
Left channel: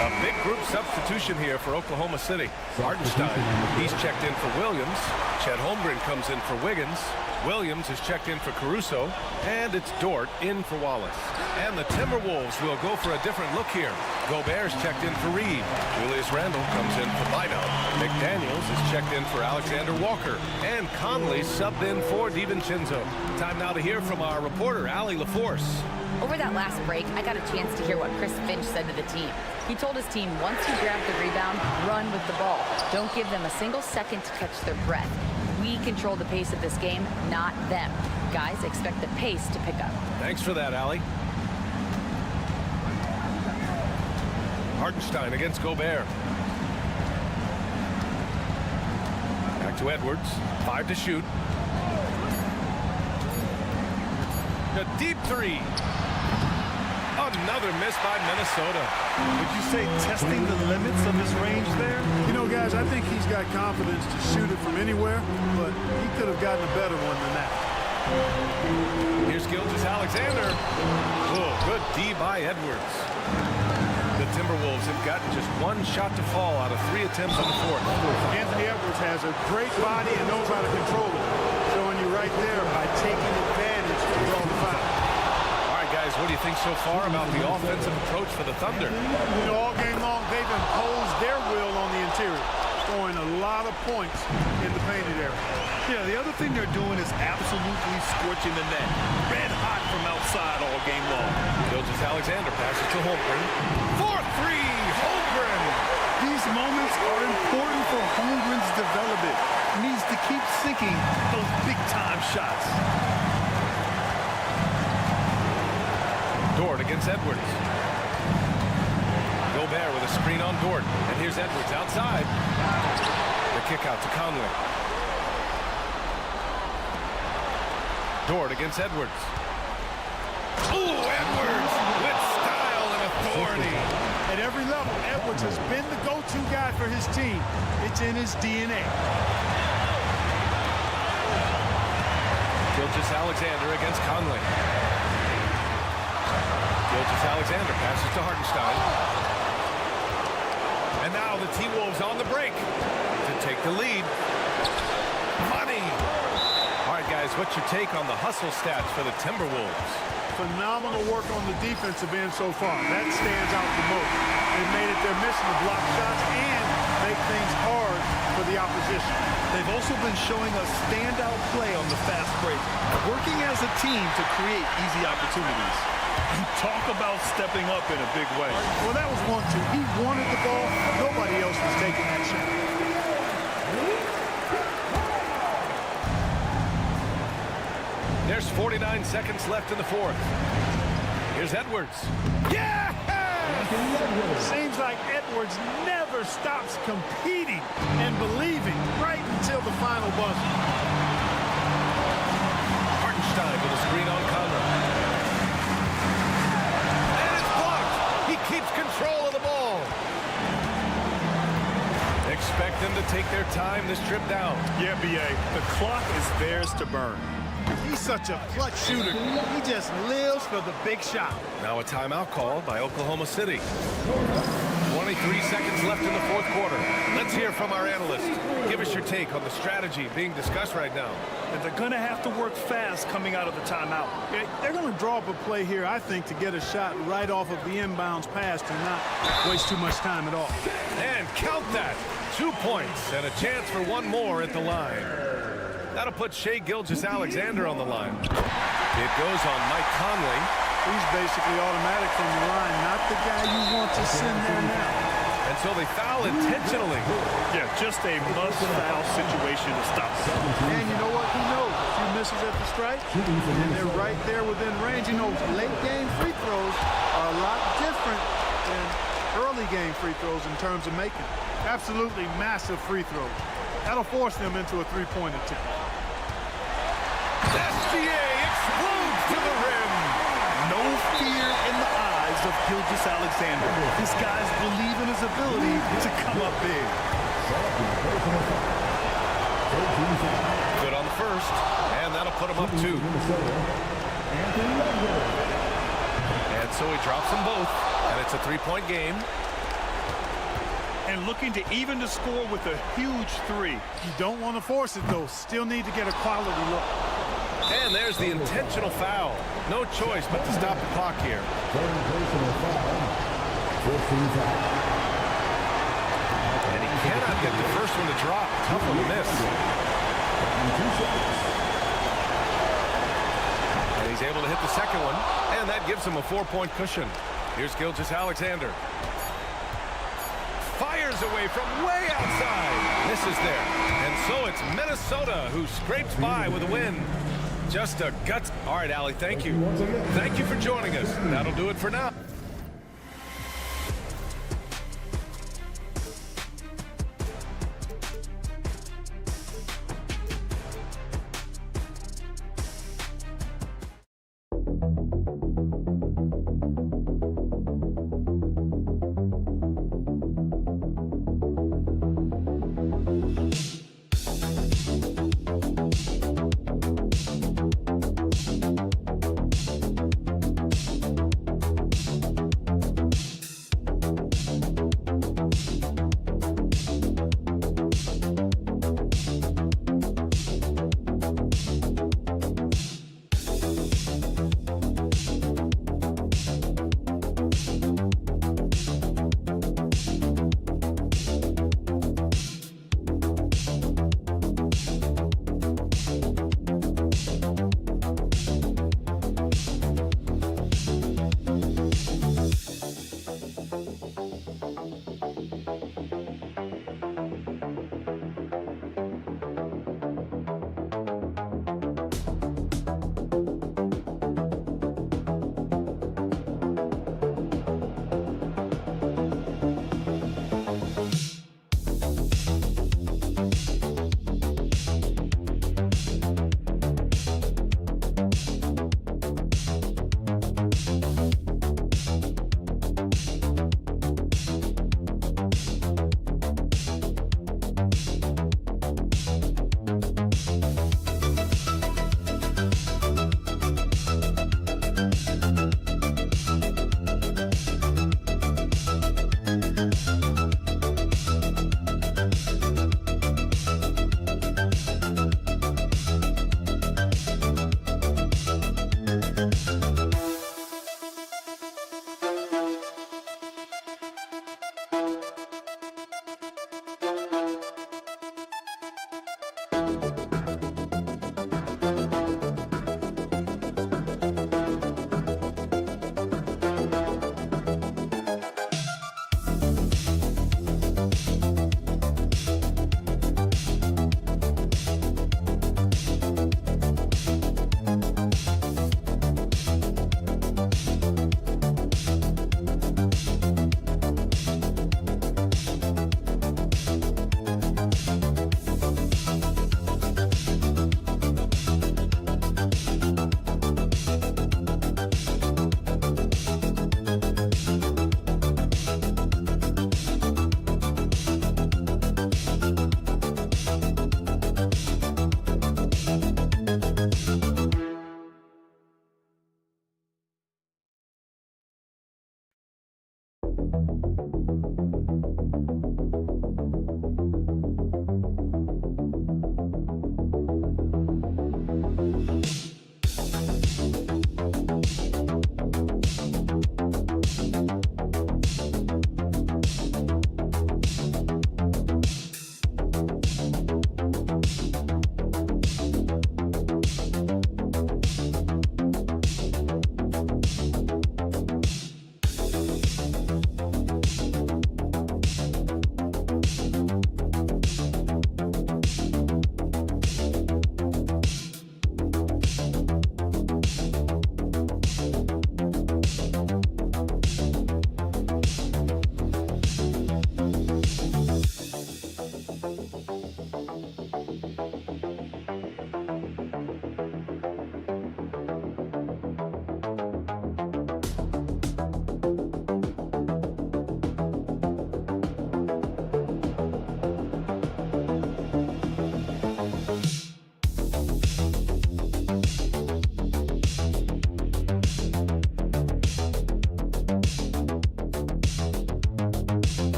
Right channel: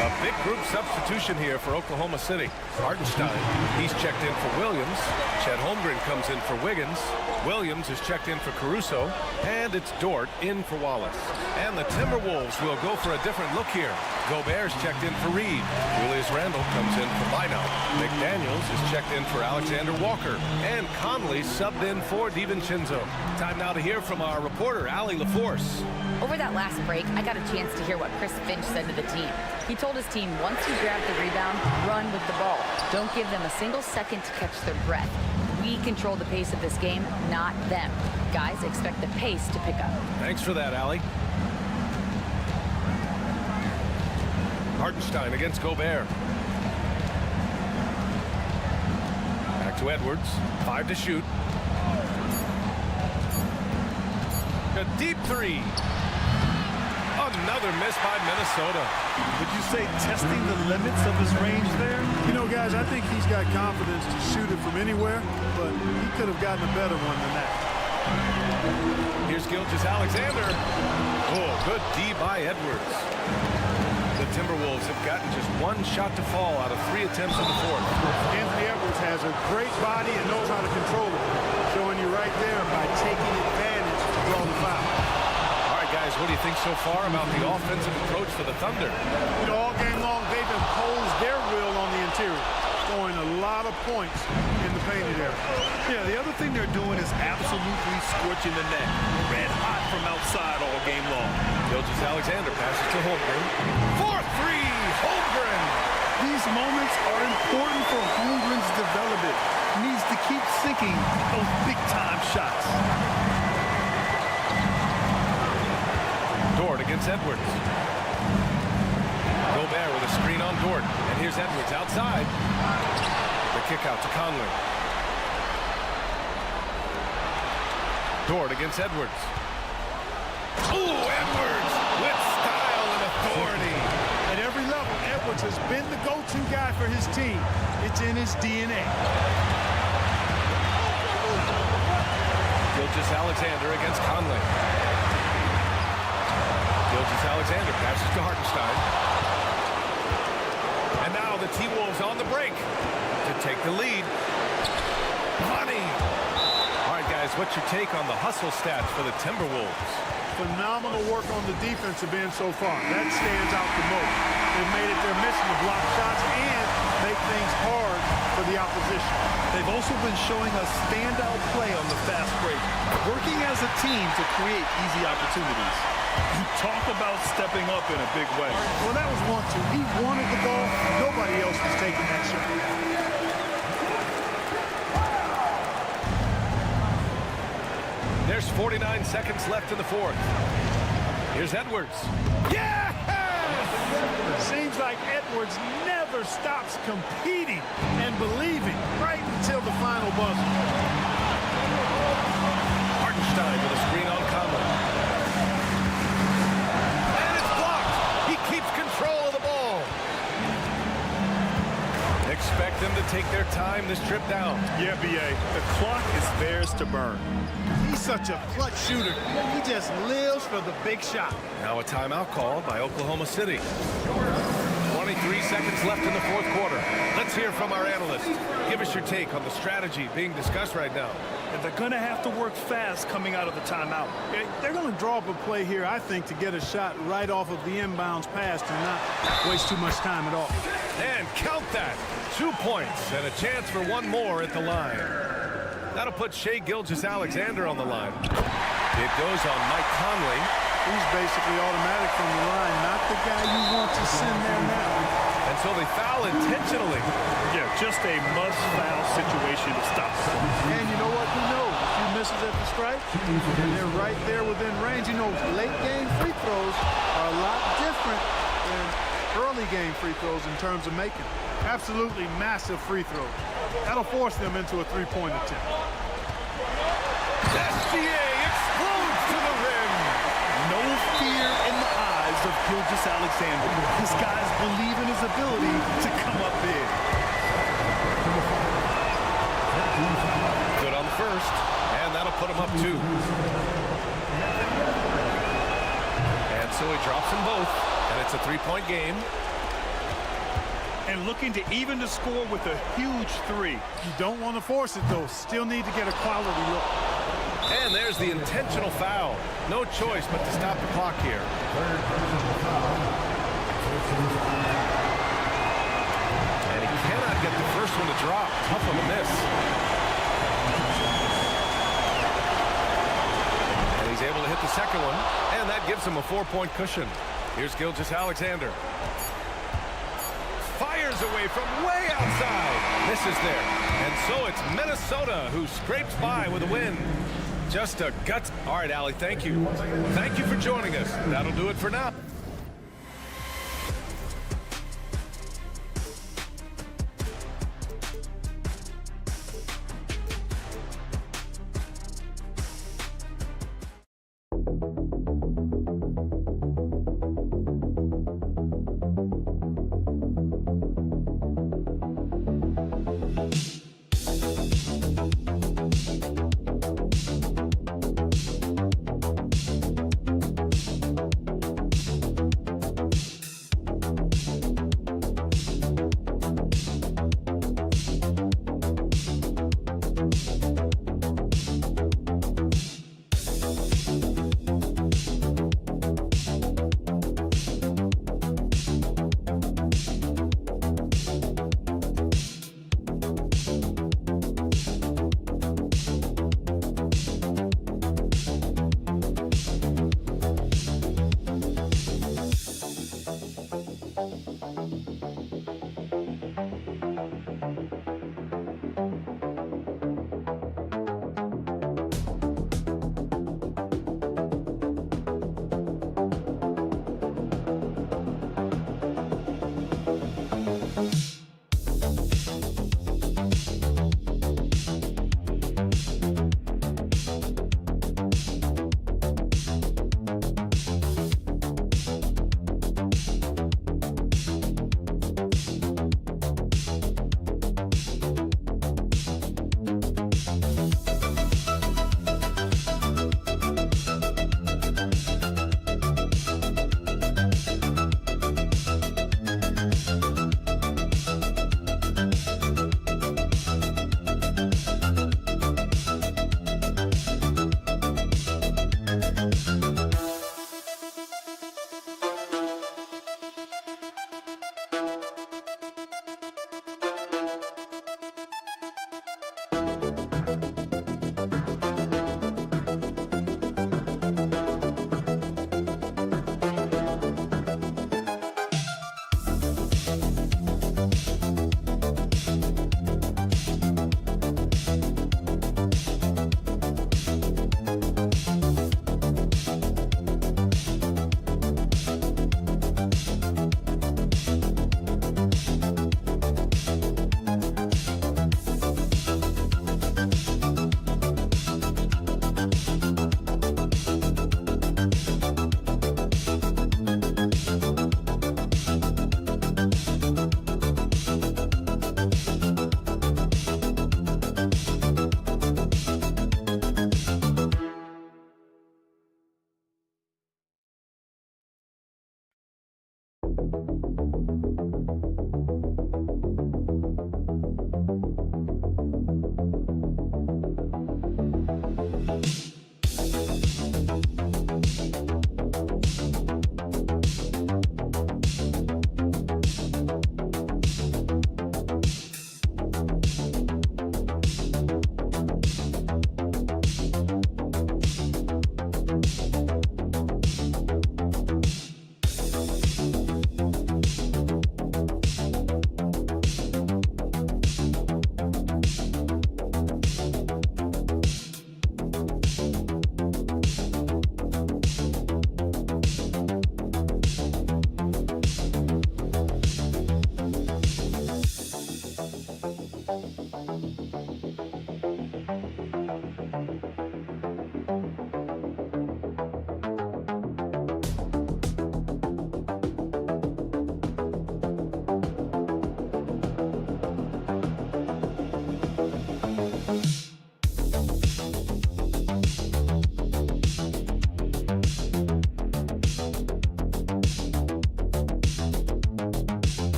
A big group substitution here for Oklahoma City. Hartenstein, he's checked in for Williams. Chet Holmgren comes in for Wiggins. Williams is checked in for Caruso. And it's Dort in for Wallace. And the Timberwolves will go for a different look here. Gobert's checked in for Reed. Julius Randle comes in for Minot. McDaniels is checked in for Alexander Walker. And Conley subbed in for DiVincenzo. Time now to hear from our reporter, Allie LaForce. Over that last break, I got a chance to hear what Chris Finch said to the team. He told his team, once you grab the rebound, run with the ball. Don't give them a single second to catch their breath. We control the pace of this game, not them. Guys, expect the pace to pick up. Thanks for that, Allie. Hartenstein against Gobert. Back to Edwards. 5 to shoot. A deep 3. Another miss by Minnesota. Would you say testing the limits of his range there? You know, guys, I think he's got confidence to shoot it from anywhere, but he could have gotten a better one than that. Here's Gilgeous-Alexander. Oh, good D by Edwards. The Timberwolves have gotten just 1 shot to fall out of 3 attempts in the fourth. Anthony Edwards has a great body and knows how to control it. Showing you right there by taking advantage to draw the foul. All right, guys, what do you think so far about the offensive approach for the Thunder? You know, all game long, they've imposed their will on the interior, scoring a lot of points in the painted area. Yeah, the other thing they're doing is absolutely scorching the net. Red hot from outside all game long. Gilgeous-Alexander passes to Holmgren. 4-3, Holmgren. These moments are important for Holmgren's development. He needs to keep sinking those big-time shots. Dort against Edwards. Gobert with a screen on Dort. And here's Edwards outside. The kick out to Conley. Dort against Edwards. Ooh, Edwards with style and authority. At every level, Edwards has been the go-to guy for his team. It's in his DNA. Gilgeous-Alexander against Conley. Gilgeous-Alexander passes to Hartenstein. And now the T-Wolves on the break to take the lead. Money. All right, guys, what's your take on the hustle stats for the Timberwolves? Phenomenal work on the defensive end so far. That stands out the most. They've made it their mission to block shots and make things hard for the opposition. They've also been showing a standout play on the fast break, working as a team to create easy opportunities. And talk about stepping up in a big way. Well, that was 1-2. He wanted the ball. Nobody else was taking that shot. There's 49 seconds left in the fourth. Here's Edwards. Yeah! Seems like Edwards never stops competing and believing right until the final buzzer. Hartenstein with a screen on Conley. And it's blocked. He keeps control of the ball. Expect them to take their time this trip down. Yeah, B.A., the clock is theirs to burn. He's such a clutch shooter. He just lives for the big shot. Now a timeout called by Oklahoma City. 23 seconds left in the fourth quarter. Let's hear from our analyst. Give us your take on the strategy being discussed right now. And they're going to have to work fast coming out of the timeout. They're going to draw up a play here, I think, to get a shot right off of the inbounds pass and not waste too much time at all. And count that. 2 points and a chance for one more at the line. That'll put Shai Gilgeous-Alexander on the line. It goes on Mike Conley. He's basically automatic from the line, not the guy you want to send there now. And so they foul intentionally. Yeah, just a must-foul situation to stop the clock. And you know what? Who knows? A few misses at the stripe, and they're right there within range. You know, late-game free throws are a lot different than early-game free throws in terms of making. Absolutely massive free throws. That'll force them into a three-point attempt. SGA explodes to the rim. No fear in the eyes of Gilgeous-Alexander. This guys believe in his ability to come up big. Good on the first, and that'll put him up 2. And so he drops them both, and it's a 3-point game. And looking to even the score with a huge 3. You don't want to force it, though. Still need to get a quality look. And there's the intentional foul. No choice but to stop the clock here. And he cannot get the first one to drop. Tough one to miss. And he's able to hit the second one. And that gives him a 4-point cushion. Here's Gilgeous-Alexander. Fires away from way outside. Misses there. And so it's Minnesota who scrapes by with a win. Just a guts. All right, Allie, thank you. Thank you for joining us. That'll do it for now.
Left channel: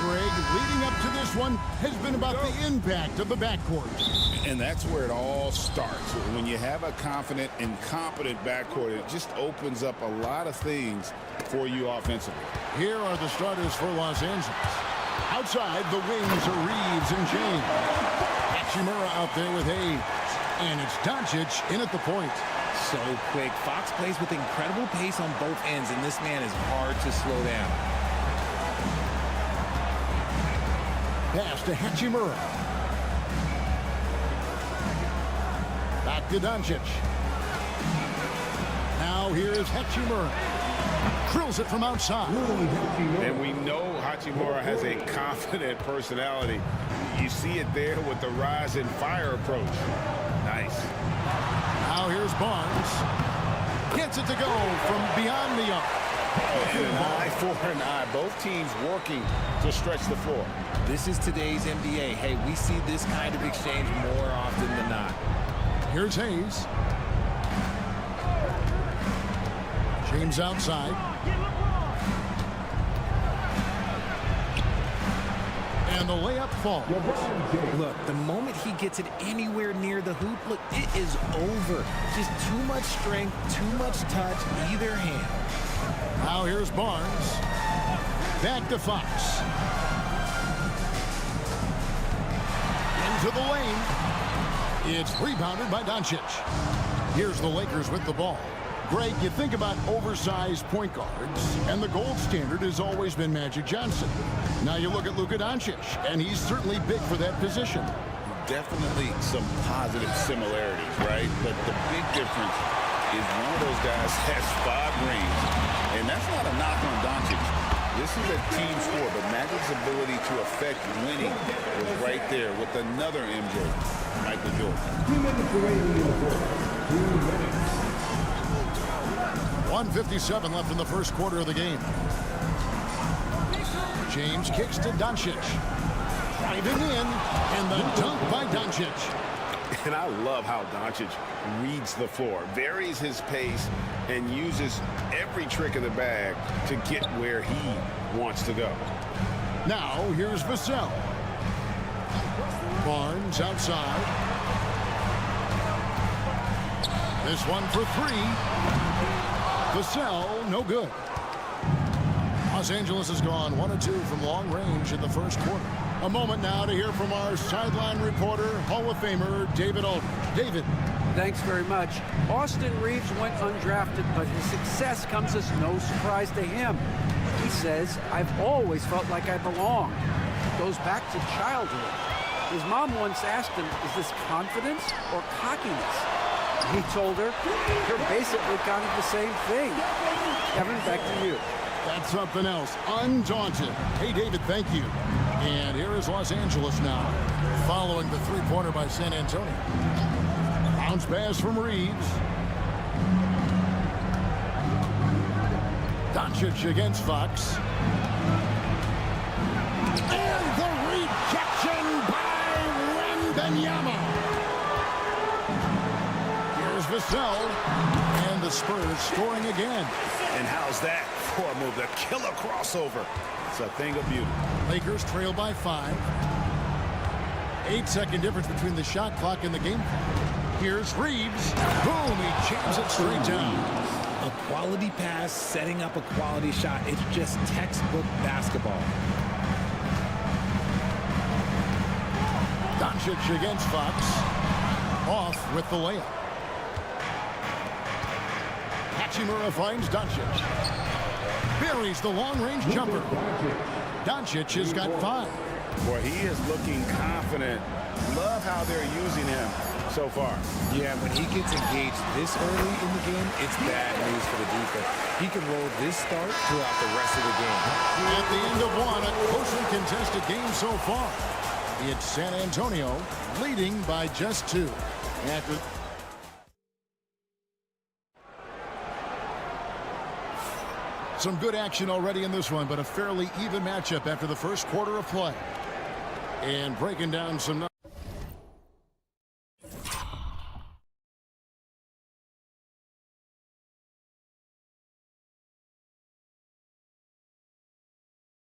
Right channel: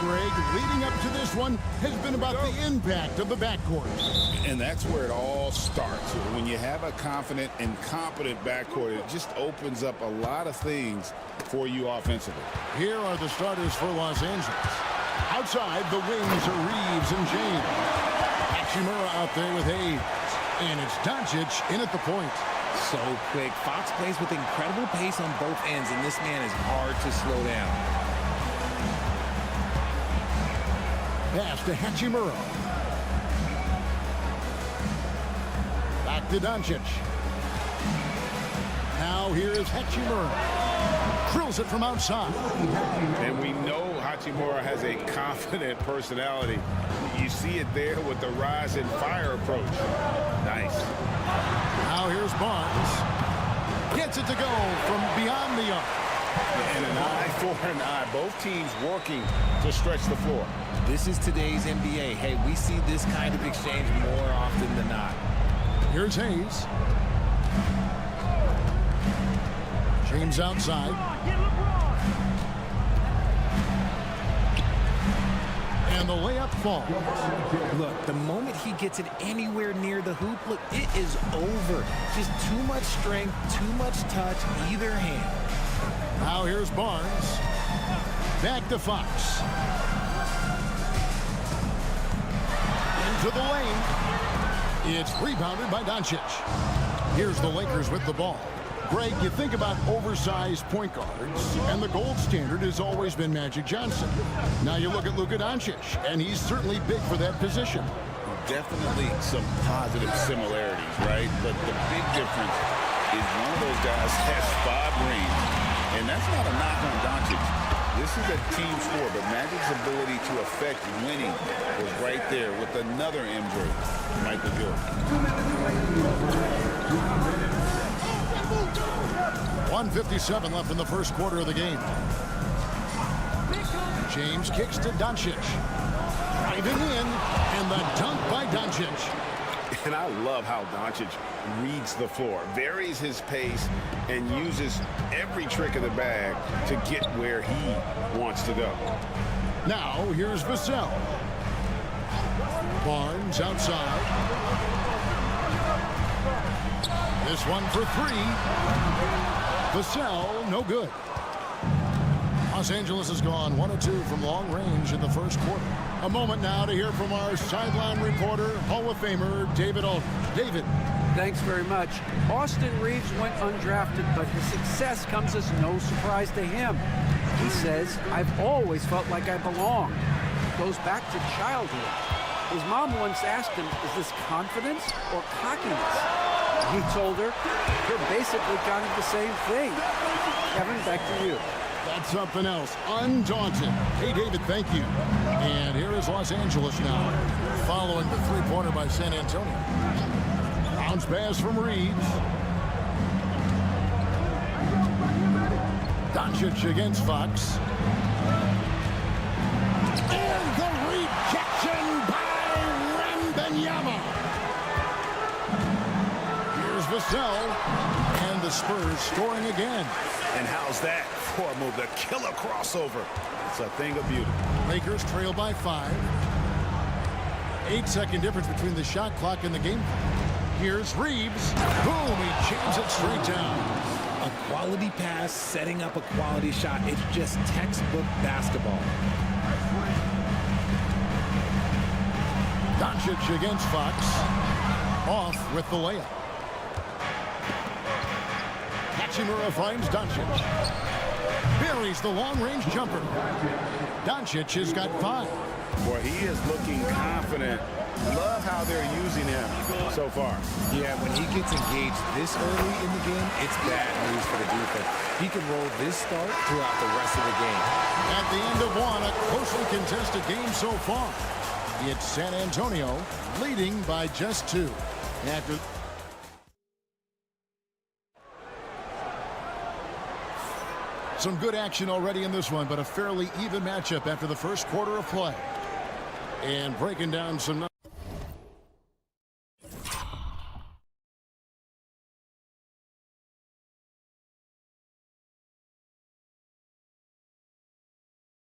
Greg, leading up to this one has been about the impact of the backcourt. And that's where it all starts. When you have a confident and competent backcourt, it just opens up a lot of things for you offensively. Here are the starters for Los Angeles. Outside, the wings are Reeves and James. Hachimura out there with Hayes. And it's Doncic in at the point. So quick. Fox plays with incredible pace on both ends, and this man is hard to slow down. Pass to Hachimura. Back to Doncic. Now here's Hachimura. Drills it from outside. And we know Hachimura has a confident personality. You see it there with the rise and fire approach. Nice. Now here's Barnes. Gets it to go from beyond the arc. And an eye for an eye. Both teams working to stretch the floor. This is today's NBA. Hey, we see this kind of exchange more often than not. Here's Hayes. James outside. And the layup falls. Look, the moment he gets it anywhere near the hoop, look, it is over. Just too much strength, too much touch, either hand. Now here's Barnes. Back to Fox. Into the lane. It's rebounded by Doncic. Here's the Lakers with the ball. Greg, you think about oversized point guards, and the gold standard has always been Magic Johnson. Now you look at Luka Doncic, and he's certainly big for that position. Definitely some positive similarities, right? But the big difference is one of those guys has 5 rings, and that's not a knock on Doncic. This is a team sport, but Magic's ability to affect winning was right there with another MJ, Michael Jordan. 1:57 left in the first quarter of the game. James kicks to Doncic. Driving in, and the dunk by Doncic. And I love how Doncic reads the floor, varies his pace, and uses every trick of the bag to get where he wants to go. Now, here's Vassell. Barnes outside. This one for 3. Vassell, no good. Los Angeles has gone 1 of 2 from long range in the first quarter. A moment now to hear from our sideline reporter, Hall of Famer David Aldridge. David. Thanks very much. Austin Reeves went undrafted, but his success comes as no surprise to him. He says, "I've always felt like I belong." It goes back to childhood. His mom once asked him, "Is this confidence or cockiness?" He told her, "You're basically kind of the same thing." Kevin, back to you. That's something else. Undaunted. Hey, David, thank you. And here is Los Angeles now, following the three-pointer by San Antonio. Bounce pass from Reeves. Doncic against Fox. And the rejection by Wembanyama. Here's Vassell. And the Spurs scoring again. And how's that for a move? The killer crossover. It's a thing of beauty. Lakers trail by 5. 8-second difference between the shot clock and the game clock. Here's Reeves. Boom, he jams it straight down. A quality pass, setting up a quality shot. It's just textbook basketball. Doncic against Fox. Off with the layup. Hachimura finds Doncic. Buries the long-range jumper. Doncic has got 5. Boy, he is looking confident. Love how they're using him so far. Yeah, when he gets engaged this early in the game, it's bad news for the defense. He can roll this start throughout the rest of the game. At the end of 1, a closely contested game so far. It's San Antonio leading by just 2. After some good action already in this one, but a fairly even matchup after the first quarter of play. And breaking down some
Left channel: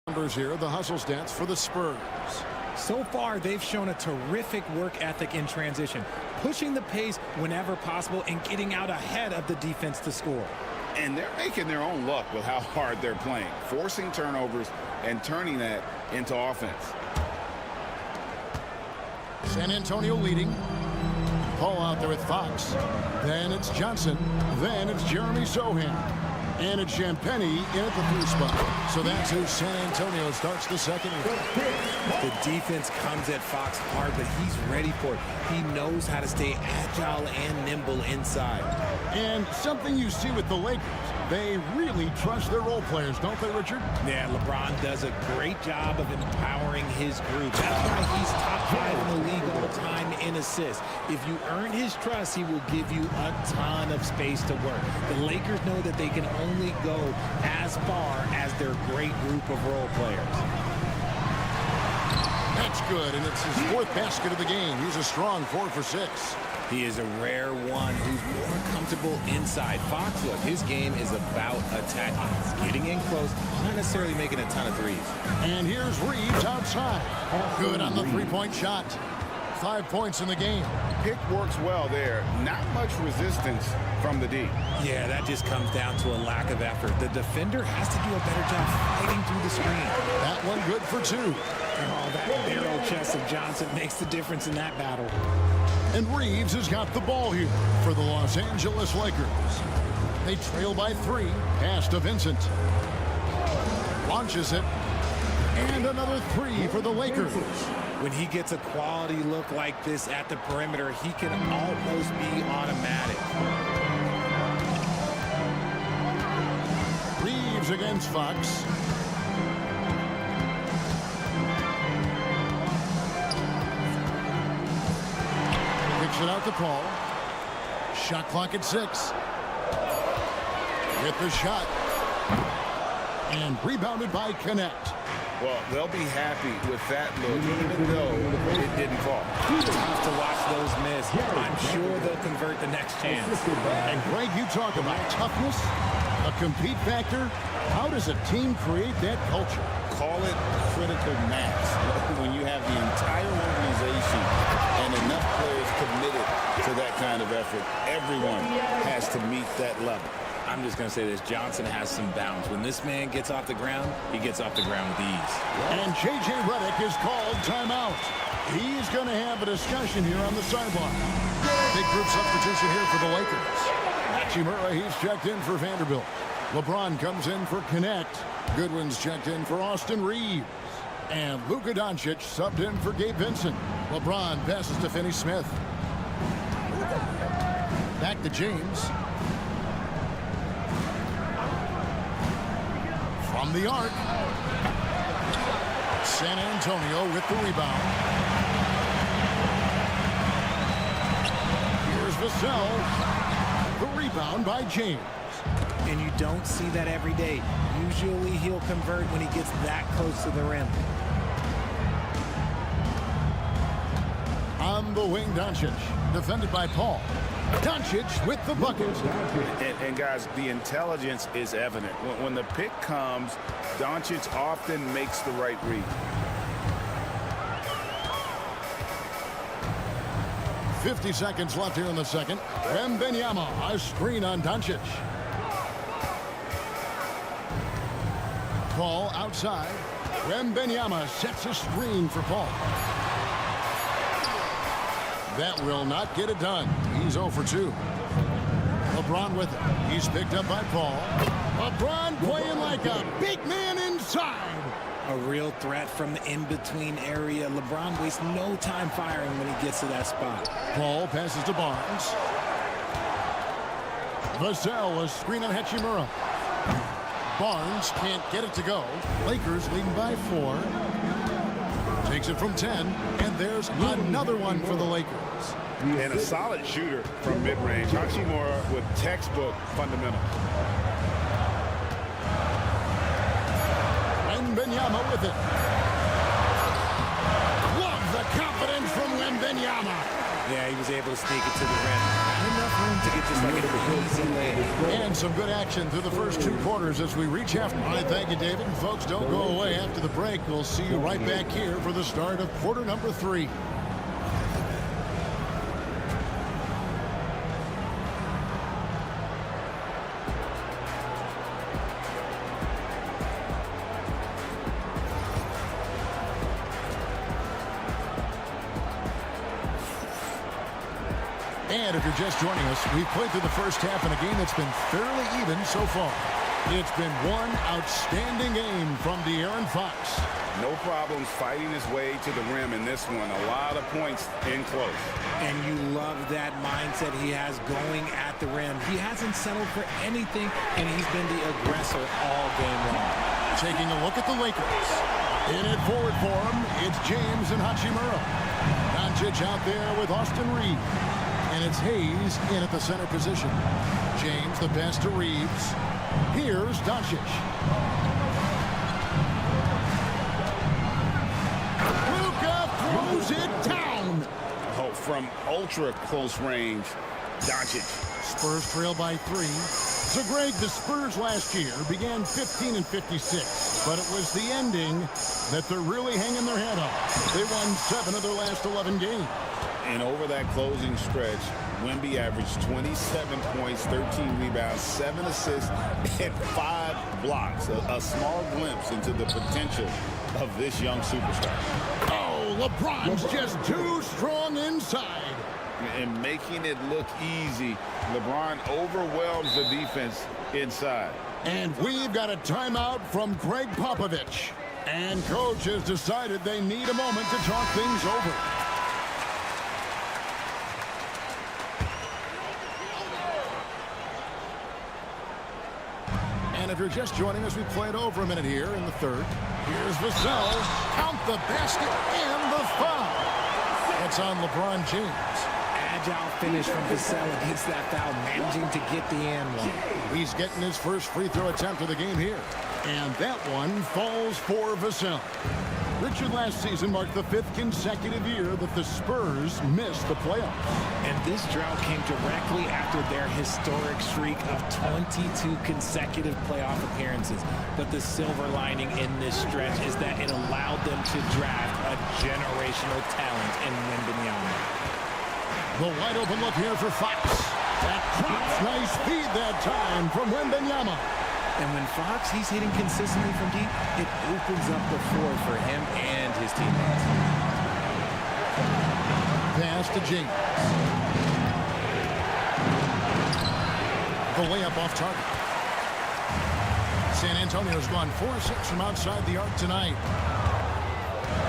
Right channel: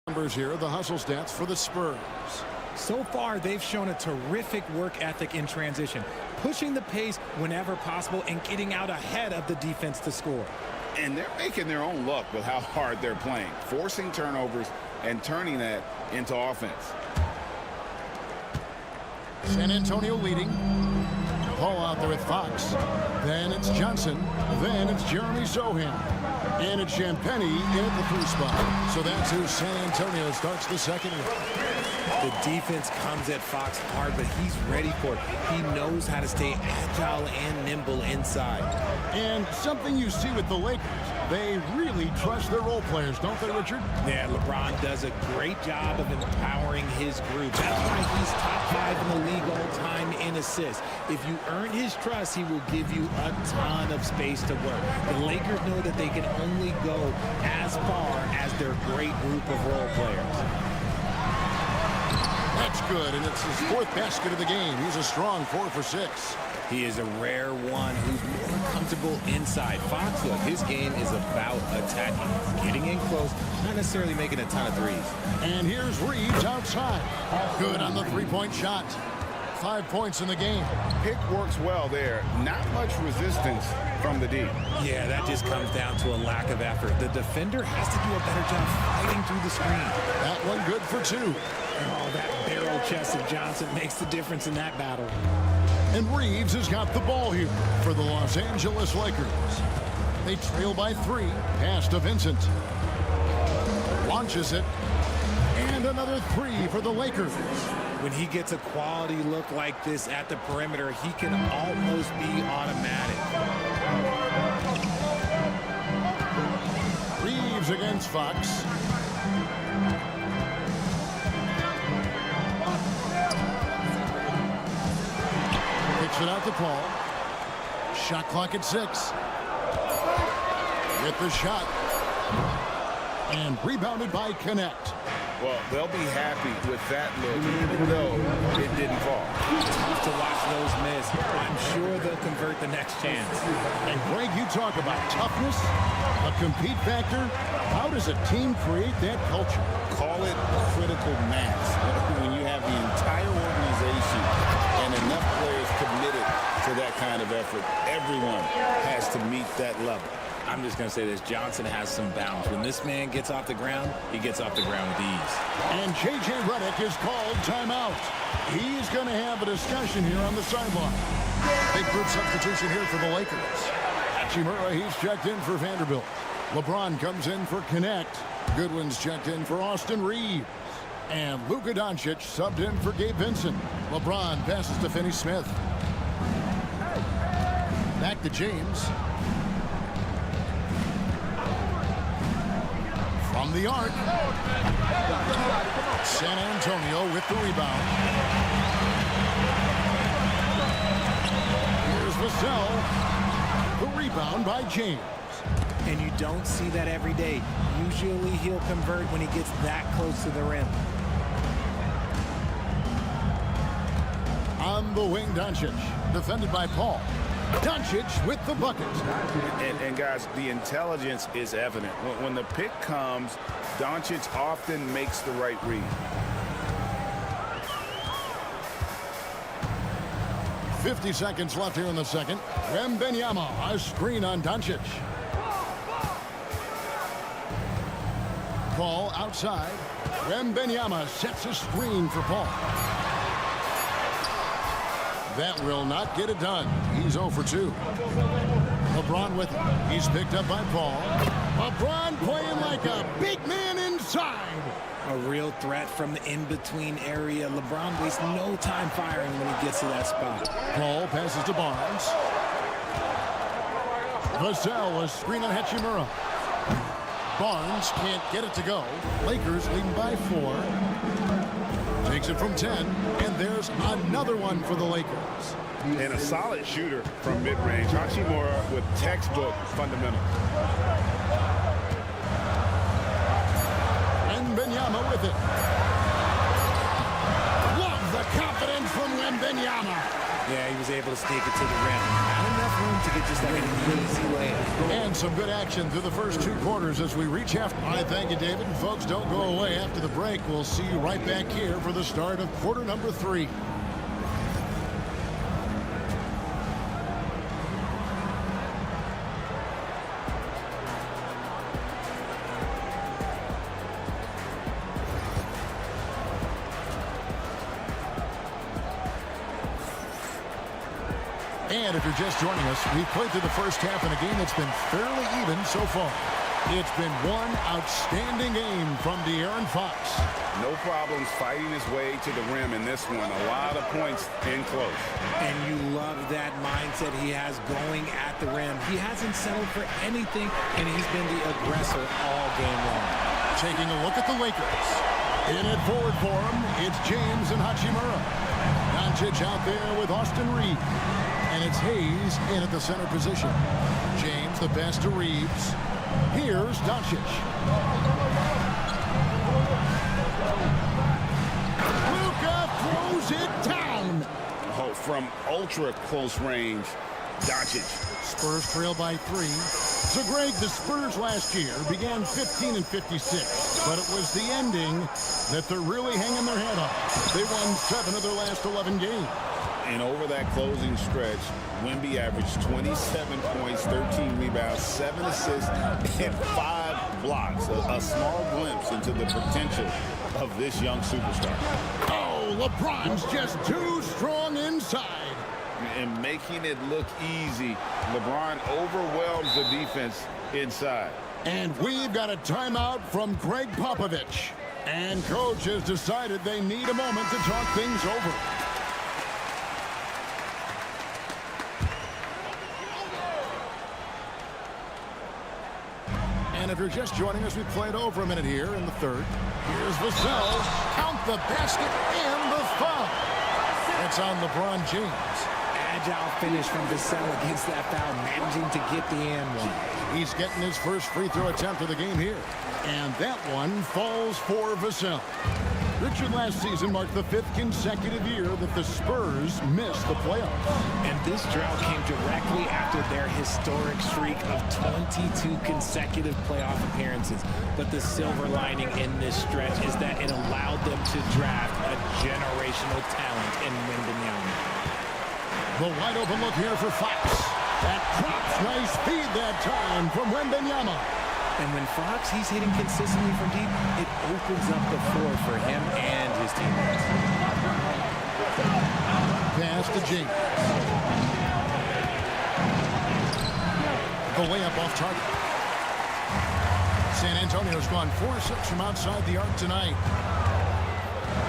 numbers here, the hustle stats for the Spurs. So far, they've shown a terrific work ethic in transition, pushing the pace whenever possible and getting out ahead of the defense to score. And they're making their own luck with how hard they're playing, forcing turnovers and turning that into offense. San Antonio leading. Paul out there with Fox. Then it's Johnson. Then it's Jeremy Sohan. And it's Champagnie in at the 3 spot. So that's who San Antonio starts the second with. The defense comes at Fox hard, but he's ready for it. He knows how to stay agile and nimble inside. And something you see with the Lakers, they really trust their role players, don't they, Richard? Yeah, LeBron does a great job of empowering his group. That's why he's top 5 in the league all time in assists. If you earn his trust, he will give you a ton of space to work. The Lakers know that they can only go as far as their great group of role players. That's good, and it's his 4th basket of the game. He's a strong 4 for 6. He is a rare one who's more comfortable inside. Fox, look, his game is about attacking. He's getting in close, not necessarily making a ton of threes. And here's Reeves outside. Good on the 3-point shot. 5 points in the game. Pick works well there. Not much resistance from the D. Yeah, that just comes down to a lack of effort. The defender has to do a better job fighting through the screen. That one good for 2. Oh, that barrel chest of Johnson makes the difference in that battle. And Reeves has got the ball here for the Los Angeles Lakers. They trail by 3. Pass to Vincent. Launches it. And another 3 for the Lakers. When he gets a quality look like this at the perimeter, he can almost be automatic. Reeves against Fox. Kicks it out to Paul. Shot clock at 6. Get the shot. And rebounded by Connect. Well, they'll be happy with that look, even though it didn't fall. Tough to watch those miss. I'm sure they'll convert the next chance. And Greg, you talk about toughness, the compete factor. How does a team create that culture? Call it critical mass. When you have the entire organization and enough players committed to that kind of effort, everyone has to meet that level. I'm just going to say this. Johnson has some bounce. When this man gets off the ground, he gets off the ground with ease. And J.J. Redick is called timeout. He's going to have a discussion here on the sideline. Big group substitution here for the Lakers. Hachimura, he's checked in for Vanderbilt. LeBron comes in for Connect. Goodwin's checked in for Austin Reeves. And Luka Doncic subbed in for Gabe Vincent. LeBron passes to Finney Smith. Back to James. From the arc. San Antonio with the rebound. Here's Vassell. The rebound by James. And you don't see that every day. Usually he'll convert when he gets that close to the rim. On the wing, Doncic. Defended by Paul. Doncic with the bucket. And guys, the intelligence is evident. When the pick comes, Doncic often makes the right read. .50 seconds left here in the second. Wembanyama, a screen on Doncic. Paul outside. Wembanyama sets a screen for Paul. That will not get it done. He's 0 for 2. LeBron with it. He's picked up by Paul. LeBron playing like a big man inside. A real threat from the in-between area. LeBron wastes no time firing when he gets to that spot. Paul passes to Barnes. Vassell, a screen on Hachimura. Barnes can't get it to go. Lakers leading by 4. Takes it from 10, and there's another one for the Lakers. And a solid shooter from mid-range. Hachimura with textbook fundamentals. Wembanyama with it. Love the confidence from Wembanyama. Yeah, he was able to sneak it to the rim. Not enough room to get just like an easy layup. And some good action through the first 2 quarters as we reach half. All right, thank you, David. And folks, don't go away after the break. We'll see you right back here for the start of quarter number 3. And if you're just joining us, we've played through the first half in a game that's been fairly even so far. It's been one outstanding game from De'Aaron Fox. No problems fighting his way to the rim in this one. A lot of points in close. And you love that mindset he has going at the rim. He hasn't settled for anything, and he's been the aggressor all game long. Taking a look at the Lakers. In it forward for him, it's James and Hachimura. Doncic out there with Austin Reeves. And it's Hayes in at the center position. James the pass to Reeves. Here's Doncic. Luka throws it down. Oh, from ultra close range, Doncic. Spurs trail by 3. So, Greg, the Spurs last year began 15-56, but it was the ending that they're really hanging their head on. They won 7 of their last 11 games. And over that closing stretch, Wemby averaged 27 points, 13 rebounds, 7 assists, and 5 blocks. A small glimpse into the potential of this young superstar. Oh, LeBron's just too strong inside. And making it look easy, LeBron overwhelms the defense inside. And we've got a timeout from Greg Popovich. And coach has decided they need a moment to talk things over. And if you're just joining us, we played over a minute here in the third. Here's Vassell. Count the basket and the foul. That's on LeBron James. Agile finish from Vassell against that foul, managing to get the and one. He's getting his first free throw attempt of the game here. And that one falls for Vassell. Richard, last season marked the 5th consecutive year that the Spurs missed the playoffs. And this drought came directly after their historic streak of 22 consecutive playoff appearances. But the silver lining in this stretch is that it allowed them to draft a generational talent in Wembanyama. The wide open look here for Fox. That drops, nice feed that time from Wembanyama. And when Fox, he's hitting consistently from deep, it opens up the floor for him and his teammates. Pass to James. The layup off target. San Antonio's gone 4-6 from outside the arc tonight.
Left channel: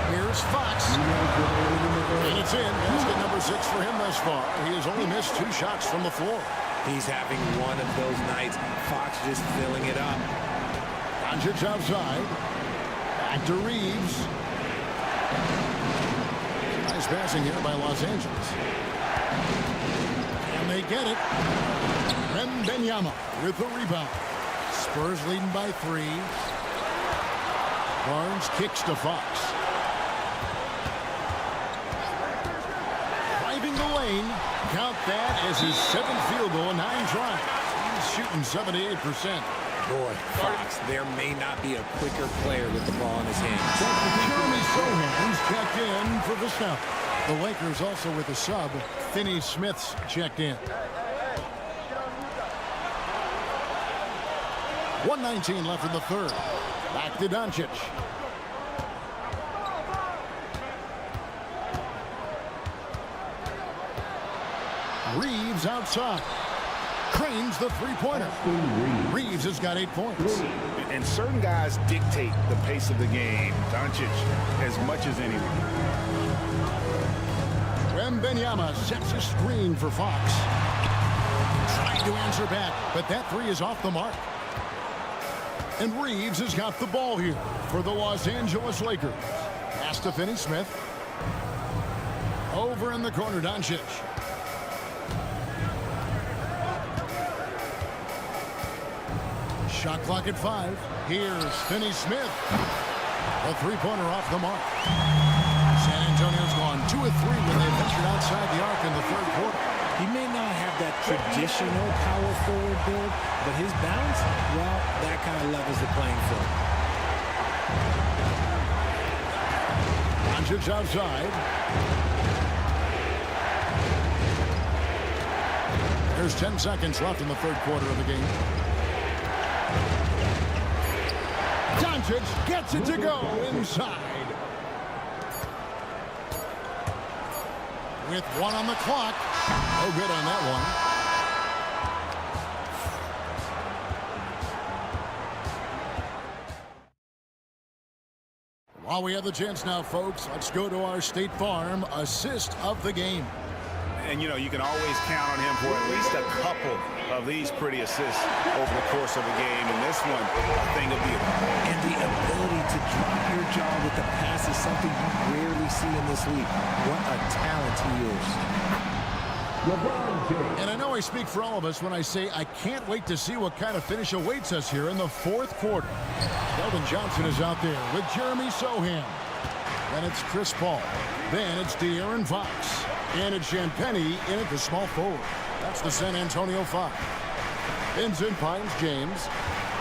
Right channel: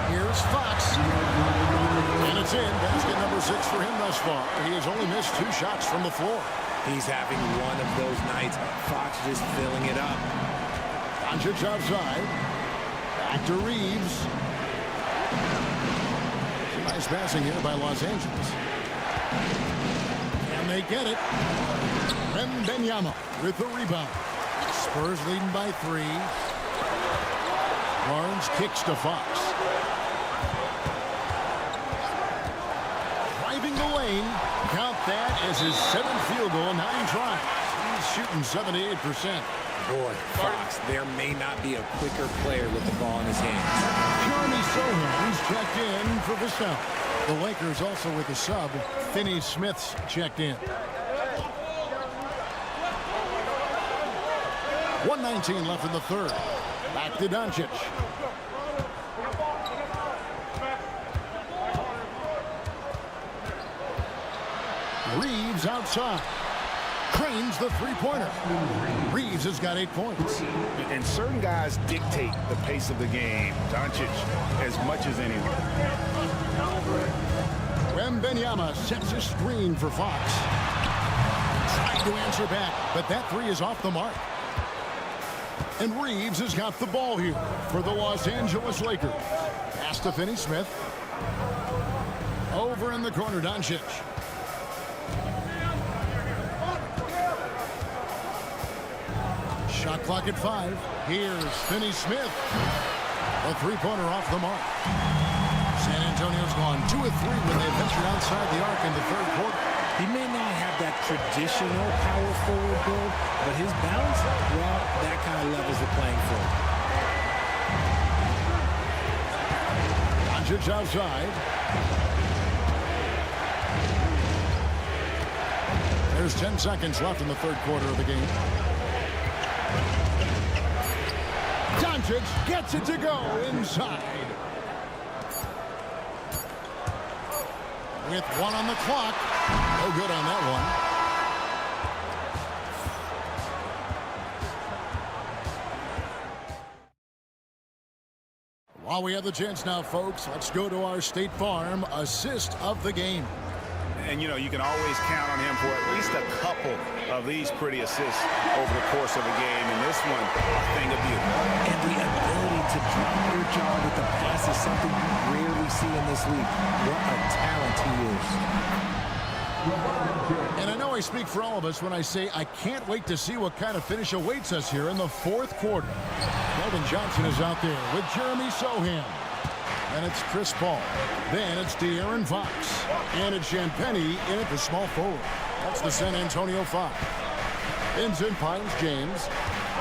Here's Fox. And it's in. Basket number 6 for him thus far. He has only missed 2 shots from the floor. He's having one of those nights. Fox just filling it up. Doncic outside. Back to Reeves. Some nice passing here by Los Angeles. And they get it. Wembanyama with the rebound. Spurs leading by 3. Barnes kicks to Fox. Driving the lane. Count that as his 7th field goal in 9 tries. He's shooting 78%. Boy, Fox, there may not be a quicker player with the ball in his hands. Jeremy Sohan's checked in for Vassell. The Lakers also with a sub. Finney Smith's checked in. 1:19 left in the third. Back to Doncic. Reeves outside. Cranes the three-pointer. Reeves has got 8 points. And certain guys dictate the pace of the game. Doncic as much as anyone. Wembanyama sets a screen for Fox. Trying to answer back, but that 3 is off the mark. And Reeves has got the ball here for the Los Angeles Lakers. Pass to Finney Smith. Over in the corner, Doncic. Shot clock at 5. Here's Finney Smith. The three-pointer off the mark. San Antonio's gone 2 of 3 when they ventured outside the arc in the third quarter. He may not have that traditional power forward build, but his bounce, well, that kind of levels the playing field. Doncic outside. There's 10 seconds left in the third quarter of the game. Doncic gets it to go inside. With 1 on the clock. No good on that one. While we have the chance now, folks, let's go to our State Farm assist of the game. And, you know, you can always count on him for at least a couple of these pretty assists over the course of a game. And this one, a thing of beauty. And the ability to drop your jaw with the pass is something you rarely see in this league. What a talent he is. And I know I speak for all of us when I say I can't wait to see what kind of finish awaits us here in the fourth quarter. Keldon Johnson is out there with Jeremy Sohan. Then it's Chris Paul. Then it's De'Aaron Fox. And it's Champagnie in at the small forward. That's the San Antonio 5. Vincent Pines James.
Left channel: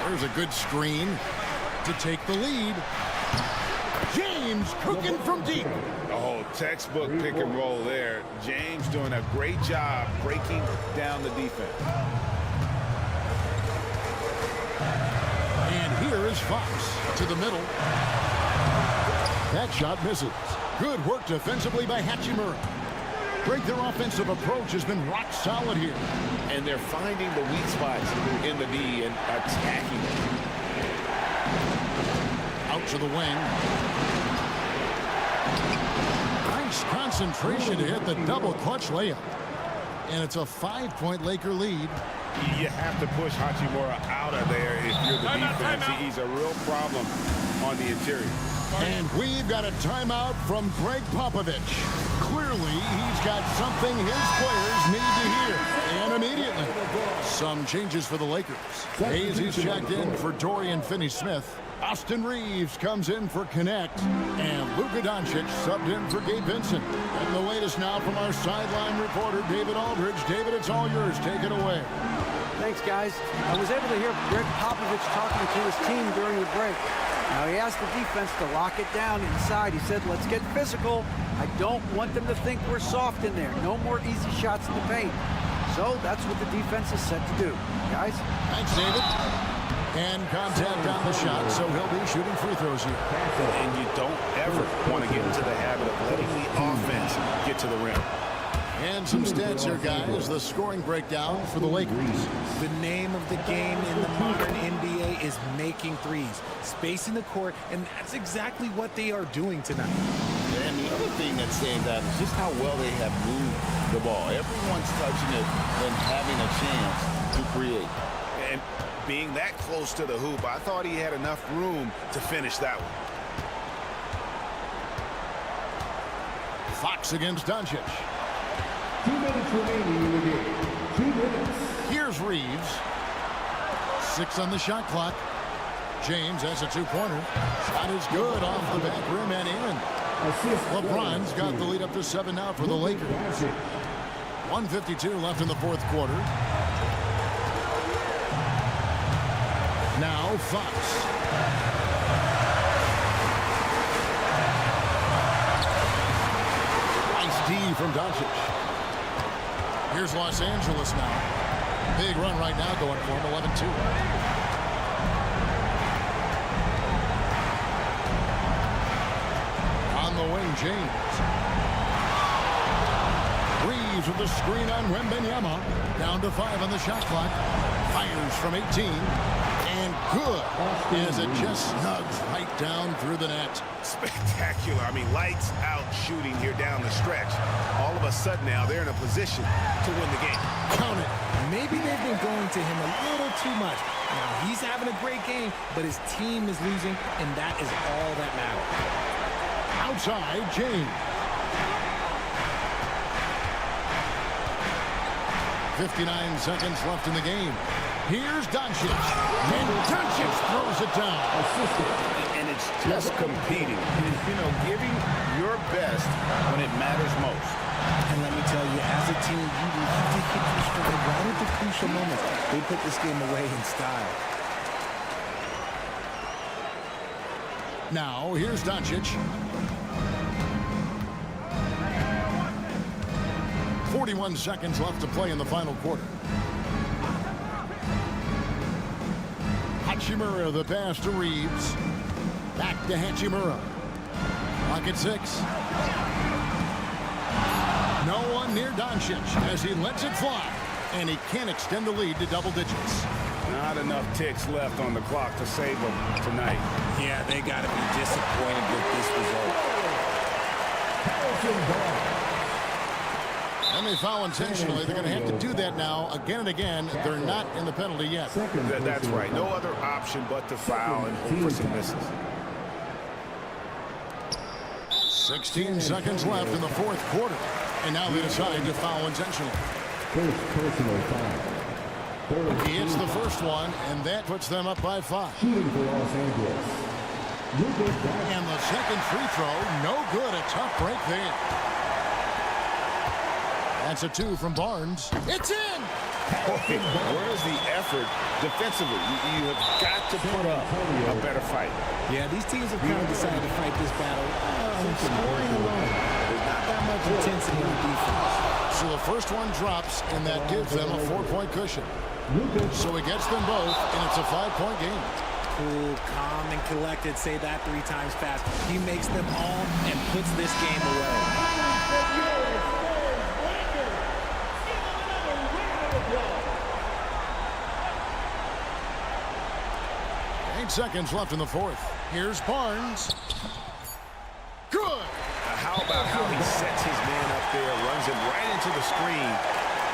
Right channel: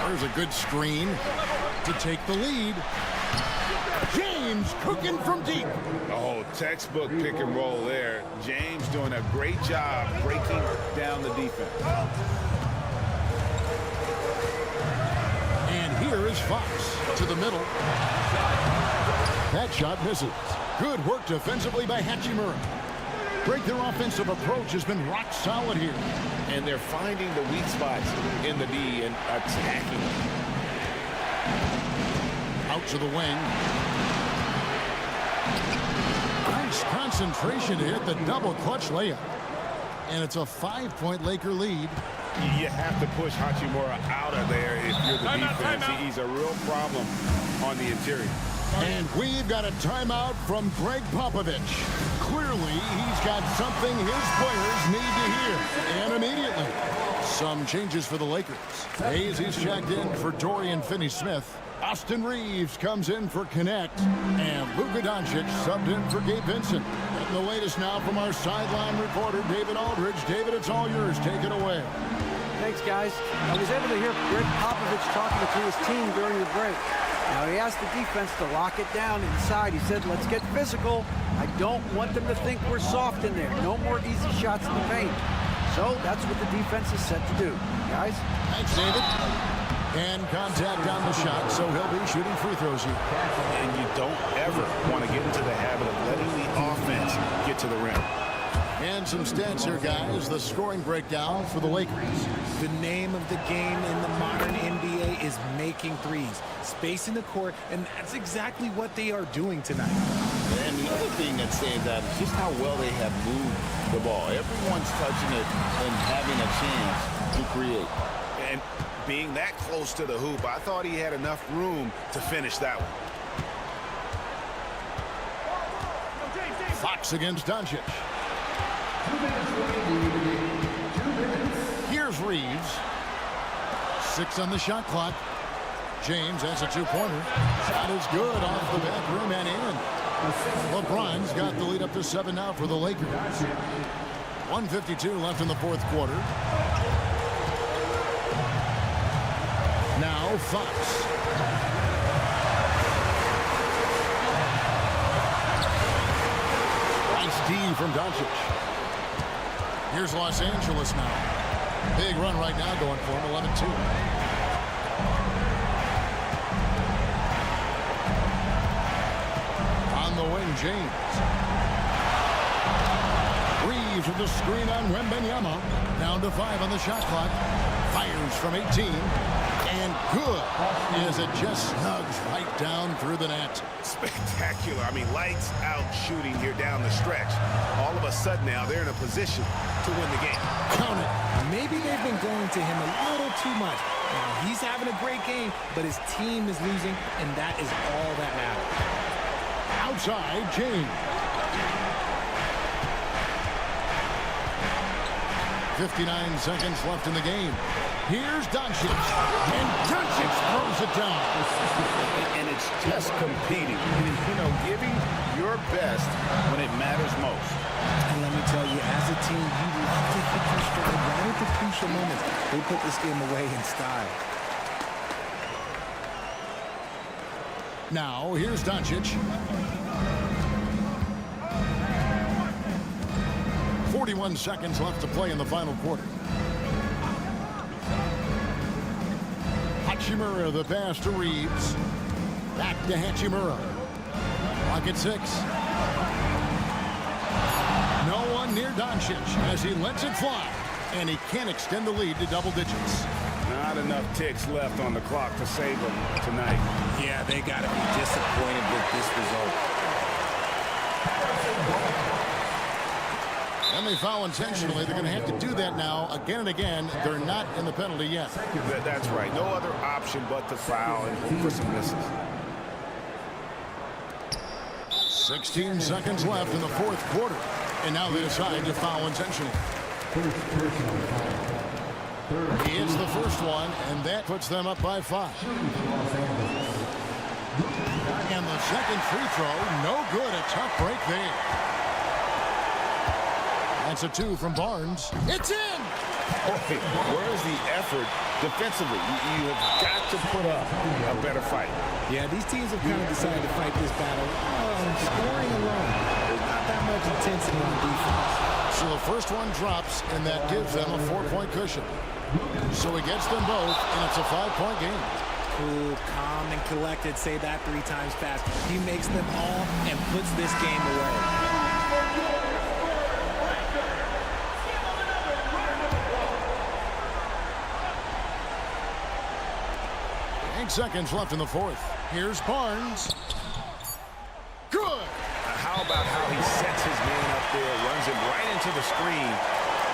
There's a good screen to take the lead. James cooking from deep. Oh, textbook pick and roll there. James doing a great job breaking down the defense. And here is Fox to the middle. That shot misses. Good work defensively by Hachimura. Their offensive approach has been rock solid here. And they're finding the weak spots in the D and attacking them. Out to the wing. Nice concentration to hit the double clutch layup. And it's a 5-point Laker lead. You have to push Hachimura out of there if you're the defense. He's a real problem on the interior. And we've got a timeout from Greg Popovich. Clearly, he's got something his players need to hear. And immediately, some changes for the Lakers. He's checked in for Dorian Finney-Smith. Austin Reeves comes in for Connect. And Luka Doncic subbed in for Gabe Vincent. Getting the latest now from our sideline reporter, David Aldridge. David, it's all yours. Take it away. Thanks, guys. I was able to hear Greg Popovich talking to his team during the break. Now, he asked the defense to lock it down inside. He said, let's get physical. I don't want them to think we're soft in there. No more easy shots in the paint. So that's what the defense is set to do. Guys? Thanks, David. And contact on the shot, so he'll be shooting free throws here. And you don't ever want to get into the habit of letting the offense get to the rim. And some stats here, guys. The scoring breakdown for the Lakers. The name of the game in the modern NBA is making threes. Spacing the court, and that's exactly what they are doing tonight. And the other thing that stands out is just how well they have moved the ball. Everyone's touching it and having a chance to create. And being that close to the hoop, I thought he had enough room to finish that one. Fox against Doncic. 2 minutes remaining in the game. 2 minutes. Here's Reeves. 6 on the shot clock. James has a two-pointer. Shot is good off the back rim and in. LeBron's got the lead up to 7 now for the Lakers. 1:52 left in the fourth quarter. Now Fox. Nice D from Doncic. Here's Los Angeles now. Big run right now going for him, 11-2. On the wing, James. Reeves with the screen on Wembanyama. Down to 5 on the shot clock. Fires from 18. And good as it just snugs right down through the net. Spectacular. I mean, lights out shooting here down the stretch. All of a sudden now they're in a position to win the game. Count it. Maybe they've been going to him a little too much. Now, he's having a great game, but his team is losing, and that is all that matters. Outside, James. 59 seconds left in the game. Here's Doncic. And Doncic throws it down. And it's just competing. You know, giving your best when it matters most. And let me tell you, as a team, you love to hit your stride right at the crucial moments. They put this game away in style. Now, here's Doncic. 41 seconds left to play in the final quarter. Hachimura, the pass to Reeves. Back to Hachimura. Clock at 6. No one near Doncic as he lets it fly. And he can't extend the lead to double digits. Not enough ticks left on the clock to save them tonight. Yeah, they got to be disappointed with this result. And they foul intentionally. They're going to have to do that now again and again. They're not in the penalty yet. That's right. No other option but to foul and hope for some misses. 16 seconds left in the fourth quarter. And now they decide to foul intentionally. He hits the first one, and that puts them up by 5. And the second free throw, no good. A tough break there. That's a 2 from Barnes. It's in! Boy, where's the effort defensively? You have got to put up a better fight. Yeah, these teams have kind of decided to fight this battle on scoring alone. There's not that much intensity on defense. So the first one drops, and that gives them a 4-point cushion. So he gets them both, and it's a 5-point game. Cool, calm, and collected. Say that 3 times fast. He makes them all and puts this game away. 8 seconds left in the fourth. Here's Barnes. Good. How about how he sets his man up there, runs him right into the screen,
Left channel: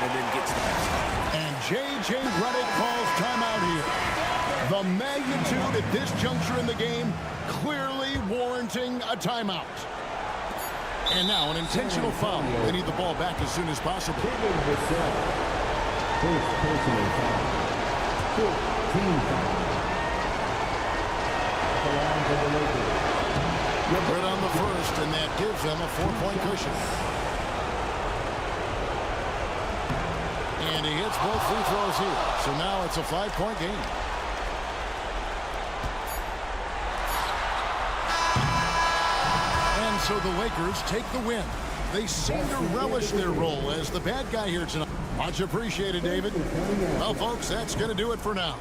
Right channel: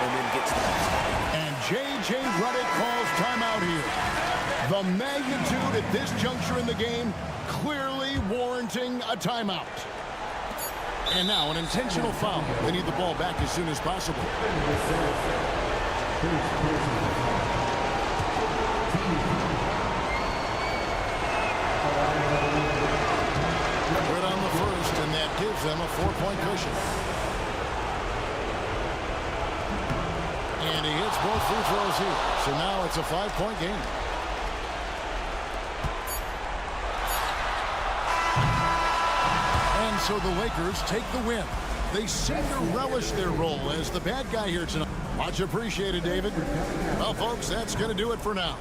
and then gets the basket. And J.J. Redick calls timeout here. The magnitude at this juncture in the game clearly warranting a timeout. And now an intentional foul. They need the ball back as soon as possible. Right on the first, and that gives them a 4-point cushion. And he hits both free throws here. So now it's a 5-point game. And so the Lakers take the win. They seem to relish their role as the bad guy here tonight. Much appreciated, David. Well, folks, that's going to do it for now.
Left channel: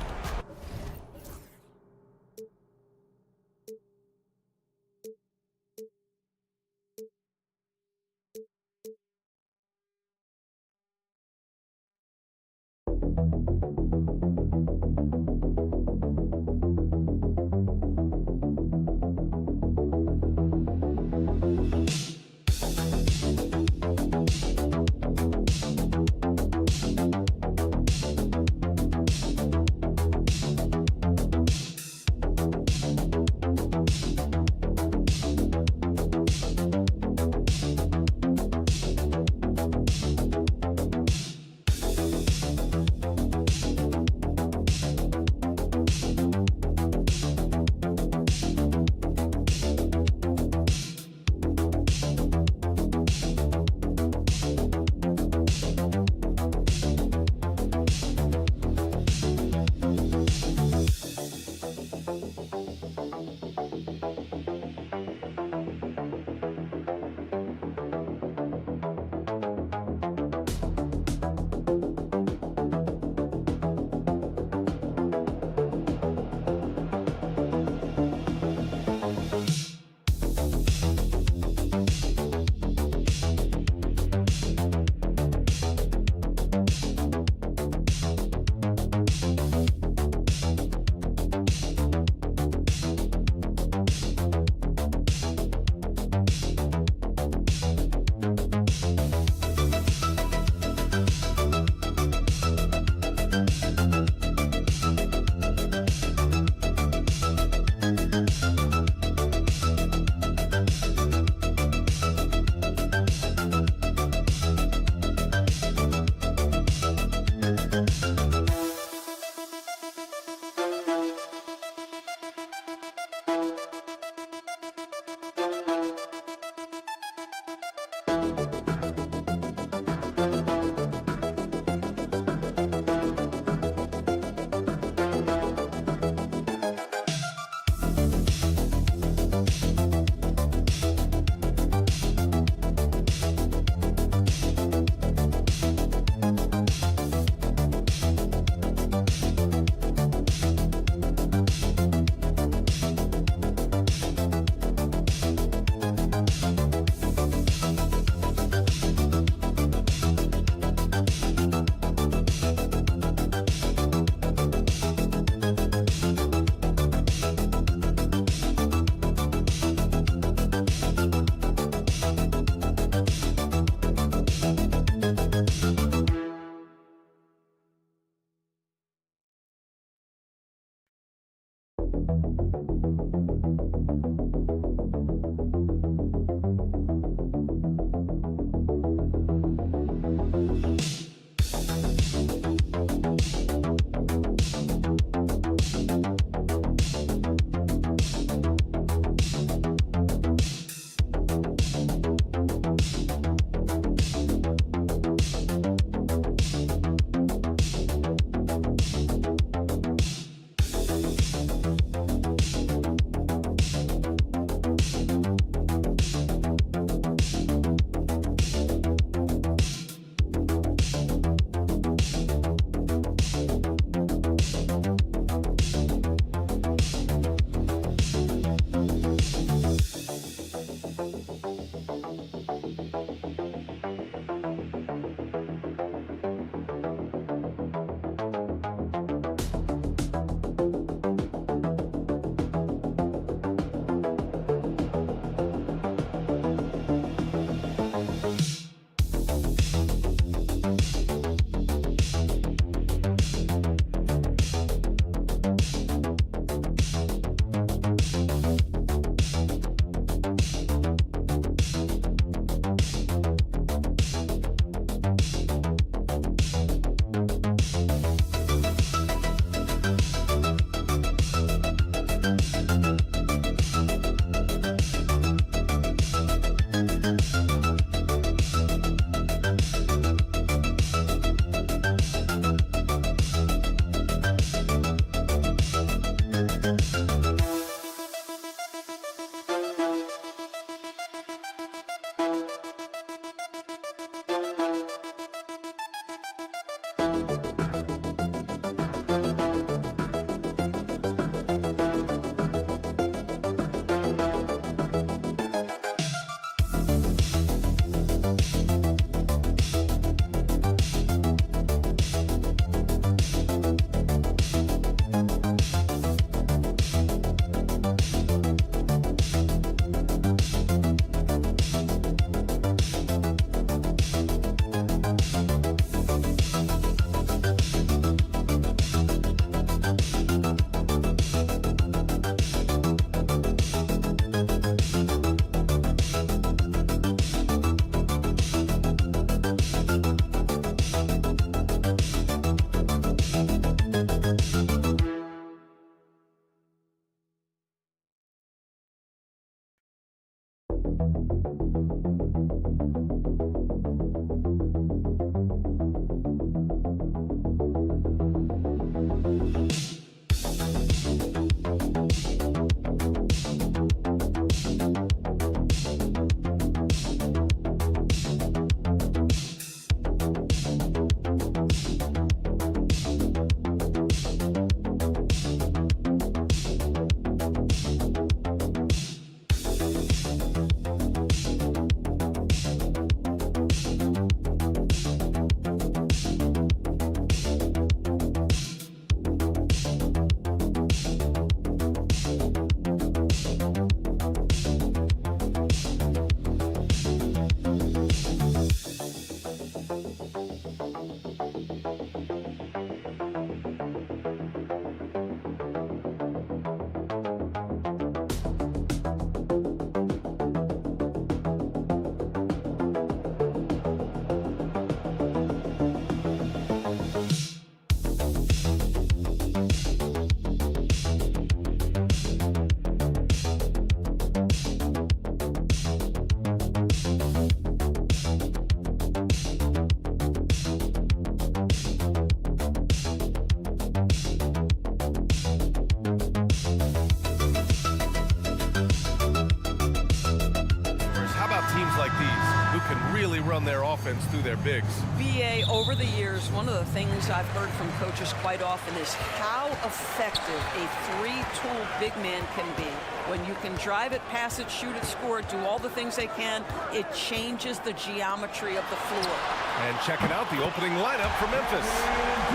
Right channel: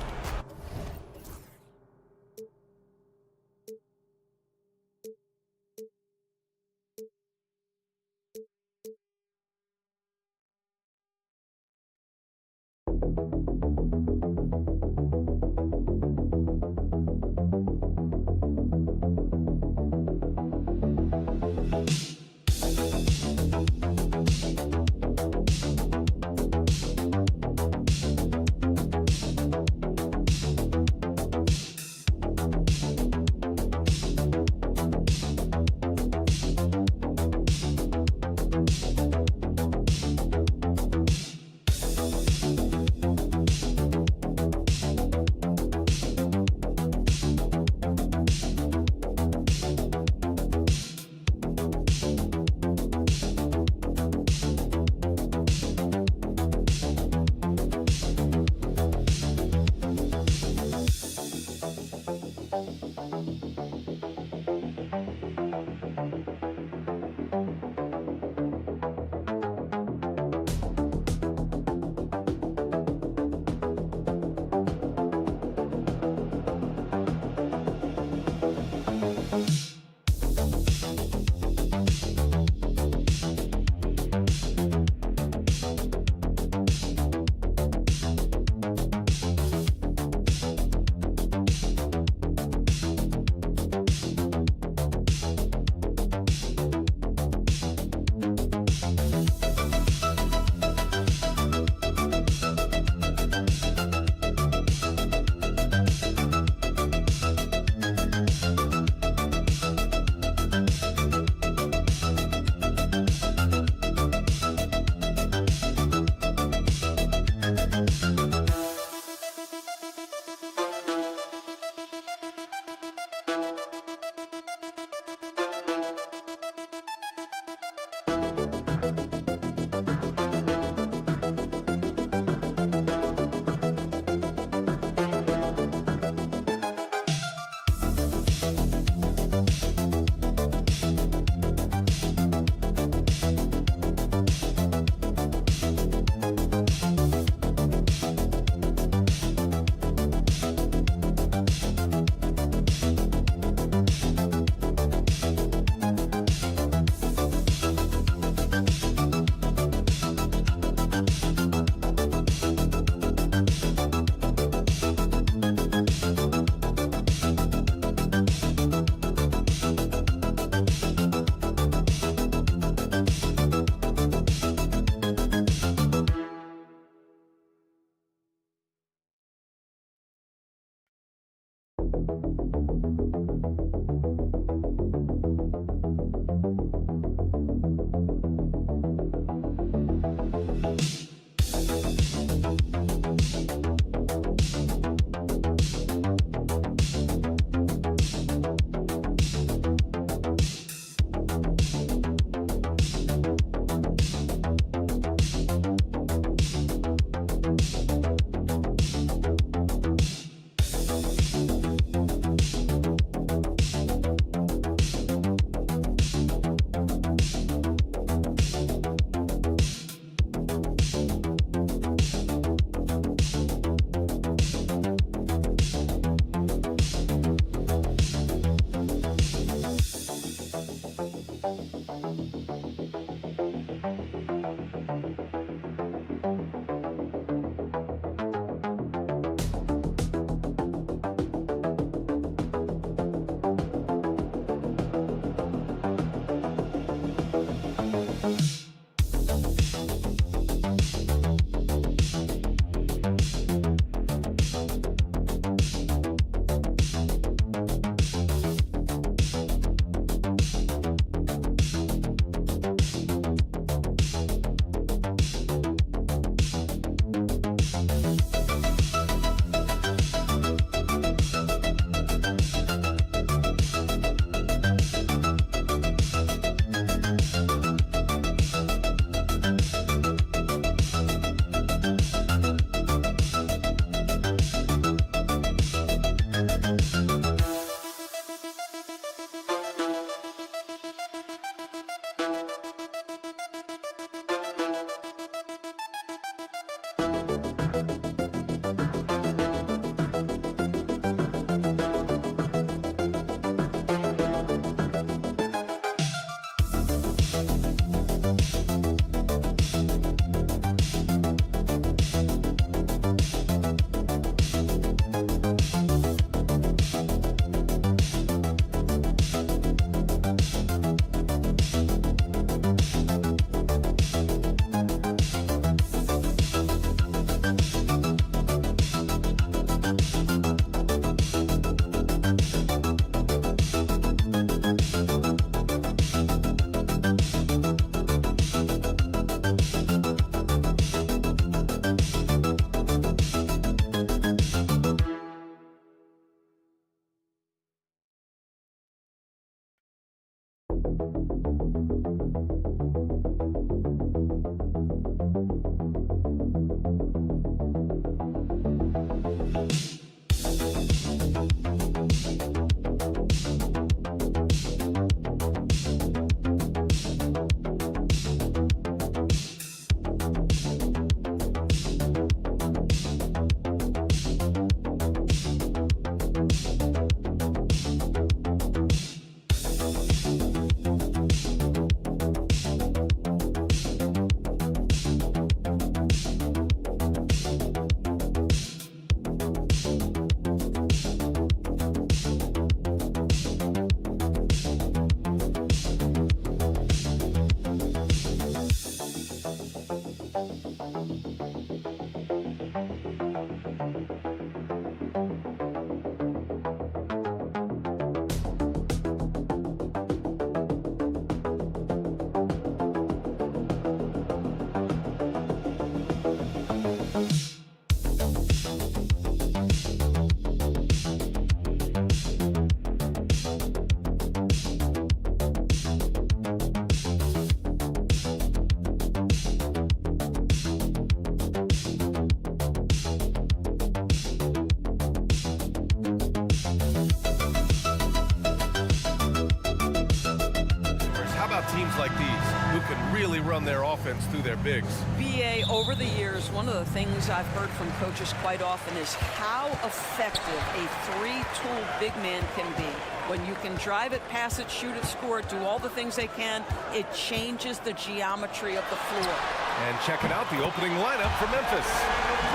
teams like these who can really run their offense through their bigs. BA, over the years, one of the things I've heard from coaches quite often is how effective a three-tool big man can be. When you can drive it, pass it, shoot it, score it, do all the things they can, it changes the geometry of the floor. And checking out the opening lineup for Memphis.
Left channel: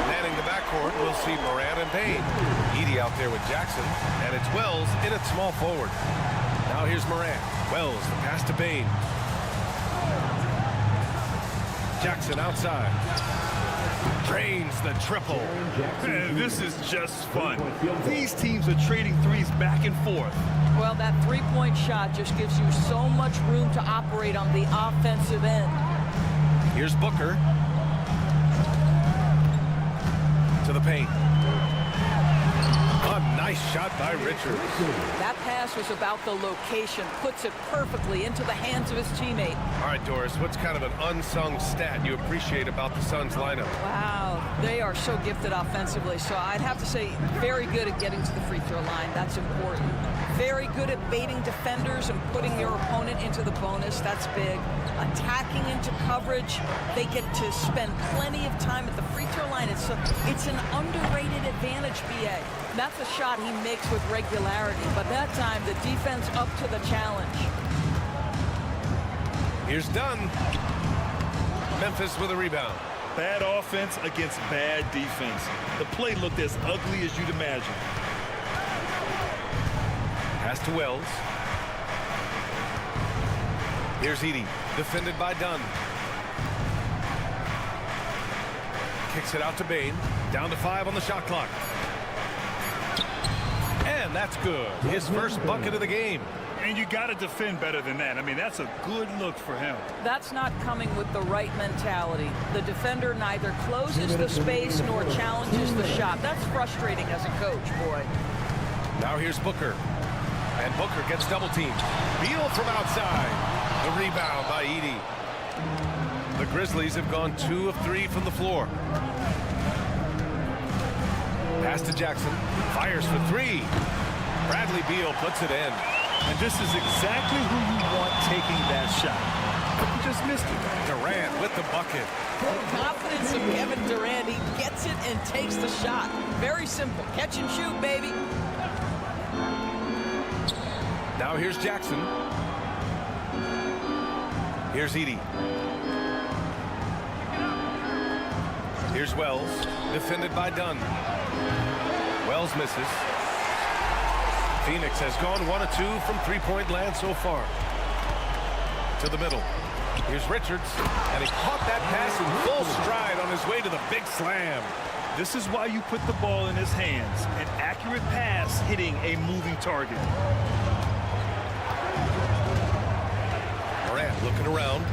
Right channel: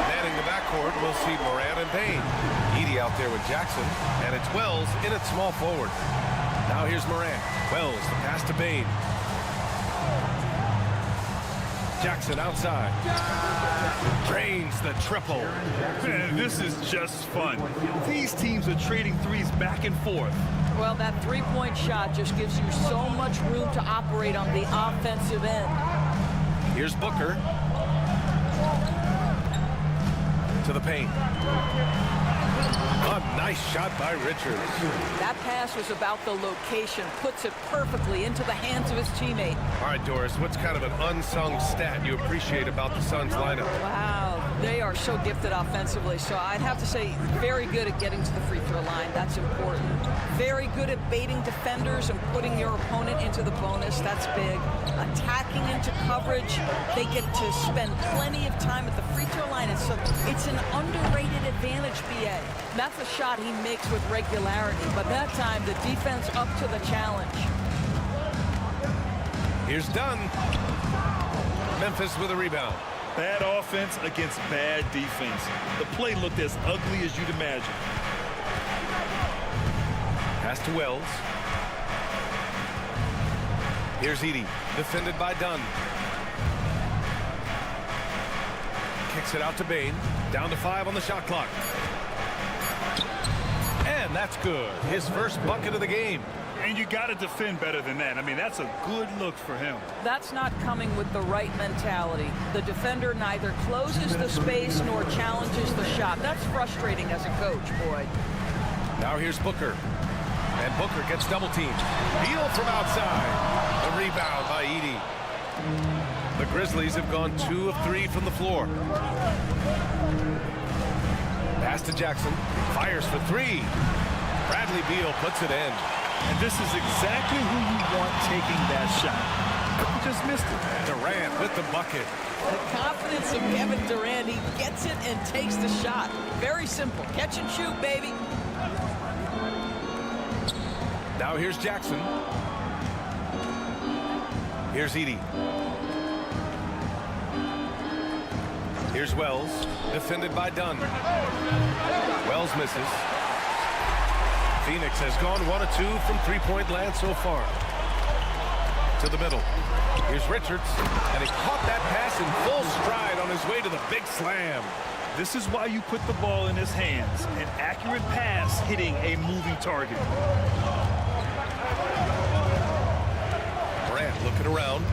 Manning the backcourt, we'll see Morant and Payne. Edey out there with Jackson, and it's Wells in at small forward. Now here's Morant. Wells, the pass to Payne. Jackson outside. Drains the triple. Man, this is just fun. These teams are trading threes back and forth. Well, that three-point shot just gives you so much room to operate on the offensive end. Here's Booker. To the paint. A nice shot by Richards. That pass was about the location, puts it perfectly into the hands of his teammate. All right, Doris, what's kind of an unsung stat you appreciate about the Suns lineup? Wow, they are so gifted offensively. So I'd have to say very good at getting to the free throw line. That's important. Very good at baiting defenders and putting your opponent into the bonus. That's big. Attacking into coverage. They get to spend plenty of time at the free throw line. It's an underrated advantage, BA. That's a shot he makes with regularity, but that time the defense up to the challenge. Here's Dunn. Memphis with a rebound. Bad offense against bad defense. The play looked as ugly as you'd imagine. Pass to Wells. Here's Edey, defended by Dunn. Kicks it out to Bane. Down to 5 on the shot clock. And that's good. His first bucket of the game. And you got to defend better than that. I mean, that's a good look for him. That's not coming with the right mentality. The defender neither closes the space nor challenges the shot. That's frustrating as a coach, boy. Now here's Booker. And Booker gets double teamed. Beal from outside. The rebound by Edey. The Grizzlies have gone 2 of 3 from the floor. Pass to Jackson. Fires for 3. Bradley Beal puts it in. And this is exactly who you want taking that shot. He just missed it. Durant with the bucket. The confidence of Kevin Durant. He gets it and takes the shot. Very simple. Catch and shoot, baby. Now here's Jackson. Here's Edey. Here's Wells, defended by Dunn. Wells misses. Phoenix has gone 1 of 2 from three-point land so far. To the middle. Here's Richards, and he caught that pass in full stride on his way to the big slam. This is why you put the ball in his hands. An accurate pass hitting a moving target. Morant looking around.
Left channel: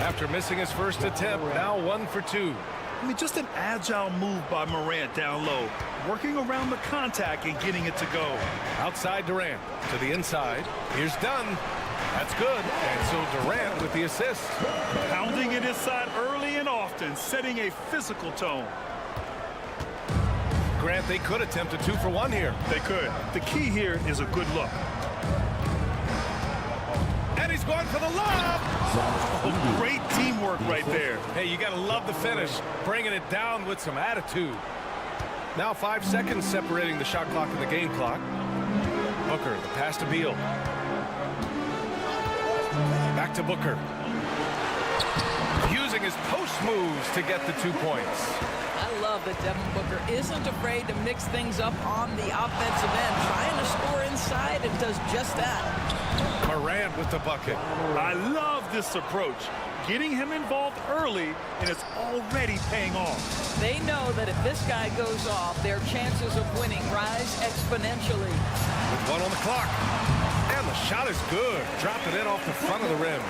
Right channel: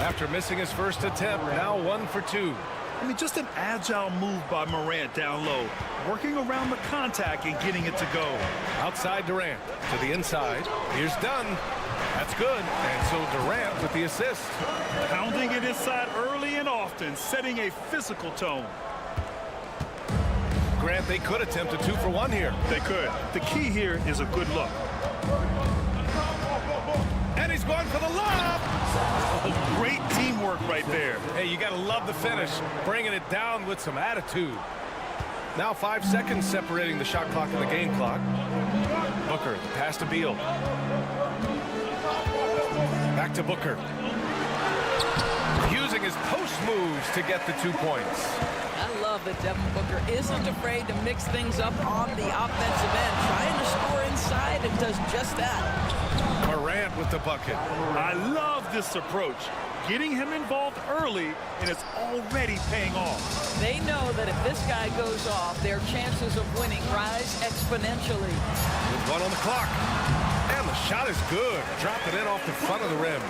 After missing his first attempt, now 1 for 2. I mean, just an agile move by Morant down low, working around the contact and getting it to go. Outside Durant to the inside. Here's Dunn. That's good. And so Durant with the assist. Pounding it inside early and often, setting a physical tone. Grant, they could attempt a 2 for 1 here. They could. The key here is a good look. And he's going for the lob. Oh, great teamwork right there. Hey, you got to love the finish. Bringing it down with some attitude. Now 5 seconds separating the shot clock and the game clock. Booker, the pass to Beal. Back to Booker. Using his post moves to get the 2 points. I love that Devin Booker isn't afraid to mix things up on the offensive end, trying to score inside and does just that. Morant with the bucket. I love this approach. Getting him involved early, and it's already paying off. They know that if this guy goes off, their chances of winning rise exponentially. With 1 on the clock. And the shot is good. Dropping it off the front of the rim.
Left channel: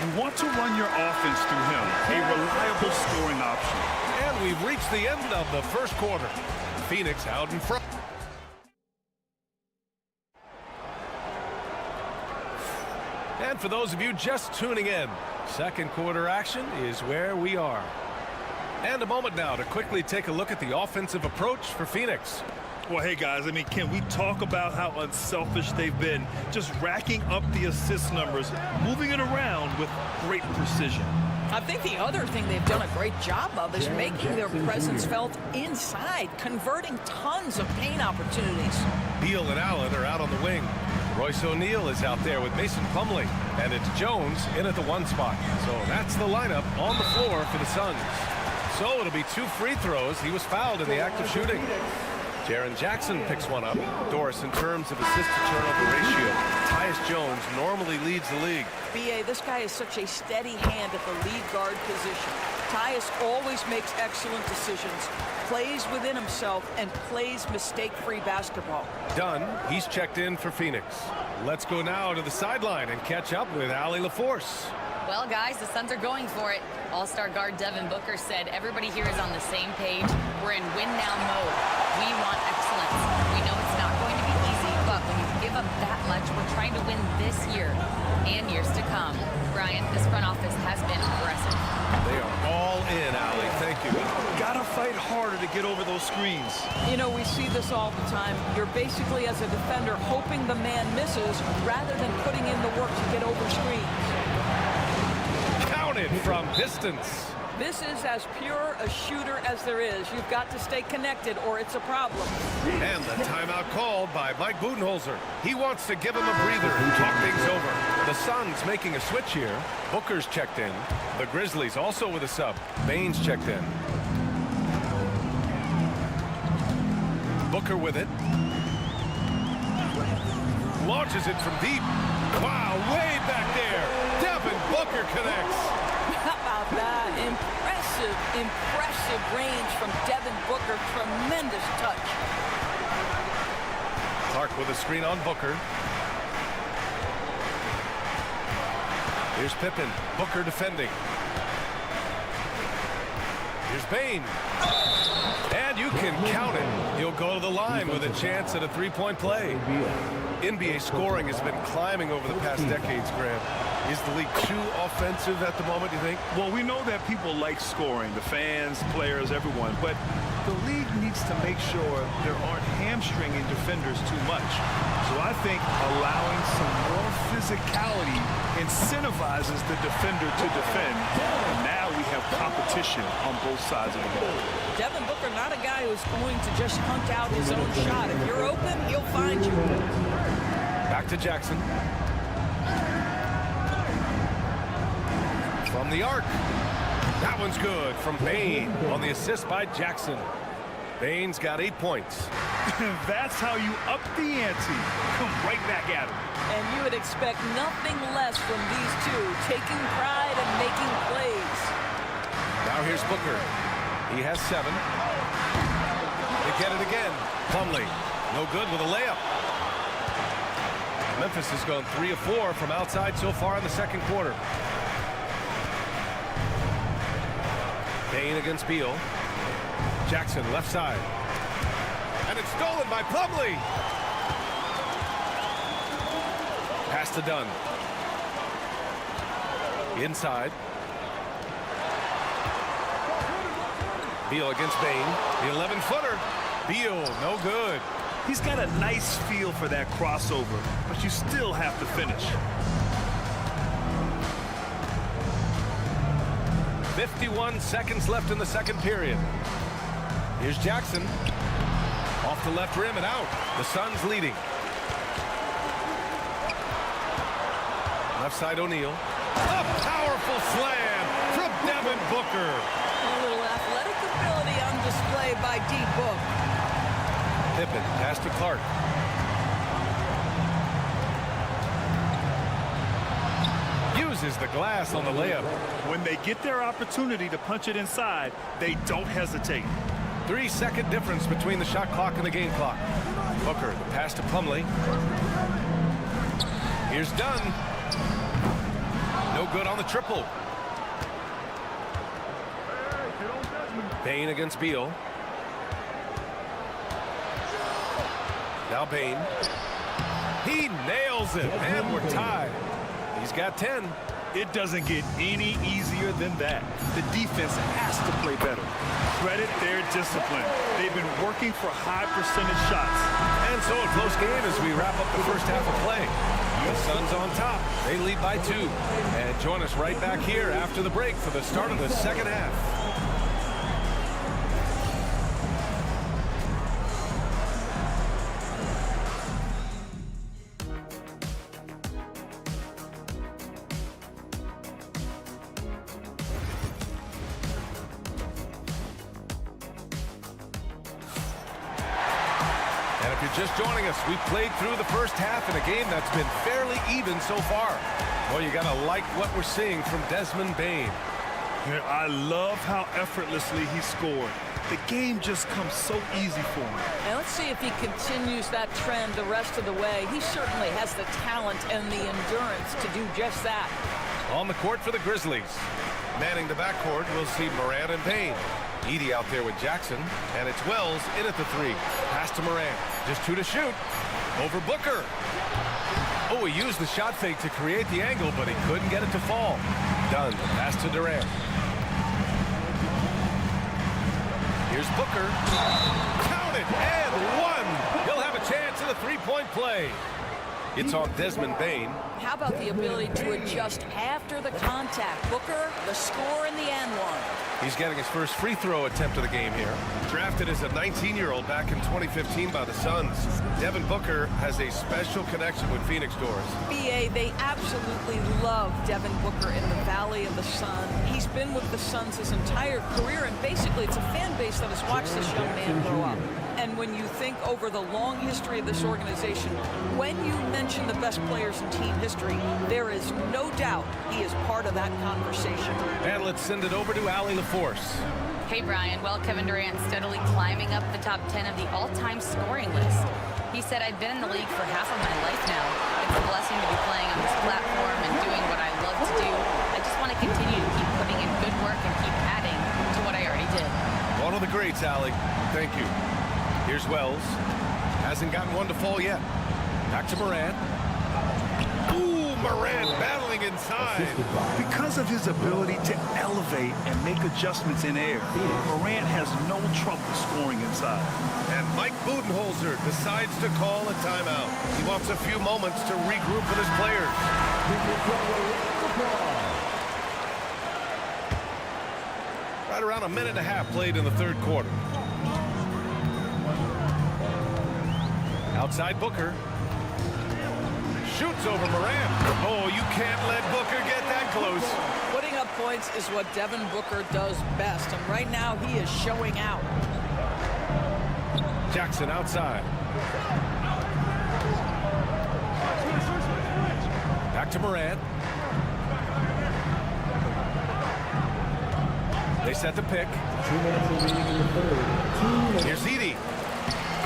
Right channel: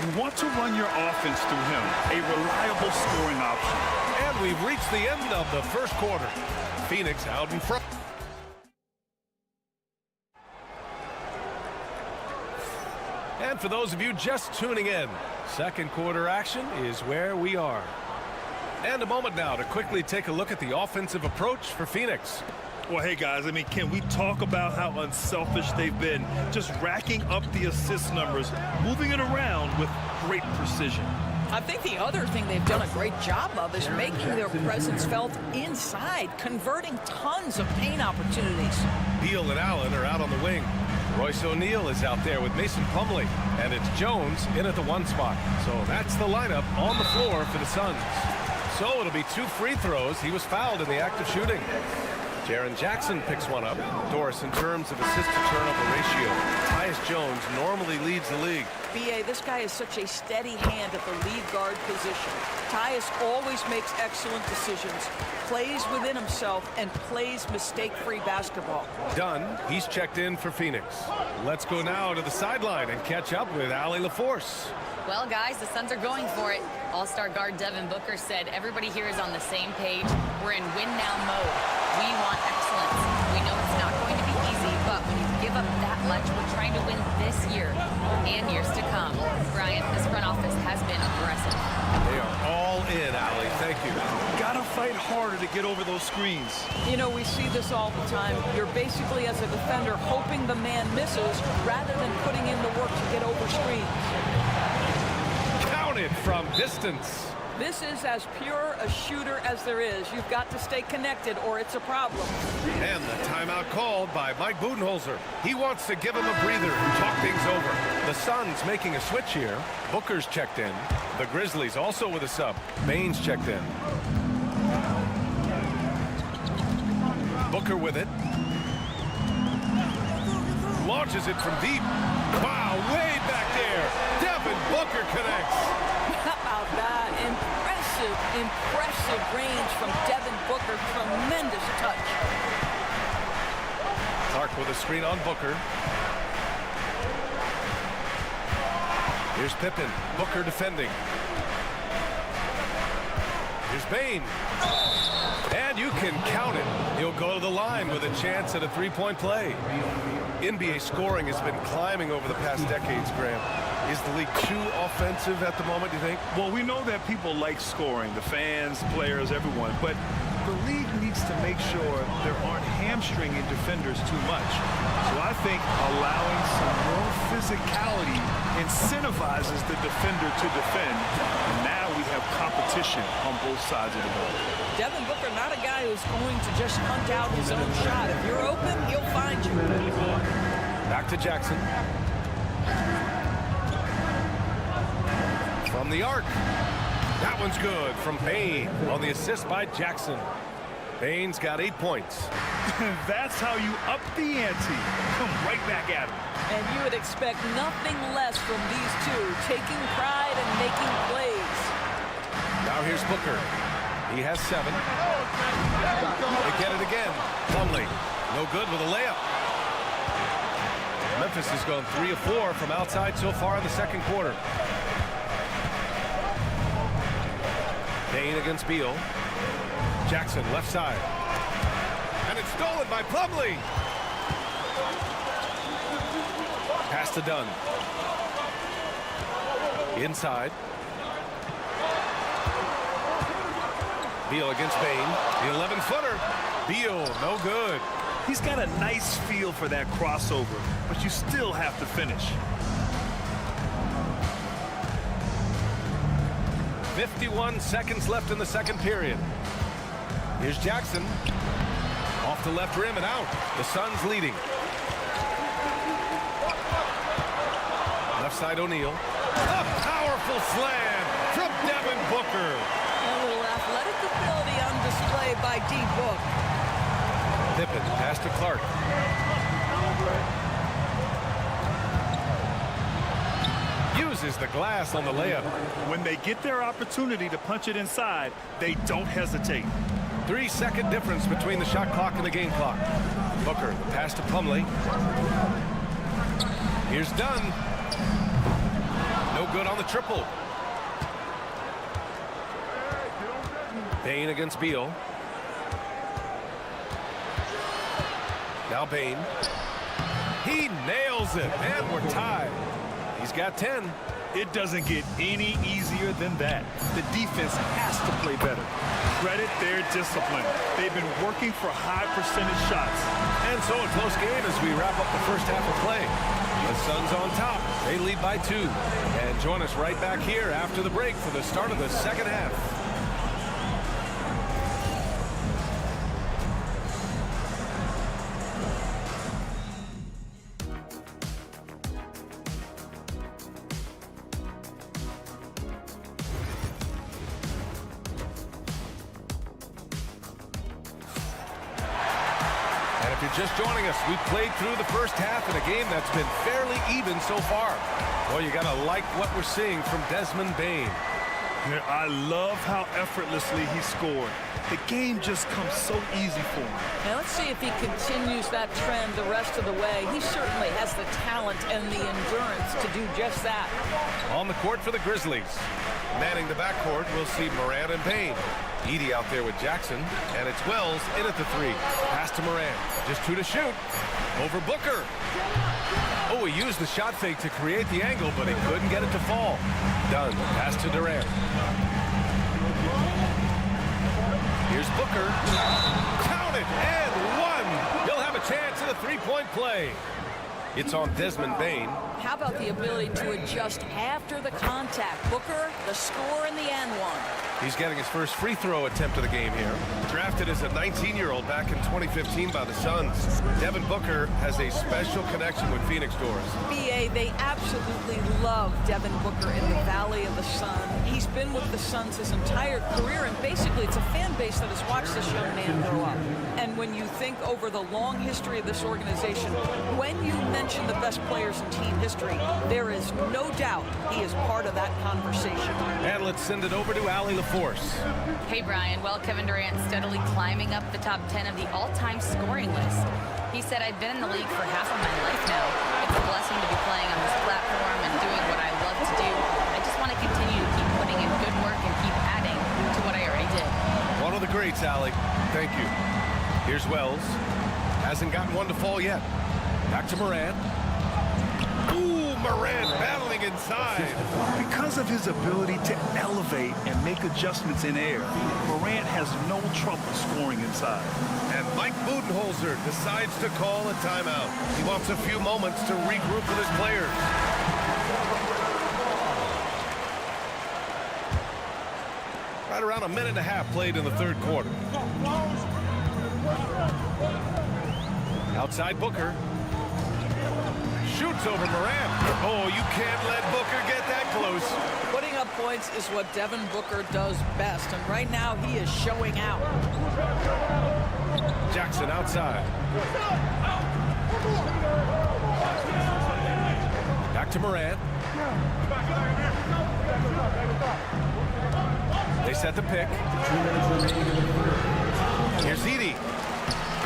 You want to run your offense through him, a reliable scoring option. And we've reached the end of the first quarter. Phoenix out in front. And for those of you just tuning in, second quarter action is where we are. And a moment now to quickly take a look at the offensive approach for Phoenix. Well, hey, guys, I mean, can we talk about how unselfish they've been? Just racking up the assist numbers, moving it around with great precision. I think the other thing they've done a great job of is making their presence felt inside, converting tons of paint opportunities. Beal and Allen are out on the wing. Royce O'Neal is out there with Mason Plumlee, and it's Jones in at the 1 spot. So that's the lineup on the floor for the Suns. So it'll be 2 free throws. He was fouled in the act of shooting. Jaren Jackson picks one up. Doris, in terms of assist-to-turnover ratio, Tyus Jones normally leads the league. B.A., this guy is such a steady hand at the lead guard position. Tyus always makes excellent decisions, plays within himself, and plays mistake-free basketball. Dunn, he's checked in for Phoenix. Let's go now to the sideline and catch up with Allie LaForce. Well, guys, the Suns are going for it. All-star guard Devin Booker said everybody here is on the same page. We're in win-now mode. We want excellence. We know it's not going to be easy, but when you give up that much, we're trying to win this year and years to come. Brian, this front office has been aggressive. They are all in, Allie. Thank you. Gotta fight harder to get over those screens. You know, we see this all the time. You're basically, as a defender, hoping the man misses rather than putting in the work to get over screens. Counted from distance. This is as pure a shooter as there is. You've got to stay connected or it's a problem. And the timeout called by Mike Budenholzer. He wants to give him a breather and talk things over. The Suns making a switch here. Booker's checked in. The Grizzlies also with a sub. Baines checked in. Booker with it. Launches it from deep. Wow, way back there. Devin Booker connects. How about that? Impressive range from Devin Booker. Tremendous touch. Clark with a screen on Booker. Here's Pippen. Booker defending. Here's Bane. And you can count it. He'll go to the line with a chance at a three-point play. NBA scoring has been climbing over the past decades, Graham. Is the league too offensive at the moment, do you think? Well, we know that people like scoring, the fans, players, everyone, but the league needs to make sure there aren't hamstringing defenders too much. So I think allowing some more physicality incentivizes the defender to defend. And now we have competition on both sides of the ball. Devin Booker, not a guy who's going to just hunt out his own shot. If you're open, he'll find you. Back to Jackson. From the arc. That one's good from Bane on the assist by Jackson. Bane's got 8 points. That's how you up the ante. Come right back at him. And you would expect nothing less from these two, taking pride and making plays. Now here's Booker. He has 7. They get it again. Plumlee, no good with a layup. Memphis has gone 3 of 4 from outside so far in the second quarter. Bane against Beal. Jackson left side. And it's stolen by Plumlee. Pass to Dunn. Inside. Beal against Bane. The 11-footer. Beal, no good. He's got a nice feel for that crossover, but you still have to finish. 51 seconds left in the second period. Here's Jackson. Off the left rim and out. The Suns leading. Left side O'Neal. A powerful slam from Devin Booker. A little athletic ability on display by D-Book. Pippen, pass to Clark. Uses the glass on the layup. When they get their opportunity to punch it inside, they don't hesitate. 3-second difference between the shot clock and the game clock. Booker, the pass to Plumlee. Here's Dunn. No good on the triple. Bane against Beal. Now Bane. He nails it, and we're tied. He's got 10. It doesn't get any easier than that. The defense has to play better. Credit their discipline. They've been working for high percentage shots. And so a close game as we wrap up the first half of play. The Suns on top. They lead by 2. And join us right back here after the break for the start of the second half. And if you're just joining us, we played through the first half in a game that's been fairly even so far. Well, you got to like what we're seeing from Desmond Bane. Yeah, I love how effortlessly he scored. The game just comes so easy for him. Now let's see if he continues that trend the rest of the way. He certainly has the talent and the endurance to do just that. On the court for the Grizzlies. Manning the backcourt, we'll see Morant and Payne. Edey out there with Jackson, and it's Wells in at the 3. Pass to Morant. Just 2 to shoot. Over Booker. Oh, he used the shot fake to create the angle, but he couldn't get it to fall. Done. Pass to Durant. Here's Booker. Count it, and 1. He'll have a chance at a 3-point play. It's on Desmond Bane. How about the ability to adjust after the contact? Booker, the score in the and 1. He's getting his first free throw attempt of the game here. Drafted as a 19-year-old back in 2015 by the Suns, Devin Booker has a special connection with Phoenix Doors. BA, they absolutely love Devin Booker in the Valley of the Sun. He's been with the Suns his entire career, and basically it's a fan base that has watched this young man grow up. And when you think over the long history of this organization, when you mention the best players in team history, there is no doubt he is part of that conversation. And let's send it over to Allie LaForce. Hey, Brian. Well, Kevin Durant steadily climbing up the top 10 of the all-time scoring list. He said, I've been in the league for half of my life now. It's a blessing to be playing on this platform and doing what I love to do. I just want to continue to keep putting in good work and keep adding to what I already did. One of the greats, Allie. Thank you. Here's Wells. Hasn't gotten one to fall yet. Back to Morant. Ooh, Morant battling inside. Because of his ability to elevate and make adjustments in air, Morant has no trouble scoring inside. And Mike Budenholzer decides to call a timeout. He wants a few moments to regroup with his players. Right around a minute and a half played in the third quarter. Outside Booker. Shoots over Morant. Oh, you can't let Booker get that close. Putting up points is what Devin Booker does best, and right now he is showing out. Jackson outside. Back to Morant. They set the pick. Here's Edey.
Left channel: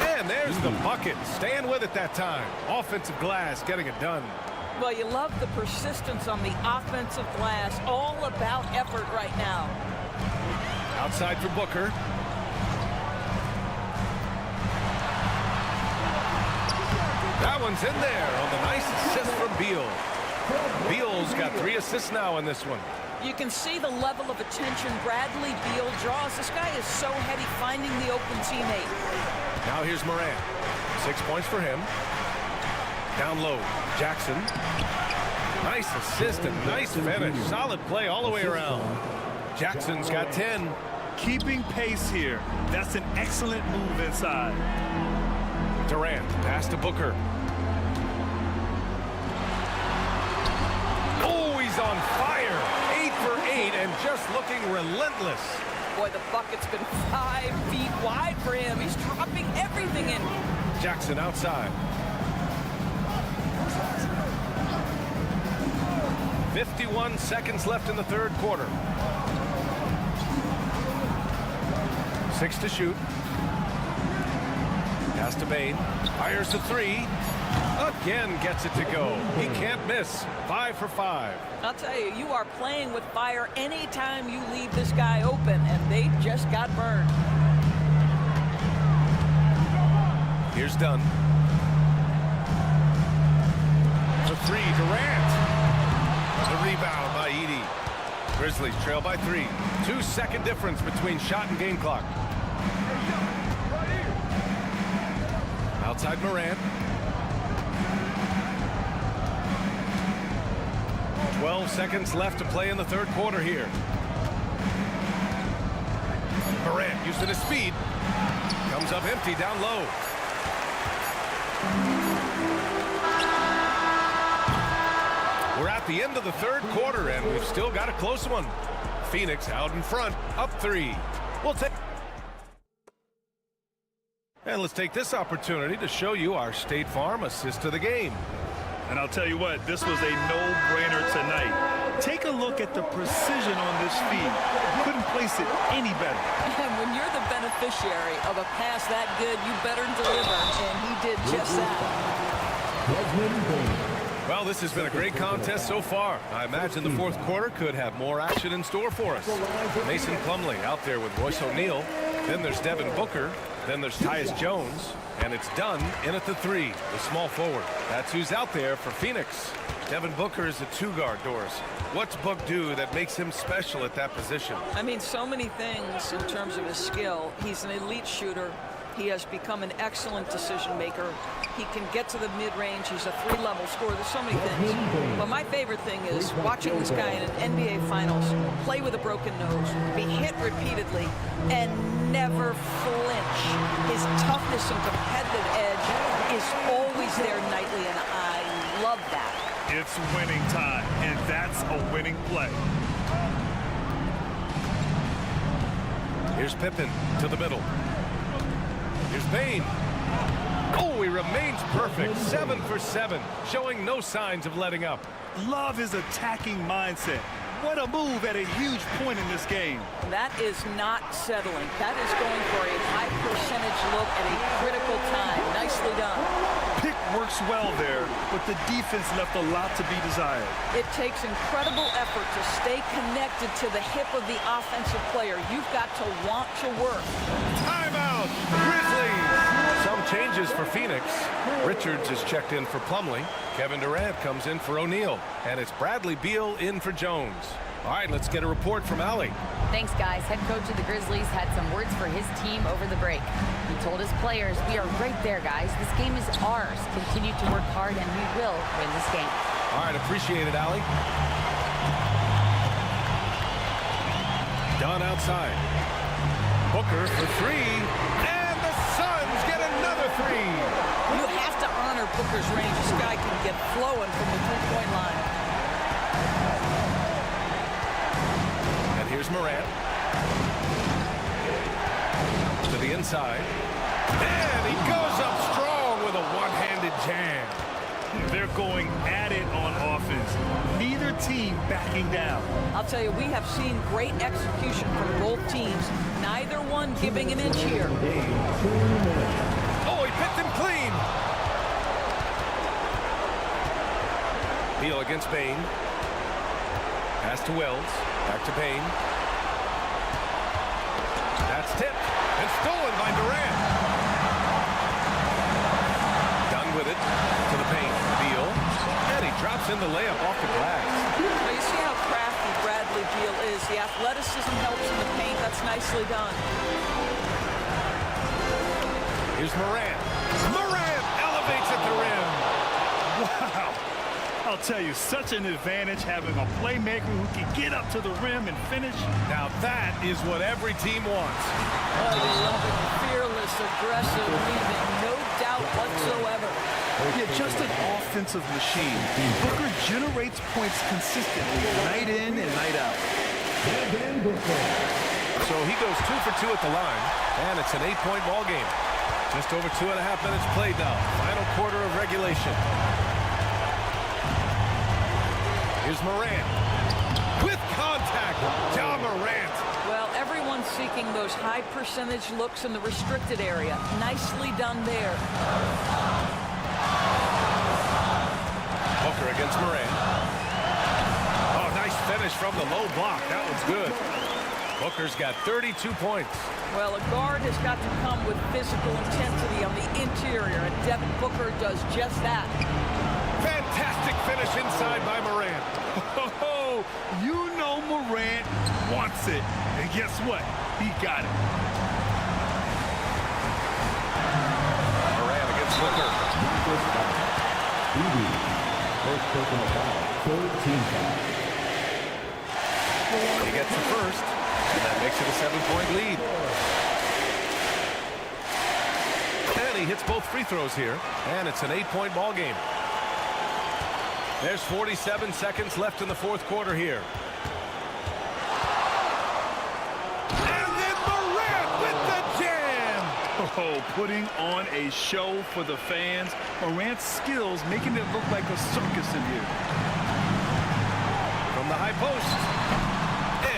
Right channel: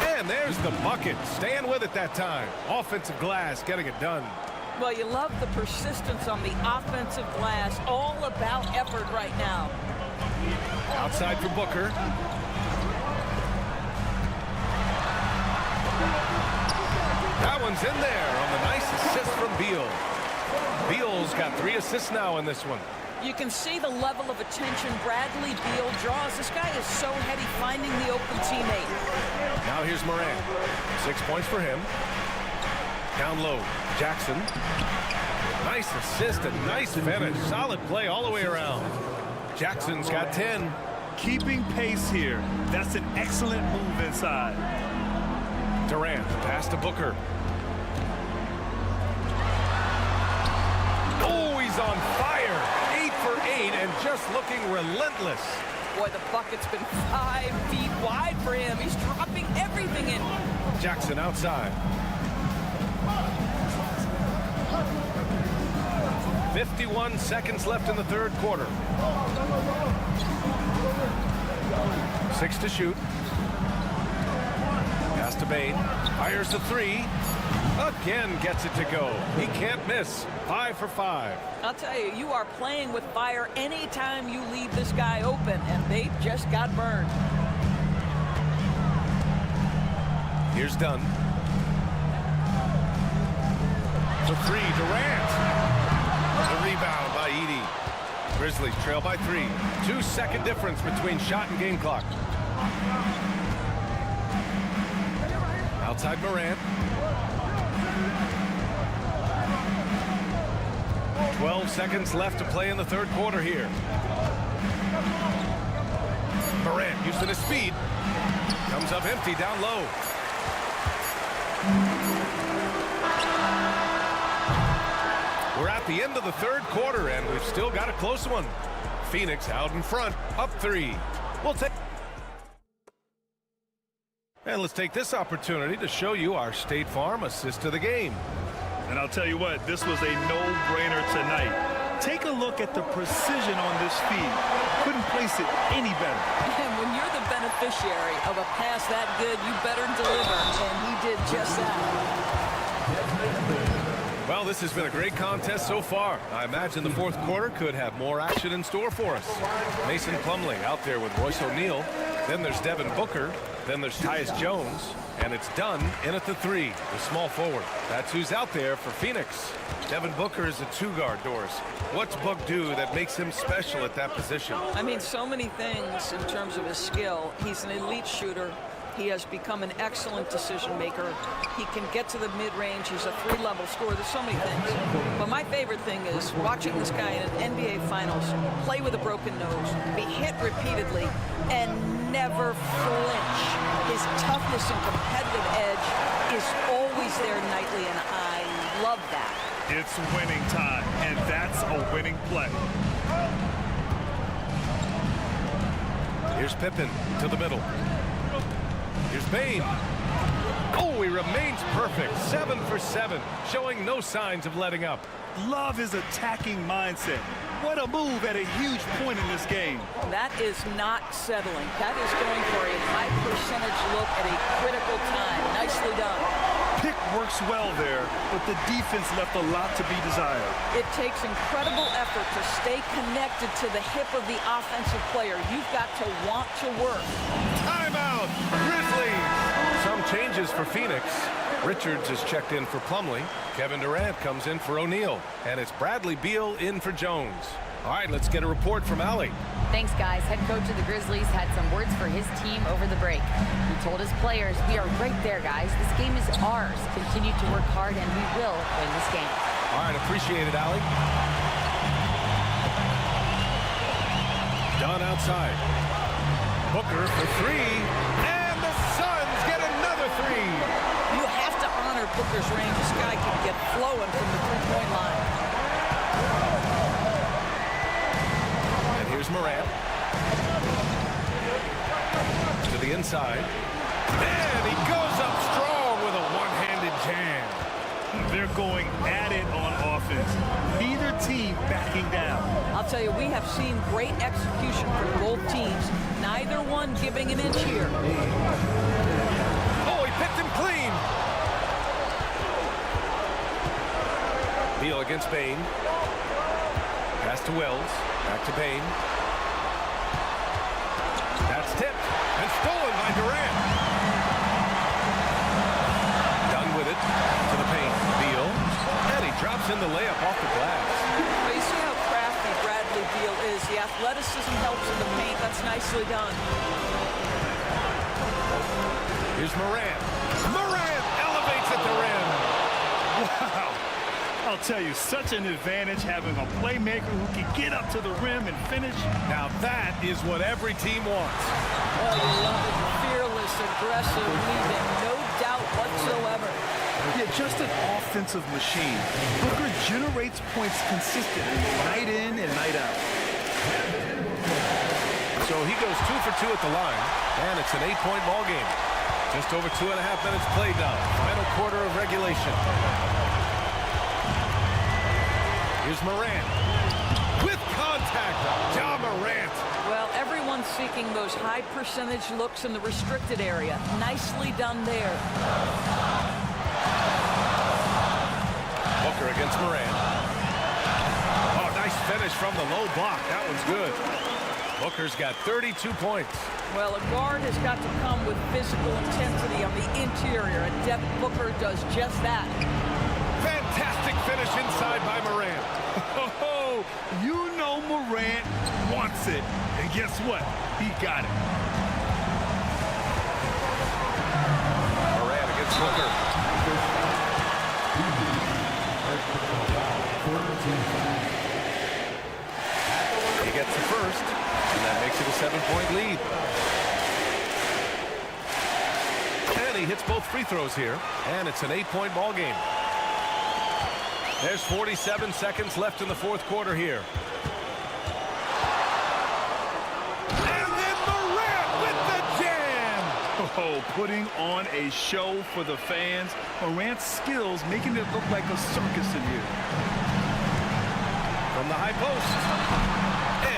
And there's the bucket. Staying with it that time. Offensive glass getting it done. Well, you love the persistence on the offensive glass. All about effort right now. Outside for Booker. That one's in there on the nice assist from Beal. Beal's got 3 assists now in this one. You can see the level of attention Bradley Beal draws. This guy is so heady finding the open teammate. Now here's Morant. 6 points for him. Down low, Jackson. Nice assist and nice finish. Solid play all the way around. Jackson's got 10. Keeping pace here. That's an excellent move inside. Durant, pass to Booker. Oh, he's on fire. 8 for 8 and just looking relentless. Boy, the bucket's been 5 feet wide for him. He's dropping everything in. Jackson outside. 51 seconds left in the third quarter. 6 to shoot. Pass to Bane. Fires the 3. Again gets it to go. He can't miss. 5 for 5. I'll tell you, you are playing with fire anytime you leave this guy open, and they just got burned. Here's Dunn. For 3, Durant. The rebound by Edey. Grizzlies trail by 3. 2-second difference between shot and game clock. Outside Morant. 12 seconds left to play in the third quarter here. Morant using his speed. Comes up empty down low. We're at the end of the third quarter, and we've still got a close one. Phoenix out in front, up 3. We'll take... And let's take this opportunity to show you our State Farm assist of the game. And I'll tell you what, this was a no-brainer tonight. Take a look at the precision on this feed. Couldn't place it any better. And when you're the beneficiary of a pass that good, you better deliver. And he did just that. Well, this has been a great contest so far. I imagine the fourth quarter could have more action in store for us. Mason Plumlee out there with Royce O'Neal. Then there's Devin Booker. Then there's Tyus Jones. And it's done in at the 3, the small forward. That's who's out there for Phoenix. Devin Booker is a 2-guard, Doris. What's Book do that makes him special at that position? I mean, so many things in terms of his skill. He's an elite shooter. He has become an excellent decision maker. He can get to the mid-range. He's a 3-level scorer. There's so many things. But my favorite thing is watching this guy in an NBA Finals play with a broken nose, be hit repeatedly, and never flinch. His toughness and competitive edge is always there nightly, and I love that. It's winning time, and that's a winning play. Here's Pippen to the middle. Here's Bane. Oh, he remains perfect. 7 for 7, showing no signs of letting up. Love his attacking mindset. What a move at a huge point in this game. That is not settling. That is going for a high percentage look at a critical time. Nicely done. Pick works well there, but the defense left a lot to be desired. It takes incredible effort to stay connected to the hip of the offensive player. You've got to want to work. Timeout, Grizzlies. Some changes for Phoenix. Richards is checked in for Plumlee. Kevin Durant comes in for O'Neal. And it's Bradley Beal in for Jones. All right, let's get a report from Allie. Thanks, guys. Head coach of the Grizzlies had some words for his team over the break. He told his players, we are right there, guys. This game is ours. Continue to work hard, and we will win this game. All right, appreciate it, Allie. Dunn outside. Booker for 3. And the Suns get another 3. You have to honor Booker's range. This guy can get flowing from the three-point line. And here's Morant. To the inside. And he goes up strong with a one-handed jam. They're going at it on offense. Neither team backing down. I'll tell you, we have seen great execution from both teams. Neither one giving an inch here. Oh, he picked him clean. Beal against Bane. Pass to Wells. Back to Bane. That's tipped and stolen by Durant. Done with it to the paint. Beal. And he drops in the layup off the glass. Well, you see how crafty Bradley Beal is. The athleticism helps in the paint. That's nicely done. Here's Morant. Morant elevates at the rim. Wow. I'll tell you, such an advantage having a playmaker who can get up to the rim and finish. Now that is what every team wants. Oh, you love it. Fearless, aggressive, leaving. No doubt whatsoever. Yeah, just an offensive machine. Booker generates points consistently, night in and night out. So he goes 2 for 2 at the line, and it's an 8-point ball game. Just over 2.5 minutes played now. Final quarter of regulation. Here's Morant. With contact, Ja Morant. Well, everyone's seeking those high percentage looks in the restricted area. Nicely done there. Booker against Morant. Oh, nice finish from the low block. That one's good. Booker's got 32 points. Well, a guard has got to come with physical intensity on the interior, and Devin Booker does just that. Fantastic finish inside by Morant. Oh, you know Morant wants it. And guess what? He got it. Morant against Booker. He gets the first, and that makes it a 7-point lead. And he hits both free throws here, and it's an 8-point ball game. There's 47 seconds left in the fourth quarter here. And then Morant with the jam. Oh, putting on a show for the fans. Morant's skills making it look like a circus in here. From the high post.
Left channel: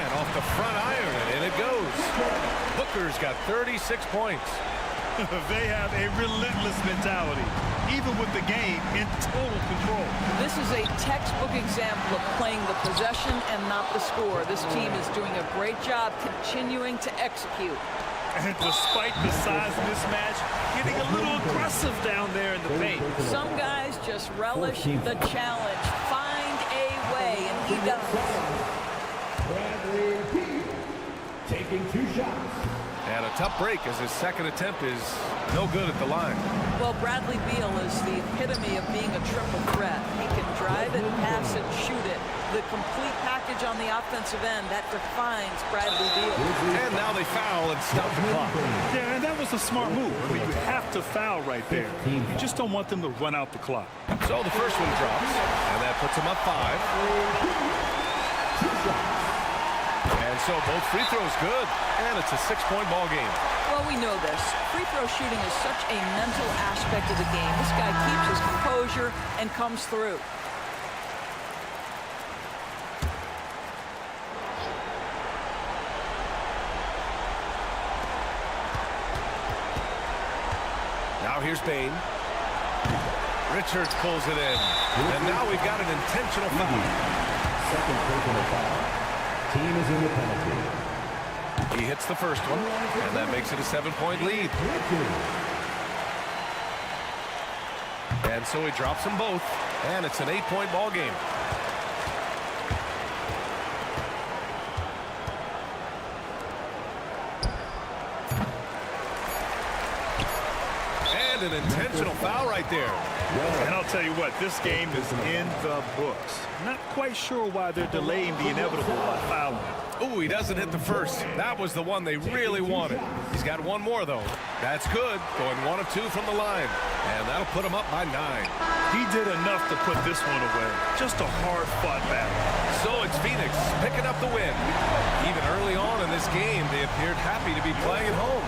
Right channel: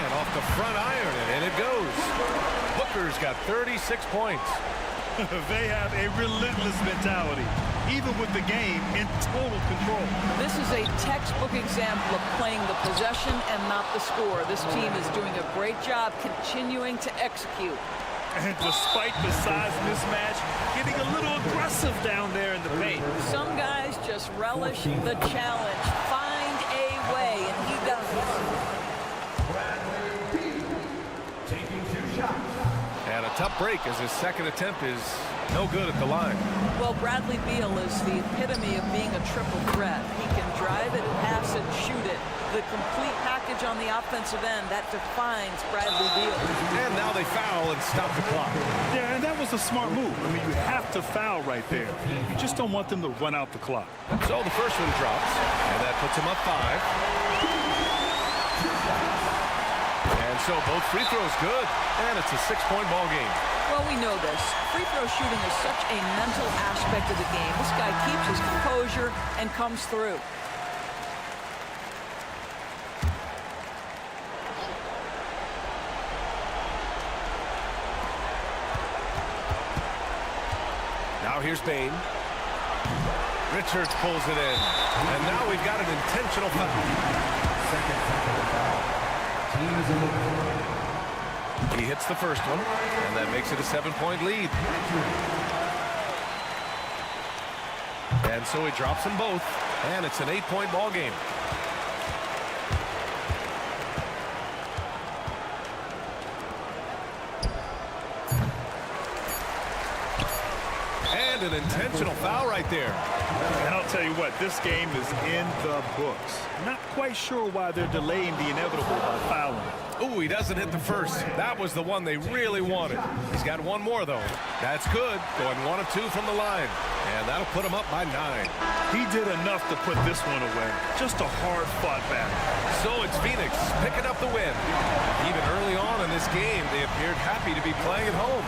And off the front iron, and in it goes. Booker's got 36 points. They have a relentless mentality, even with the game in total control. This is a textbook example of playing the possession and not the score. This team is doing a great job continuing to execute. And despite the size mismatch, getting a little aggressive down there in the paint. Some guys just relish the challenge. Find a way, and he does. Bradley Beal taking 2 shots. And a tough break as his second attempt is no good at the line. Well, Bradley Beal is the epitome of being a triple threat. He can drive it, pass it, shoot it. The complete package on the offensive end, that defines Bradley Beal. And now they foul and stop the clock. Yeah, and that was a smart move. I mean, you have to foul right there. You just don't want them to run out the clock. So the first one drops, and that puts him up 5. And so both free throws good, and it's a 6-point ball game. Well, we know this. Free throw shooting is such a mental aspect of the game. This guy keeps his composure and comes through. Now here's Bain. Richards pulls it in. And now we've got an intentional foul. Second personal foul. Team is in the penalty. He hits the first one, and that makes it a 7-point lead. And so he drops them both, and it's an 8-point ball game. And an intentional foul right there. And I'll tell you what, this game is in the books. Not quite sure why they're delaying the inevitable by fouling. Ooh, he doesn't hit the first. That was the one they really wanted. He's got one more, though. That's good. Going 1 of 2 from the line. And that'll put him up by 9. He did enough to put this one away. Just a hard-fought battle. So it's Phoenix picking up the win. Even early on in this game, they appeared happy to be playing at home.